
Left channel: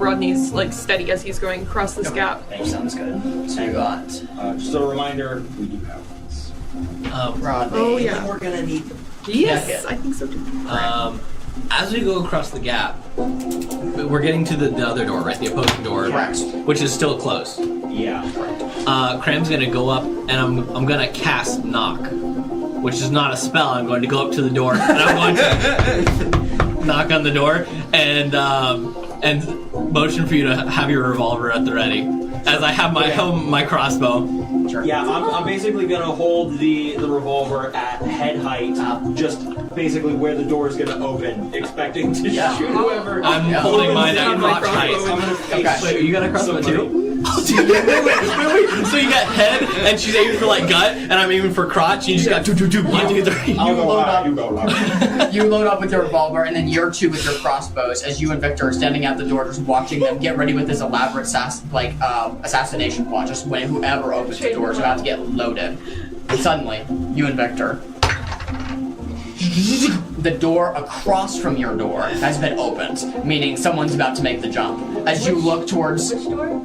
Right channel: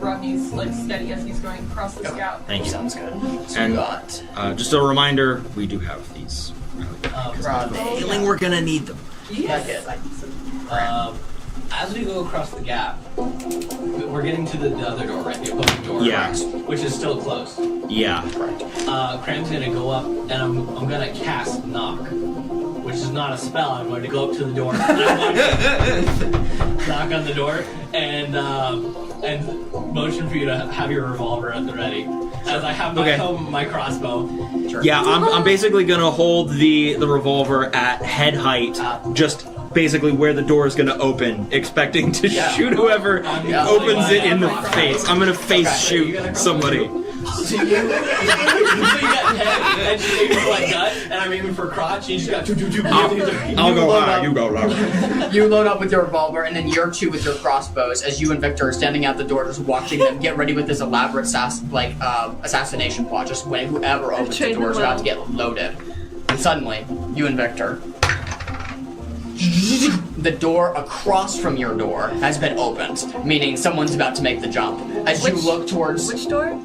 Rodney's like steady as he's going across this gap. Thank you. Sounds good. So And we got just a reminder, we do have these. Rodney. Oh, yeah. We're gonna need them. Yes, Beckett. I think so. As we go across the gap, we're getting to the other door, right? The opposing door, Yeah. which is still closed. Yeah. Cram's gonna go up, and I'm gonna cast knock, which is not a spell. I'm going to go up to the door, and I'm going to knock on the door, and motion for you to have your revolver at the ready, as I have my crossbow. Yeah, I'm basically gonna hold the revolver at head height, just basically where the door is gonna open, expecting to shoot whoever opens it in the face. I'm gonna face shoot somebody. So you got head, and she's aiming for like gut, and I'm aiming for crotch, and you just got 2, 2, 2. I'll go loud, you go loud. You load up with your revolver, and then you're 2 with your crossbows, as you and Victor are standing at the door, just watching them get ready with this elaborate assassination plot. Just when whoever opens the door is about to get loaded. And suddenly, you and Victor, the door across from your door has been opened, meaning someone's about to make the jump. As you look towards, Which door?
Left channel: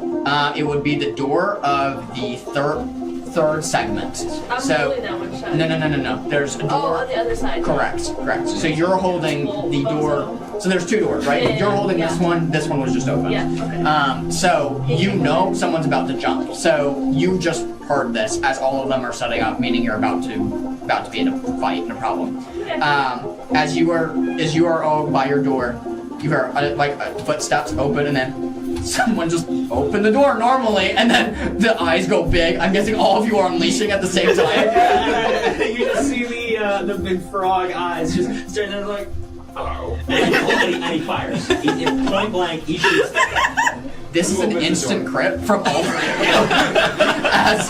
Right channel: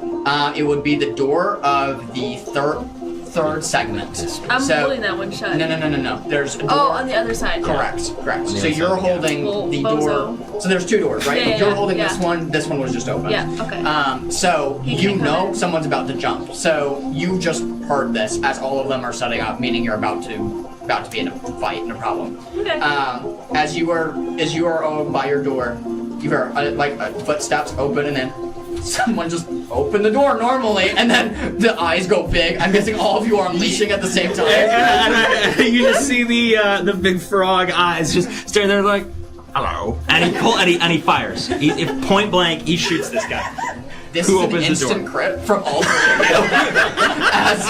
it would be the door of the third segment. I'm So holding that one shut. no. There's a door. Oh, on the other side. Correct. So you're holding the door. So there's two doors, right? Yeah, You're holding yeah. this one. This one was just open. Yeah, okay. So He you can know come in. someone's about to jump. So you just heard this as all of them are setting up, meaning you're about to be in a fight and a problem. Okay. As you are all by your door, you hear footsteps open and then someone just opened the door normally, and then the eyes go big. I'm guessing all of you are unleashing at the same time. And you just see the big frog eyes just staring there like, hello. And he fires. He point blank, he shoots this guy. This Who is an opens the instant door? crit from all three of you. as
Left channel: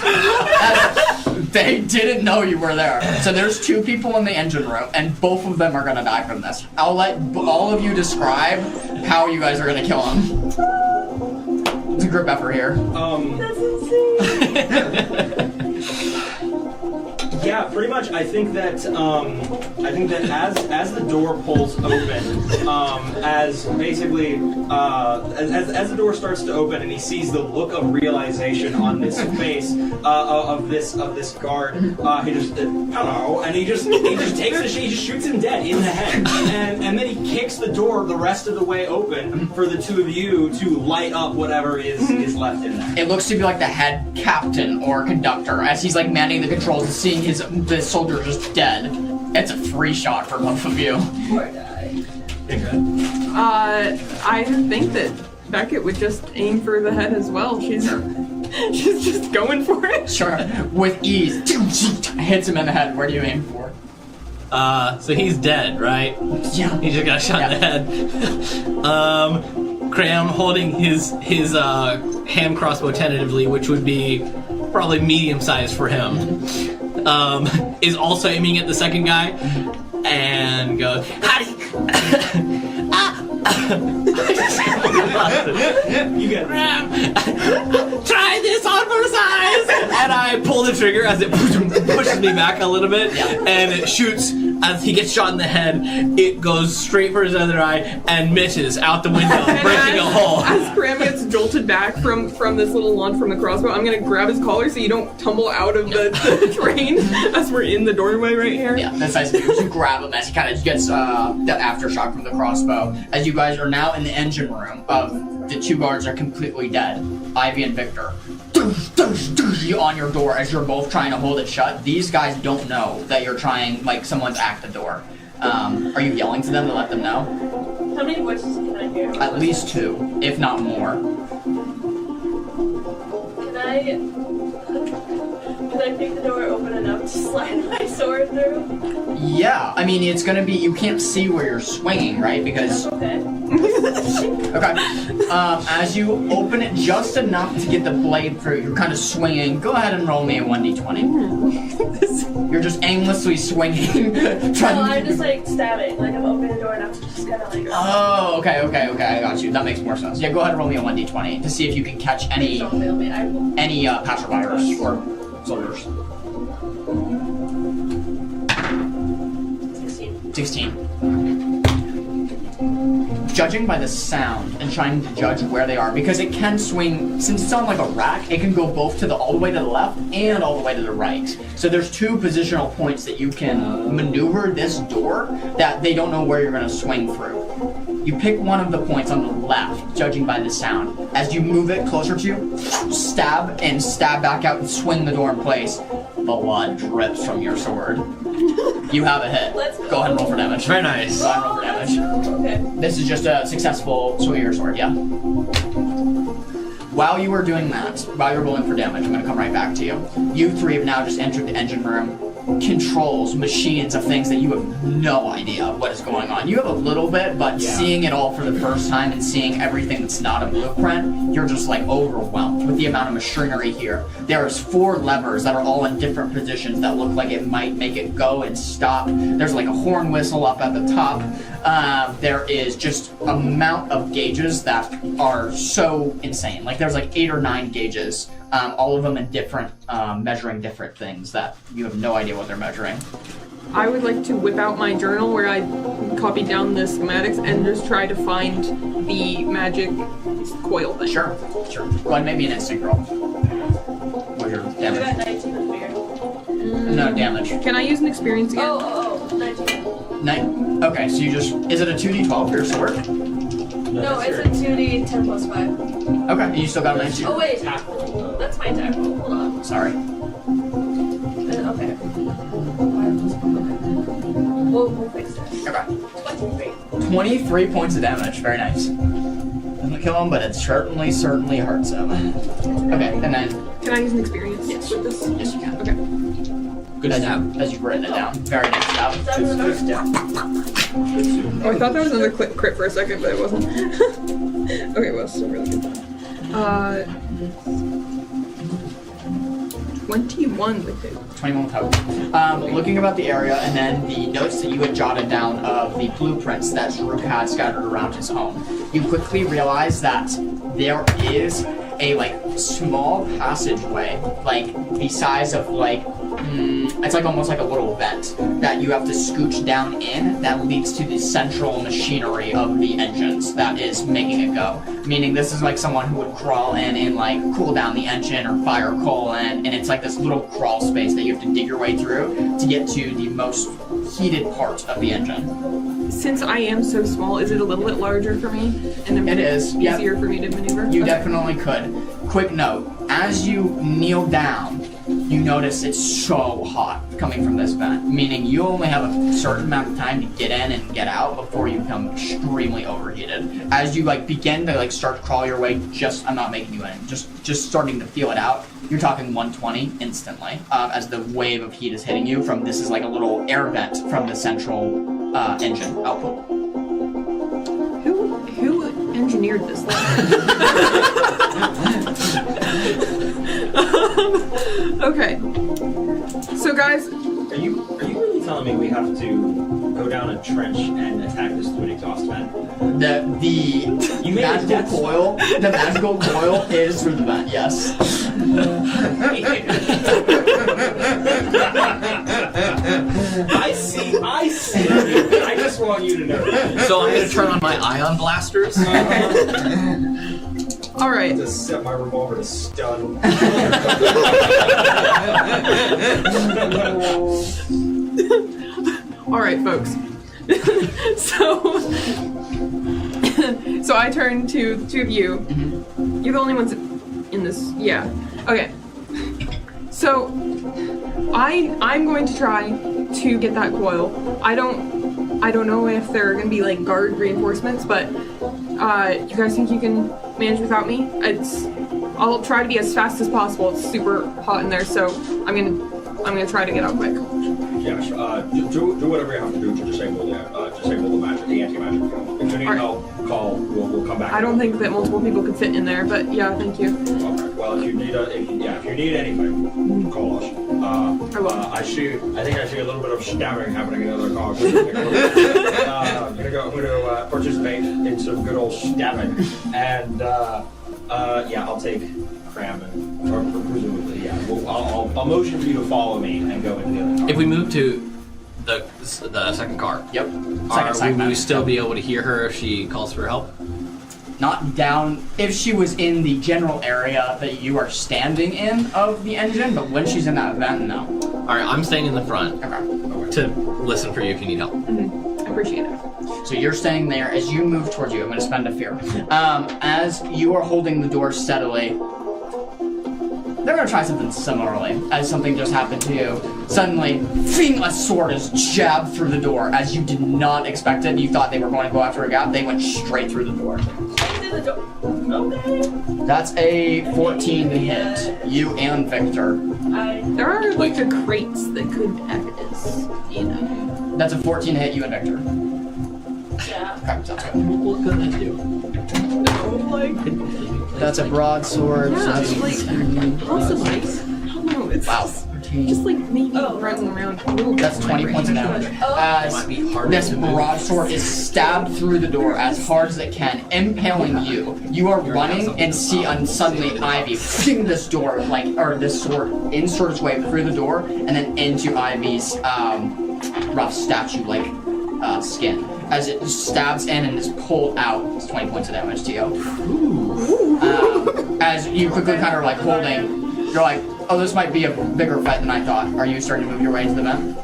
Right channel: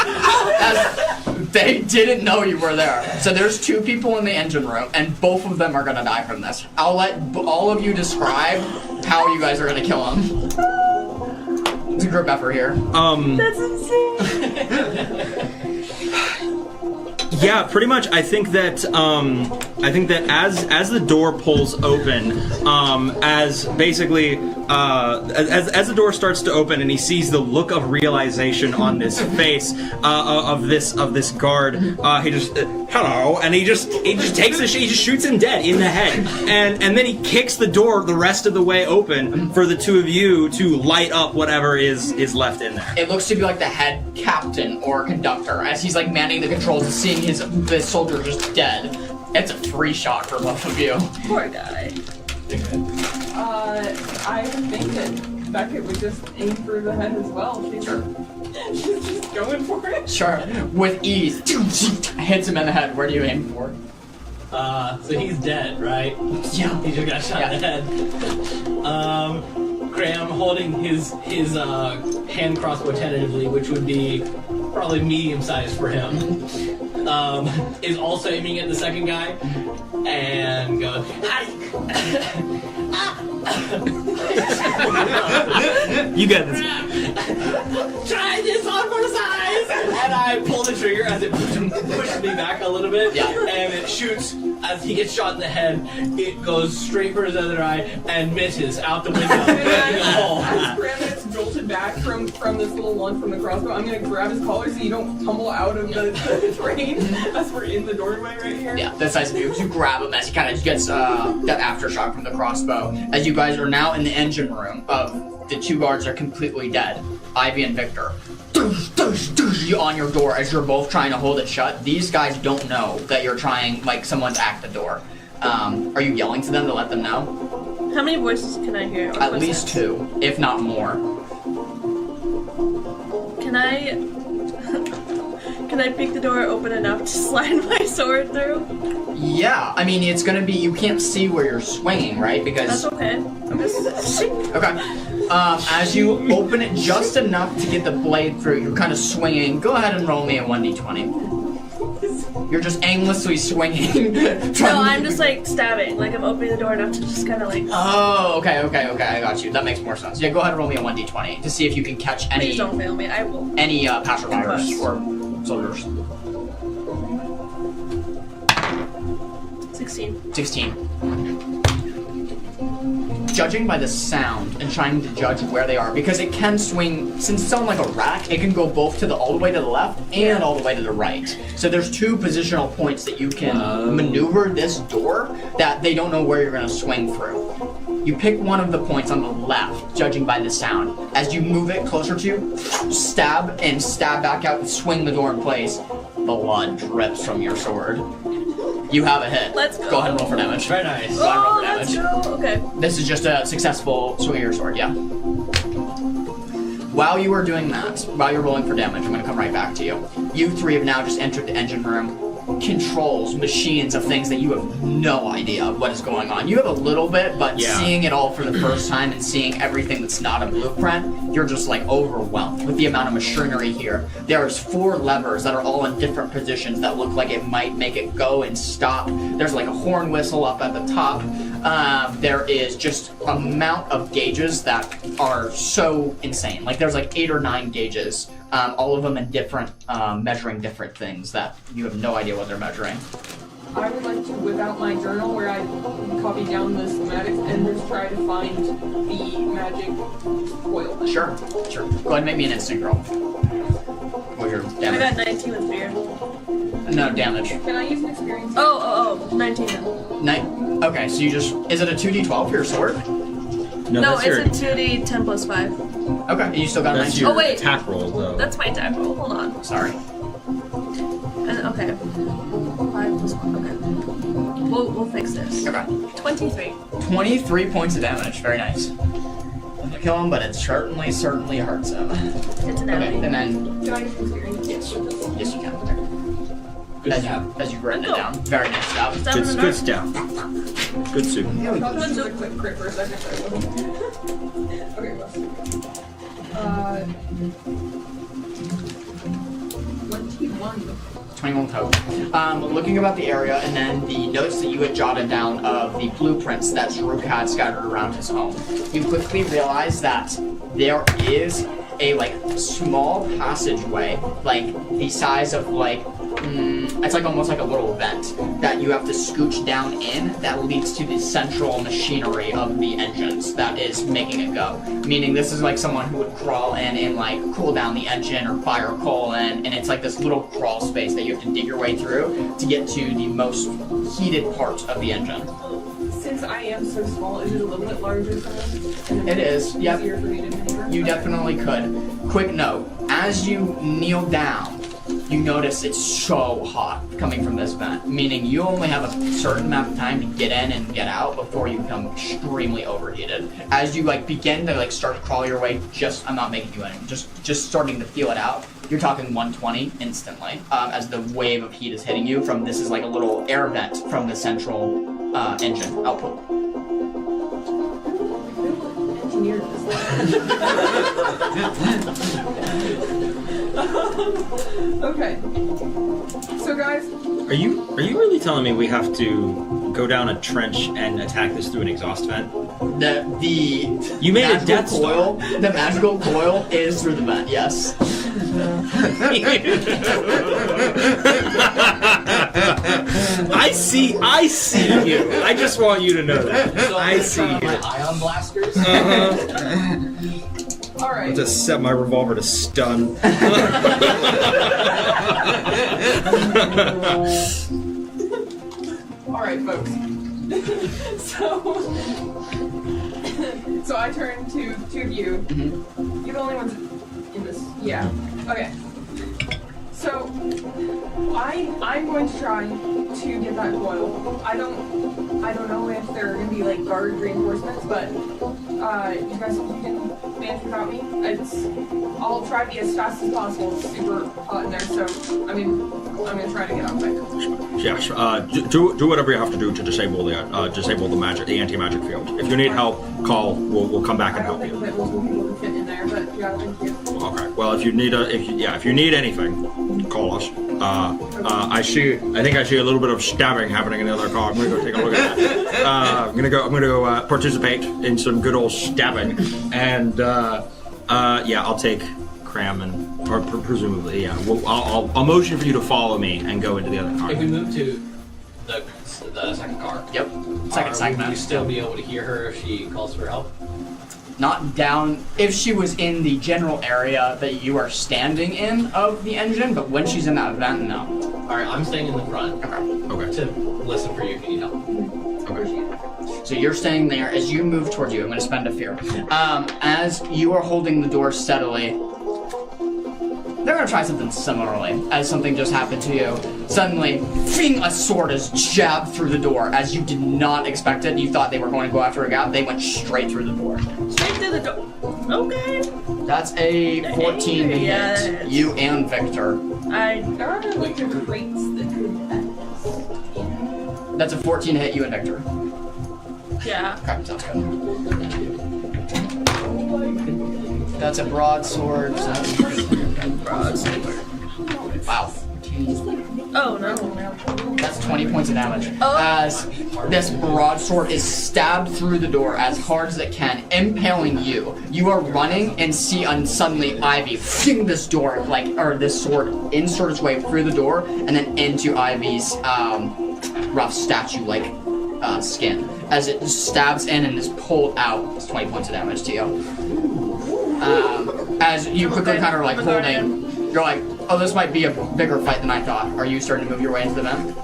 they didn't know you were there. So there's two people in the engine room, and both of them are gonna die from this. I'll let all of you describe how you guys are gonna kill them. It's a group effort here. That's insane. Yeah, pretty much. I think that as the door pulls open, as the door starts to open, and he sees the look of realization on this face of this guard, he just hello, and he just takes he just shoots him dead in the head, and then he kicks the door the rest of the way open for the two of you to light up whatever is left in there. It looks to be like the head captain or conductor as he's like manning the controls and seeing the soldier just dead. It's a free shot for both of you. Poor guy. I think that Beckett would just aim for the head as well. She's just going for it. Sure. With ease. Hits him in the head. Where do you aim for? So he's dead, right? Yeah. He just got shot in the head. Graham holding his hand crossbow tentatively, which would be probably medium sized for him, is also aiming at the second guy and goes, "Howdy!" You get this. Try this on for size! And I pull the trigger as it pushes me back a little bit, and it shoots. As he gets shot in the head, it goes straight for his other eye and misses out the window, breaking a hole. As Graham gets jolted back from this little launch from the crossbow, I'm gonna grab his collar so you don't tumble out of the train as we're in the doorway right here. Yeah, that's nice of you. You grab him as he kind of gets that aftershock from the crossbow. As you guys are now in the engine room, the two guards are completely dead. Ivy and Victor. You on your door as you're both trying to hold it shut. These guys don't know that you're trying, like someone's at the door. Are you yelling to them to let them know? How many voices can I hear? At least two, if not more. Can I pick the door open enough to slide my sword through? Yeah, I mean, it's gonna be, you can't see where you're swinging, right? Because That's okay. Okay. As you open it just enough to get the blade through, you're kind of swinging. Go ahead and roll me a 1d20. You're just aimlessly swinging. No, I'm just like stabbing. Like I'm opening the door enough to just kind of like. Oh, okay. I got you. That makes more sense. Yeah, go ahead and roll me a 1d20 to see if you can catch Please don't fail me. I will. any passerbyers or soldiers. 16. Judging by the sound and trying to judge where they are, because it can swing, since it's on like a rack, it can go both all the way to the left and all the way to the right. So there's two positional points that you can maneuver this door that they don't know where you're going to swing through. You pick one of the points on the left, judging by the sound. As you move it closer to you, stab back out and swing the door in place. Blood drips from your sword. You have a hit. Let's go. Go ahead and roll for damage. Very nice. Go ahead and roll for damage. Let's go. Okay. This is just a successful swing of your sword, yeah? While you are doing that, while you're rolling for damage, I'm going to come right back to you. You three have now just entered the engine room. Controls, machines of things that you have no idea what is going on. You have a little bit, but seeing it all for the first time and seeing everything that's not a blueprint, you're just like overwhelmed with the amount of machinery here. There's 4 levers that are all in different positions that look like it might make it go and stop. There's like a horn whistle up at the top. There is just an amount of gauges that are so insane. Like there's like 8 or 9 gauges. All of them in different, measuring different things that you have no idea what they're measuring. I would like to whip out my journal where I copied down the schematics and just try to find the magic coil thing. Sure. Go ahead and make me an instinct roll. What's your I damage? got 19 with fear. No damage. Can I use an experience again? Oh, 19. Okay, so you just... Is it a 2d12 for your sword? No, it's a 2d 10 plus 5. Okay, and you still got a That's 19. your Oh, wait. attack roll, though. That's my attack roll. Hold on. Sorry. Okay. 5 plus 1. Okay. We'll fix this. Okay. 23. 23 points of damage. Very nice. Doesn't kill him, but it certainly hurts him. It's an Okay, enemy. and then... Can I use an experience? Yes. With this? Yes, you can. Okay. Good job. As you've written it down. Very nice job. Is that what Good step. Good suit. Oh, I thought there was another quick crit for a second, but it wasn't. Okay, well, still really good. 21 to hit. 21 total. Looking about the area and then the notes that you had jotted down of the blueprints that Zaruk had scattered around his home, you quickly realize that there is a small passageway, the size of it's almost like a little vent that you have to scooch down in that leads to the central machinery of the engines that is making it go. Meaning this is like someone who would crawl in and cool down the engine or fire coal in, and it's like this little crawl space that you have to dig your way through to get to the most heated part of the engine. Since I am so small, is it a little bit larger for me? And It is, yep. Easier for me to maneuver? You Okay. definitely could. Quick note, as you kneel down, you notice it's so hot coming from this vent, meaning you only have a certain amount of time to get in and get out before you become extremely overheated. As you begin to start to crawl your way, I'm not making you in, just starting to feel it out, you're talking 120 instantly, as the wave of heat is hitting you from this is like a little air vent from the central engine output. Who engineered this thing? Okay. So guys, Are you really telling me we have to go down a trench and attack this through an exhaust vent? You made a magical Death Star. coil. The magical coil is through the vent. Yes. I see you. I just want you to know that. So I'm gonna turn on my ion blasters. all right. Just set my revolver to stun. All right, folks. So I turn to two of you. Mm-hmm. You're the only ones in this. Yeah. Okay. So I'm going to try to get that coil. I don't know if there are going to be guard reinforcements, but you guys think you can manage without me? I'll try to be as fast as possible. It's super hot in there, so I'm gonna try to get out quick. Yeah, do whatever you have to do to disable the magic, the anti-magic field. If you need help, call. We'll come back. I don't think that multiple people can fit in there, but yeah, thank you. Okay. Well, if you need anything, call us. I think I see a little bit of stabbing happening in the other car. I'm gonna go take a look at that. I'm gonna go participate in some good old stabbing, and I'll take Cram or presumably, yeah. I'll motion for you to follow me and go into the other car. If we move to the second car, Yep. will we still be able to hear her if she calls for help? Not down if she was in the general area that you are standing in of the engine, but when she's in that vent, no. All right, I'm staying in the front Okay. to listen for you if you need help. I appreciate it. So you're staying there. As you move towards you, I'm going to spend a fear. As you are holding the door steadily, they're going to try something similarly. As something just happened to you, suddenly, fing, a sword is jabbed through the door. As you did not expect it, you thought they were going to go after a gap. They went straight through the door. Straight through the door. Okay. That's a 14 to hit. You and Victor. There are the crates that could act as, That's a 14 to hit you and Victor. Yeah. Okay, sounds good. Well, good, thank you. That's a broadsword. So that's wow. Just making Oh, no. around. That's 20 points of damage. As this broadsword is stabbed through the door as hard as it can, impaling you. You are running and see suddenly Ivy fling this door, or this sword, insert its way through the door and then into Ivy's rough statue-like skin as it stabs in and is pulled out. 20 points of damage to you. As you quickly kind of like holding, you're like, oh, this might be a bigger fight than I thought. Are you starting to move your way into the vent?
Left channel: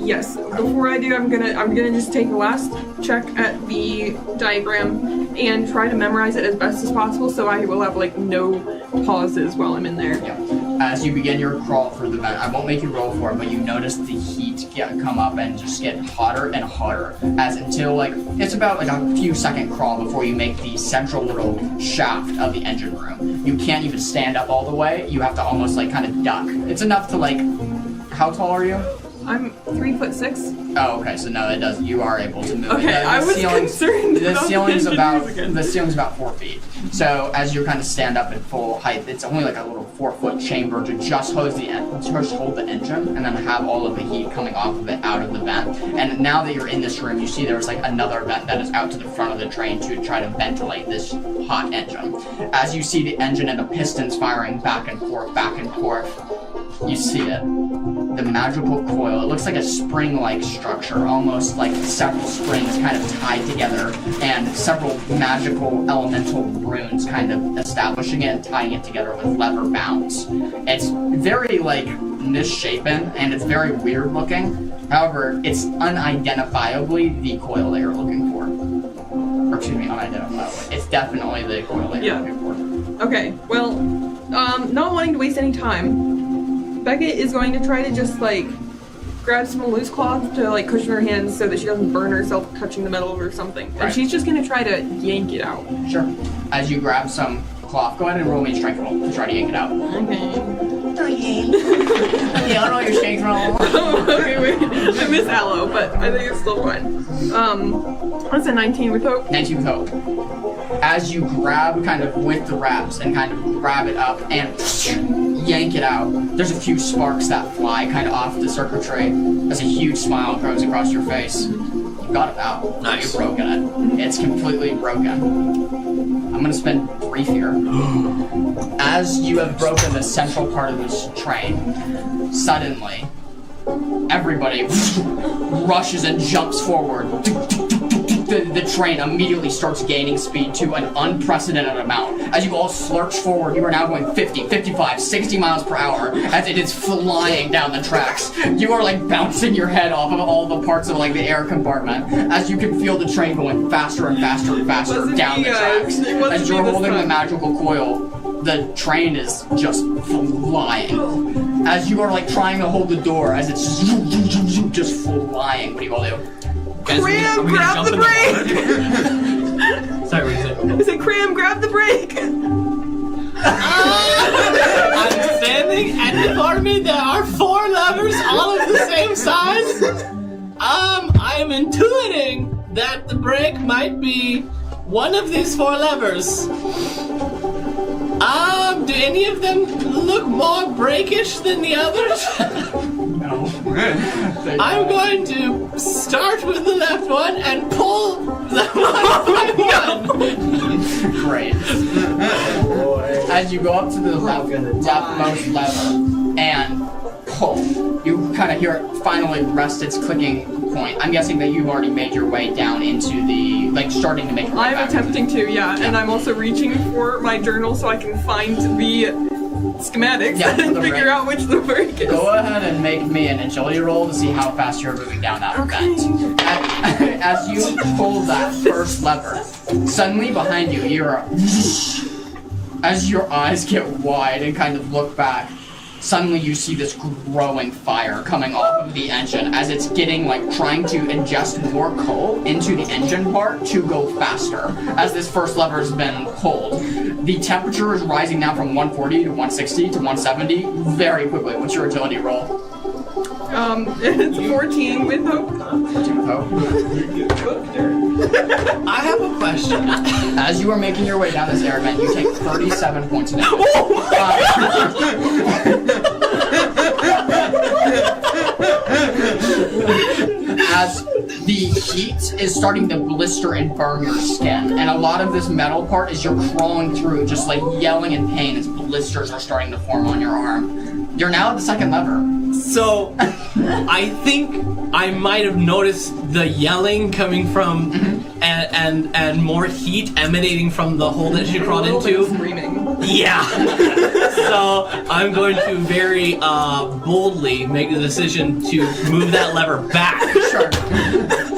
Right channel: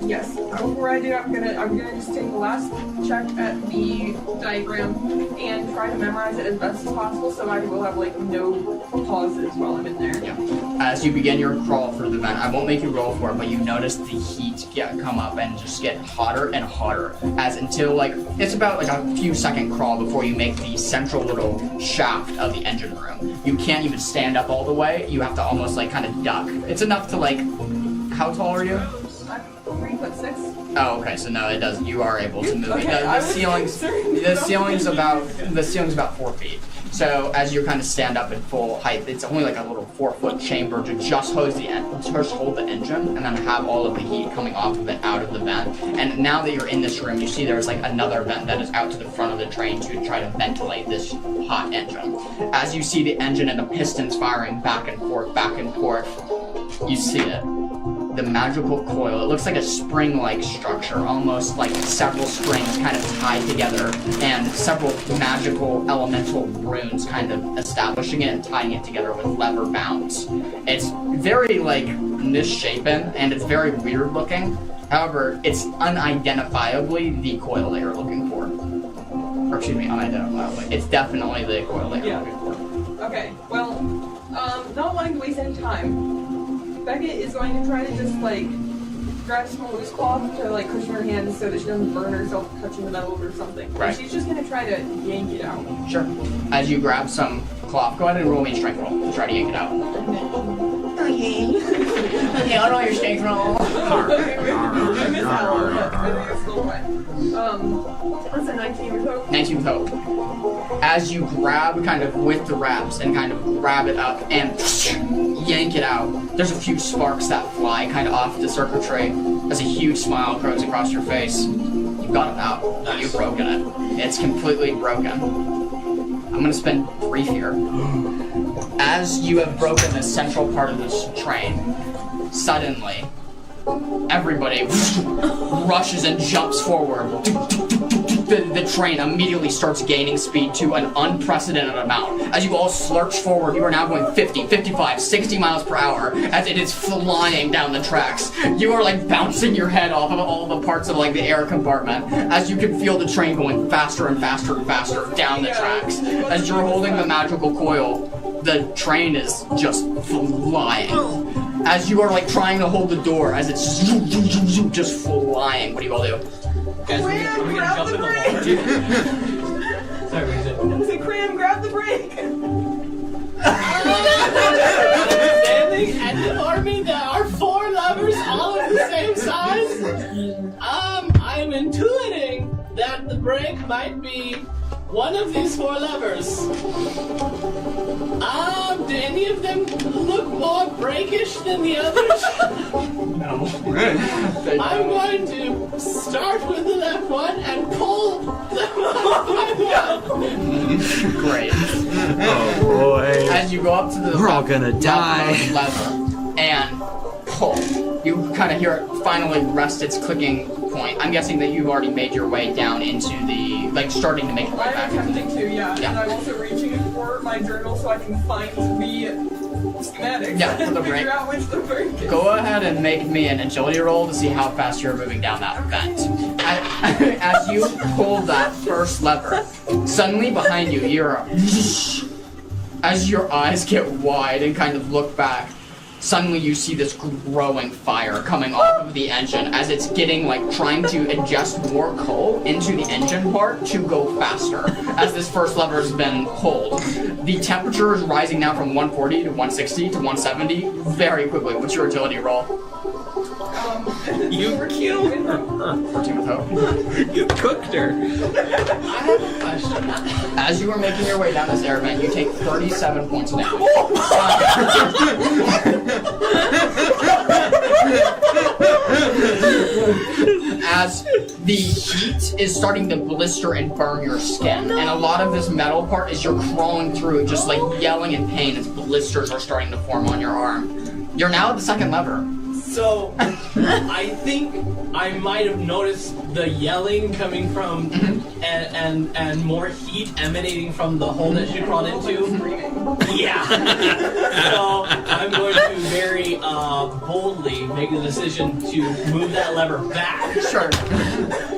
Yes. Before I do, I'm gonna just take the last check at the diagram and try to memorize it as best as possible, so I will have like no pauses while I'm in there. Yeah. As you begin your crawl through the vent, I won't make you roll for it, but you notice the heat come up and just get hotter and hotter, as until like it's about like a few second crawl before you make the central little shaft of the engine room. You can't even stand up all the way. You have to almost like kind of duck. It's enough to like. How tall are you? I'm 3'6". Oh, okay. So no, it does. You are able to move. Okay, I was concerned. The ceiling's about 4 feet. So as you kind of stand up at full height, it's only like a little 4-foot chamber to just hold the engine, and then have all of the heat coming off of it out of the vent. And now that you're in this room, you see there's like another vent that is out to the front of the train to try to ventilate this hot engine. As you see the engine and the pistons firing back and forth, you see it. The magical coil. It looks like a spring-like structure, almost like several springs kind of tied together, and several magical elemental runes kind of establishing it and tying it together with lever bounds. It's very like misshapen and it's very weird looking. However, it's unidentifiably the coil that you're looking for. Or excuse me, unidentifiably. It's definitely the coil that you're looking for. Okay. Well, not wanting to waste any time, Beckett is going to try to just like grab some loose cloth to like cushion her hands so that she doesn't burn herself touching the metal or something. Right. And she's just going to try to yank it out. Sure. As you grab some cloth, go ahead and roll me a strength roll to try to yank it out. Okay. I don't know your strength roll. Okay, wait. I miss Aloe, but I think it's still fine. What's a 19 with hope? 19 with hope. As you grab kind of with the wraps and kind of grab it up and yank it out, there's a few sparks that fly kind of off the circuitry as a huge smile grows across your face. You got it out. Nice. You've broken it. It's completely broken. I'm gonna spend brief here. As you have broken the central part of this train, suddenly everybody rushes and jumps forward. The train immediately starts gaining speed to an unprecedented amount. As you all slurch forward, you are now going 50, 55, 60 miles per hour as it is flying down the tracks. You are like bouncing your head off of all the parts of like the air compartment as you can feel the train going faster and faster and faster down the tracks. As you're holding the magical coil, the train is just flying. As you are like trying to hold the door as it's just flying. What do you all do? Cram, grab the brake! Sorry, what is it? I said, Cram, grab the brake! I'm standing, and before me there are 4 levers, all of the same size. I'm intuiting that the brake might be one of these 4 levers. Do any of them look more brakish than the others? No. I'm going to start with the left one and pull the right one. Great. Oh boy. As you go up to the We're all gonna die. leftmost lever and pull, you kind of hear it finally rest its clicking point. I'm guessing that you've already made your way down into the, like, starting to make your way I'm back. attempting to, yeah, and I'm also reaching for my journal so I can find the schematics Yeah, and the figure brake. out which the brake is. Go ahead and make me an agility roll to see how fast you're moving down that vent. As you pull that first lever, suddenly behind you, you're as your eyes get wide and kind of look back, suddenly you see this growing fire coming off of the engine as it's getting like trying to ingest more coal into the engine part to go faster as this first lever has been pulled. The temperature is rising now from 140 to 160 to 170 very quickly. What's your agility roll? It's 14 with hope. 14 with hope. You cooked her. I have a question. As you are making your way down this air vent, you take 37 points of damage. As the heat is starting to blister and burn your skin, and a lot of this metal part is you're crawling through, just like yelling in pain as blisters are starting to form on your arm. You're now at the second lever. So, I think I might have noticed the yelling coming from and more heat emanating from the hole that she crawled into. Screaming. Yeah. So I'm going to very boldly make the decision to move that lever back. Sure.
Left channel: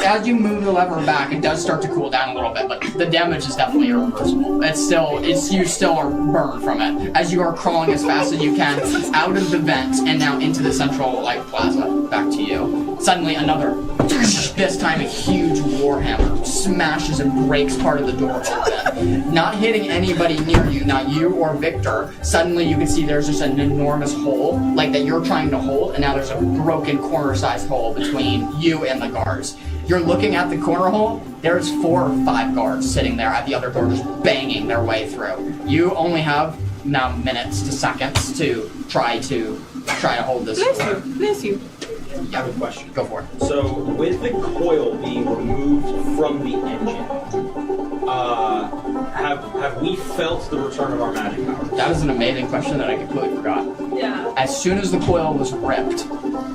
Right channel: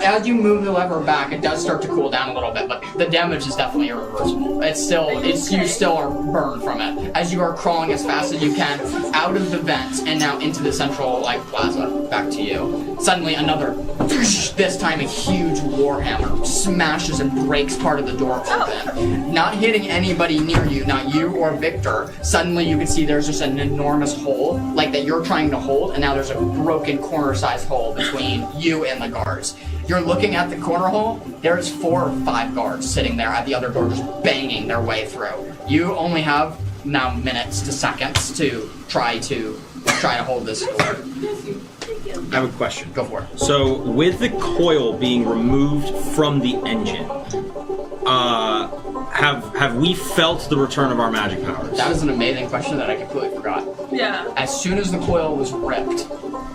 As you move the lever back, it does start to cool down a little bit, but the damage is definitely irreversible. You still are burned from it. As you are crawling as fast as you can out of the vent and now into the central plaza. Back to you. Suddenly another, this time a huge warhammer smashes and breaks part of the door open. Not hitting anybody near you, not you or Victor. Suddenly you can see there's just an enormous hole that you're trying to hold, and now there's a broken corner-sized hole between you and the guards. You're looking at the corner hole, there's 4 or 5 guards sitting there at the other door just banging their way through. You only have now minutes to seconds to try to hold this door. Bless you. I have a question. Go for it. So, with the coil being removed from the engine, have we felt the return of our magic powers? That is an amazing question that I completely forgot. Yeah. As soon as the coil was ripped,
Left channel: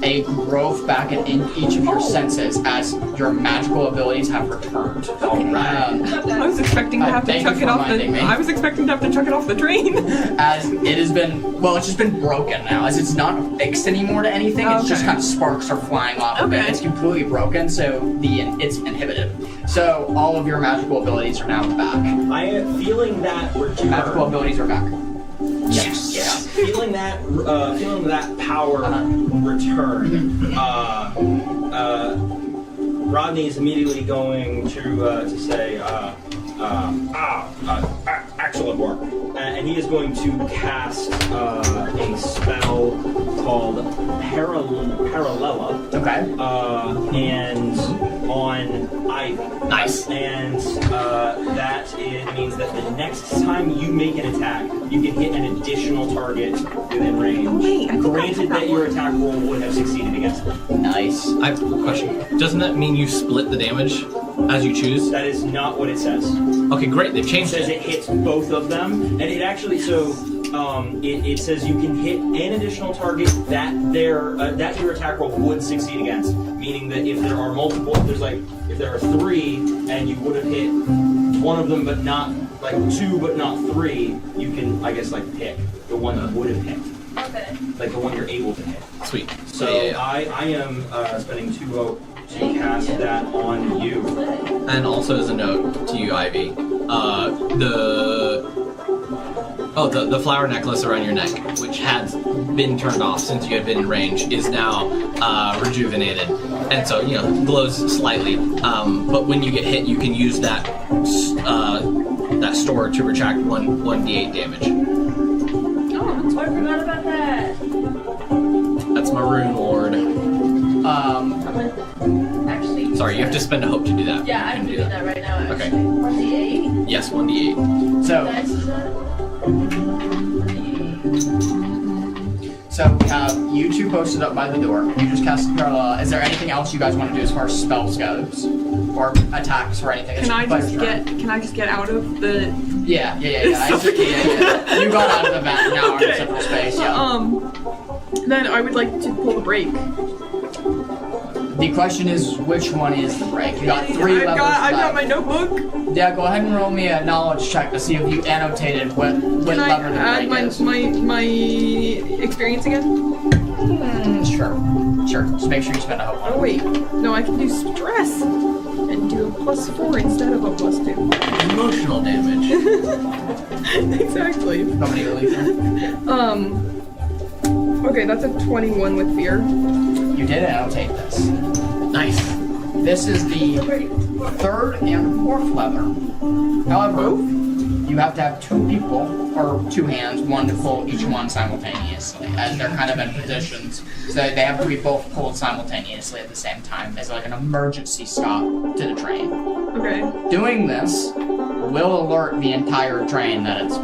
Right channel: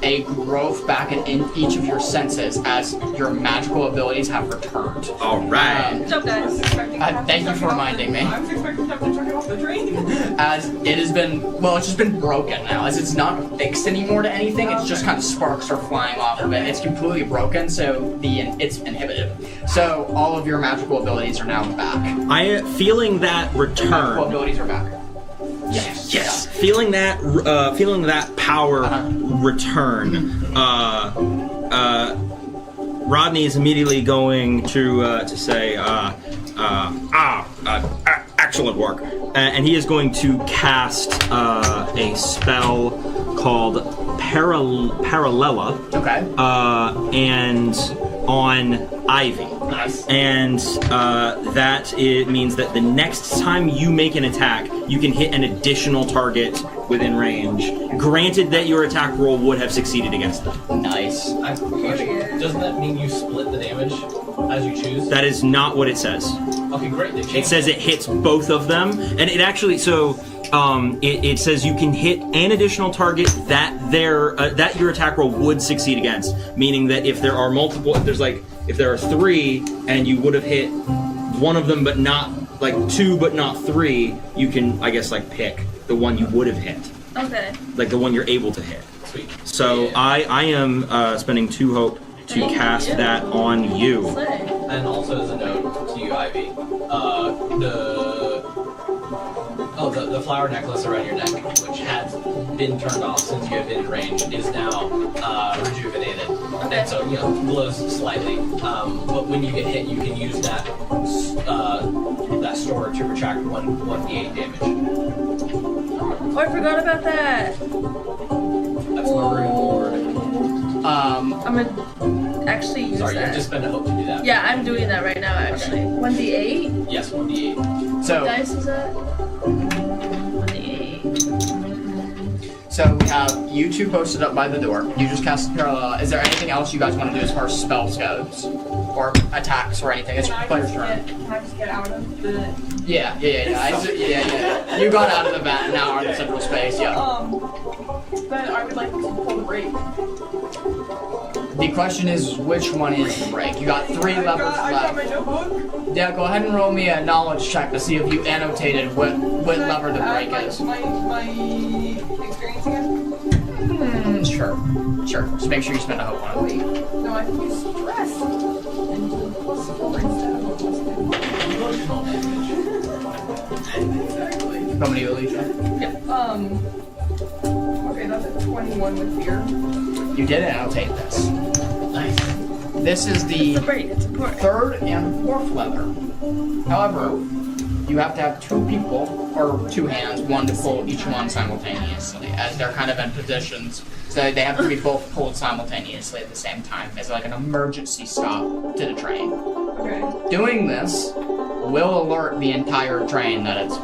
a growth back in each of your senses as your magical abilities have returned. All right. I was expecting to have to thank you chuck for it off reminding me. I was expecting to have to chuck it off the train. As it has been, it's just been broken now. As it's not fixed anymore to anything, it's just Okay. kind of sparks are flying off of it. Okay. It's completely broken, so it's inhibited. So all of your magical abilities are now back. I feeling that Magical return. abilities are back. Yes. Yes. Feeling that power return. Rodney is immediately going to say, excellent work, and he is going to cast a spell called Paralela. Okay. And on Ivy. Nice. And it means that the next time you make an attack, you can hit an additional target within range, granted that your attack roll would have succeeded against them. Nice. I have a question. Doesn't that mean you split the damage as you choose? That is not what it says. Okay, great. They've It changed says it hits both of them, and it actually it says you can hit an additional target that that your attack roll would succeed against, meaning that if there are multiple, if there are 3 and you would have hit one of them but not 2 but not 3, you can pick the one you would have hit, Okay. like the one you're able to hit. Sweet. So Yeah. I am spending 2 hope to cast that on you. Slay. And also as a note to you, Ivy, the flower necklace around your neck, which had been turned off since you had been in range, is now rejuvenated, and so glows slightly. But when you get hit, you can use that store to retract 1d8 damage. Oh, I forgot about that. That's my rune lord. I'm gonna actually use Sorry, you have that. to spend a hope to do that. Yeah, I'm doing that right now, actually. 1d8? Yes, 1d8. So. Dice is that? 1d8. So we have you 2 posted up by the door. You just cast Parallel. Is there anything else you guys want to do as far as spells goes, or attacks or anything? Can I just get out of the? Yeah. Yeah. You got out of the vent and now are in central space. Yeah. Then I would like to pull the brake. The question is, which one is the break? You got 3 levels I've got my left. notebook. Yeah, go ahead and roll me a knowledge check to see if you annotated what Can I lever the add break is. my experience again? Sure. Just make sure you spend a hope on it. Wait, no, I can do stress and do a +4 instead of a +2. Emotional damage. Exactly. How many Alicia? Okay, that's a 21 with fear. You did annotate this. Nice. This is the The break, it's important. 3rd and 4th lever. However, you have to have 2 people, or 2 hands, one to pull each one simultaneously, as they're kind of in positions. So they have to be both pulled simultaneously at the same time, as like an emergency stop to the train. Okay. Doing this will alert the entire train that it's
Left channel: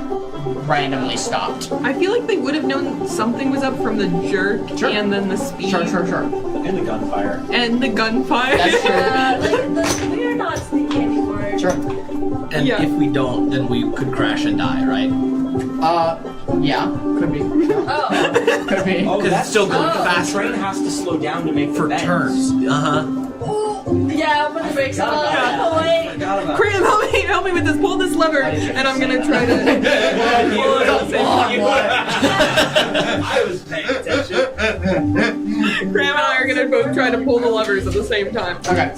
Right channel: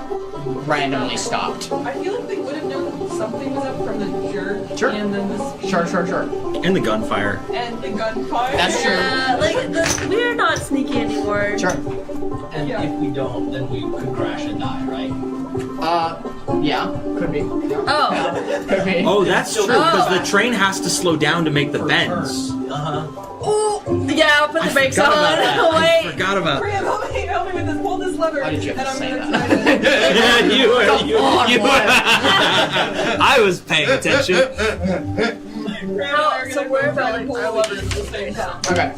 randomly stopped. I feel like they would have known something was up from the jerk Sure. and then the speed. Sure. And the gunfire. And the gunfire. That's true. We're not sneaky anymore. Sure. And Yeah. if we don't, then we could crash and die, right? Yeah, could be. Oh. Could be. Oh, that's still good because Oh. the train has to slow down to make the bends. Yeah, I'll put the brakes on. I Wait. forgot about Graham, help me with this. Pull this lever, How did you and I'm gonna say try to. Yeah, you what? I was paying attention. Graham and I are gonna both try to pull the levers at the same time. Okay,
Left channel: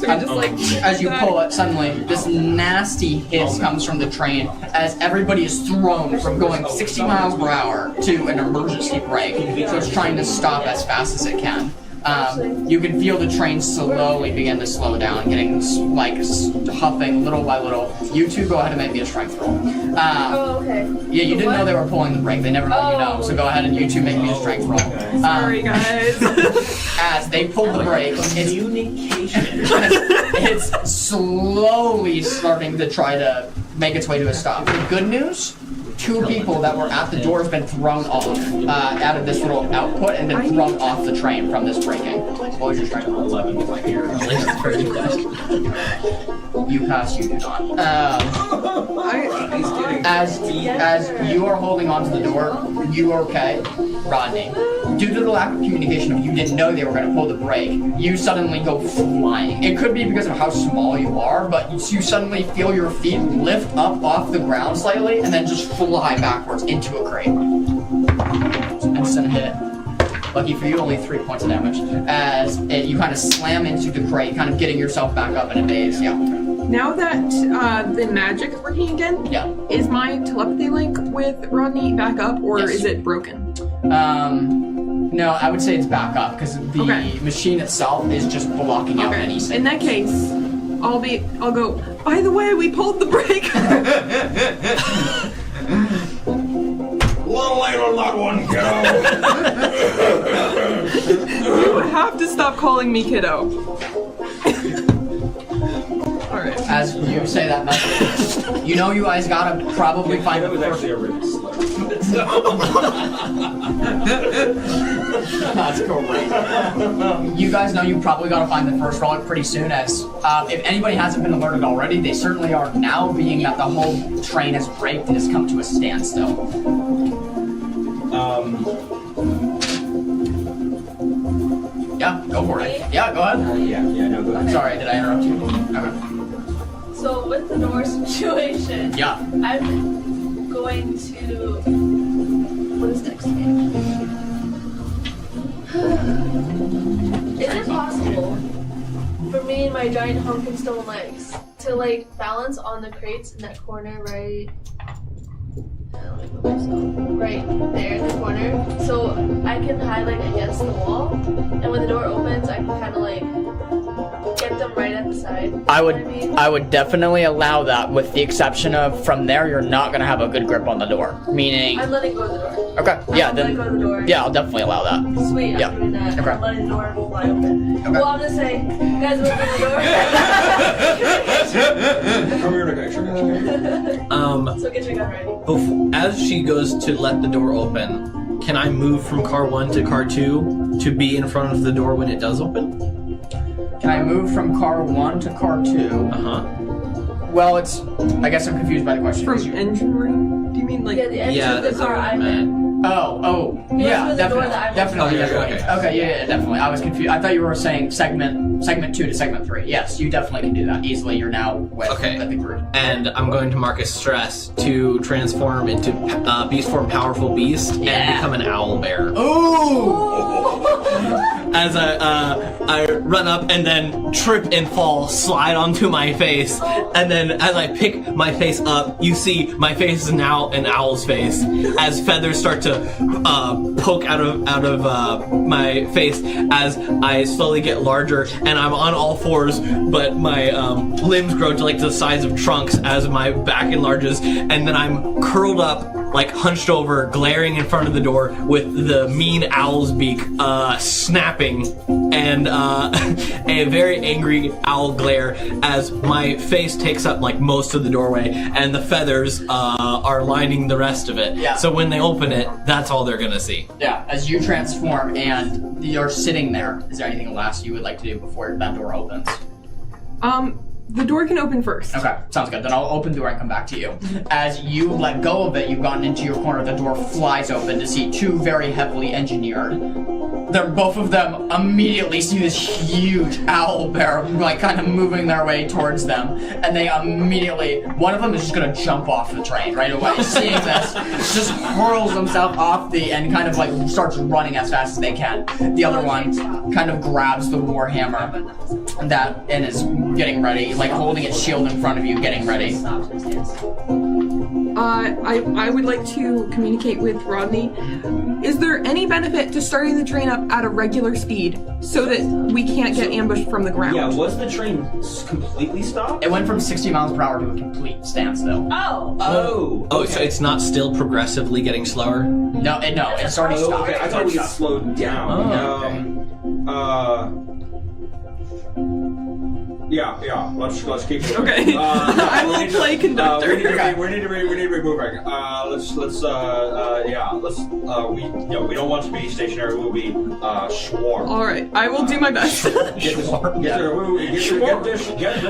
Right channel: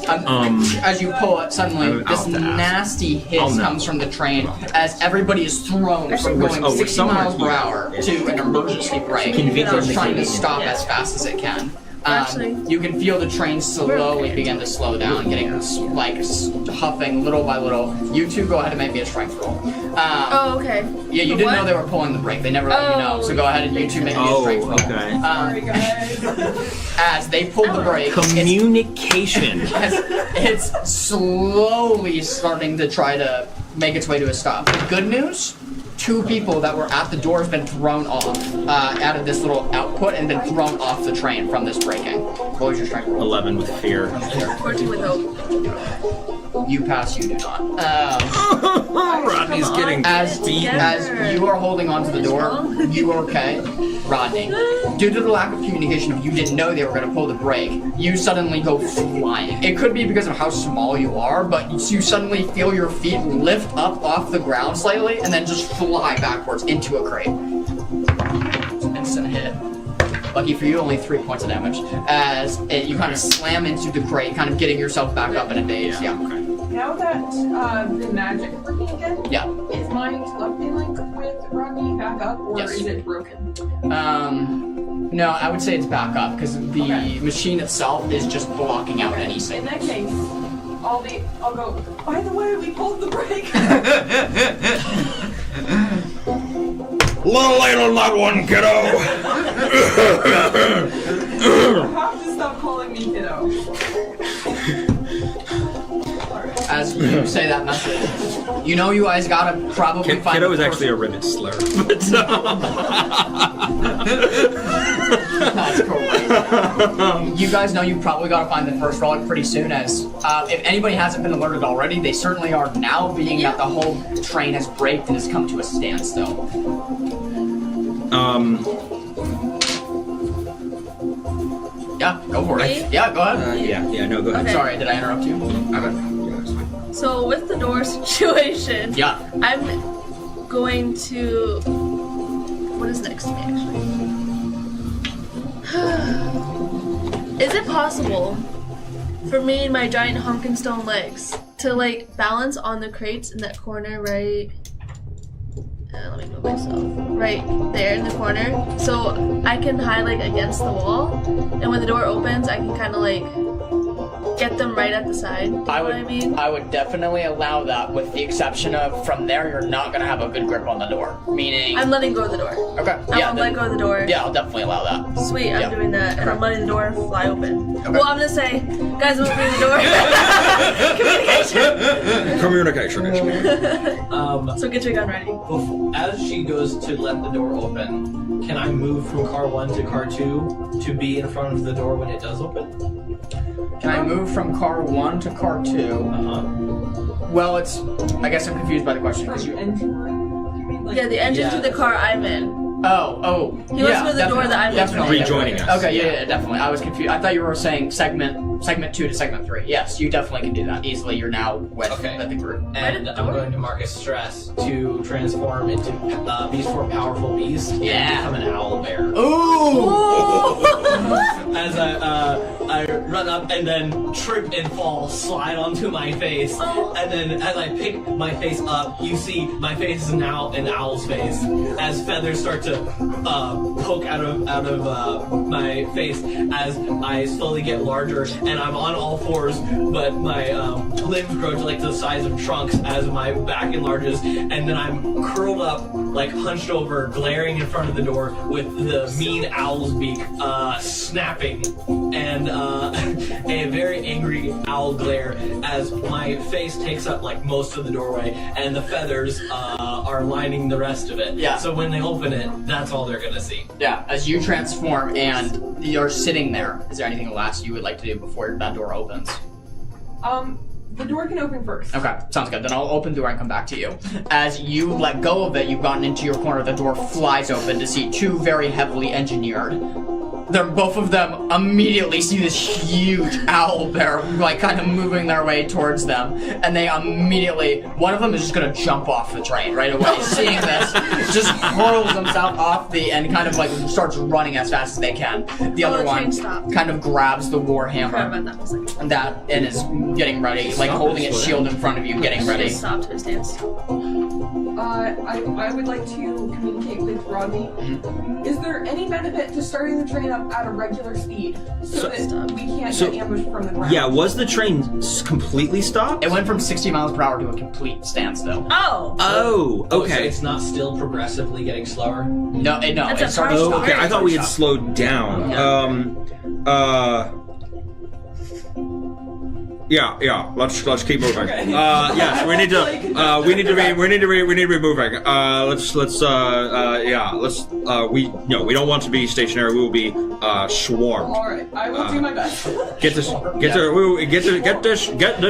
as you pull it, suddenly this nasty hiss comes from the train as everybody is thrown from going 60 miles per hour to an emergency brake. So it's trying to stop as fast as it can. You can feel the train slowly begin to slow down, getting like huffing little by little. You two go ahead and make me a strength roll. Oh, okay. Yeah, you didn't What? know they were pulling the brake. They never let you know. So go ahead and you two make me a strength roll. okay. Sorry, guys. As they pull the brake, Communication. it's slowly starting to try to make its way to a stop. The good news, 2 people that were at the door have been thrown off out of this little output and been thrown off the train from this braking. What was your strength roll? 11 with fear. You pass, you do not. Rodney's getting As you are holding onto the door, you are okay, Rodney. Due to the lack of communication, if you didn't know they were going to pull the brake, you suddenly go flying. It could be because of how small you are, but you suddenly feel your feet lift up off the ground slightly and then just fly backwards into a crate. Instant hit. Lucky for you, only 3 points of damage. As you kind of slam into the crate, kind of getting yourself back up in a daze. Yeah. Now that the magic is working again, Yeah. is my telepathy link with Rodney back up, or Yes. is it broken? No, I would say it's back up because the Okay. machine itself is just blocking out any In signal. that case, I'll go. By the way, we pulled the brake. Little later, loved one, kiddo. You have to stop calling me kiddo. Alright. As you say that message, you know you guys gotta probably find Kiddo the is first- actually a ribbon slur. That's great. You guys know you probably gotta find the first relic pretty soon. As if anybody hasn't been alerted already, they certainly are now, being that the whole train has braked and has come to a standstill. Yeah, go for it. Me? Yeah, go ahead. Yeah, no, go ahead. Okay. Sorry, did I interrupt you? Okay. So with the door situation, Yeah. I'm going to. What is next to me? Is it possible for me and my giant Hunkenstone legs to like balance on the crates in that corner right? Let me move myself. Right there in the corner, so I can highlight against the wall, and when the door opens, I can kind of like get them right at the side. I You would, know what I mean? I would definitely allow that, with the exception of from there you're not gonna have a good grip on the door. Meaning, I'm letting go of the door. okay, I'm yeah, gonna let go of the door. yeah, I'll definitely allow that. Sweet, I'm Yeah. doing that. And Okay. I'm letting the door fly open. Okay. Well, I'm gonna say, guys, open the door. Communication. Communication. So get your gun ready. As she goes to let the door open, can I move from car 1 to car 2 to be in front of the door when it does open? Can I move from car 1 to car 2? Well, it's. I guess I'm confused by the question. From engine room? Do you mean like? Yeah, the engine to the that's car what I I'm in. Oh, He yeah, wants to the door definitely, that I'm definitely, in. definitely. Rejoining us. Okay, yeah, definitely. I was confused. I thought you were saying segment 2 to segment 3. Yes, you definitely can do that easily. You're now with the group. And I'm going to mark a stress to transform into beast form powerful beast and become an owl bear. Ooh! As I run up and then trip and fall, slide onto my face, and then as I pick my face up, you see my face is now an owl's face. As feathers start to poke out of my face, as I slowly get larger, and I'm on all fours, but my limbs grow to like the size of trunks as my back enlarges, and then I'm curled up, like hunched over, glaring in front of the door with the mean owl's beak snapping, and a very angry owl glare as my face takes up like most of the doorway, and the feathers are lining the rest of it. Yeah. So when they open it, that's all they're gonna see. Yeah, as you transform and you're sitting there, is there anything else you would like to do before that door opens? The door can open first. Okay, sounds good. Then I'll open the door and come back to you. As you let go of it, you've gotten into your corner. The door flies open to see two very heavily engineered. Both of them immediately see this huge owl bear, like, kind of moving their way towards them. And they immediately, one of them is just going to jump off the train right away. Seeing this, just hurls himself off and kind of, like, starts running as fast as they can. The other one kind of grabs the warhammer and is getting ready, like, holding its shield in front of you, getting ready. Stopped his dance. I would like to communicate with Rodney. Is there any benefit to starting the train up at a regular speed so that we can't get ambushed from the ground? Yeah, was the train completely stopped? It went from 60 miles per hour to a complete standstill. Oh. Oh, Oh, okay. so it's not still progressively getting slower? No, it That's started a stopping. Okay, I thought we had slowed down. Yeah. Let's keep moving. Okay. Yeah, so we need to Play conductor. we need to be moving. We don't want to be stationary. We will be swarmed. All right, I will do my best. Get this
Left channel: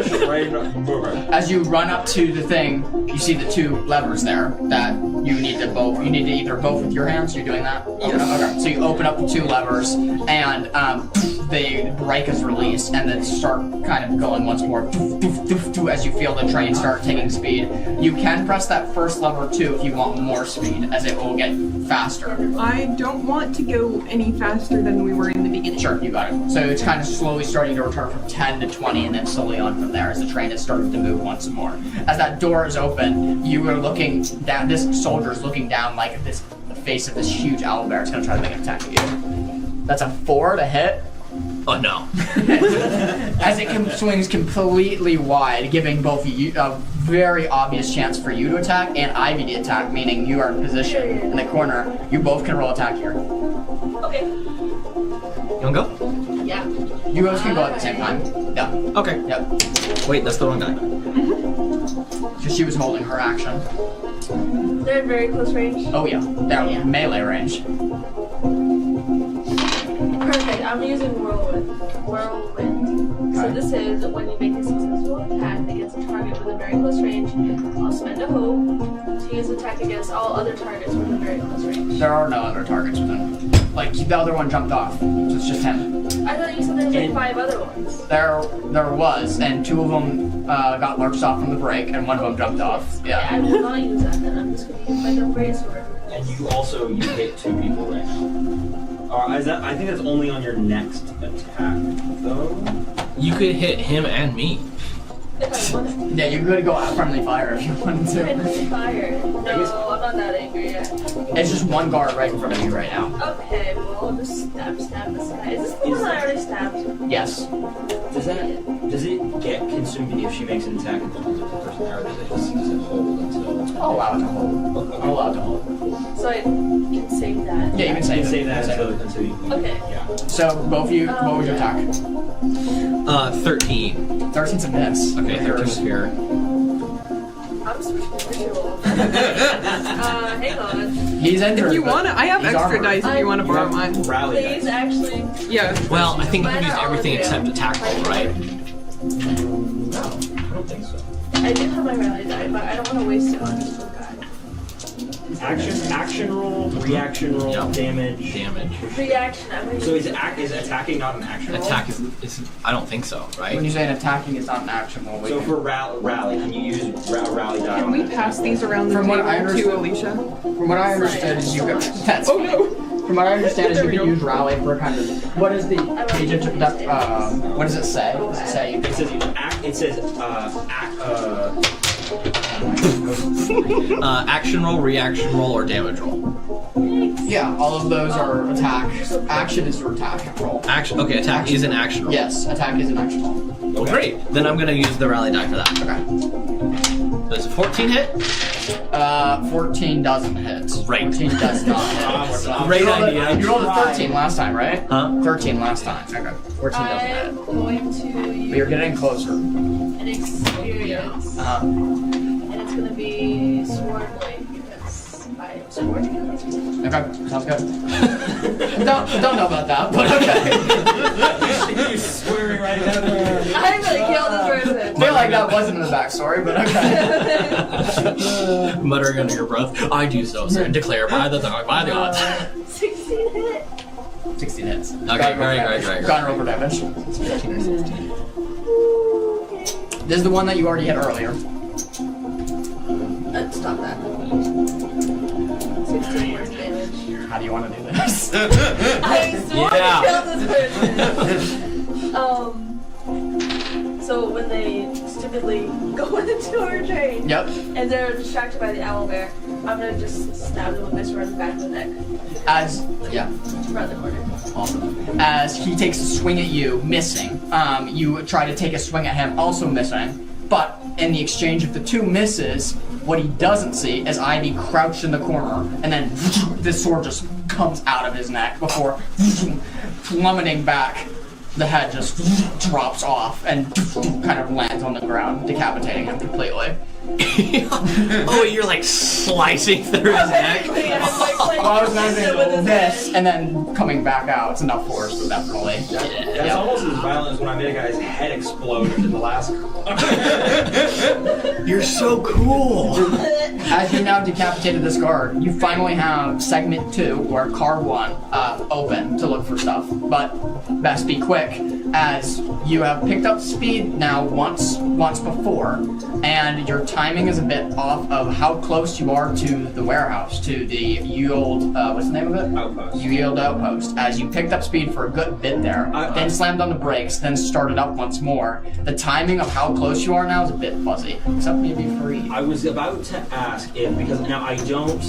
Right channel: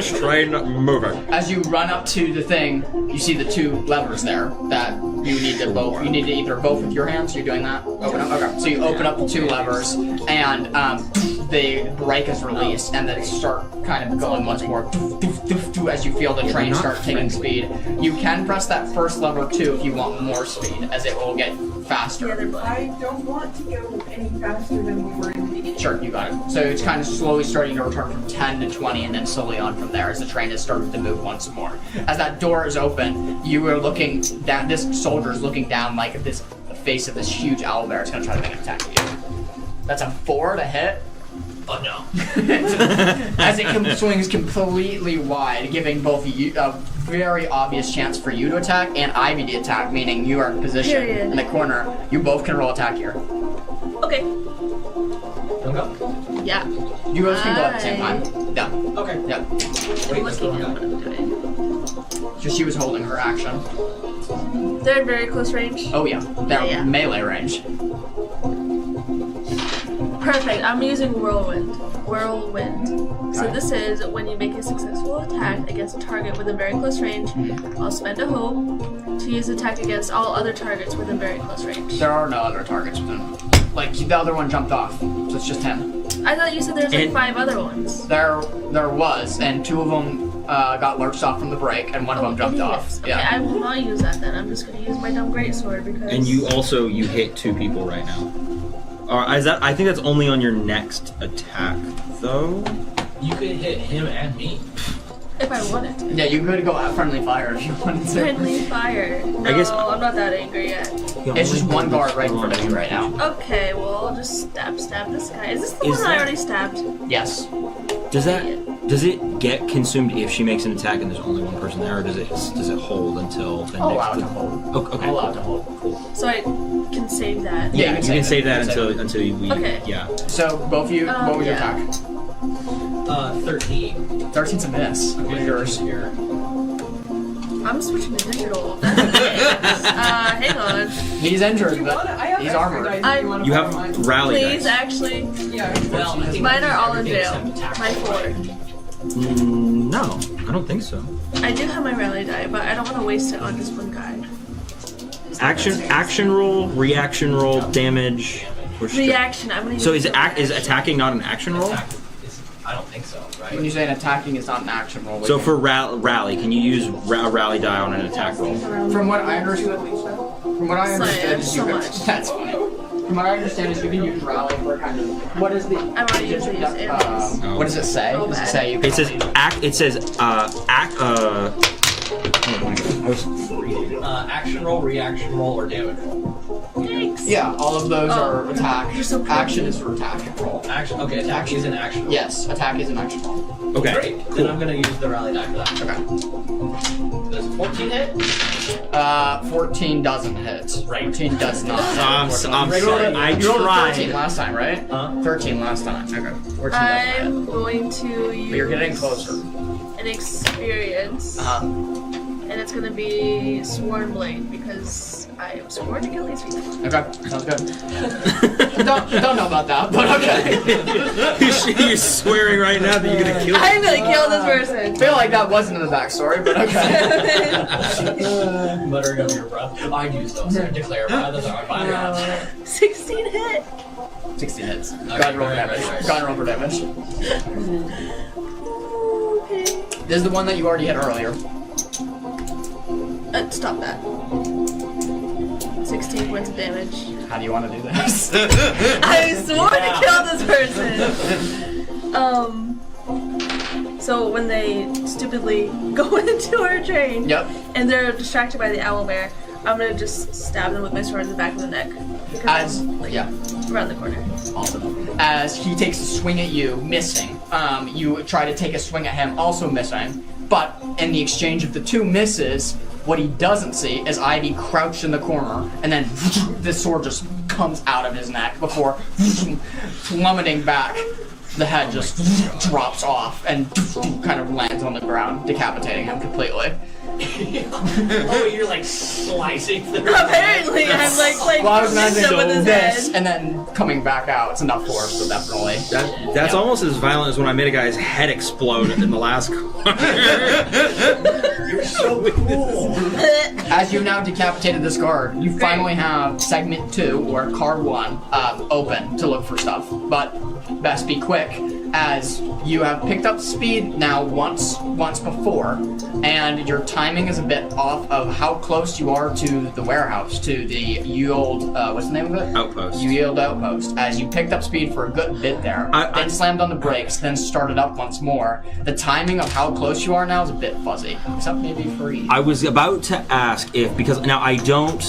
train moving. As you run up to the thing, you see the two levers there that you need to either both with your hands. You're doing that? Okay. So you open up the two levers, and the brake is released, and then start kind of going once more as you feel the train start taking speed. You can press that first lever too if you want more speed, as it will get faster. I don't want to go any faster than we were in the beginning. Sure, you got it. So it's kind of slowly starting to return from 10 to 20 and then slowly on from there as the train has started to move once more. As that door is open, you are looking down, this soldier is looking down like at the face of this huge owlbear. It's going to try to make an attack at you. That's a 4 to hit. Oh no. As it swings completely wide, giving both you a very obvious chance for you to attack and Ivy to attack, meaning you are in position in the corner. You both can roll attack here. Okay. You wanna go? Yeah. You both can go at the same time. Yeah. Okay. Yep. Wait, let's throw one guy. Because she was holding her action. They're in very close range. Oh yeah, they're Yeah. melee range. Perfect. I'm using Whirlwind. So Okay. this is when you make a successful attack against a target within very close range, I'll spend a hope to use attack against all other targets within very close range. There are no other targets with him. Like, the other one jumped off, so it's just him. I thought you said there was like 5 other ones. There was, and 2 of them got lurched off from the break, and 1 of them jumped off. Okay, Yeah. I will not use that then. I'm just going to use my dumb greatsword because... And you hit 2 people right now. I think that's only on your next attack, though. You could hit him and me. If I wanted to. Yeah, you could go at friendly fire if you wanted to. Friendly fire. No, I guess- I'm not that angry yet. It's just 1 guard right in front of you right now. Okay, well, I'll just stab this guy. Is this the one I already stabbed? Yes. Does it get consumed if she makes an attack and there's only one person there, or does it hold until the I'll next? allow it to hold. Okay. I'll allow it to hold. So I can save that. Yeah, You can save that until you leave. Okay. Yeah. So, both of you, what was your yeah. attack? 13. 13's a miss. Okay, With yours. here. I'm switching to digital. Hang on. He's injured. If you but want to, I have he's extra armored. dice if you want to You borrow have mine. rally Please, dice. actually. Yeah. Well, I think Mine we are use all in everything jail. except attack roll, right? No, I don't think so. I do have my rally die, but I don't want to waste it on just one guy. Action roll, reaction roll, damage. Which- Reaction. I'm gonna So use is attacking not an action roll? Attack is I don't think so, right? When you say an attacking, it's not an action roll. So for rally, can you use a rally die on an attack Pass roll? these around the From what table I to understood- Alicia. From what I understood, so you could. much. That's Oh no. From what I understand is you can use rally for kind of. What is the? I've already used it. What does it say? Does it say you can? It says Action roll, reaction roll, or damage roll. Yeah, all of those are attack. you're so pretty. Action is for attack roll. Action. Okay, attack is an action roll. Yes, attack is an action roll. Okay. Great. Then I'm gonna use the rally die for that. Okay. Does a 14 hit? 14 doesn't hit. Right. 14 does not hit. I'm You rolled saying a- I you rolled a tried. 13 last time, right? Huh? 13 last time. Okay. 14 doesn't hit. I'm going to use But you're getting closer. an experience, Uh-huh. and it's going to be Sworn Blade because I am sworn to kill these people. Okay, sounds good. don't know about that, but okay. You're swearing right now that you're gonna kill I'm going to kill this person. I feel like like that wasn't in the backstory, but okay. Muttering under your breath, I do so, sir. Declare by the gods. 16 hit. 16 hits. Okay, great. Go and roll for damage. This is the one that you already hit earlier. Stop that. 16 points of damage. How do you want to do this? I swore to kill this person. So when they stupidly go into our train, Yep. and they're distracted by the owlbear, I'm gonna just stab them with my sword in the back of the neck. Yeah. Around the corner. Awesome. As he takes a swing at you, missing. You try to take a swing at him, also missing. But in the exchange of the two misses, what he doesn't see is Ivy crouched in the corner, and then this sword just comes out of his neck before plummeting back. The head just drops off and kind of lands on the ground, decapitating him completely. Oh, you're like slicing through his neck. Apparently, I'm like Well, I was with imagining his this head. and then coming back out. It's enough force, so definitely. That's almost as violent as when I made a guy's head explode in the last. You're so cool. As you now decapitated this guard, you finally have segment 2, or car 1, open to look for stuff. But best be quick, as you have picked up speed now once before, and your timing is a bit off of how close you are to the warehouse, to the Yield, what's the name of it? Outpost. Yield Outpost. As you picked up speed for a good bit there, then slammed on the brakes, then started up once more. The timing of how close you are now is a bit fuzzy, except maybe for you. I was about to ask if, because now I don't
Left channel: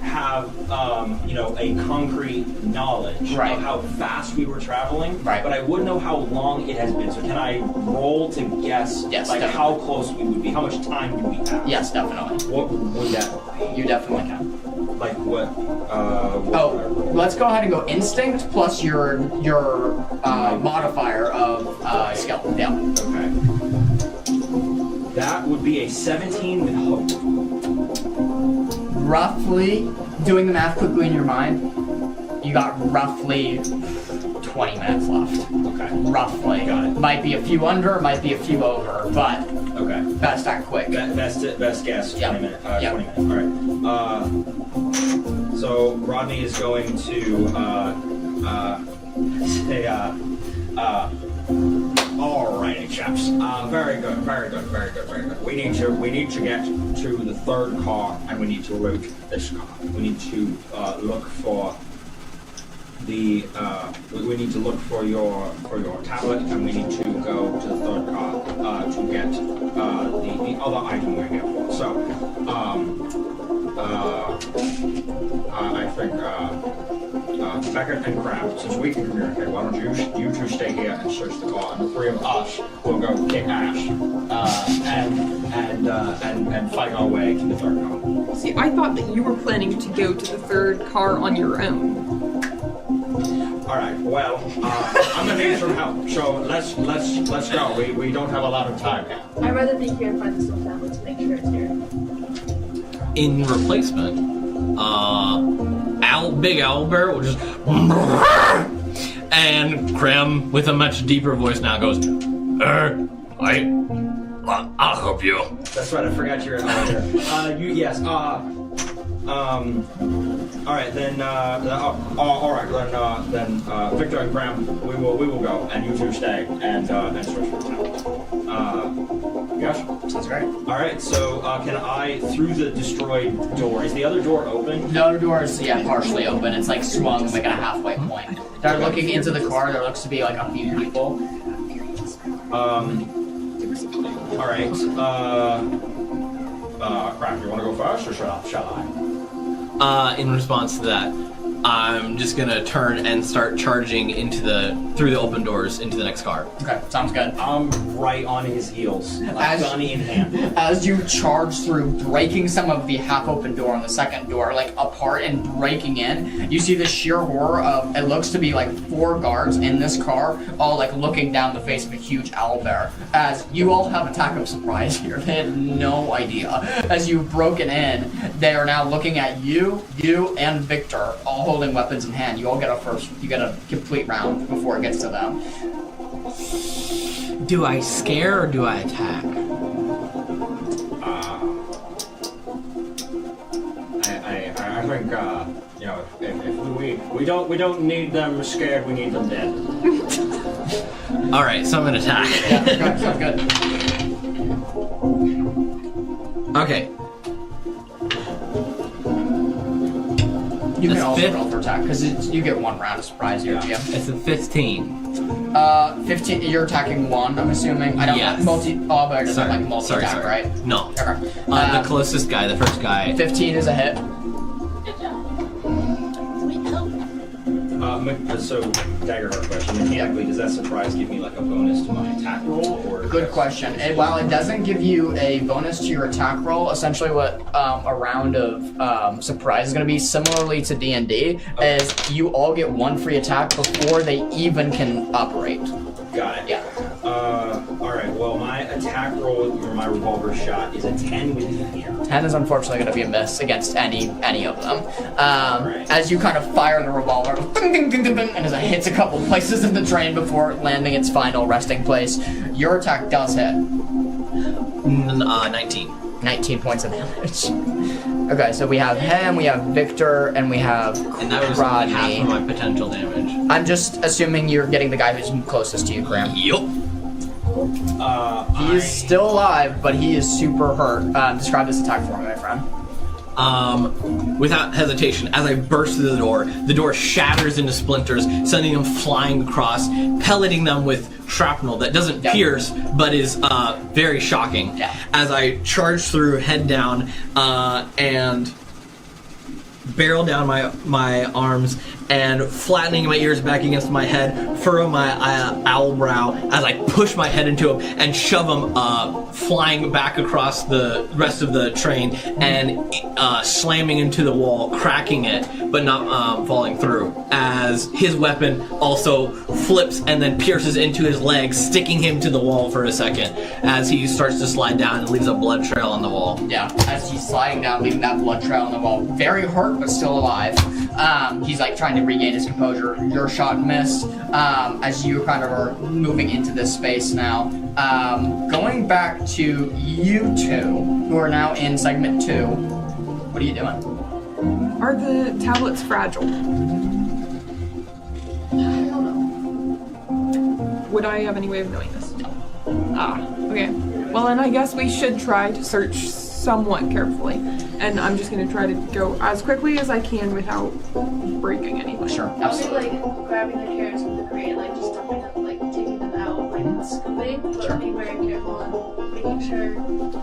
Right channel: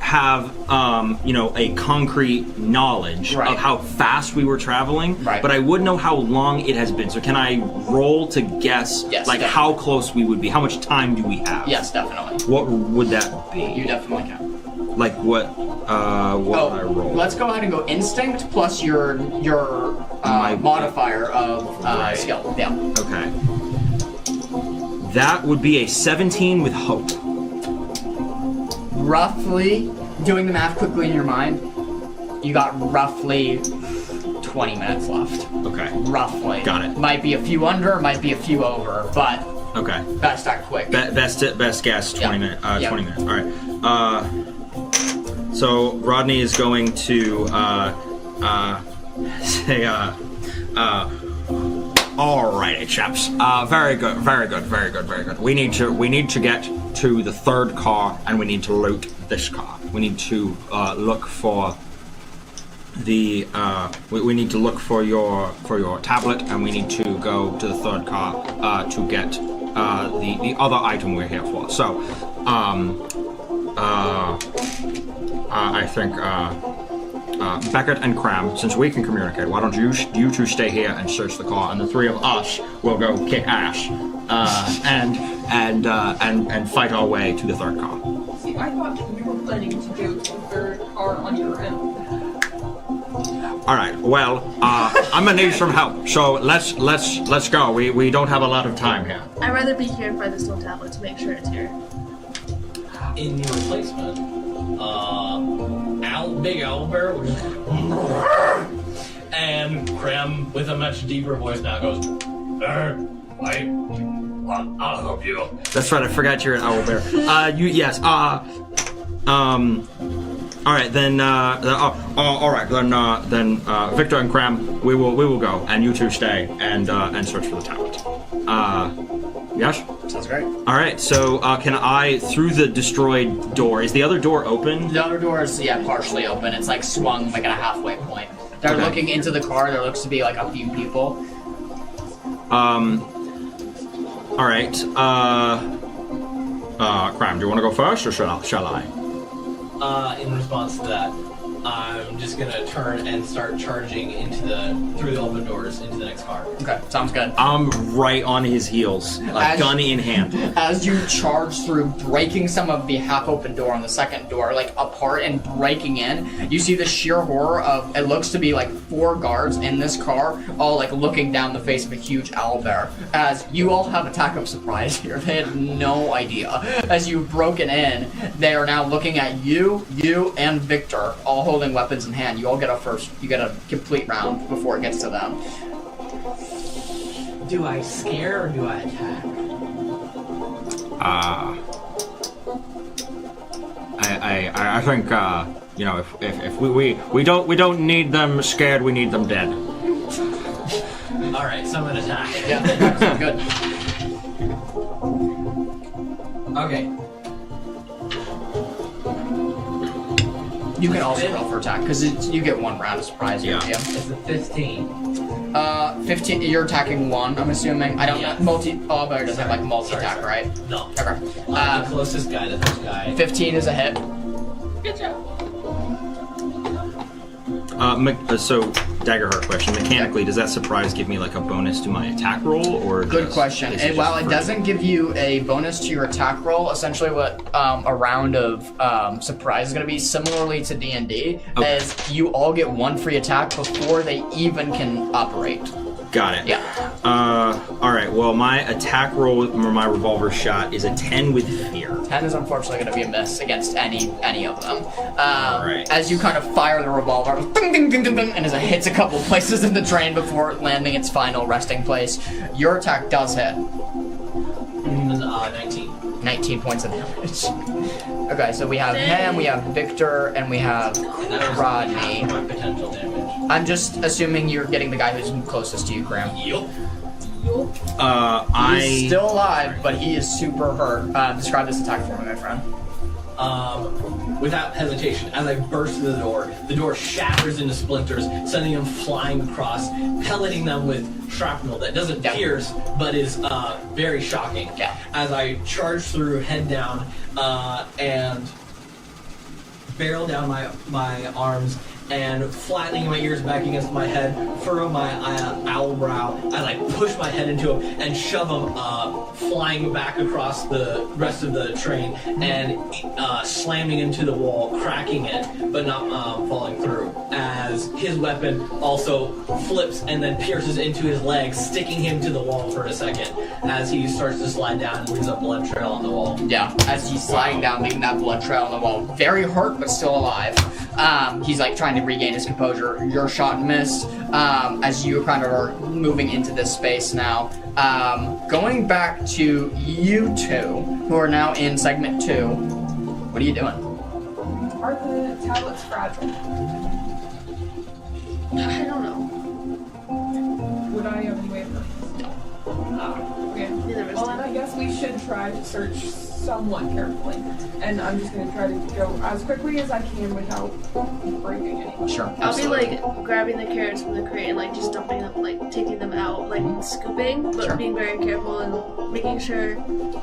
have a concrete knowledge Right. of how fast we were traveling, Right. but I would know how long it has been. So can I roll to guess Yes, like definitely. how close we would be? How much time do we have? Yes, definitely. What would that You be? definitely can. Like what would I roll? Let's go ahead and go instinct plus your modifier of skill. Yeah. Okay. That would be a 17 with hope. Roughly, doing the math quickly in your mind, you got roughly 20 minutes left. Okay. Roughly. Got it. Might be a few under, might be a few over, but Okay. best act quick. Best guess, 20 minutes. Yeah. 20 minutes. All right. So Rodney is going to say, alrighty, chaps. Very good. We need to get to the third car, and we need to loot this car. We need to look for the. We need to look for your tablet, and we need to go to the third car to get the other item we're here for. So, I think. Beckett and Cram, since we can communicate, why don't you two stay here and search the car, and the three of us will go kick ass and fight our way to the third car. See, I thought that you were planning to go to the third car on your own. All right. Well, I'm gonna need some help, so let's go. We don't have a lot of time here. I'd rather be here and find the stone tablet to make sure it's here. In replacement, Big Owlbear will just and Cram with a much deeper voice now goes, I'll help you. That's right. I forgot you're an owl bear. Yes. All right then. All right then. Victor and Cram, we will go, and you two stay and search for the tablet. Yes. Sounds great. All right. So can I through the destroyed door? Is the other door open? The other door is, partially open. It's like swung like at a halfway point. They're looking into the car. There looks to be like a few people. All right. Cram, do you want to go first, or shall I? In response to that, I'm just gonna turn and start charging through the open doors into the next car. Okay, sounds good. I'm right on his heels, gun in hand. As you charge through, breaking some of the half-open door on the second door, like apart and breaking in, you see the sheer horror of, it looks to be like 4 guards in this car, all like looking down the face of a huge owlbear. As you all have attack of surprise here, they had no idea. As you've broken in, they are now looking at you and Victor, all holding weapons in hand. You all get a complete round before it gets to them. Do I scare or do I attack? I think if we don't need them scared, we need them dead. All right, so I'm gonna attack. Yeah, good. Okay. You can That's also fit. roll for attack because you get one round of surprise. Yeah. It's a 15. 15. You're attacking one. I'm assuming. I don't Yes. know. But it doesn't have like multi Sorry, attack, sorry. right? No. Okay. The closest guy, the first guy. 15 is a hit. Good job. So, Daggerheart question. Mechanically, does that surprise give me like a bonus to my attack roll, or Good just- question. is it While just it for- doesn't give you a bonus to your attack roll, essentially what a round of surprise is going to be, similarly to D&D, Okay. is you all get one free attack before they even can operate. Got it. Yeah. All right. Well, my attack roll with my revolver shot is a 10 with fear. 10 is unfortunately going to be a miss against any of them. Right. As you kind of fire the revolver, ding, ding, ding, ding, ding, and as it hits a couple places in the train before landing its final resting place, your attack does hit. 19. 19 points of damage. Okay, so we have him, we have Victor, and we have And that was Rodney. half of my potential damage. I'm just assuming you're getting the guy who's closest to you, Graham. Yup. He's still alive, but he is super hurt. Describe this attack for me, my friend. Without hesitation, as I burst through the door shatters into splinters, sending them flying across, pelleting them with shrapnel that doesn't Yep. pierce, but is very shocking. Yeah. As I charge through, head down, and barrel down my arms, and flattening my ears back against my head, furrow my owl brow as I push my head into him and shove him flying back across the rest of the train and slamming into the wall, cracking it, but not falling through. As his weapon also flips and then pierces into his leg, sticking him to the wall for a second as he starts to slide down and leaves a blood trail on the wall. Yeah, as he's sliding down, leaving that blood trail on the wall. Very hurt, but still alive. He's like trying to regain his composure. Your shot missed as you kind of are moving into this space now. Going back to you two, who are now in segment 2. What are you doing? Are the tablets fragile? I don't know. Would I have any way of knowing this? No. Okay. Well, then I guess we should try to search somewhat carefully. And I'm just gonna try to go as quickly as I can without breaking anything. Sure, I'll be absolutely. like grabbing the carrots from the crate and like just dumping them, like taking them out, like scooping, but Sure. being very careful and making sure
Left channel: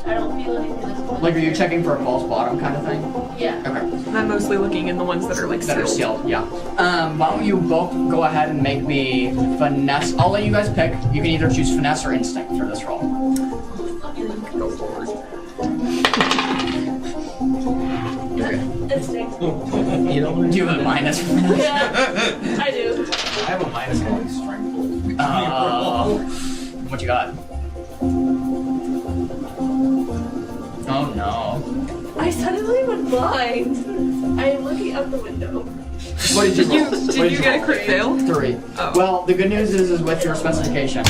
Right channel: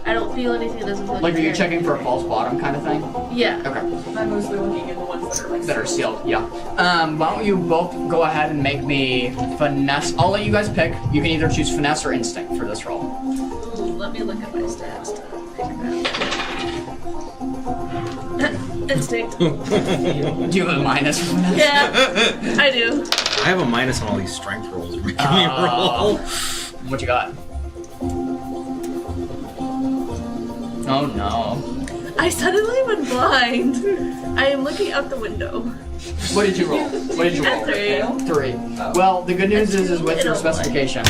I don't feel anything that doesn't look Like, are you carrot. checking for a false bottom kind of thing? Yeah. Okay. I'm mostly looking in the ones that are like That are sealed. sealed, yeah. Why don't you both go ahead and make me finesse? I'll let you guys pick. You can either choose finesse or instinct for this roll. Let me look at my stats. Instinct. Do you have a minus for finesse? Yeah, I do. I have a minus on all these strength rolls. Give me a Oh. roll. What you got? Oh no. I suddenly went blind. I am looking out the window. What did you roll? Did What you get a crit fail? 3. Oh. Well, the good news is with your specification,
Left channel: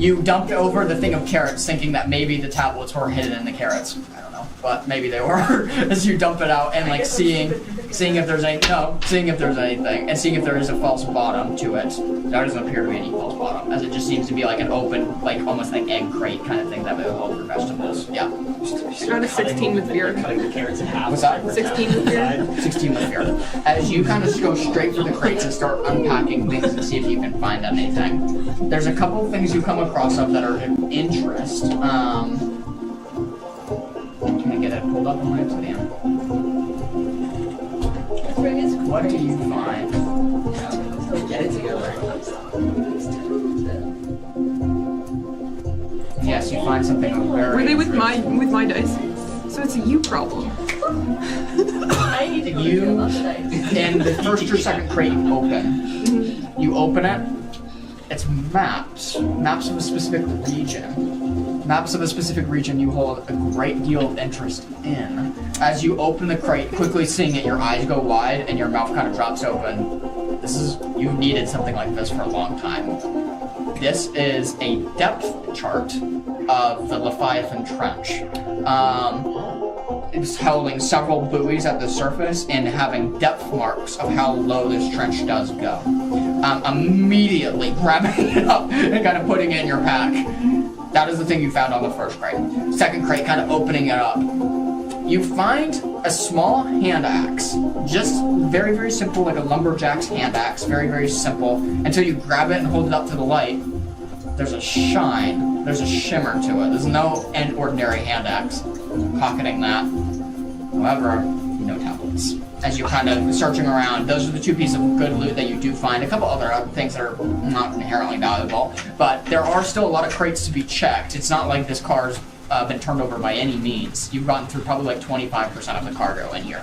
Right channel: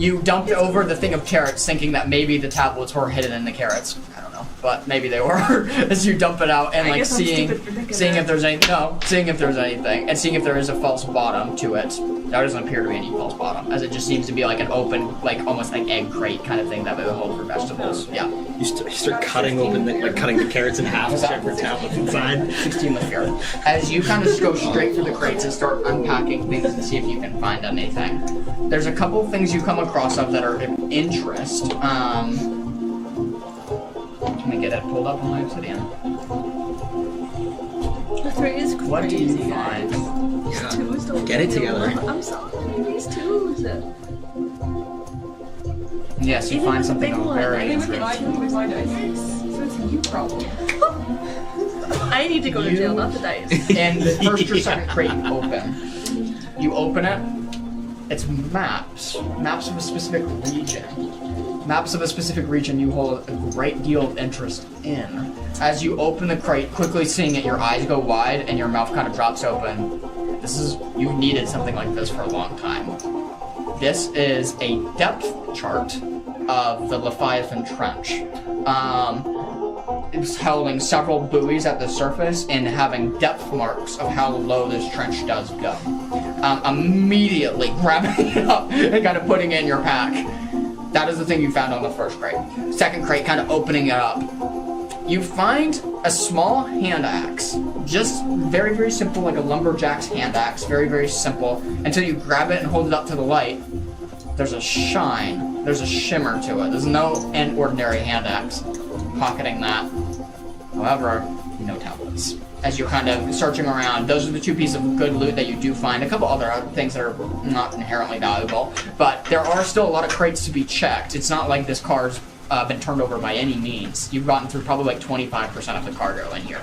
you dumped over the thing of carrots thinking that maybe the tablets were hidden in the carrots. I don't know, but maybe they were. As you dump it out and I like guess I'm seeing stupid for thinking if that. there's seeing if there's anything and seeing if there is a false bottom to it. There doesn't appear to be any false bottom, as it just seems to be like an open, like almost like egg crate kind of thing that would hold for vegetables. Yeah. You start Got a 16 with fear. cutting the carrots in half. What's that? 16 with fear. Inside. 16 with fear. As you kind of go straight for the crates and start unpacking things to see if you can find anything. There's a couple of things you come across of that are of interest. Can we get it pulled up on my obsidian? This ring is crazy. What do you find? These twos don't Get it feel together. well. I'm sorry. These twos. Yes, you find something Big one. very Are they with my dice? So it's a you problem. I need to go to jail, not the dice. in the first or second crate you open. You open it, it's maps of a specific region. Maps of a specific region you hold a great deal of interest in. As you open the crate, quickly seeing it, your eyes go wide and your mouth kind of drops open. You've needed something like this for a long time. This is a depth chart of the Leviathan Trench. It's holding several buoys at the surface and having depth marks of how low this trench does go. Immediately grabbing it up and kind of putting it in your pack. That is the thing you found on the first crate. Second crate, kind of opening it up. You find a small hand axe. Just very, very simple, like a lumberjack's hand axe. Very, very simple. Until you grab it and hold it up to the light. There's a shine. There's a shimmer to it. There's no ordinary hand axe. Pocketing that. However, no tablets. As you're kind of searching around, those are the two pieces of good loot that you do find. A couple other things that are not inherently valuable. But there are still a lot of crates to be checked. It's not like this car's been turned over by any means. You've gotten through probably like 25% of the cargo in here.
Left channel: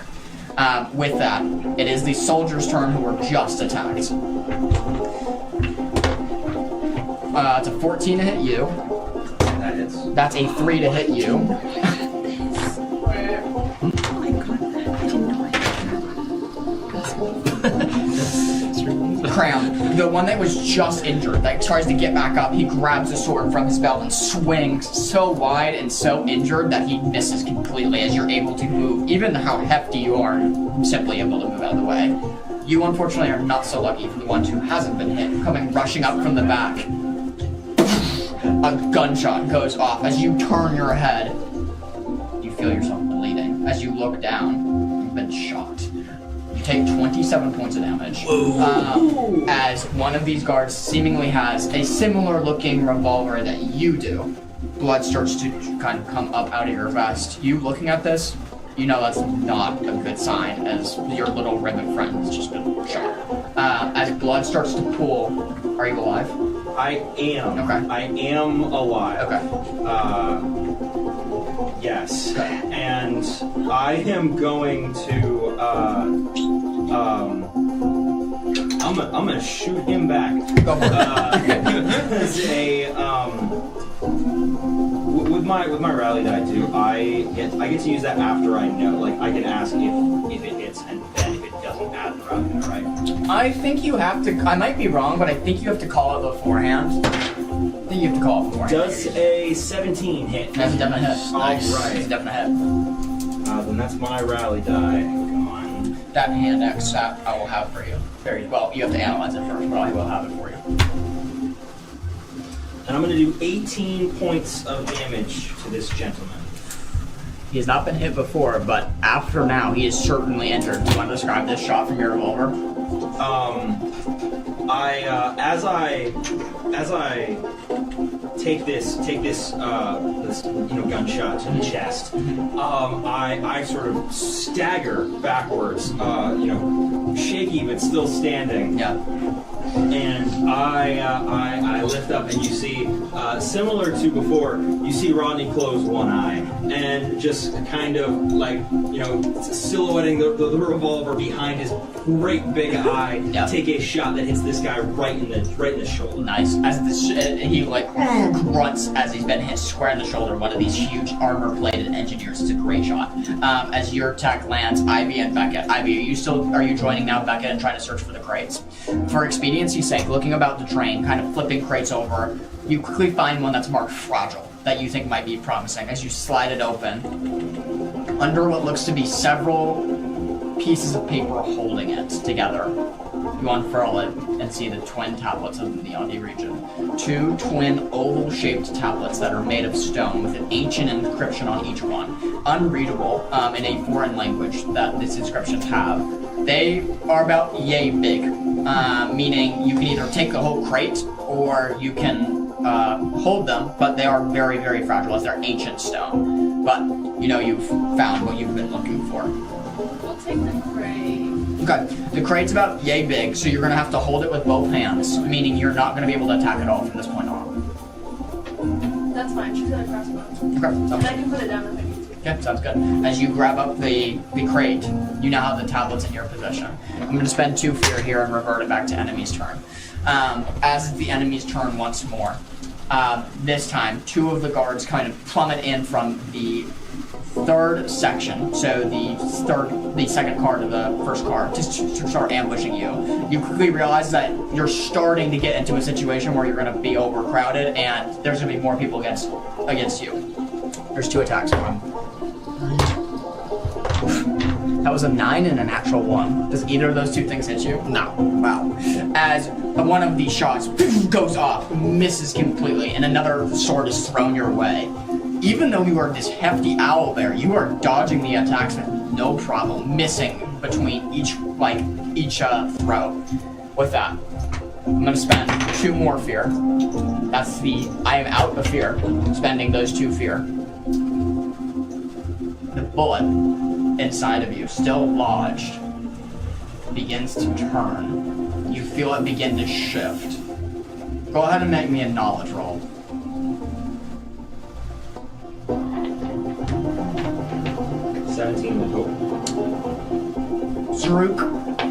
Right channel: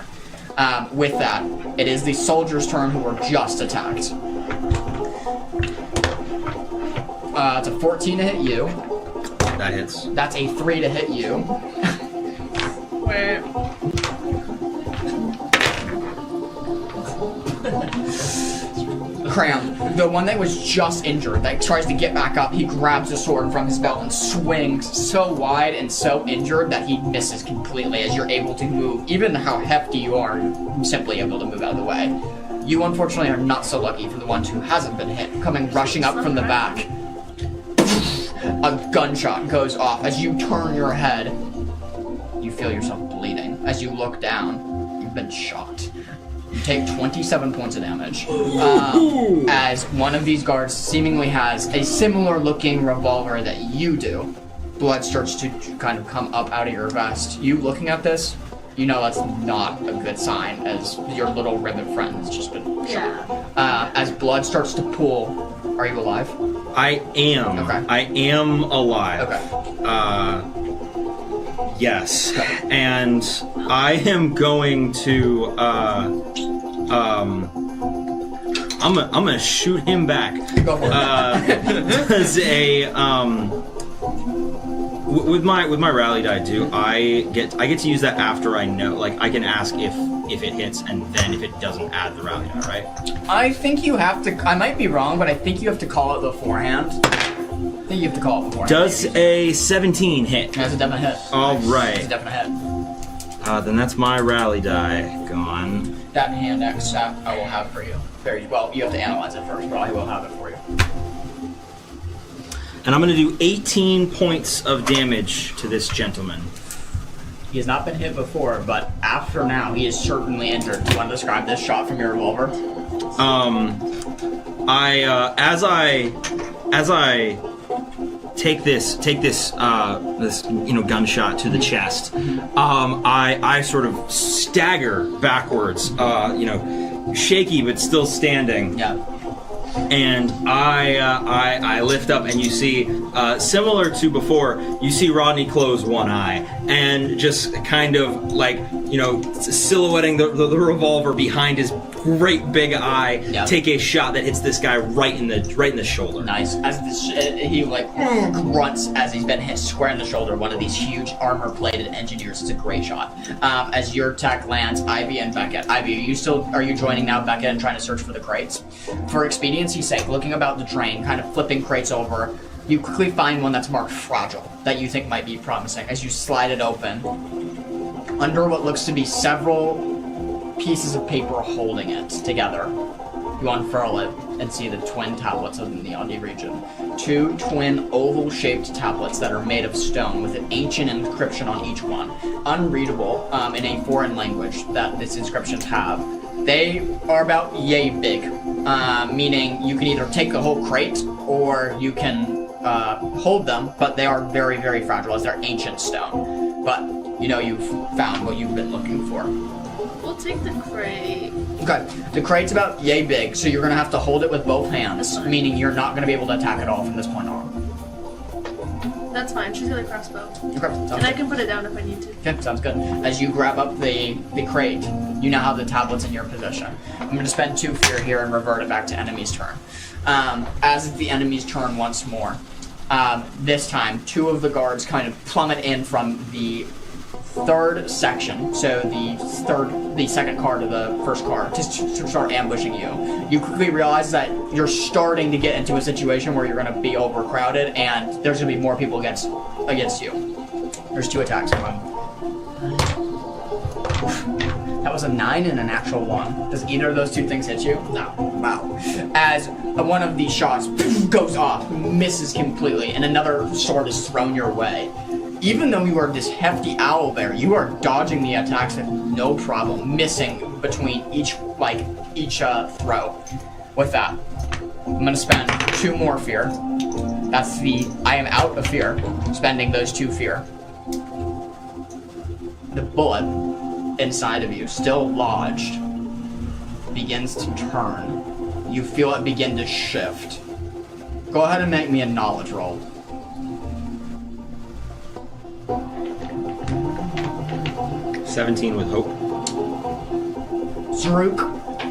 With that, it is the soldiers' turn who were just attacked. It's a 14 to hit you. That hits. That's a 3 to hit you. Wait. Cram, the one that was just injured, that tries to get back up, he grabs a sword from his belt and swings so wide and so injured that he misses completely as you're able to move. Even how hefty you are, you're simply able to move out of the way. You unfortunately are not so lucky for the ones who hasn't been hit. Coming rushing up from the back, a gunshot goes off. As you turn your head, you feel yourself bleeding. As you look down, you've been shot. You take 27 points of damage. As one of these guards seemingly has a similar looking revolver that you do. Blood starts to kind of come up out of your vest. You looking at this, you know that's not a good sign, as your little ribbon friend has just been shot. As blood starts to pool, are you alive? I am. Okay. I am alive. Okay. Yes. Okay. And I am going to I'm gonna shoot him back. Go for it. As a with my rally die too, I get to use that after I know. Like I can ask if it hits, and then if it doesn't, add the rally die, right? I think you have to. I might be wrong, but I think you have to call it beforehand. I think you have to call it beforehand. Does a 17 hit? That's a definite hit. All Nice. right. That's a definite hit. Then that's my rally die gone. That hand axe that I will have for you. Very well. You have to analyze it first, but I will have it for you. And I'm going to do 18 points of damage to this gentleman. He has not been hit before, but after now, he is certainly injured. Do you want to describe this shot from your revolver? As I take this gunshot to the chest, I sort of stagger backwards, shaky but still standing. Yeah. And I lift up, and you see, similar to before, you see Rodney close one eye, and just kind of like, silhouetting the revolver behind his great big eye, take a shot that hits this guy right in the shoulder. Nice. As he grunts as he's been hit square in the shoulder. One of these huge armor-plated engineers. It's a great shot. As your attack lands, Ivy and Beckett. Ivy, are you joining now, Beckett, and trying to search for the crates? For expediency's sake, looking about the train, kind of flipping crates over, you quickly find one that's marked fragile that you think might be promising. As you slide it open, under what looks to be several pieces of paper holding it together, you unfurl it and see the twin tablets of the Neondi region. 2 twin oval-shaped tablets that are made of stone with an ancient inscription on each one. Unreadable in a foreign language that these inscriptions have. They are about yay big, meaning you can either take the whole crate or you can hold them, but they are very, very fragile as they're ancient stone. But, you've found what you've been looking for. We'll take the crate. Okay, the crate's about yay big, so you're going to have to hold it with both hands, meaning you're not going to be able to attack it all from this point on. That's fine. She's got a crossbow. Okay, And sounds I good. can put it down if I need to. Okay, sounds good. As you grab up the crate, you now have the tablets in your possession. I'm going to spend 2 fear here and revert it back to enemy's turn. As it's the enemy's turn once more, this time, 2 of the guards kind of plummet in from the third section, so the second car to the first car, to start ambushing you. You quickly realize that you're starting to get into a situation where you're going to be overcrowded, and there's going to be more people against you. There's 2 attacks going. That was a 9 and an actual 1. Does either of those 2 things hit you? No. Wow. As one of these shots goes off, misses completely, and another sword is thrown your way. Even though you are this hefty owl bear, you are dodging the attacks with no problem, missing between each throw. With that, I'm gonna spend 2 more fear. That's I am out of fear, spending those 2 fear. The bullet inside of you, still lodged, begins to turn. You feel it begin to shift. Go ahead and make me a knowledge roll. 17 with hope. Zaruk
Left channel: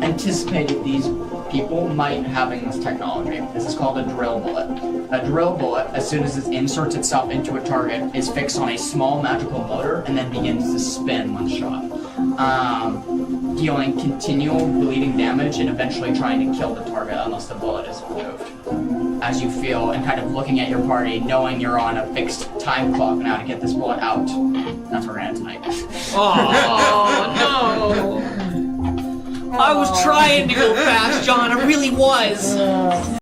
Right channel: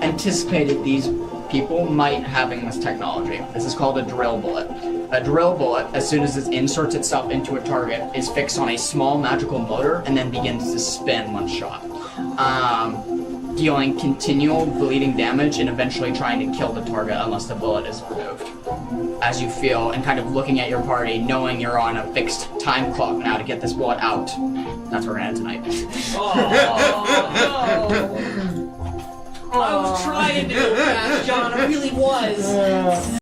anticipated these people might having this technology. This is called a drill bullet. A drill bullet, as soon as it inserts itself into a target, is fixed on a small magical motor and then begins to spin when shot. Dealing continual bleeding damage and eventually trying to kill the target unless the bullet is removed. As you feel, and kind of looking at your party, knowing you're on a fixed time clock now to get this bullet out. That's where we're gonna end tonight. Oh, no! I was trying to go fast, John. I really was.